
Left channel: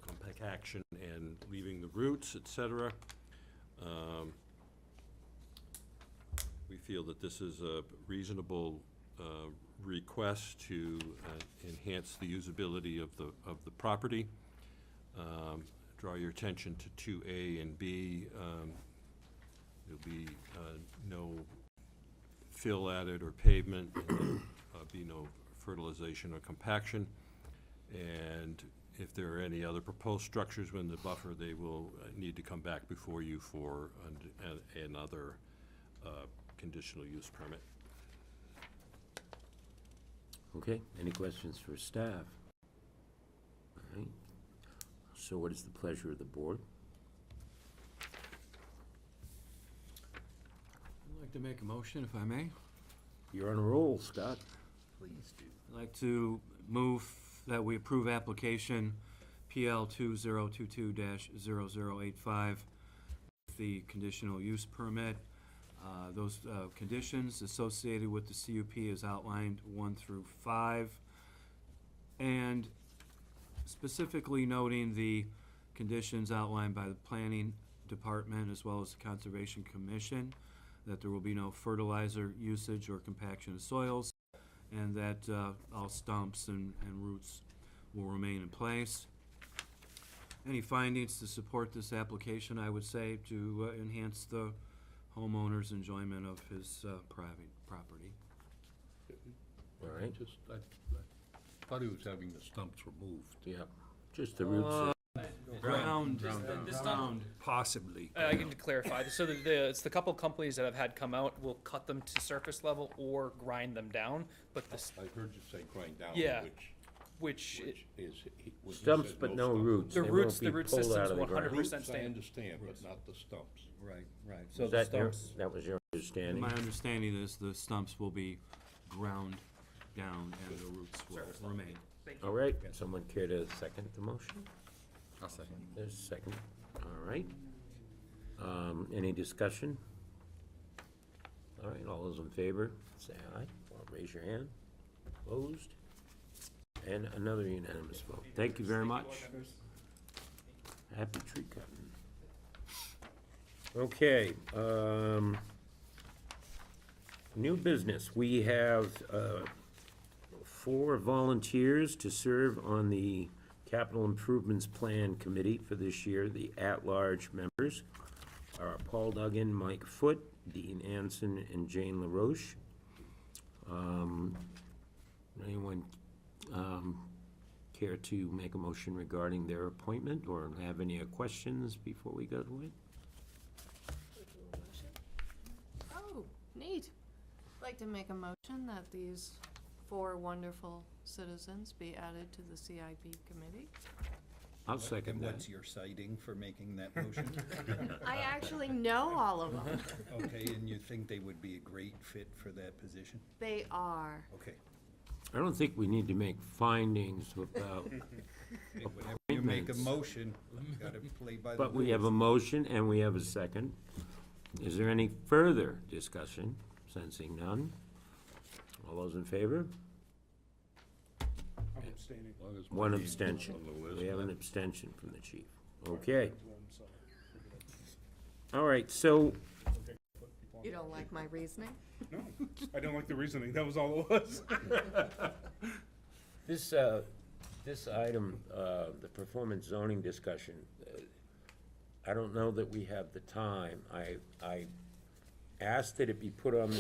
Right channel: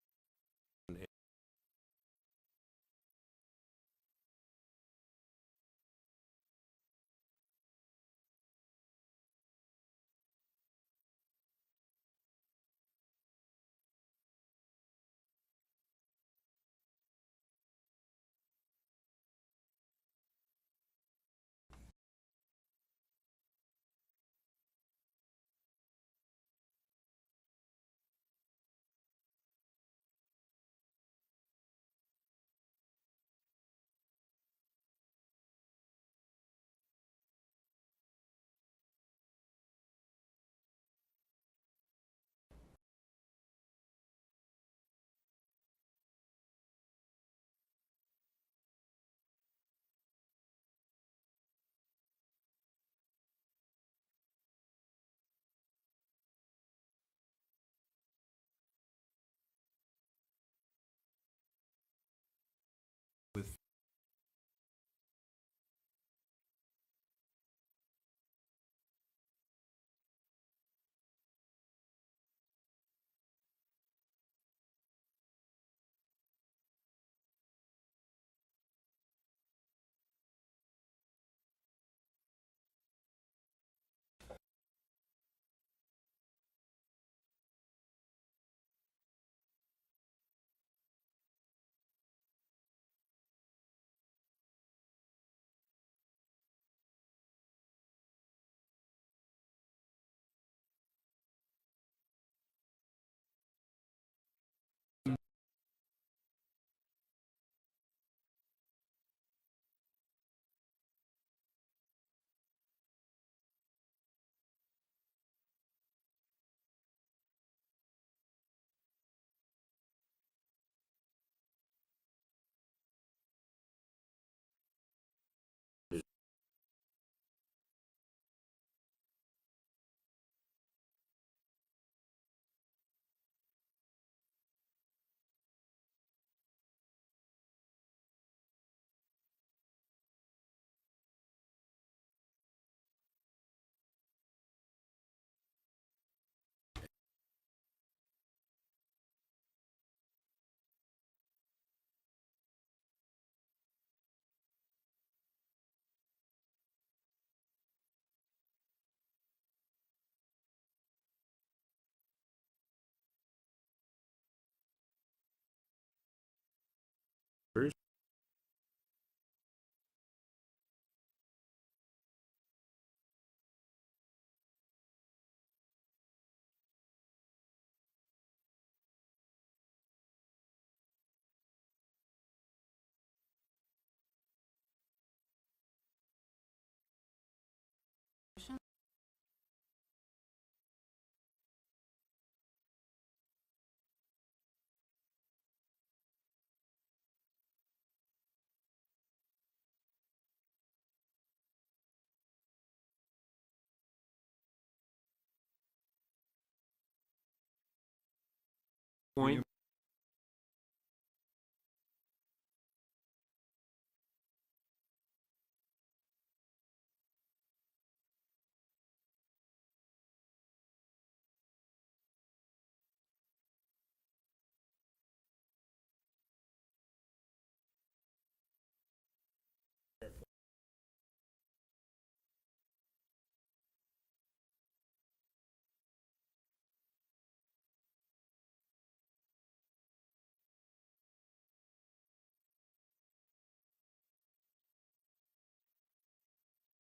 protection and leaving the roots, et cetera. We feel that this is a reasonable request to enhance the usability of the property. Draw your attention to 2A and B. There'll be no fill added or pavement, and there'll be no fertilization or compaction. And if there are any other proposed structures within the buffer, they will need to come back before you for another conditional use permit. Okay, any questions for staff? All right, so what is the pleasure of the board? I'd like to make a motion, if I may. You're on a roll, Scott. Please do. I'd like to move that we approve application PL 2022-0085 with the conditional use permit. Those conditions associated with the CUP is outlined 1 through 5, and specifically noting the conditions outlined by the Planning Department as well as the Conservation Commission, that there will be no fertilizer usage or compaction of soils, and that all stumps and roots will remain in place. Any findings to support this application, I would say, to enhance the homeowner's enjoyment of his private property. All right. I thought he was having the stumps removed. Yeah, just the roots. Ground, The stump- ground, possibly. I can clarify. So it's the couple companies that have had come out will cut them to surface level or grind them down, but this, I heard you say grind down, Yeah. which which, is, when he Stumps, said but no stumps. roots. The They roots- won't be the root pulled out system's of the ground. 100% Roots, I stand. understand, but not the stumps. Right, right. Was So the that your- stumps, That was your understanding? My understanding is the stumps will be ground down and the roots will remain. All right, someone care to second the motion? I'll second. There's a second, all right. Any discussion? All right, all those in favor, say aye, or raise your hand. Opposed? And another unanimous vote. Thank you very much. Happy tree cutting. Okay, new business. We have 4 volunteers to serve on the Capital Improvements Plan Committee for this year. The at-large members are Paul Duggan, Mike Foote, Dean Anson, and Jane LaRoche. Anyone care to make a motion regarding their appointment or have any questions before we go to it? Oh, neat. I'd like to make a motion that these 4 wonderful citizens be added to the CIP committee. I'll second And that. what's your citing for making that motion? I actually know all of them. Okay, and you think they would be a great fit for that position? They are. Okay. I don't think we need to make findings about Whenever you make a appointments. motion, you gotta play by the But we have a rules. motion and we have a second. Is there any further discussion? Sensing none. All those in favor? I'm abstaining. As long as One my name's abstention. on the list, We have an that- abstention from the chief. Okay. All right, so, You don't like my reasoning? No, I didn't like the reasoning, that was all it was. this item, the performance zoning discussion, I don't know that we have the time. I asked that it be put on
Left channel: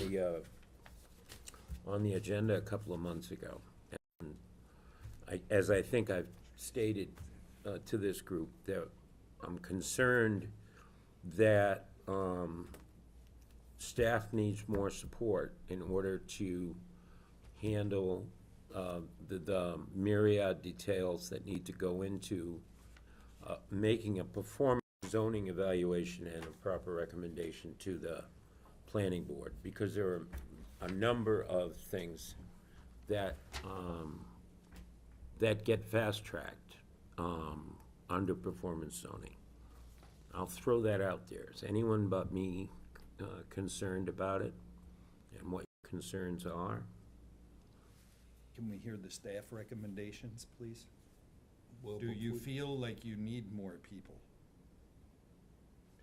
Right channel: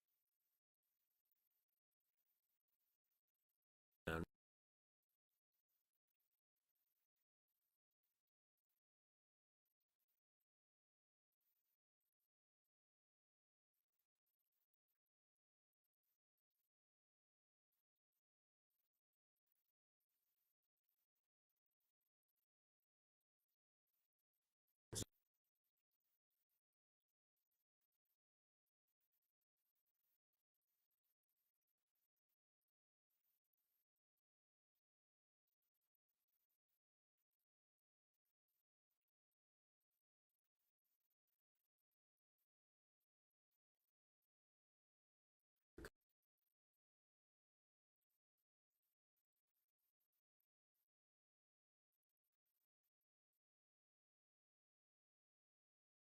the agenda a couple of months ago. And as I think I've stated to this group, that I'm concerned that staff needs more support in order to handle the myriad details that need to go into making a performance zoning evaluation and a proper recommendation to the planning board, because there are a number of things that that get fast-tracked under performance zoning. I'll throw that out there. Is anyone but me concerned about it and what your concerns are? Can we hear the staff recommendations, please? Well, do you feel like you need more people?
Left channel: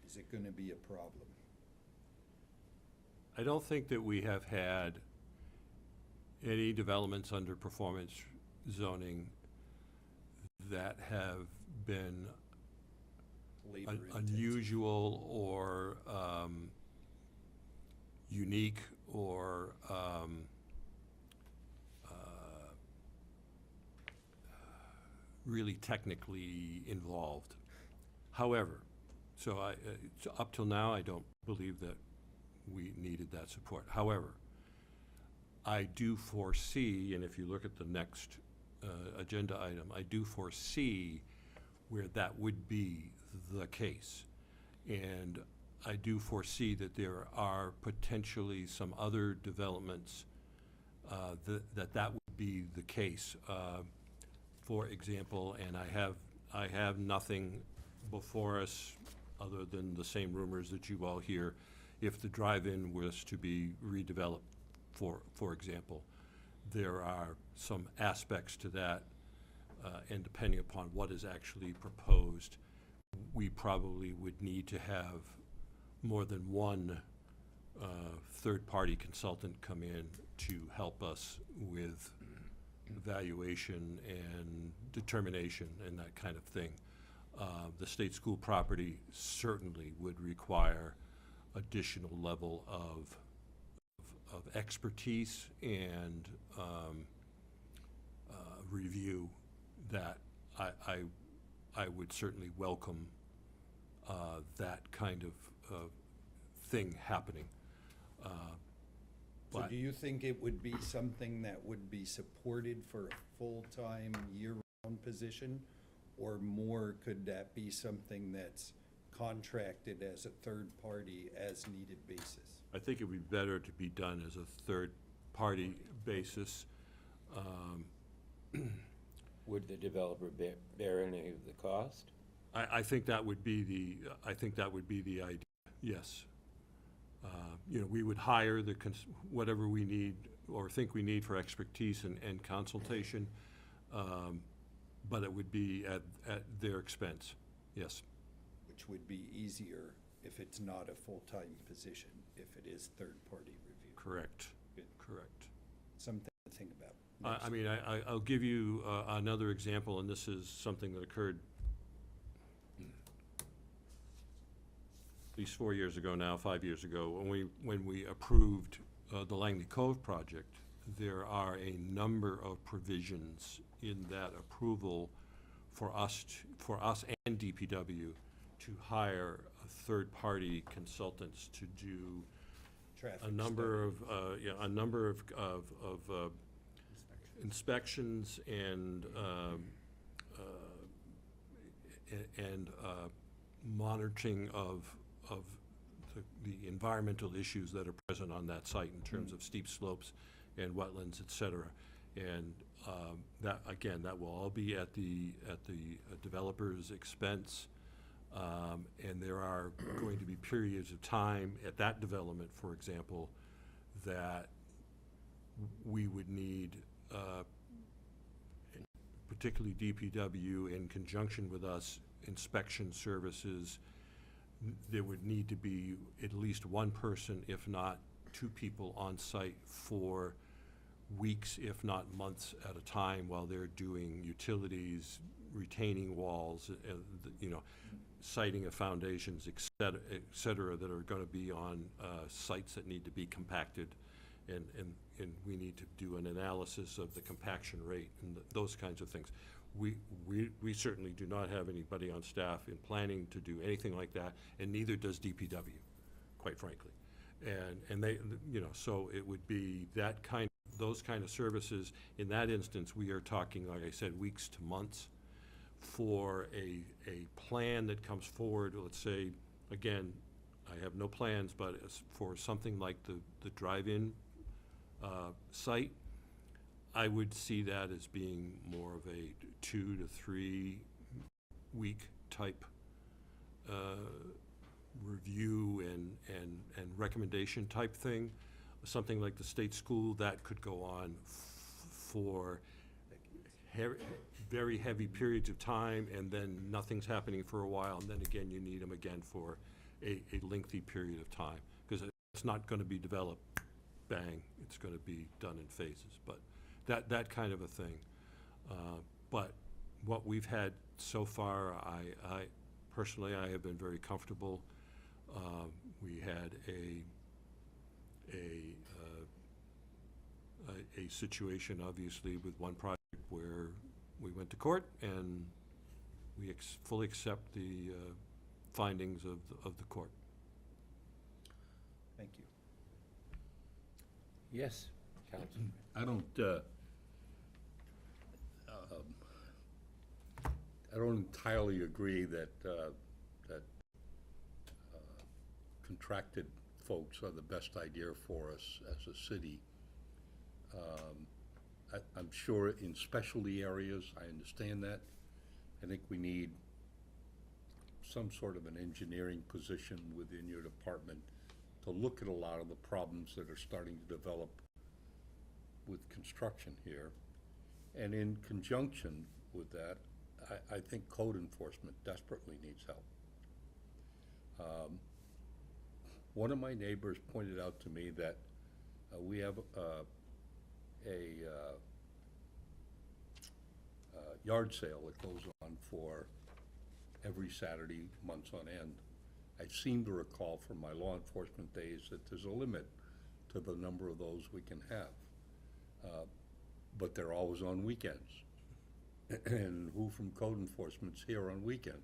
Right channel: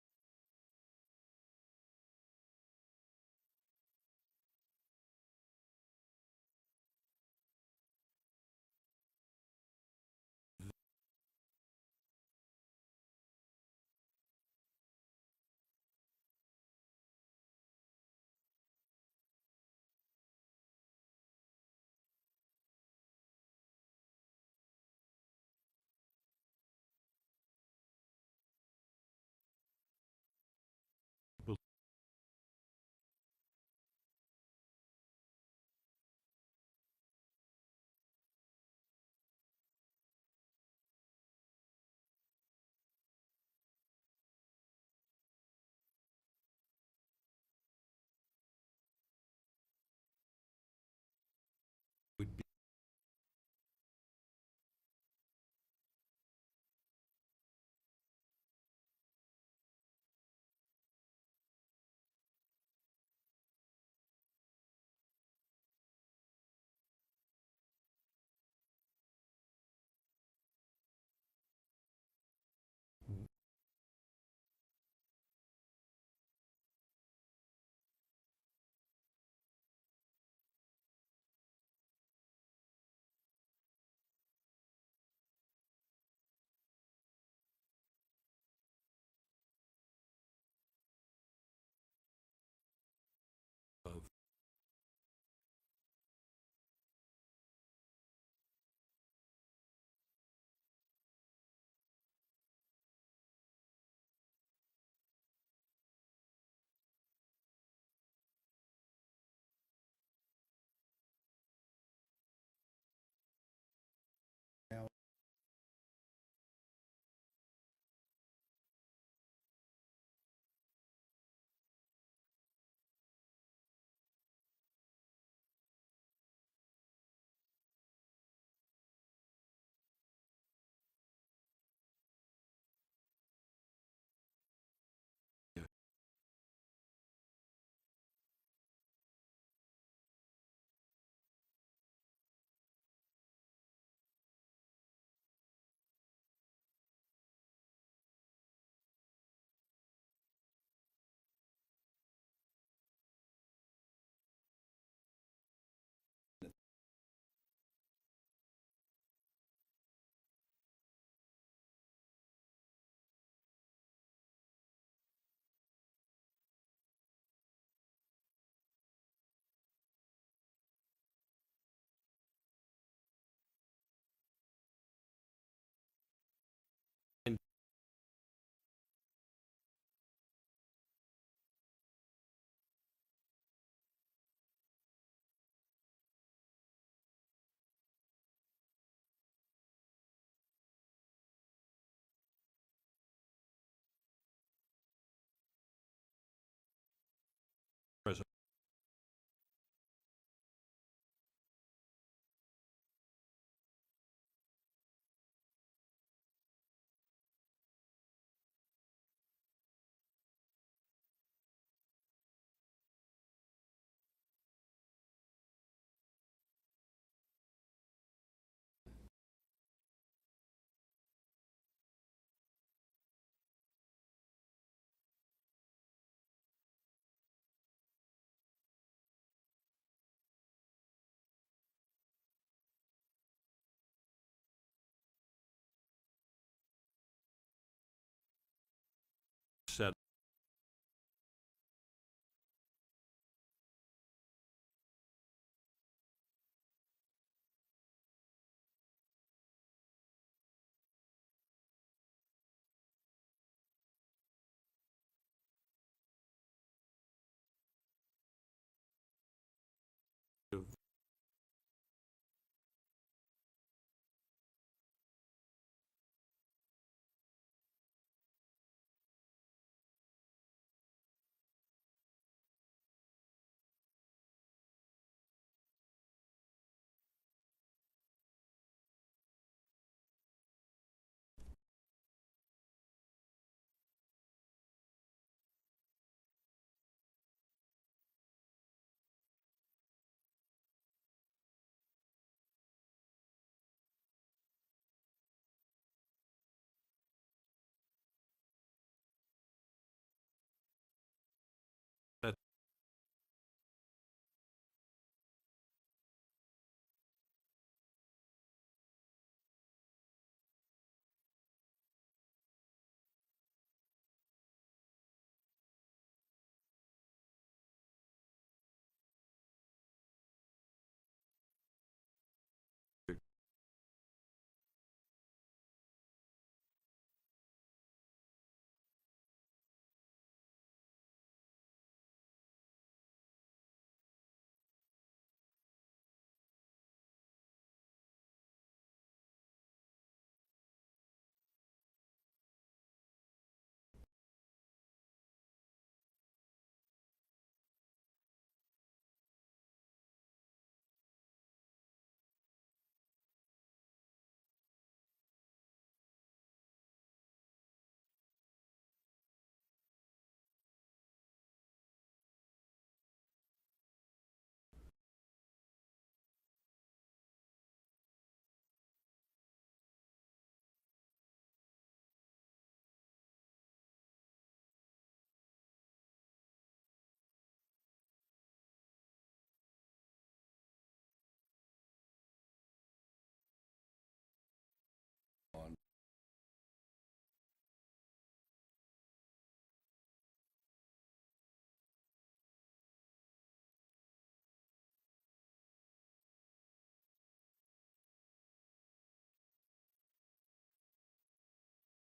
Is it gonna be a problem? I don't think that we have had any developments under performance zoning that have been unusual or unique or really technically involved. However, so up till now, I don't believe that we needed that support. However, I do foresee, and if you look at the next agenda item, I do foresee where that would be the case. And I do foresee that there are potentially some other developments that would be the case. For example, and I have nothing before us other than the same rumors that you all hear. If the drive-in was to be redeveloped, for example, there are some aspects to that, and depending upon what is actually proposed, we probably would need to have more than one third-party consultant come in to help us with evaluation and determination and that kind of thing. The state school property certainly would require additional level of expertise and review that I would certainly welcome that kind of thing happening. So do you think it would be something that would be supported for a full-time, year-round position? Or more, could that be something that's contracted as a third-party, as-needed basis? I think it would be better to be done as a third-party basis. Would the developer bear any of the cost? I think that would be the idea, yes. We would hire whatever we need or think we need for expertise and consultation, but it would be at their expense, yes. Which would be easier if it's not a full-time position, if it is third-party review. Correct. Good. Correct. Something to think about. I mean, I'll give you another example, and this is something that occurred at least 4 years ago now, 5 years ago, when we approved the Langley Cove project. There are a number of provisions in that approval for us and DPW to hire third-party consultants to do a number of inspections and monitoring of the environmental issues that are present on that site in terms of steep slopes and wetlands, et cetera. And that, again, that will all be at the developer's expense. And there are going to be periods of time at that development, for example, that we would need, particularly DPW in conjunction with us, inspection services. There would need to be at least one person, if not two people on site for weeks, if not months at a time, while they're doing utilities, retaining walls, siting of foundations, et cetera, that are going to be on sites that need to be compacted, and we need to do an analysis of the compaction rate and those kinds of things. We certainly do not have anybody on staff in planning to do anything like that, and neither does DPW, quite frankly. And they, so it would be those kind of services. In that instance, we are talking, like I said, weeks to months for a plan that comes forward. Let's say, again, I have no plans, but as for something like the drive-in site, I would see that as being more of a 2 to 3 week type review and recommendation type thing. Something like the state school, that could go on for very heavy periods of time, and then nothing's happening for a while, and then again, you need them again for a lengthy period of time. Because that's not gonna be developed, bang, it's gonna be done in phases, but that kind of a thing. But what we've had so far, I personally, I have been very comfortable. We had a situation, obviously, with one project where we went to court, and we fully accept the findings of the court. Thank you. Yes, Councilman. I don't entirely agree that contracted folks are the best idea for us as a city. I'm sure in specialty areas, I understand that. I think we need some sort of an engineering position within your department to look at a lot of the problems that are starting to develop with construction here. And in conjunction with that, I think code enforcement desperately needs help. One of my neighbors pointed out to me that we have a yard sale that goes on for every Saturday, months on end. I seem to recall from my law enforcement days that there's a limit to the number of those we can have. But they're always on weekends. And who from code enforcement's here on weekends?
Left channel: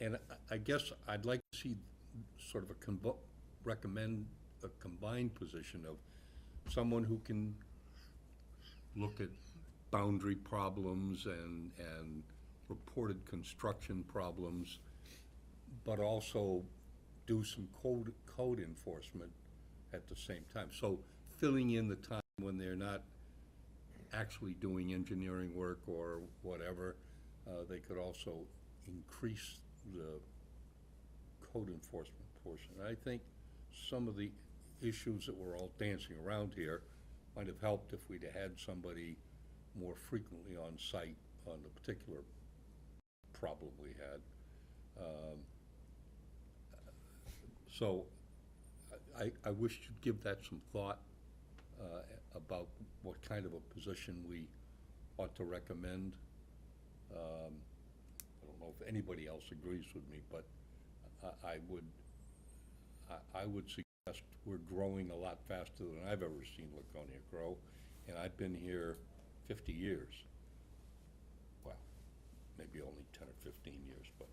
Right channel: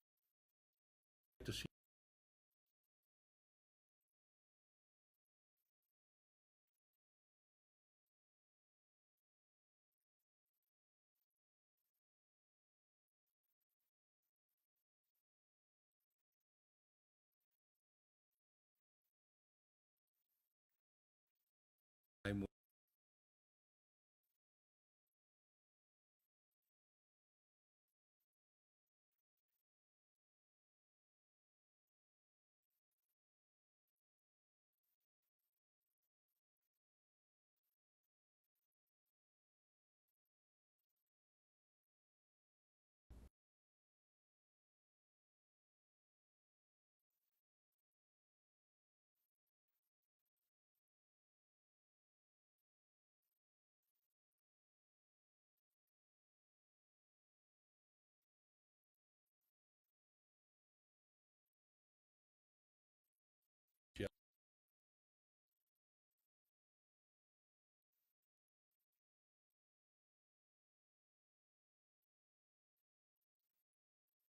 And I guess I'd like to see sort of recommend a combined position of someone who can look at boundary problems and reported construction problems, but also do some code enforcement at the same time. So filling in the time when they're not actually doing engineering work or whatever, they could also increase the code enforcement portion. I think some of the issues that we're all dancing around here might have helped if we'd had somebody more frequently on site on the particular problem we had. So I wish you'd give that some thought about what kind of a position we ought to recommend. I don't know if anybody else agrees with me, but I would suggest we're growing a lot faster than I've ever seen Laconia grow, and I've been here 50 years. Well, maybe only 10 or 15 years, but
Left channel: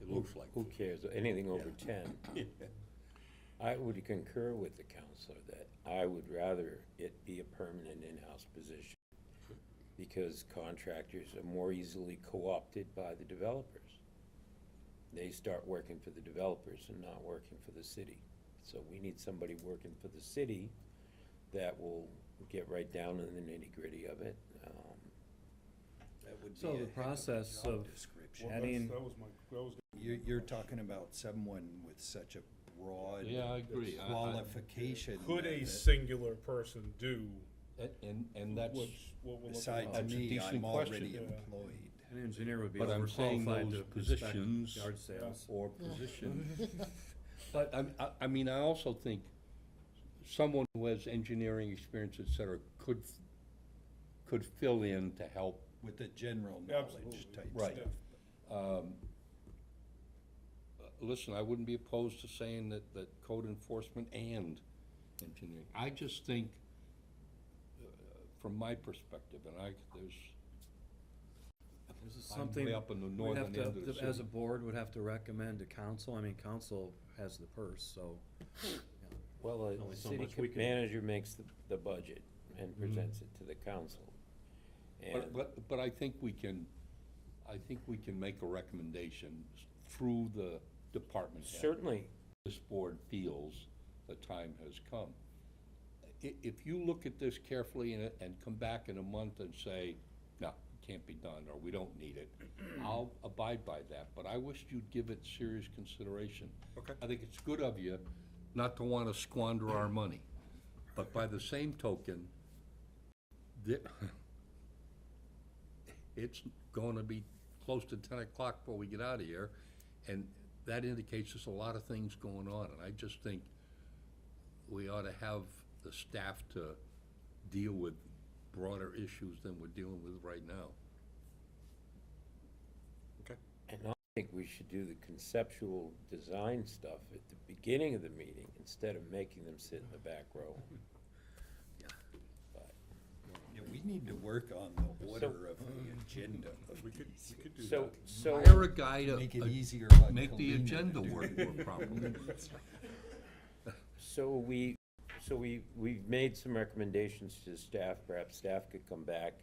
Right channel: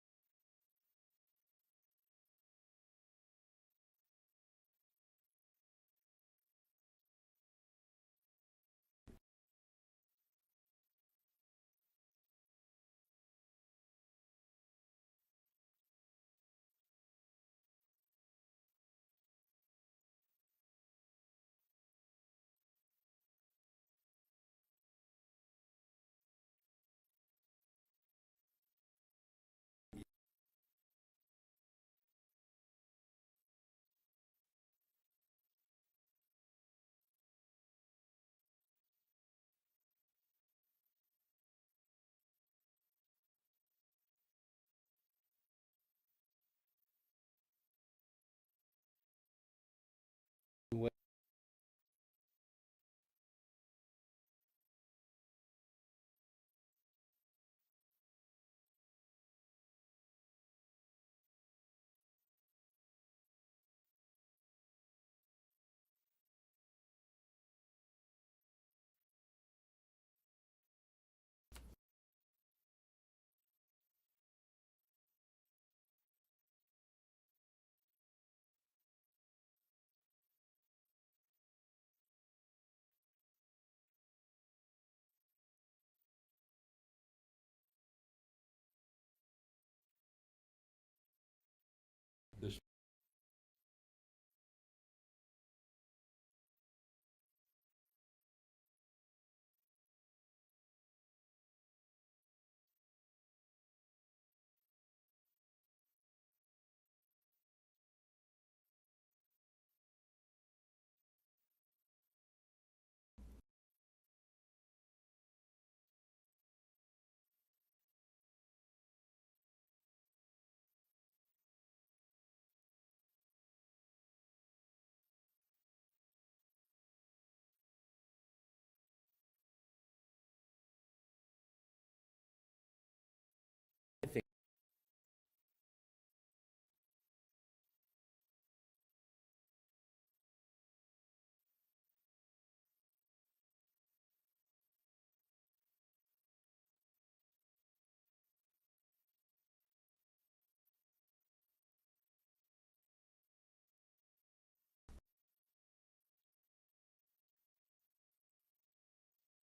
it looks like. Who cares? Anything over 10. I would concur with the counselor that I would rather it be a permanent in-house position because contractors are more easily co-opted by the developers. They start working for the developers and not working for the city. So we need somebody working for the city that will get right down in the nitty-gritty of it. That would be So a the heck of a process job of description. adding, You're talking about someone with such a broad Yeah, I agree. qualification. Could a that- singular person do? And that's, what we're looking Besides at? That's a me, decent I'm already question. employed. an engineer would be but I'm saying overqualified those to inspect positions yard sales. or positions. But I mean, I also think someone who has engineering experience, et cetera, could fill in to help. With the general knowledge Absolutely. type Right. stuff. Listen, I wouldn't be opposed to saying that code enforcement and engineering. I just think, from my perspective, and This is I'm something way up in the we'd northern have to, end of the as a city. board, would have to recommend to council. I mean, council has the purse, so. Well, Only the so city much we can- manager makes the budget and presents it to the council. And But I think we can make a recommendation through the department head. certainly, This board feels the time has come. If you look at this carefully and come back in a month and say, no, it can't be done, or we don't need it, I'll abide by that, but I wish you'd give it serious consideration. Okay. I think it's good of you not to want to squander our money, but by the same token, it's gonna be close to 10 o'clock before we get out of here, and that indicates there's a lot of things going on, and I just think we ought to have the staff to deal with broader issues than we're dealing with right now. And I think we should do the conceptual design stuff at the beginning of the meeting instead of making them sit in the back row. Yeah, we need to work on the order of the agenda of We could do So, that. so. Hire a guy to Make it easier on make the Colleen. agenda work more properly. So we've made some recommendations to staff. Perhaps staff could come back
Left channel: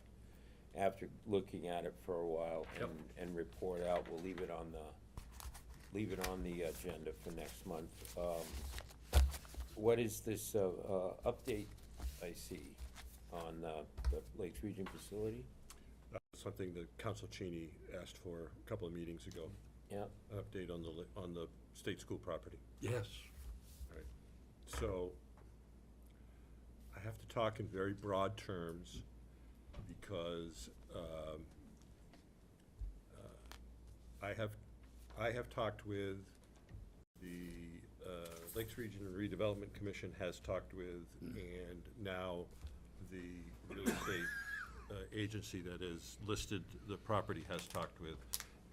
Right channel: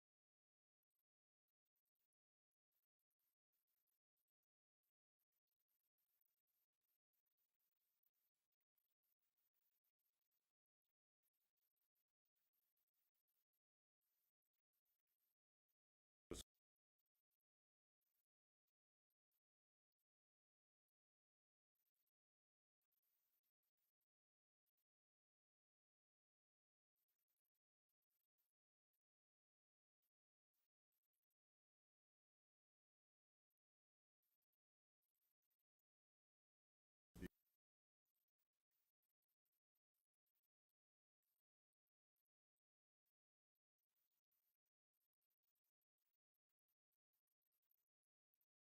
after looking at it for a while and report out. We'll leave it on the agenda for next month. What is this, update I see on, the Lakes Region facility? That was something that Council Cheney asked for a couple of meetings ago. Yeah. An update on the state school property. Yes. Right. So, I have to talk in very broad terms because I have talked with the Lakes Region Redevelopment Commission has talked with, and now the real estate agency that is listed the property has talked with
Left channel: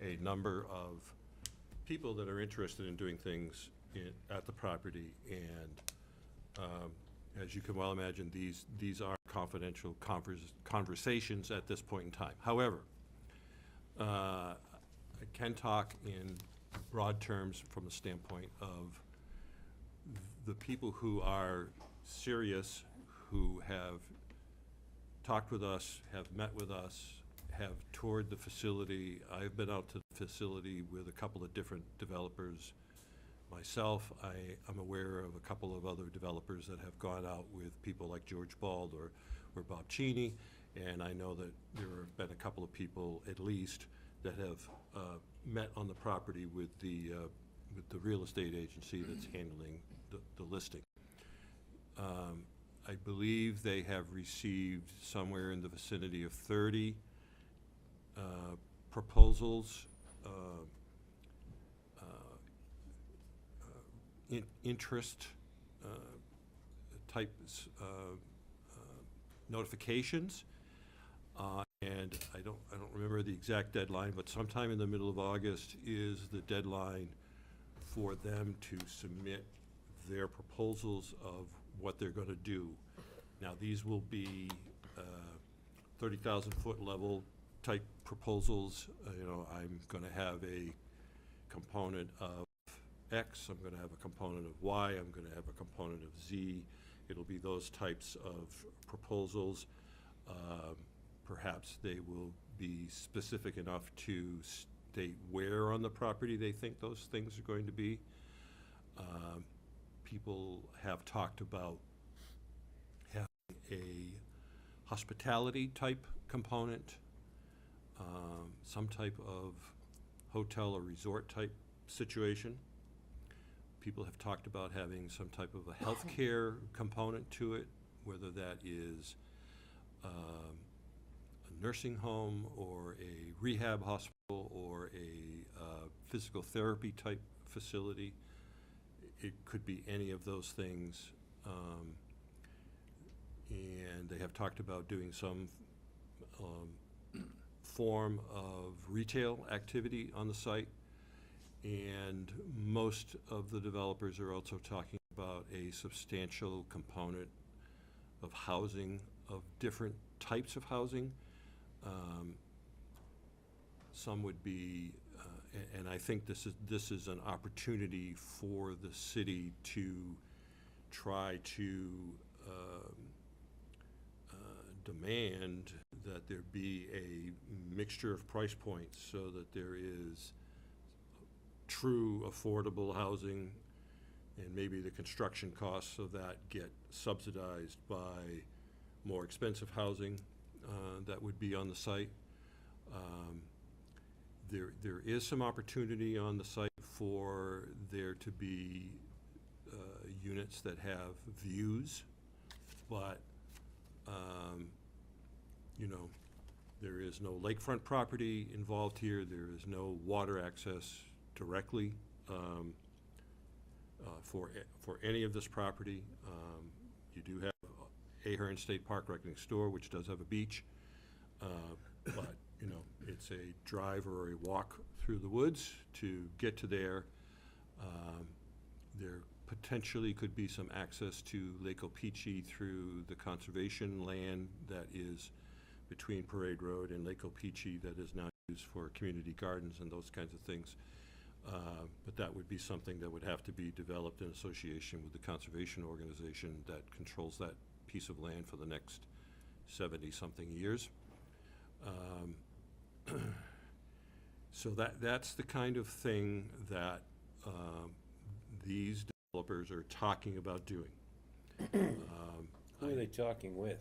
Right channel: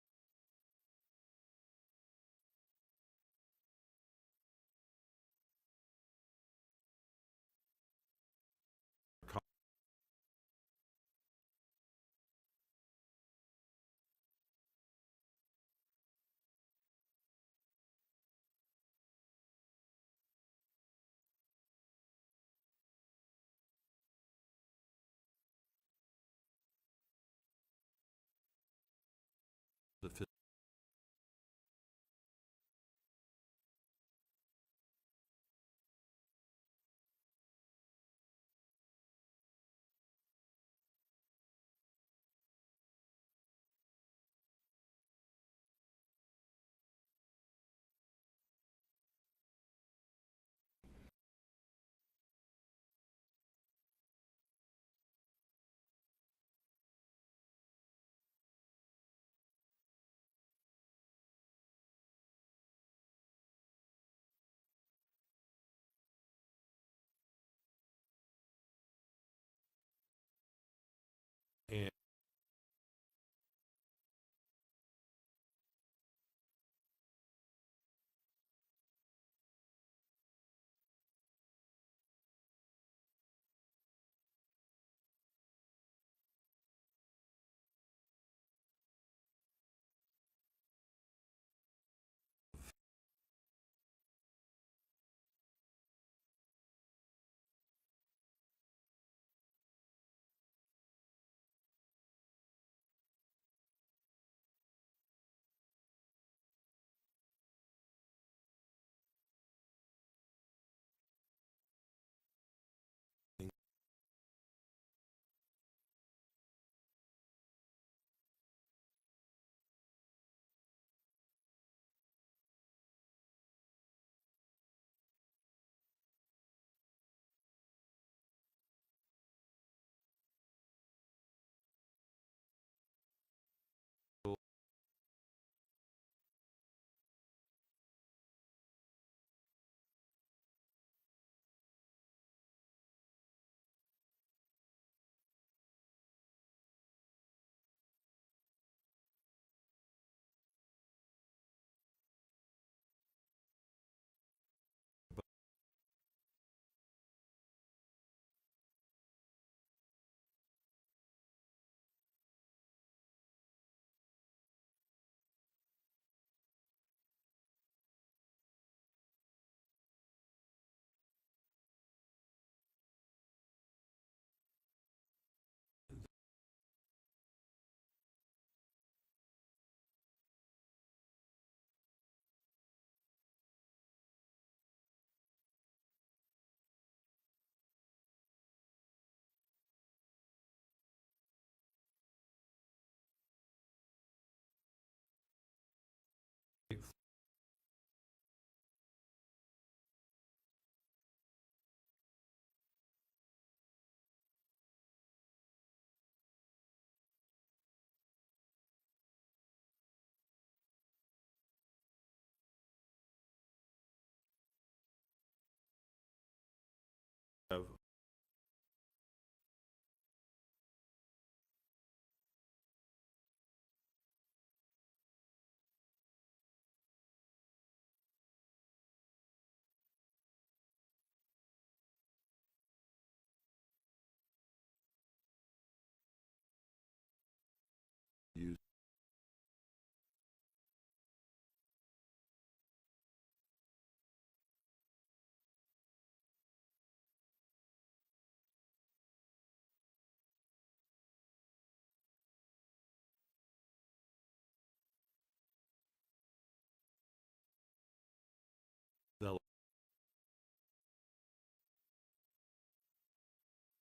a number of people that are interested in doing things at the property, and as you can well imagine, these are confidential conversations at this point in time. However, I can talk in broad terms from the standpoint of the people who are serious, who have talked with us, have met with us, have toured the facility. I've been out to the facility with a couple of different developers myself. I'm aware of a couple of other developers that have gone out with people like George Bald or Bob Cheney, and I know that there have been a couple of people at least that have met on the property with the real estate agency that's handling the listing. I believe they have received somewhere in the vicinity of 30 proposals, interest types notifications, and I don't remember the exact deadline, but sometime in the middle of August is the deadline for them to submit their proposals of what they're going to do. Now, these will be 30,000-foot level type proposals. I'm going to have a component of X, I'm going to have a component of Y, I'm going to have a component of Z. It'll be those types of proposals. Perhaps they will be specific enough to state where on the property they think those things are going to be. People have talked about having a hospitality type component, some type of hotel or resort type situation. People have talked about having some type of a healthcare component to it, whether that is a nursing home or a rehab hospital or a physical therapy type facility. It could be any of those things. And they have talked about doing some form of retail activity on the site. And most of the developers are also talking about a substantial component of housing, of different types of housing. Some would be, and I think this is an opportunity for the city to try to demand that there be a mixture of price points so that there is true affordable housing, and maybe the construction costs of that get subsidized by more expensive housing that would be on the site. There is some opportunity on the site for there to be units that have views, but you know, there is no lakefront property involved here, there is no water access directly for any of this property. You do have Ahern State Park right next door, which does have a beach, but, you know, it's a drive or a walk through the woods to get to there. There potentially could be some access to Lake Opeechee through the conservation land that is between Parade Road and Lake Opeechee that is now used for community gardens and those kinds of things. But that would be something that would have to be developed in association with the conservation organization that controls that piece of land for the next 70-something years. So that's the kind of thing that these developers are talking about doing. Who are they talking with?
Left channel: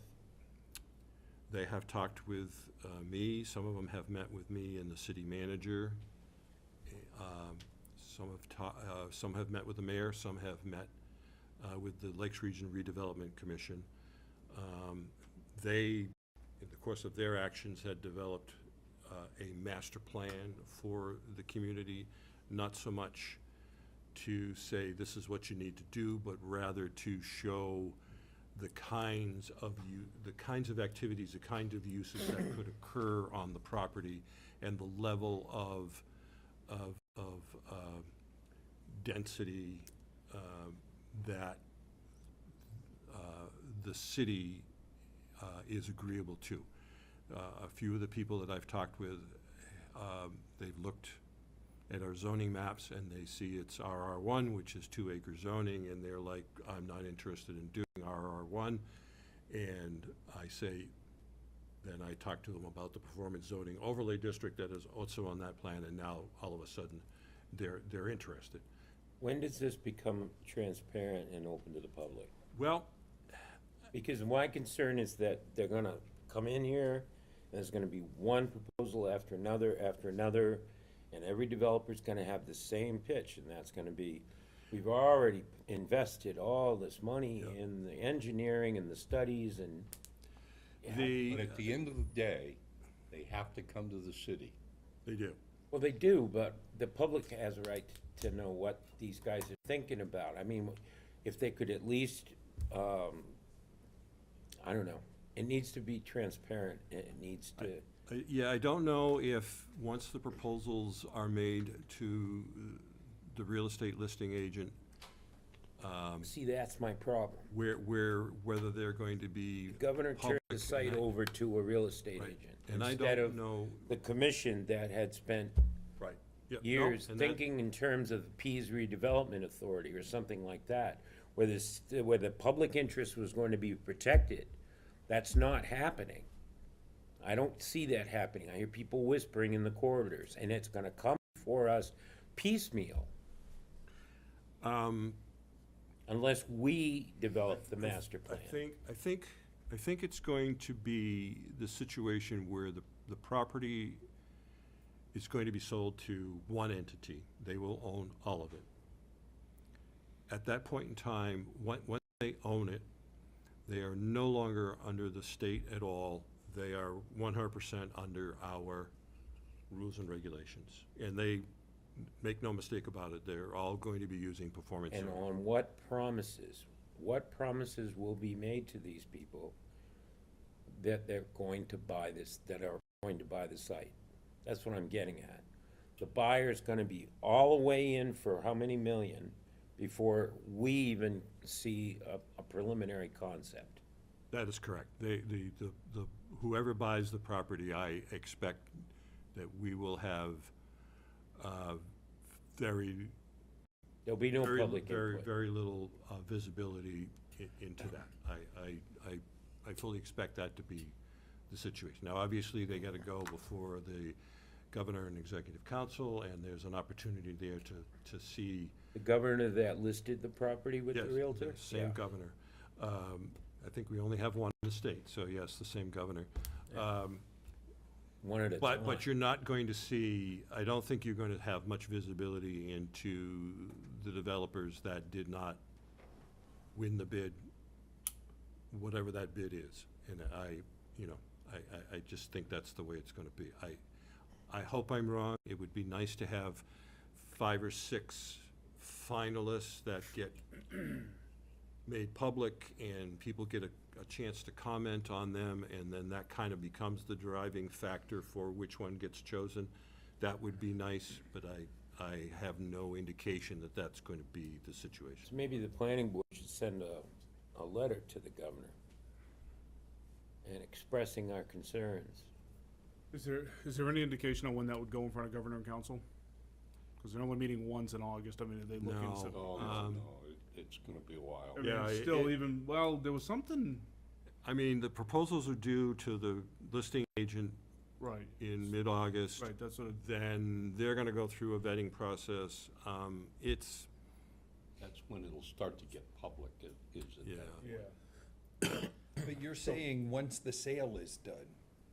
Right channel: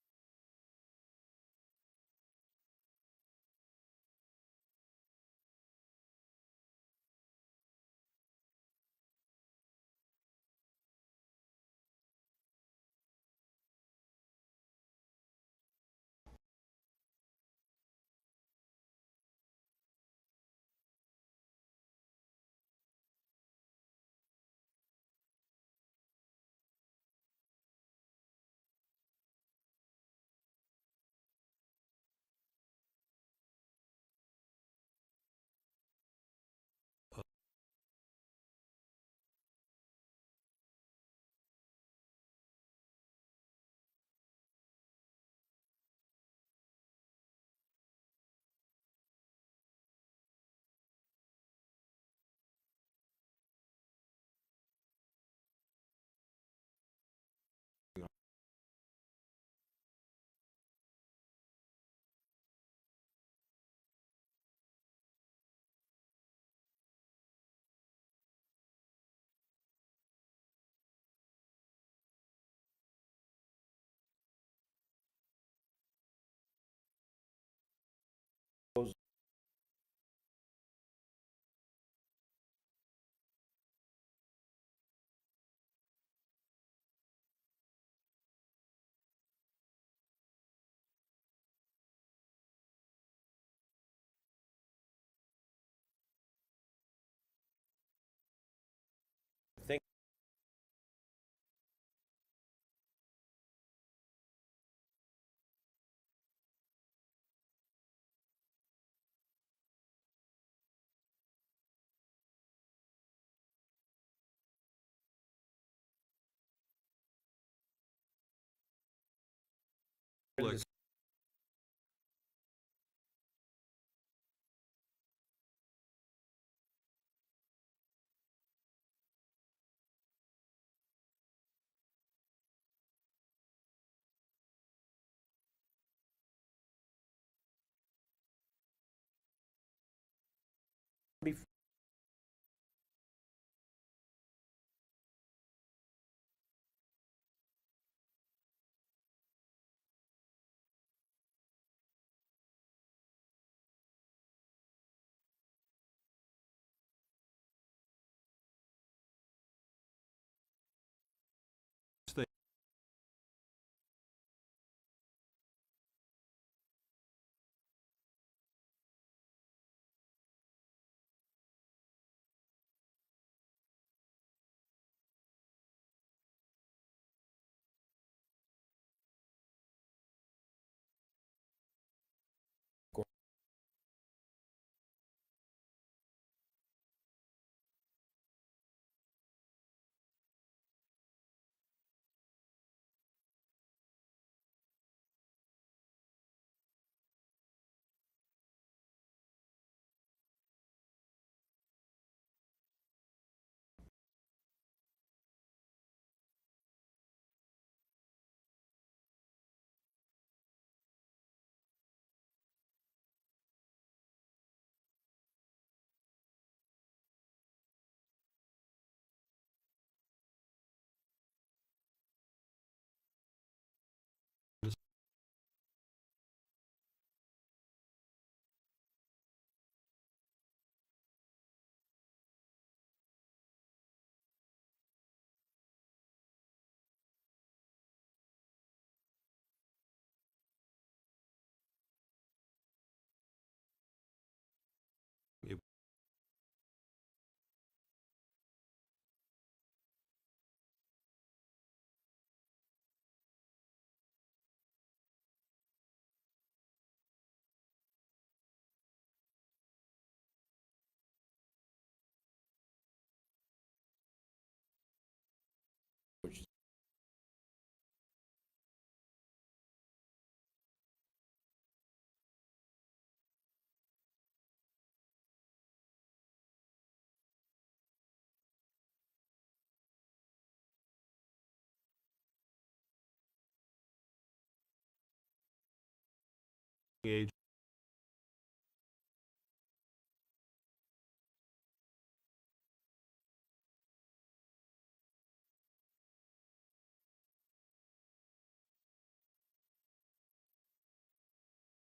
They have talked with me, some of them have met with me and the city manager. Some have met with the mayor, some have met with the Lakes Region Redevelopment Commission. They, in the course of their actions, had developed a master plan for the community, not so much to say this is what you need to do, but rather to show the kinds of activities, the kinds of uses that could occur on the property, and the level of density that the city is agreeable to. A few of the people that I've talked with, they've looked at our zoning maps and they see it's RR1, which is 2-acre zoning, and they're like, I'm not interested in doing RR1. And I say, then I talk to them about the performance zoning overlay district that is also on that plan, and now all of a sudden they're interested. When does this become transparent and open to the public? Well, because my concern is that they're gonna come in here, and there's gonna be one proposal after another, and every developer's gonna have the same pitch, and that's gonna be, we've already invested all this money in the engineering and the studies and. But at the end of the day, they have to come to the city. They do. Well, they do, but the public has a right to know what these guys are thinking about. I mean, if they could at least, I don't know, it needs to be transparent, it needs to. Yeah, I don't know if, once the proposals are made to the real estate listing agent. See, that's my problem. Whether they're going to be The governor turned the public, site and I- over to a real estate Right. agent. And I instead don't of know. the commission that had spent Right. Yep, no, years and that- thinking in terms of the Pease Redevelopment Authority or something like that, where the public interest was going to be protected. That's not happening. I don't see that happening. I hear people whispering in the corridors, and it's gonna come before us piecemeal. Unless we develop the master plan. I think it's going to be the situation where the property is going to be sold to one entity. They will own all of it. At that point in time, once they own it, they are no longer under the state at all. They are 100% under our rules and regulations. And they, make no mistake about it, they're all going to be using performance And zoning. on what promises will be made to these people that they're going to buy this, that are going to buy the site? That's what I'm getting at. The buyer's gonna be all the way in for how many million before we even see a preliminary concept? That is correct. Whoever buys the property, I expect that we will have There'll be no public input. very little visibility into that. I fully expect that to be the situation. Now, obviously, they gotta go before the governor and executive council, and there's an opportunity there to see. The governor that listed the property with the realtor? Yes, same governor. I think we only have one in the state, so yes, the same governor. One at a time. But you're not going to see, I don't think you're going to have much visibility into the developers that did not win the bid, whatever that bid is. And I just think that's the way it's gonna be. I hope I'm wrong. It would be nice to have 5 or 6 finalists that get made public and people get a chance to comment on them, and then that kind of becomes the driving factor for which one gets chosen. That would be nice, but I have no indication that that's going to be the situation. So maybe the planning board should send a letter to the governor and expressing our concerns. Is there any indication on when that would go in front of governor and council? Because they're only meeting once in August. I mean, are they looking? No. It's gonna be a while. I mean, still even, well, there was something. I mean, the proposals are due to the listing agent Right. in mid-August. Right, that's what. Then they're gonna go through a vetting process. That's when it'll start to get public, is it? Yeah. Yeah. But you're saying once the sale is done,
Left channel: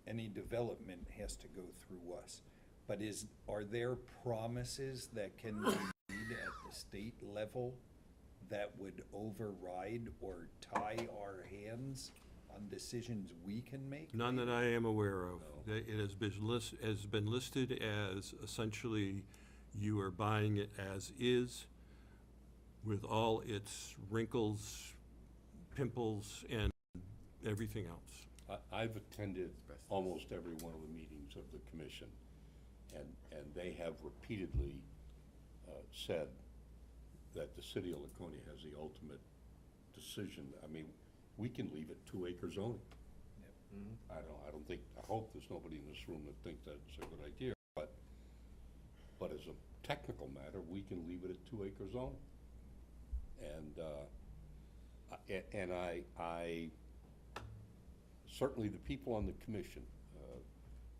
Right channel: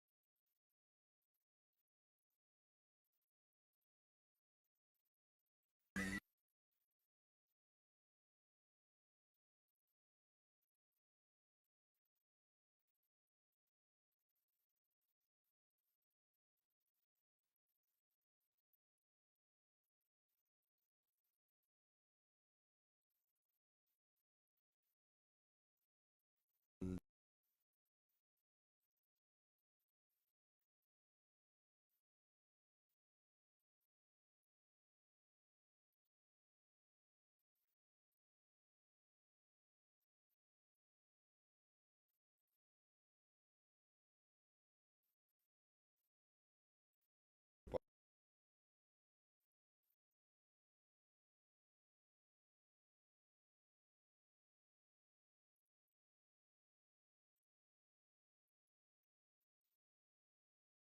any development has to go through us. But are there promises that can be made at the state level that would override or tie our hands on decisions we can make? None that I am aware of. It has been listed as essentially you are buying it as is with all its wrinkles, pimples, and everything else. I've attended almost every one of the meetings of the commission, and they have repeatedly said that the city of Laconia has the ultimate decision. I mean, we can leave it 2-acre zoning. I hope there's nobody in this room that thinks that's a good idea, but as a technical matter, we can leave it at 2-acre zoning. And I certainly the people on the commission,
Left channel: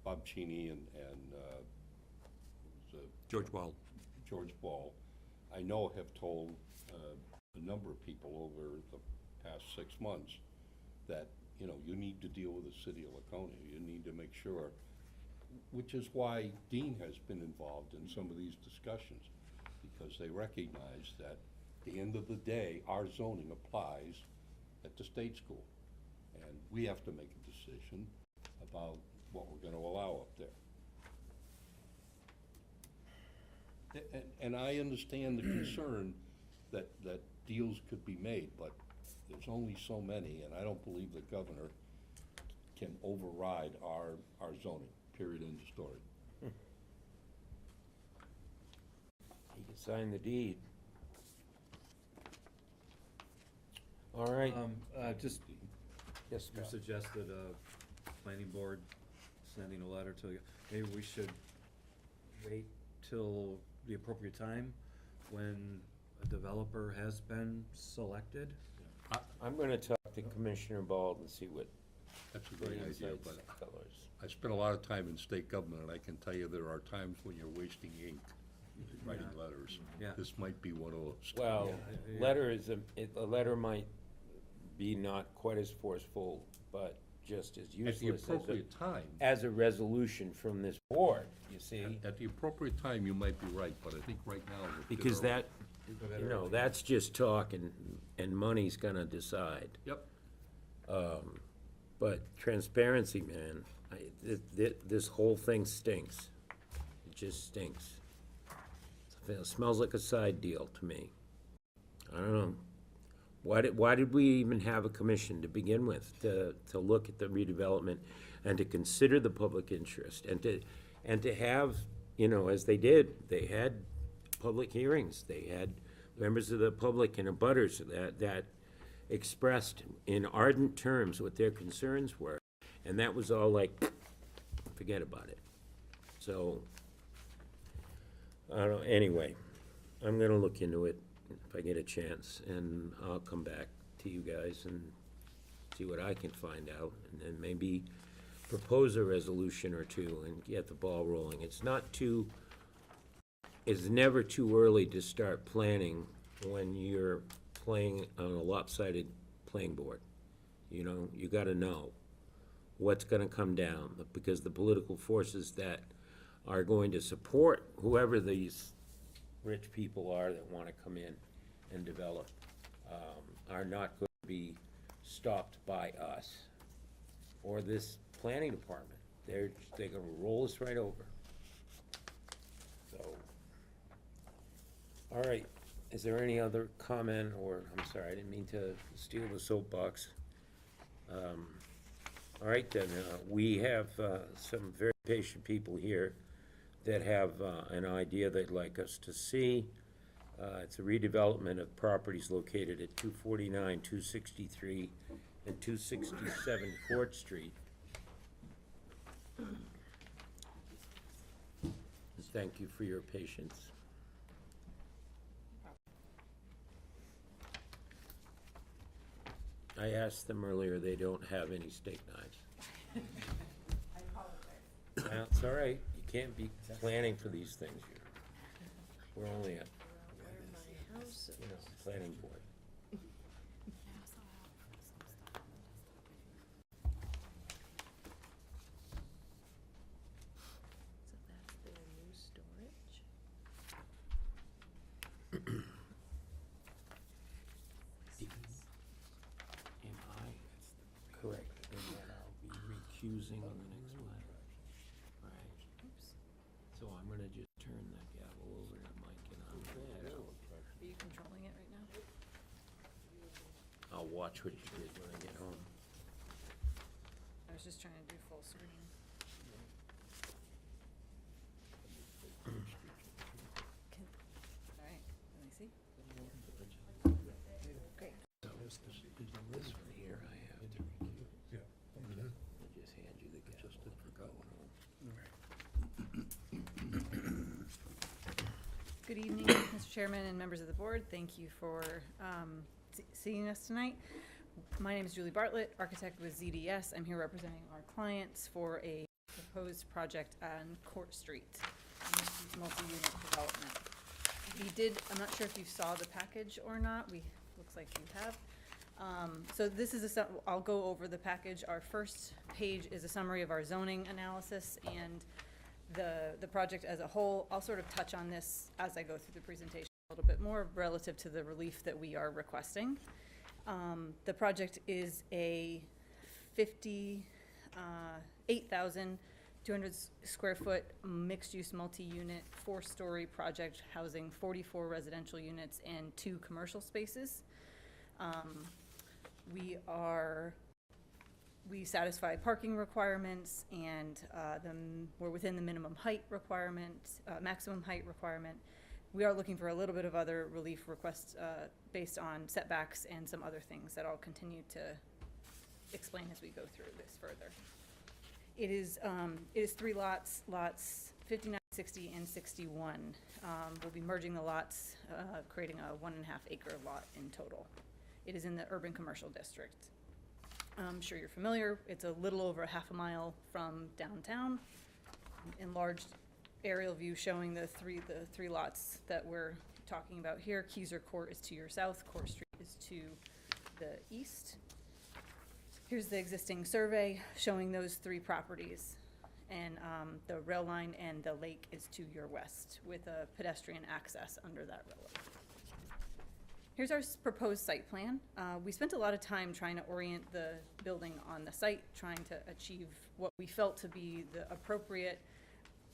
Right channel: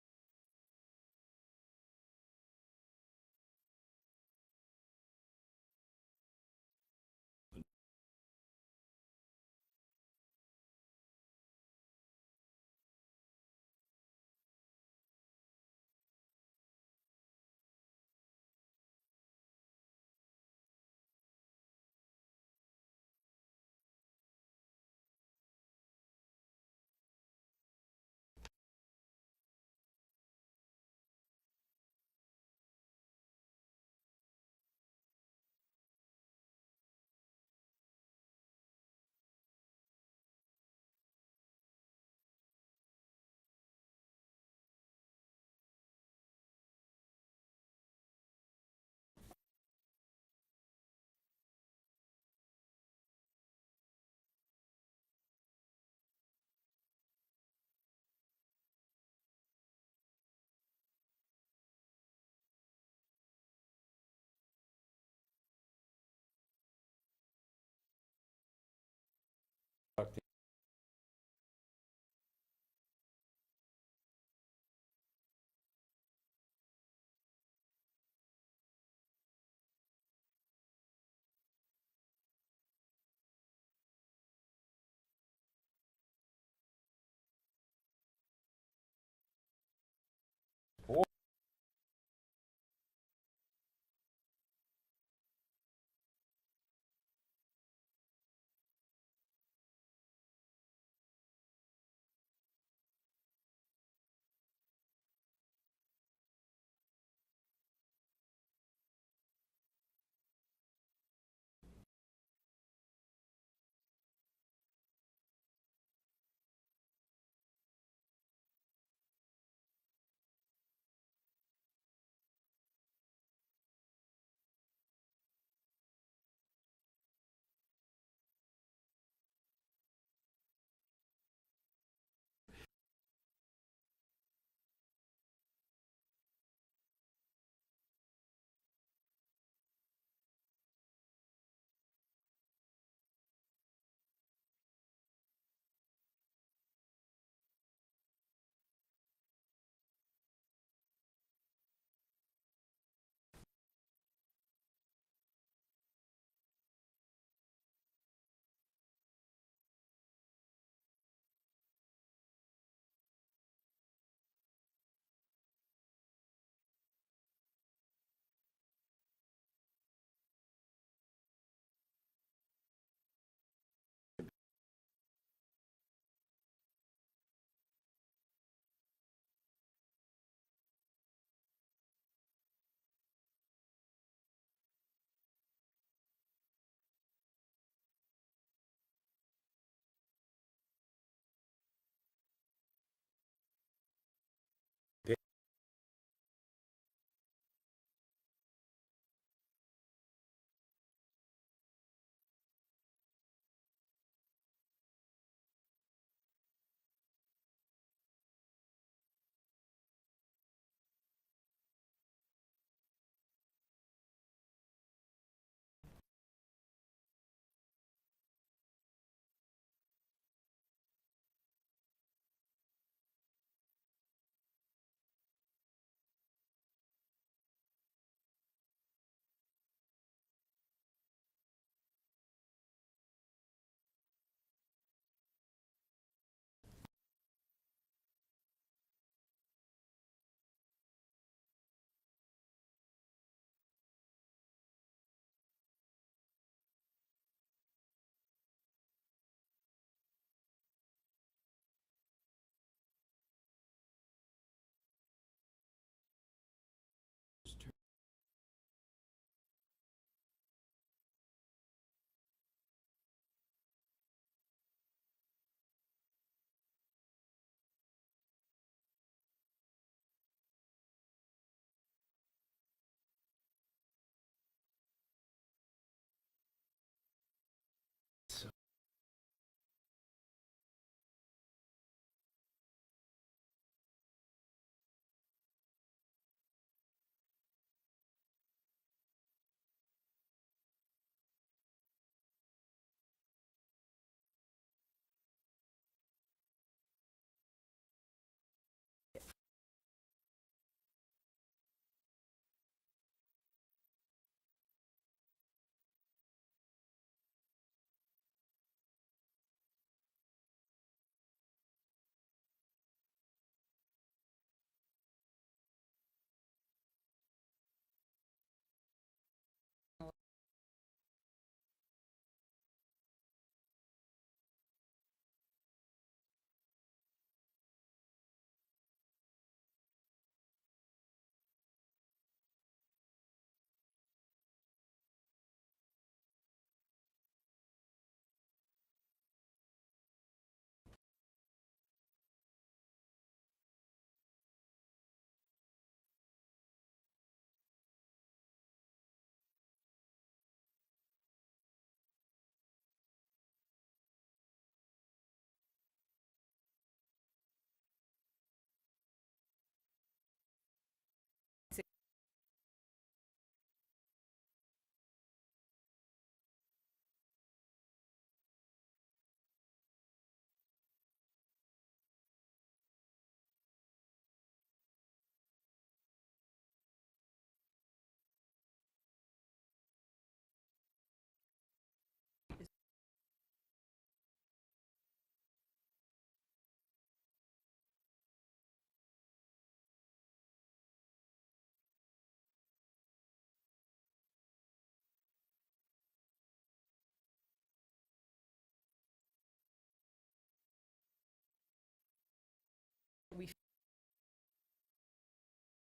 Bob Cheney and George Ball. George Ball, I know have told a number of people over the past 6 months that, you need to deal with the city of Laconia. You need to make sure, which is why Dean has been involved in some of these discussions, because they recognize that at the end of the day, our zoning applies at the state school. And we have to make a decision about what we're gonna allow up there. And I understand the concern that deals could be made, but there's only so many, and I don't believe the governor can override our zoning, period, end of story. He can sign the deed. All right. Just, Yes, you Scott. suggested planning board sending a letter to you. Maybe we should wait till the appropriate time when a developer has been selected. I'm gonna talk to Commissioner Bald and see what That's a great idea, insights but colors. I spent a lot of time in state government, and I can tell you there are times when you're wasting ink writing letters. Yeah. This might be one of those. Well, letter is, a letter might be not quite as forceful, but just as At the useless appropriate time. as a resolution from this board, you see? At the appropriate time, you might be right, but I think right now. is a bit Because early. that's just talk and money's gonna decide. Yep. But transparency, man, this whole thing stinks. It just stinks. It smells like a side deal to me. I don't know. Why did we even have a commission to begin with, to look at the redevelopment and to consider the public interest and to have, as they did, they had public hearings, they had members of the public and abutters that expressed in ardent terms what their concerns were, and that was all like, forget about it. So, I don't know, anyway, I'm gonna look into it if I get a chance, and I'll come back to you guys and see what I can find out, and then maybe propose a resolution or two and get the ball rolling. It's never too early to start planning when you're playing on a lopsided playing board. You gotta know what's gonna come down, because the political forces that are going to support whoever these rich people are that wanna come in and develop, are not going to be stopped by us or this planning department. They're gonna roll us right over. So, all right, is there any other comment, or, I'm sorry, I didn't mean to steal the soapbox. All right then, we have some very patient people here that have an idea they'd like us to see. It's a redevelopment of properties located at 249, 263, and 267 Court Street. Thank you for your patience. I asked them earlier, they don't have any steak knives. I apologize. Well, it's all right, you can't be planning for these things, you know. We're only a, you know, planning board. So that's their new storage? Am I correct in that I'll be recusing on the next one? Right. So I'm gonna just turn that gavel over to Mike and I'm that out. Are you controlling it right now? I'll watch what you did when I get home. I was just trying to do full screen. All right, let me see. Great. So, this one here I have to recuse. Yeah. I'll just hand you the gavel. Just forgot one. Good evening, Mr. Chairman and members of the board. Thank you for seeing us tonight. My name is Julie Bartlett, architect with ZDS. I'm here representing our clients for a proposed project on Court Street, multi-unit development. I'm not sure if you saw the package or not. Looks like you have. So this is I'll go over the package. Our first page is a summary of our zoning analysis and the project as a whole. I'll sort of touch on this as I go through the presentation a little bit more relative to the relief that we are requesting. The project is a 58,200 square foot mixed-use multi-unit 4-story project housing 44 residential units and 2 commercial spaces. We satisfy parking requirements, and we're within the minimum height requirement, maximum height requirement. We are looking for a little bit of other relief requests based on setbacks and some other things that I'll continue to explain as we go through this further. It is 3 lots, lots 59, 60, and 61. We'll be merging the lots, creating a 1.5 acre lot in total. It is in the urban commercial district. I'm sure you're familiar. It's a little over half a mile from downtown. Enlarged aerial view showing the three lots that we're talking about here. Keyser Court is to your south. Court Street is to the east. Here's the existing survey showing those 3 properties. And the rail line and the lake is to your west with a pedestrian access under that railway. Here's our proposed site plan. We spent a lot of time trying to orient the building on the site, trying to achieve what we felt to be the appropriate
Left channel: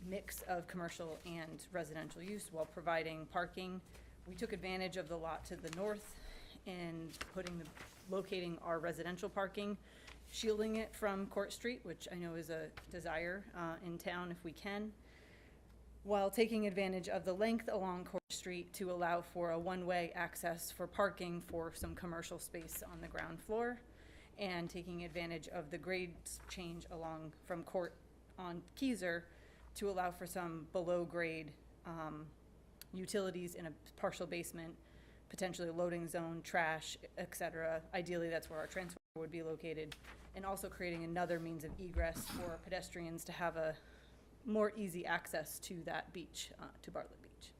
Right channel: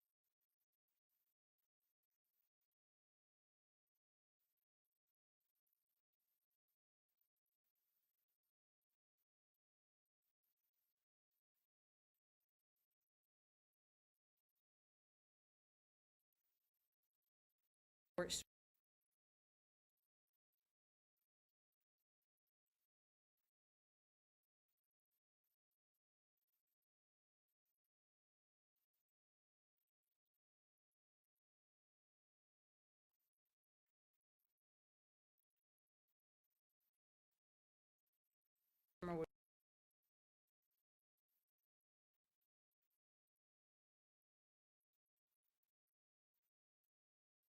mix of commercial and residential use while providing parking. We took advantage of the lot to the north and locating our residential parking, shielding it from Court Street, which I know is a desire in town if we can, while taking advantage of the length along Court Street to allow for a one-way access for parking for some commercial space on the ground floor, and taking advantage of the grade change along from Court on Keyser to allow for some below-grade utilities in a partial basement, potentially a loading zone, trash, etc. Ideally, that's where our transformer would be located, and also creating another means of egress for pedestrians to have a more easy access to that beach, to Bartlett Beach.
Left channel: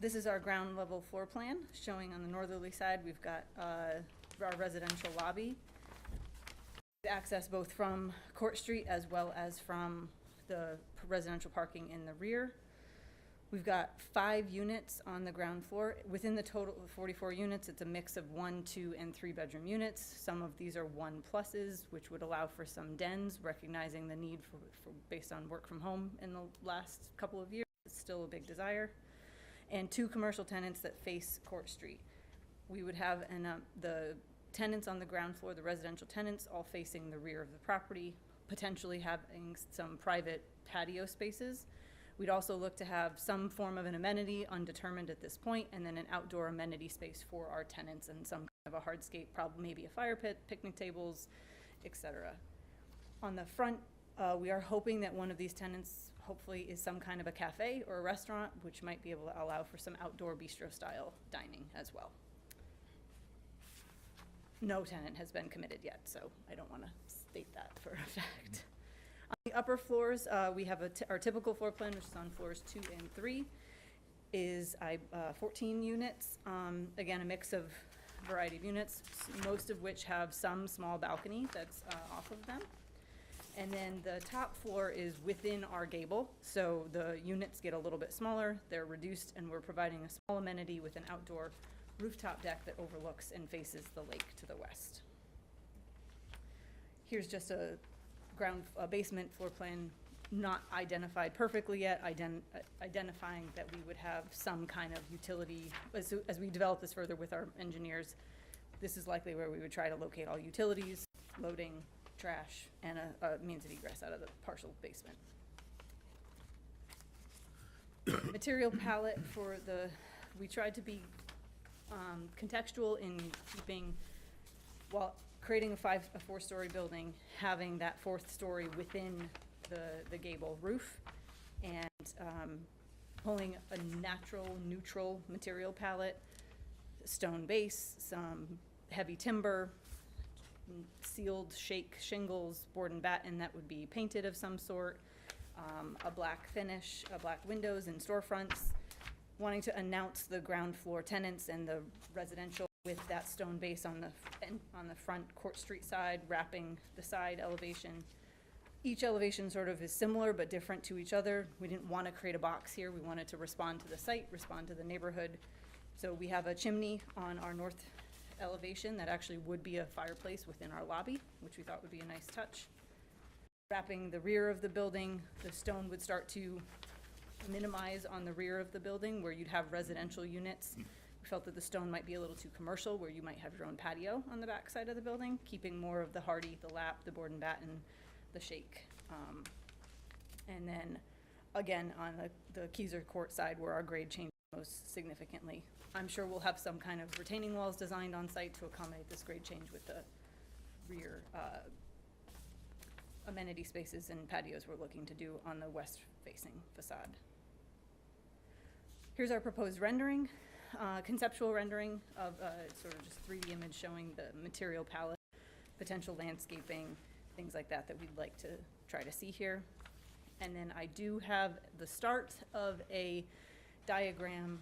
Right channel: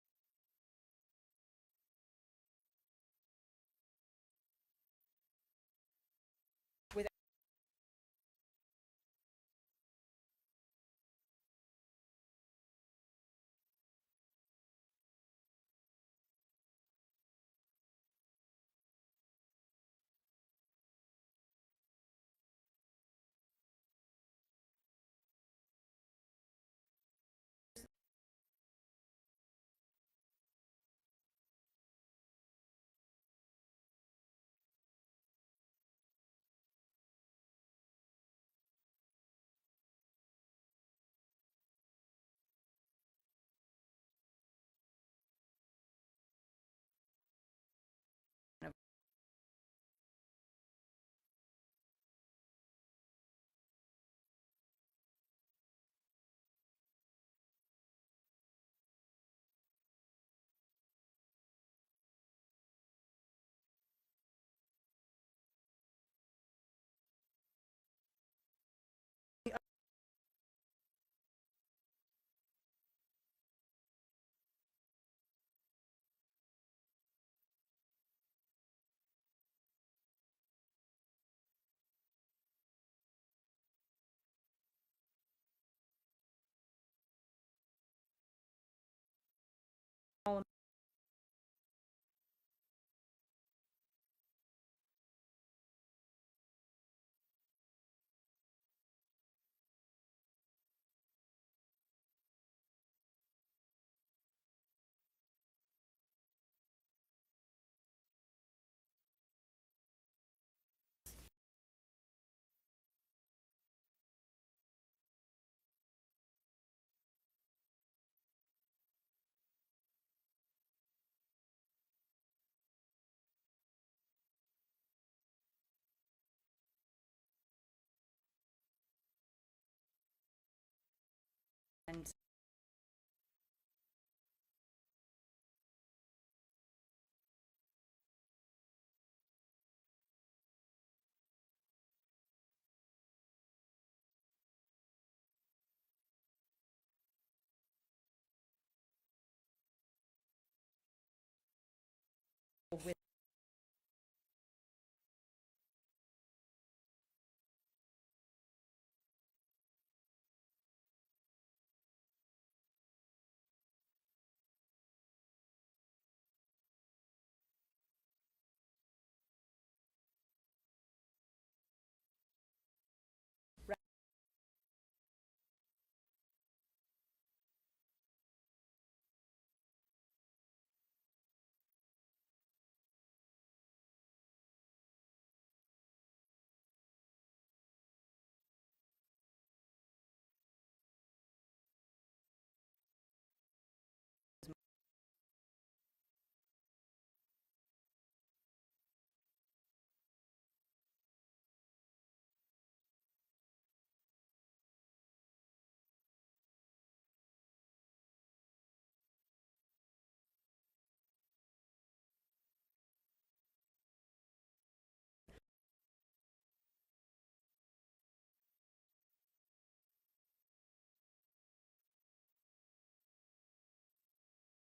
This is our ground level floor plan showing on the northerly side. We've got our residential lobby with access both from Court Street as well as from the residential parking in the rear. We've got 5 units on the ground floor. Within the total of 44 units, it's a mix of 1, 2, and 3-bedroom units. Some of these are 1+s, which would allow for some dens, recognizing the need for based on work from home in the last couple of years. It's still a big desire. And 2 commercial tenants that face Court Street. We would have the tenants on the ground floor, the residential tenants, all facing the rear of the property, potentially having some private patio spaces. We'd also look to have some form of an amenity, undetermined at this point, and then an outdoor amenity space for our tenants and some kind of a hardscape, probably maybe a fire pit, picnic tables, etc. On the front, we are hoping that one of these tenants hopefully is some kind of a cafe or a restaurant, which might be able to allow for some outdoor bistro-style dining as well. No tenant has been committed yet, so I don't want to state that for a fact. On the upper floors, we have our typical floor plan, which is on floors 2 and 3, is 14 units. Again, a mix of variety of units, most of which have some small balcony that's off of them. And then the top floor is within our gable, so the units get a little bit smaller, they're reduced, and we're providing a small amenity with an outdoor rooftop deck that overlooks and faces the lake to the west. Here's just a basement floor plan, not identified perfectly yet, identifying that we would have some kind of utility. As we develop this further with our engineers, this is likely where we would try to locate all utilities, loading, trash, and a means of egress out of the partial basement. Material palette for we tried to be contextual in keeping, while creating a 4-story building, having that 4th story within the gable roof, and pulling a natural, neutral material palette, stone base, some heavy timber, sealed shake shingles, board and batten that would be painted of some sort, a black finish, black windows and storefronts, wanting to announce the ground floor tenants and the residential with that stone base on the front Court Street side, wrapping the side elevation. Each elevation sort of is similar but different to each other. We didn't want to create a box here. We wanted to respond to the site, respond to the neighborhood. So we have a chimney on our north elevation that actually would be a fireplace within our lobby, which we thought would be a nice touch. Wrapping the rear of the building, the stone would start to minimize on the rear of the building where you'd have residential units. We felt that the stone might be a little too commercial, where you might have your own patio on the back side of the building, keeping more of the hardy, the lap, the board and batten, the shake. And then again, on the Keyser Court side where our grade changes most significantly. I'm sure we'll have some kind of retaining walls designed on site to accommodate this grade change with the rear amenity spaces and patios we're looking to do on the west-facing facade. Here's our proposed rendering, conceptual rendering of sort of just 3D image showing the material palette, potential landscaping, things like that we'd like to try to see here. And then I do have the start of a diagram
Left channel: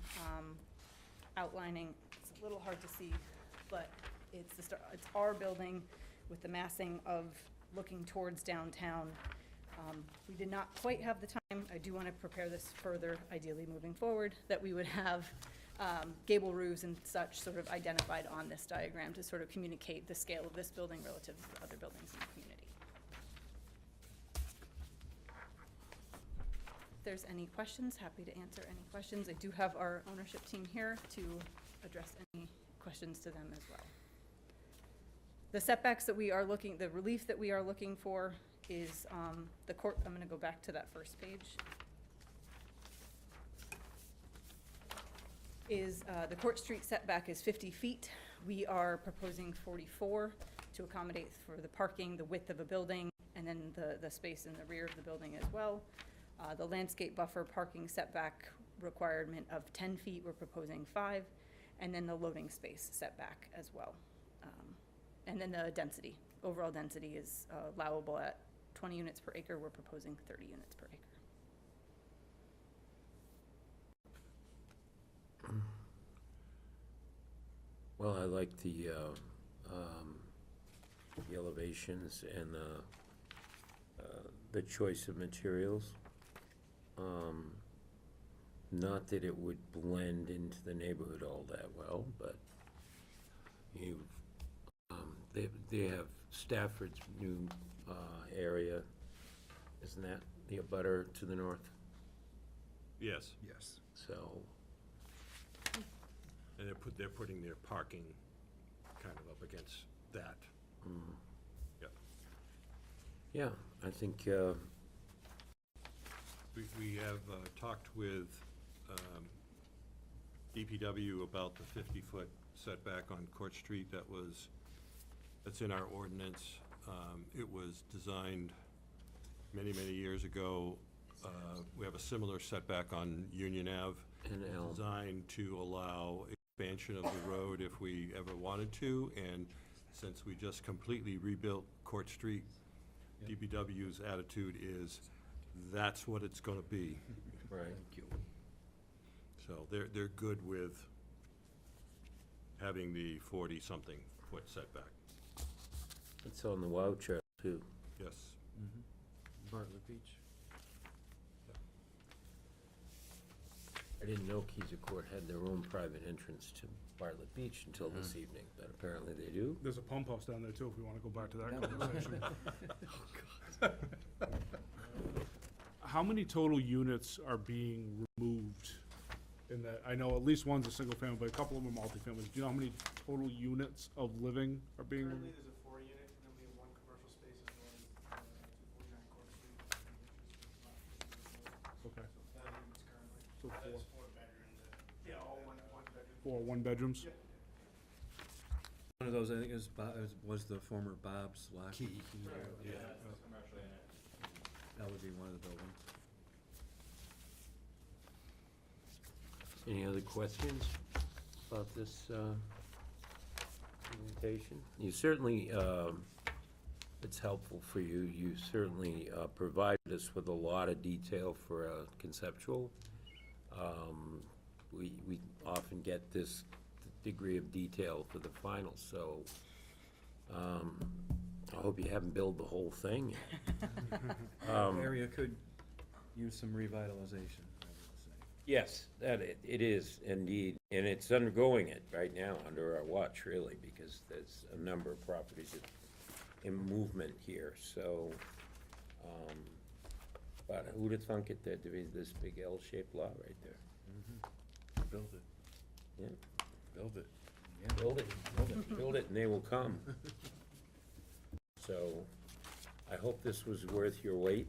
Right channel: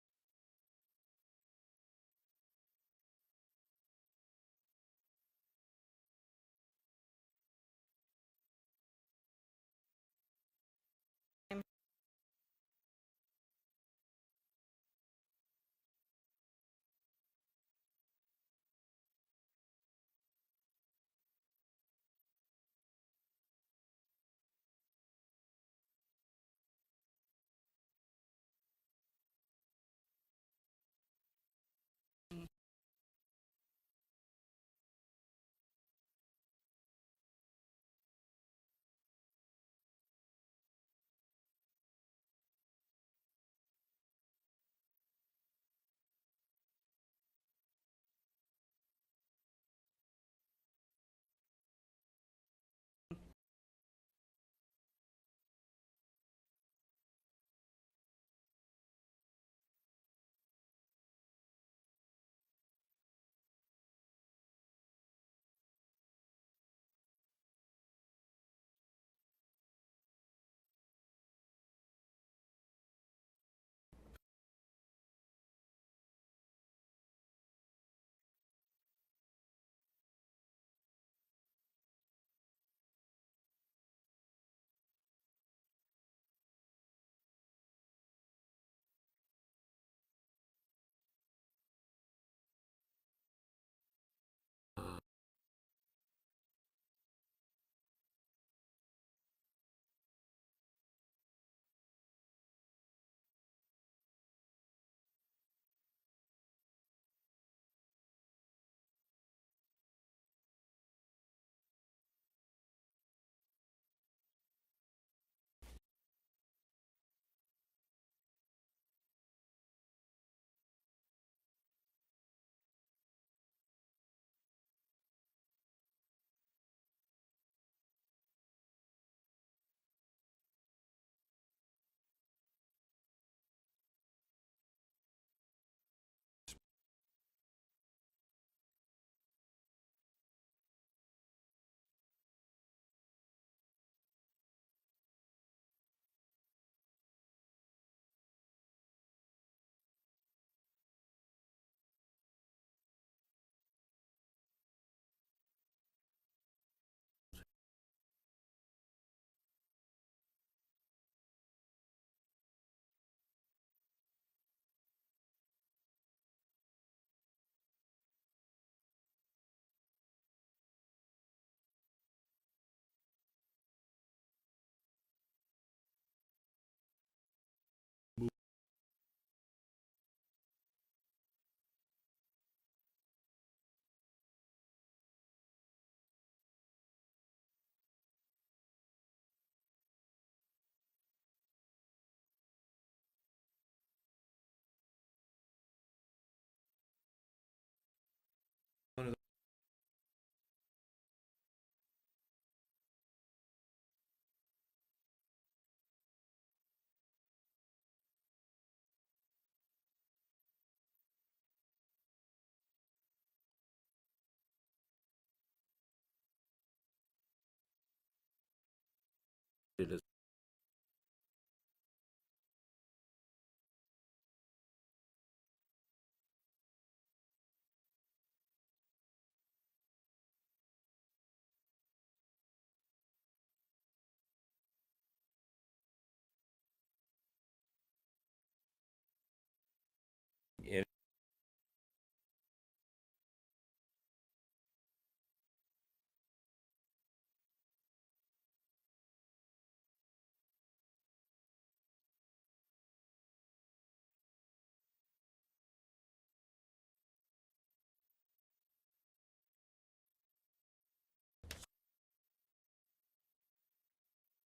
outlining, it's a little hard to see, but it's our building with the massing of looking towards downtown. We did not quite have the time. I do want to prepare this further, ideally moving forward, that we would have gable roofs and such sort of identified on this diagram to sort of communicate the scale of this building relative to the other buildings in the community. If there's any questions, happy to answer any questions. I do have our ownership team here to address any questions to them as well. The setbacks that we are looking, the relief that we are looking for is the court. I'm going to go back to that first page. Is the Court Street setback is 50 feet. We are proposing 44 to accommodate for the parking, the width of a building, and then the space in the rear of the building as well. The landscape buffer parking setback requirement of 10 feet, we're proposing 5, and then the loading space setback as well. And then the density, overall density is allowable at 20 units per acre. We're proposing 30 units per acre. Well, I like the elevations and the choice of materials. Not that it would blend into the neighborhood all that well, but you, they have Stafford's new area, isn't that the abutter to the north? Yes, Yes. So, and they're putting their parking kind of up against that. Yep. yeah, I think, We have talked with DPW about the 50-foot setback on Court Street that's in our ordinance. It was designed many, many years ago. We have a similar setback on Union Ave. And Elm. Designed to allow expansion of the road if we ever wanted to, and since we just completely rebuilt Court Street, DPW's attitude is, that's what it's gonna be. right. So they're good with having the 40-something foot setback. It's on the WOW chart too. Yes. Bartlett Beach. I didn't know Keyser Court had their own private entrance to Bartlett Beach until this evening, but apparently they do. There's a pump house down there too, if we wanna go back to that conversation. How many total units are being removed in that? I know at least one's a single family, but a couple of them are multifamilies. Do you know how many total units of living are being removed? Currently, there's a 4-unit, and then we have 1 commercial space as well as 249 Court Street, which is Okay. so 4 units currently. So That four. is 4 bedroom. Yeah, all one bedroom. 4 one-bedrooms? Yeah. One of those, I think, was the former Bob's Lock. Key. Yeah, that would be one of the buildings. Any other questions about this presentation? You certainly, it's helpful for you. You certainly provided us with a lot of detail for a conceptual. We often get this degree of detail for the final, so I hope you haven't built the whole thing yet. Area could use some revitalization, I would say. Yes, it is indeed, and it's undergoing it right now under our watch, really, because there's a number of properties in movement here, so, but who'd have thunk it, there'd be this big L-shaped lot right there? Build it. Yeah, Build it. build it, and they will come. So, I hope this was worth your wait.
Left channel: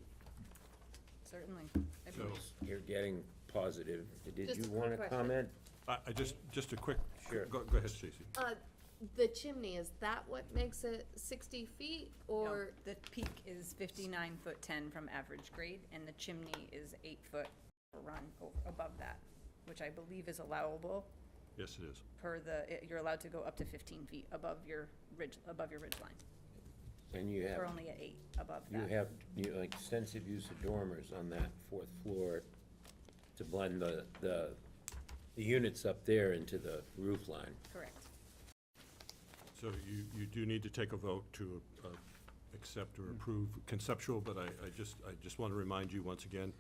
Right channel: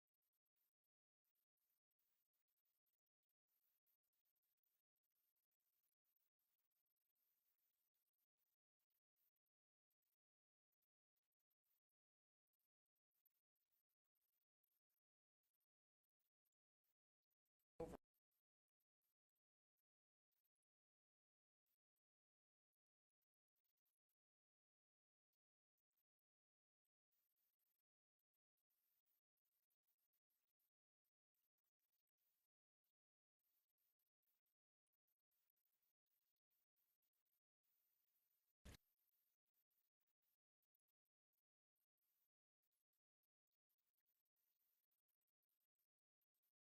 Certainly. I So, mean, You're getting positive. Did Just you a quick want to question. comment? I just a quick, Sure. go ahead, Stacy. The chimney, is that what makes it 60 feet, no, or? the peak is 59'10" from average grade, and the chimney is 8 foot overrun above that, which I believe is allowable Yes, it is. per you're allowed to go up to 15 feet above your ridge line. And you We're have, only at 8 above you that. have, extensive use of dormers on that 4th floor to blend the units up there into the roof line. Correct. So you do need to take a vote to accept or approve conceptual, but I just want to remind you once again,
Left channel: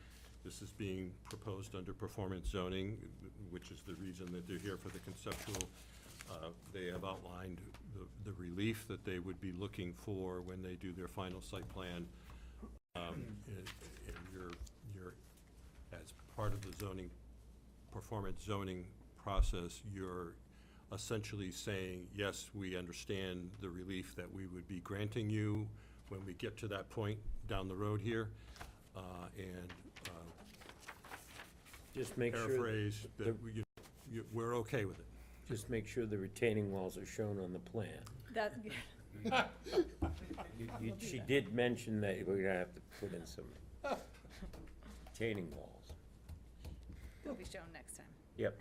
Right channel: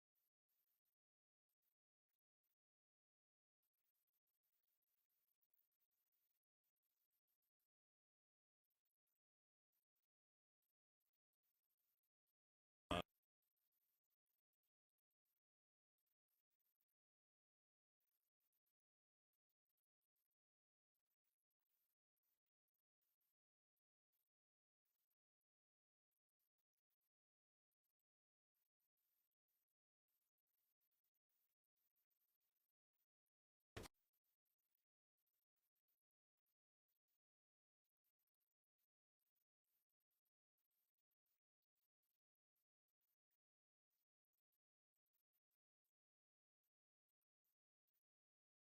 this is being proposed under performance zoning, which is the reason that they're here for the conceptual. They have outlined the relief that they would be looking for when they do their final site plan. And you're, as part of the zoning, performance zoning process, you're essentially saying, yes, we understand the relief that we would be granting you when we get to that point down the road here. And Just make sure. paraphrase, the- that we're okay with it. Just make sure the retaining walls are shown on the plan. That, She did mention that we're gonna have to put in some retaining walls. will be shown next time. Yep.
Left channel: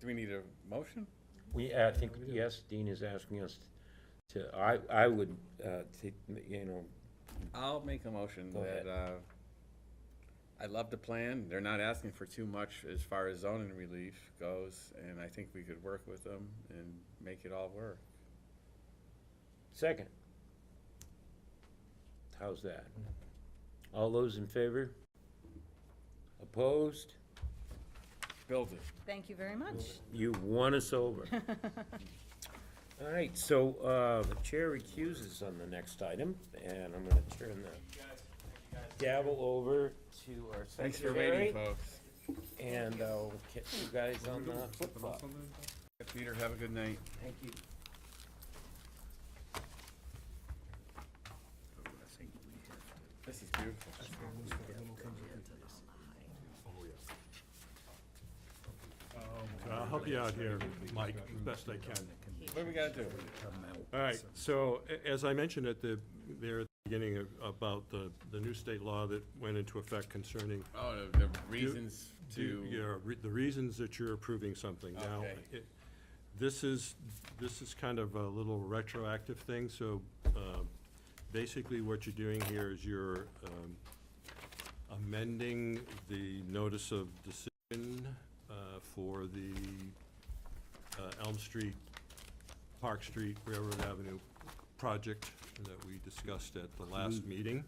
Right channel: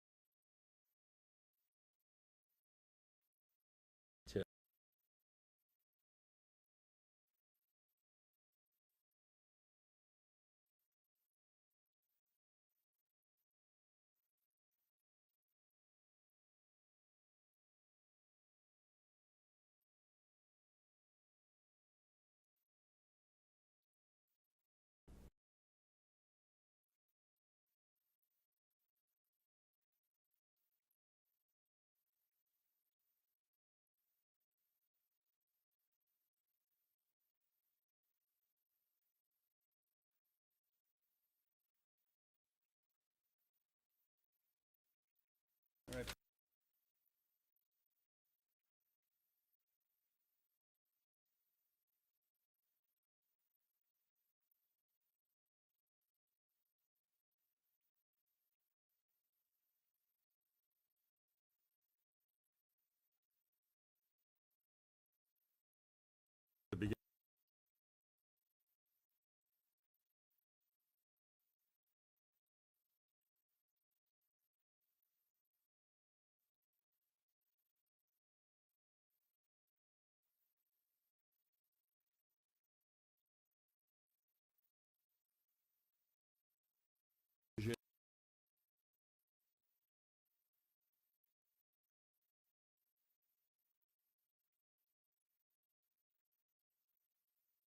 Do we need a motion? I think, yes, Dean is asking us to, I would, I'll make a motion Go that, I love the plan. They're not asking for too much as far as zoning relief goes, and I think we could work with them and make it all work. second. How's that? All those in favor? Opposed? Build it. Thank you very much. You won us over. All right, so, the chair recuses on the next item, and I'm gonna turn the gavel over to our Thanks for secretary. waiting, folks. And I'll catch you guys on the flip flop. All right, Peter, have a good night. Thank you. This is beautiful. I'll help you out here, Mike, as best I can. What do we gotta do? All right, so as I mentioned at the beginning about the new state law that went into effect concerning. Oh, the reasons to. The reasons that you're approving something. Now, Okay. this is kind of a little retroactive thing, so basically what you're doing here is you're amending the notice of decision for the Elm Street, Park Street, Railroad Avenue project that we discussed at the last meeting.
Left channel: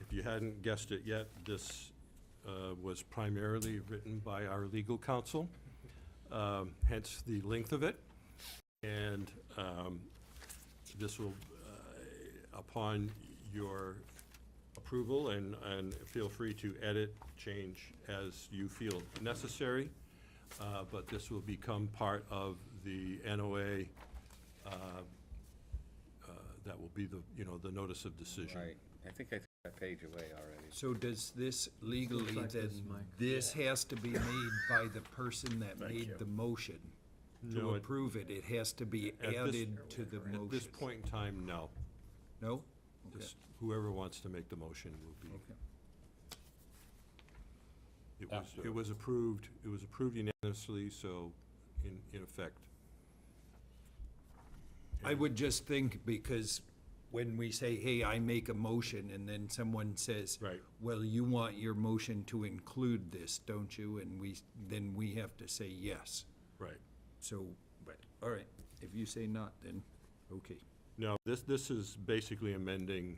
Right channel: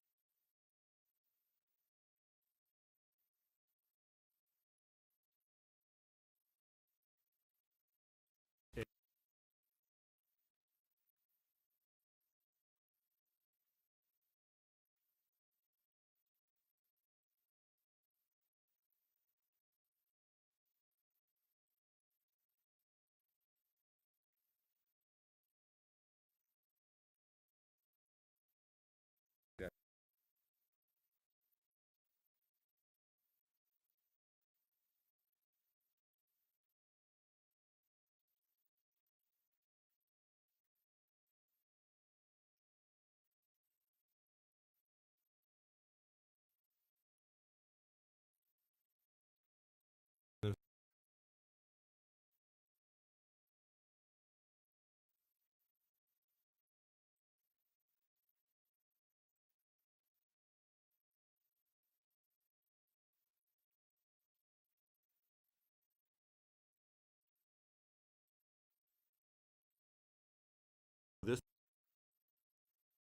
If you hadn't guessed it yet, this was primarily written by our legal counsel, hence the length of it. And this will, upon your approval, and feel free to edit, change as you feel necessary, but this will become part of the NOA that will be the notice of decision. Right, I think I threw that page away already. So does this legally, Looks like then, this, Mike. this has to be made by the person that Thank made you. the motion? No, To it- approve it, it has to be At this- added to the motion? At this point in time, no. No? Okay. Just whoever wants to make the motion will be. Okay. It was approved unanimously, so in effect. I would just think, because when we say, hey, I make a motion, and then someone says, Right. well, you want your motion to include this, don't you? And then we have to say yes. Right. So, but, all right, if you say not, then, okay. No, this is basically amending,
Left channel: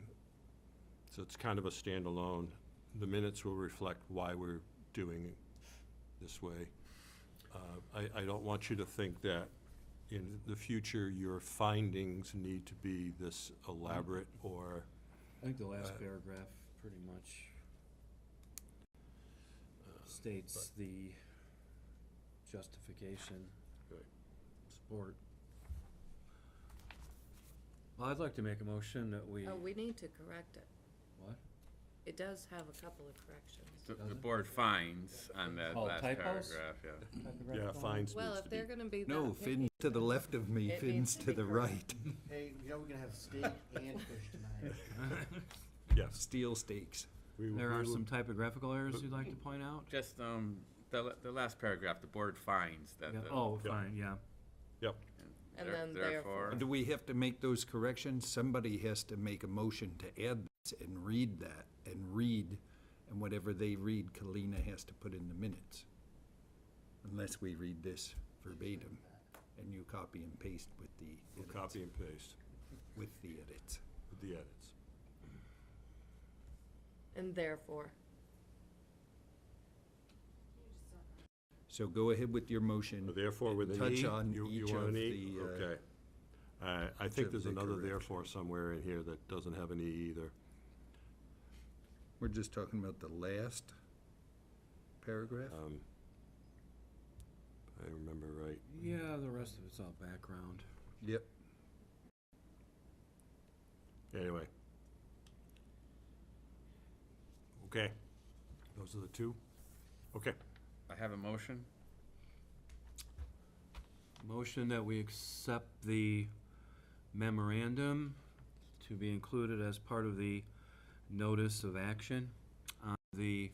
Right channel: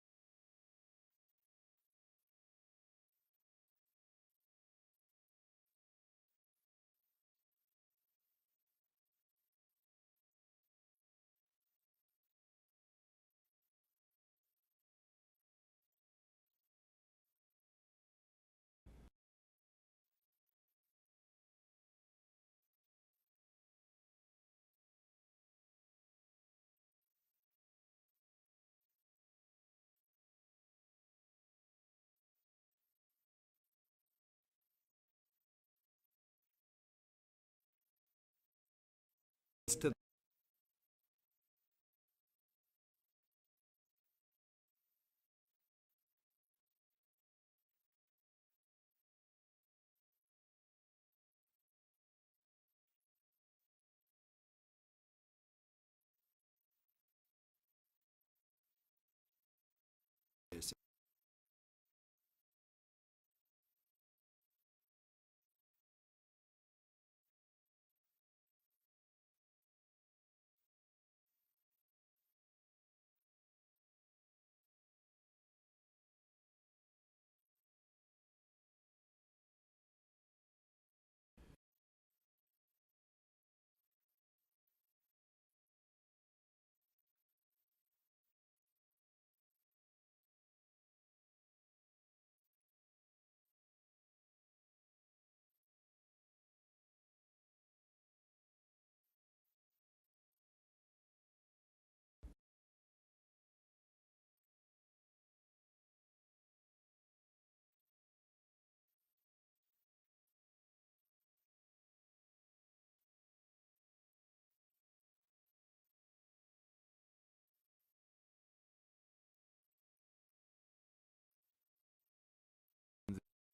so it's kind of a standalone. The minutes will reflect why we're doing it this way. I don't want you to think that in the future, your findings need to be this elaborate or. I think the last paragraph pretty much states the justification, support. Well, I'd like to make a motion that we, Oh, we need to correct it. what? It does have a couple of corrections. The board finds on that Oh, last typos? paragraph, yeah. Yeah, fines Well, needs if to be. they're gonna be No, that fins picky, to the left of me, it fins needs to be the correct. right. Hey, you know we're gonna have steak and fish tonight. Yes. Steel stakes. There are some typographical errors you'd like to point out? Just, the last paragraph, the board finds that. Yeah. the- Oh, Yeah. fine, yeah. Yep. And then therefore. Do we have to make those corrections? Somebody has to make a motion to add this and read that, and whatever they read, Kalina has to put in the minutes. Unless we read this verbatim, and you copy and paste with the We'll edits. copy and paste With the edits. with the edits. And therefore. So go ahead with your motion. Therefore, with an E, Touch on you each want of an E? the, Okay. I think of there's the another corrections. therefore somewhere in here that doesn't have an E either. We're just talking about the last paragraph? If I remember right. Yeah, the rest of it's all background. Yep. Anyway. Okay. Those are the two? Okay. I have a motion. Motion that we accept the memorandum to be included as part of the notice of action on the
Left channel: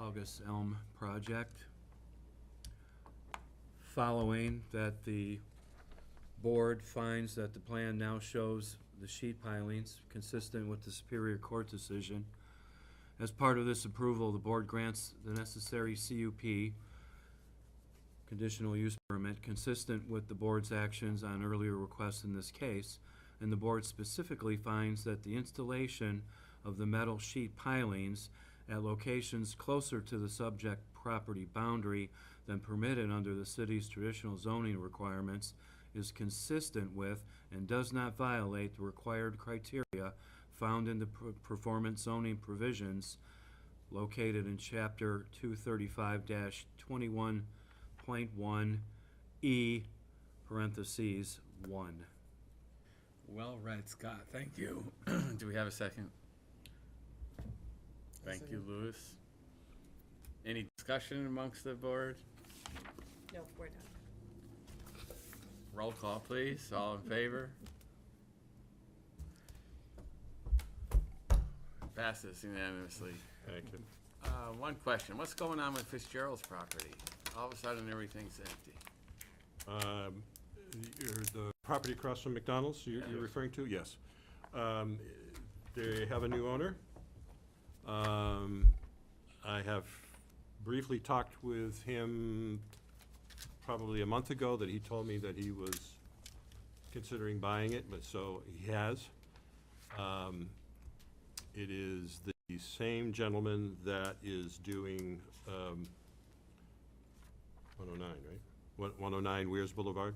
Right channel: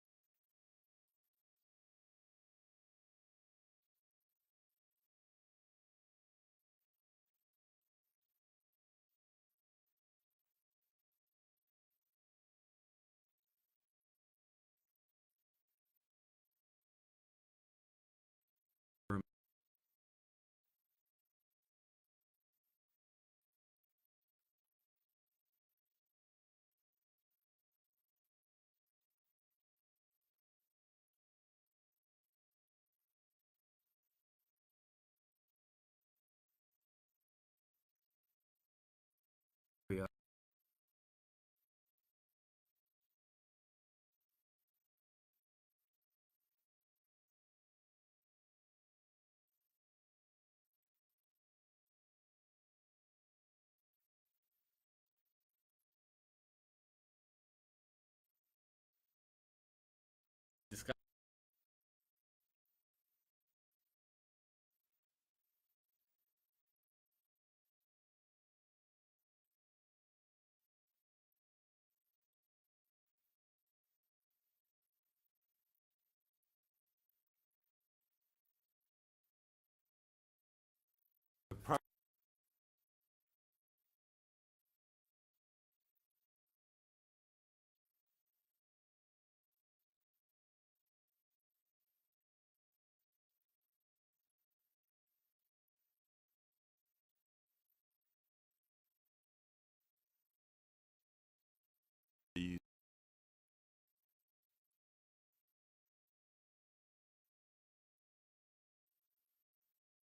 August Elm project, following that the board finds that the plan now shows the sheet pilings consistent with the Superior Court decision. As part of this approval, the board grants the necessary CUP, conditional use permit, consistent with the board's actions on earlier requests in this case, and the board specifically finds that the installation of the metal sheet pilings at locations closer to the subject property boundary than permitted under the city's traditional zoning requirements is consistent with and does not violate the required criteria found in the performance zoning provisions located in chapter 235-21.1E, parentheses, 1. Well read, Scott, thank you. Do we have a second? Thank you, Louis. Any discussion amongst the board? No, we're done. Roll call, please. All in favor? Passes unanimously. Thank you. One question. What's going on with Fitzgerald's property? All of a sudden, everything's empty. The property across from McDonald's, you're referring to? Yes. They have a new owner. I have briefly talked with him probably a month ago that he told me that he was considering buying it, but so he has. It is the same gentleman that is doing 109, right? 109 Weirs Boulevard?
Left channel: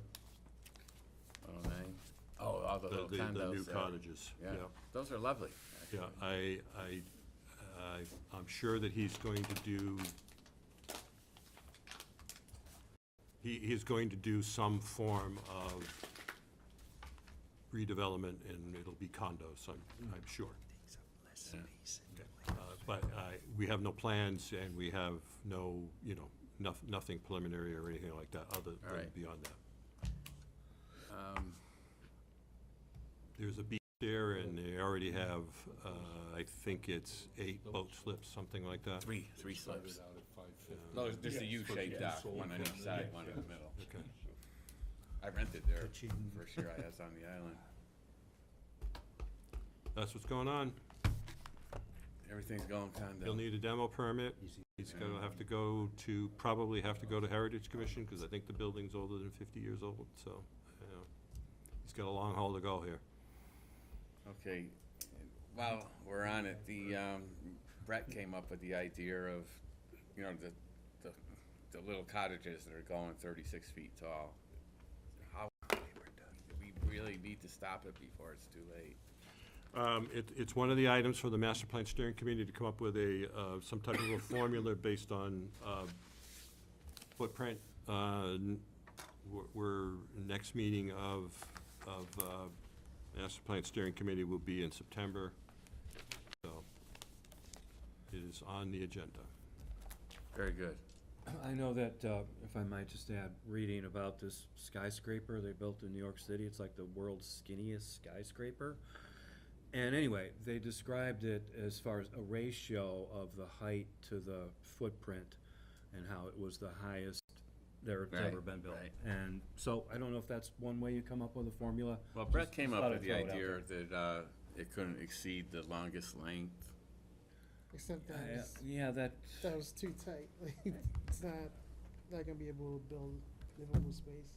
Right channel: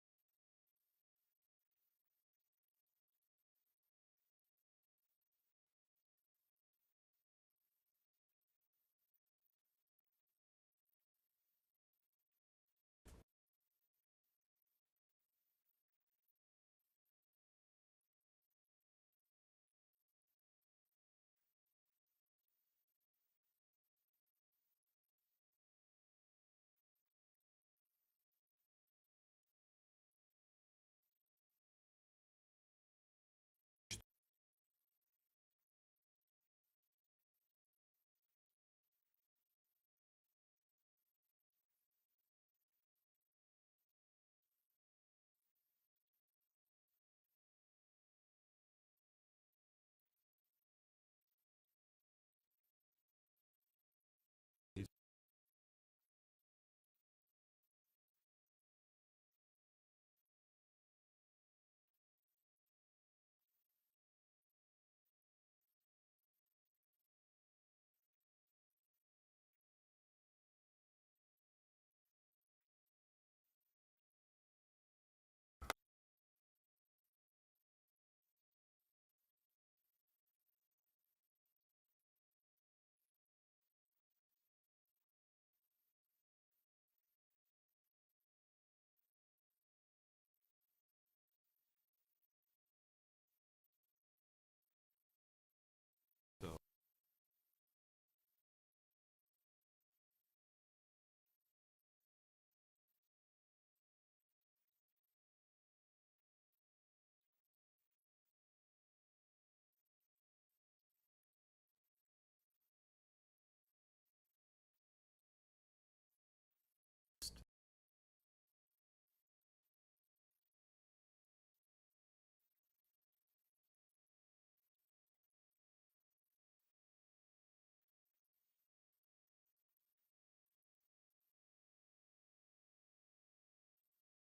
109. Oh, all the little condos The new there. cottages, Yeah, yeah. those are lovely, actually. Yeah, I'm sure that he's going to do, he's going to do some form of redevelopment, and it'll be condos, I'm sure. Yeah. But we have no plans, and we have no, nothing preliminary or anything like that, other All than right. beyond that. There's a beach there, and they already have, I think it's 8 boat slips, something like that. Three slips. No, there's a U-shaped dock, one on each side, one in the middle. Okay. I rented there first year I was on the island. That's what's going on. Everything's going condo. He'll need a demo permit. He's gonna have to go to, probably have to go to Heritage Commission, because I think the building's older than 50 years old, so, he's got a long haul to go here. Okay, while we're on it, Brett came up with the idea of, the little cottages that are going 36 feet tall. How, do we really need to stop it before it's too late? It's one of the items for the Master Plan Steering Committee to come up with some type of a formula based on footprint. Next meeting of Master Plan Steering Committee will be in September, so it is on the agenda. Very good. I know that, if I might just add, reading about this skyscraper they built in New York City, it's like the world's skinniest skyscraper. And anyway, they described it as far as a ratio of the height to the footprint and how it was the highest there's ever been built. Right. And so I don't know if that's one way you come up with a formula. Well, Brett Just came up thought with I'd the throw it out idea there. that it couldn't exceed the longest length. Except that that was too tight. Like, it's not gonna be able to build livable space.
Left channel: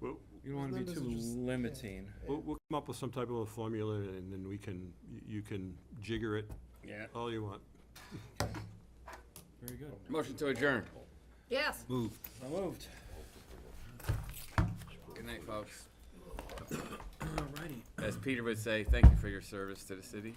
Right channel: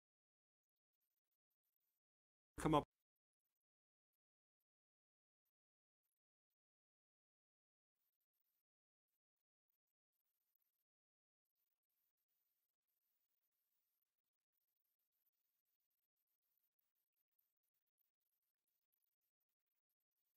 Well, you don't want to be too limiting. We'll come up with some type of a formula, and then you can jigger it all you want. Very good. Motion to adjourn. Yes. Moved. Moved. Good night, folks. Alrighty. As Peter would say, thank you for your service to the city.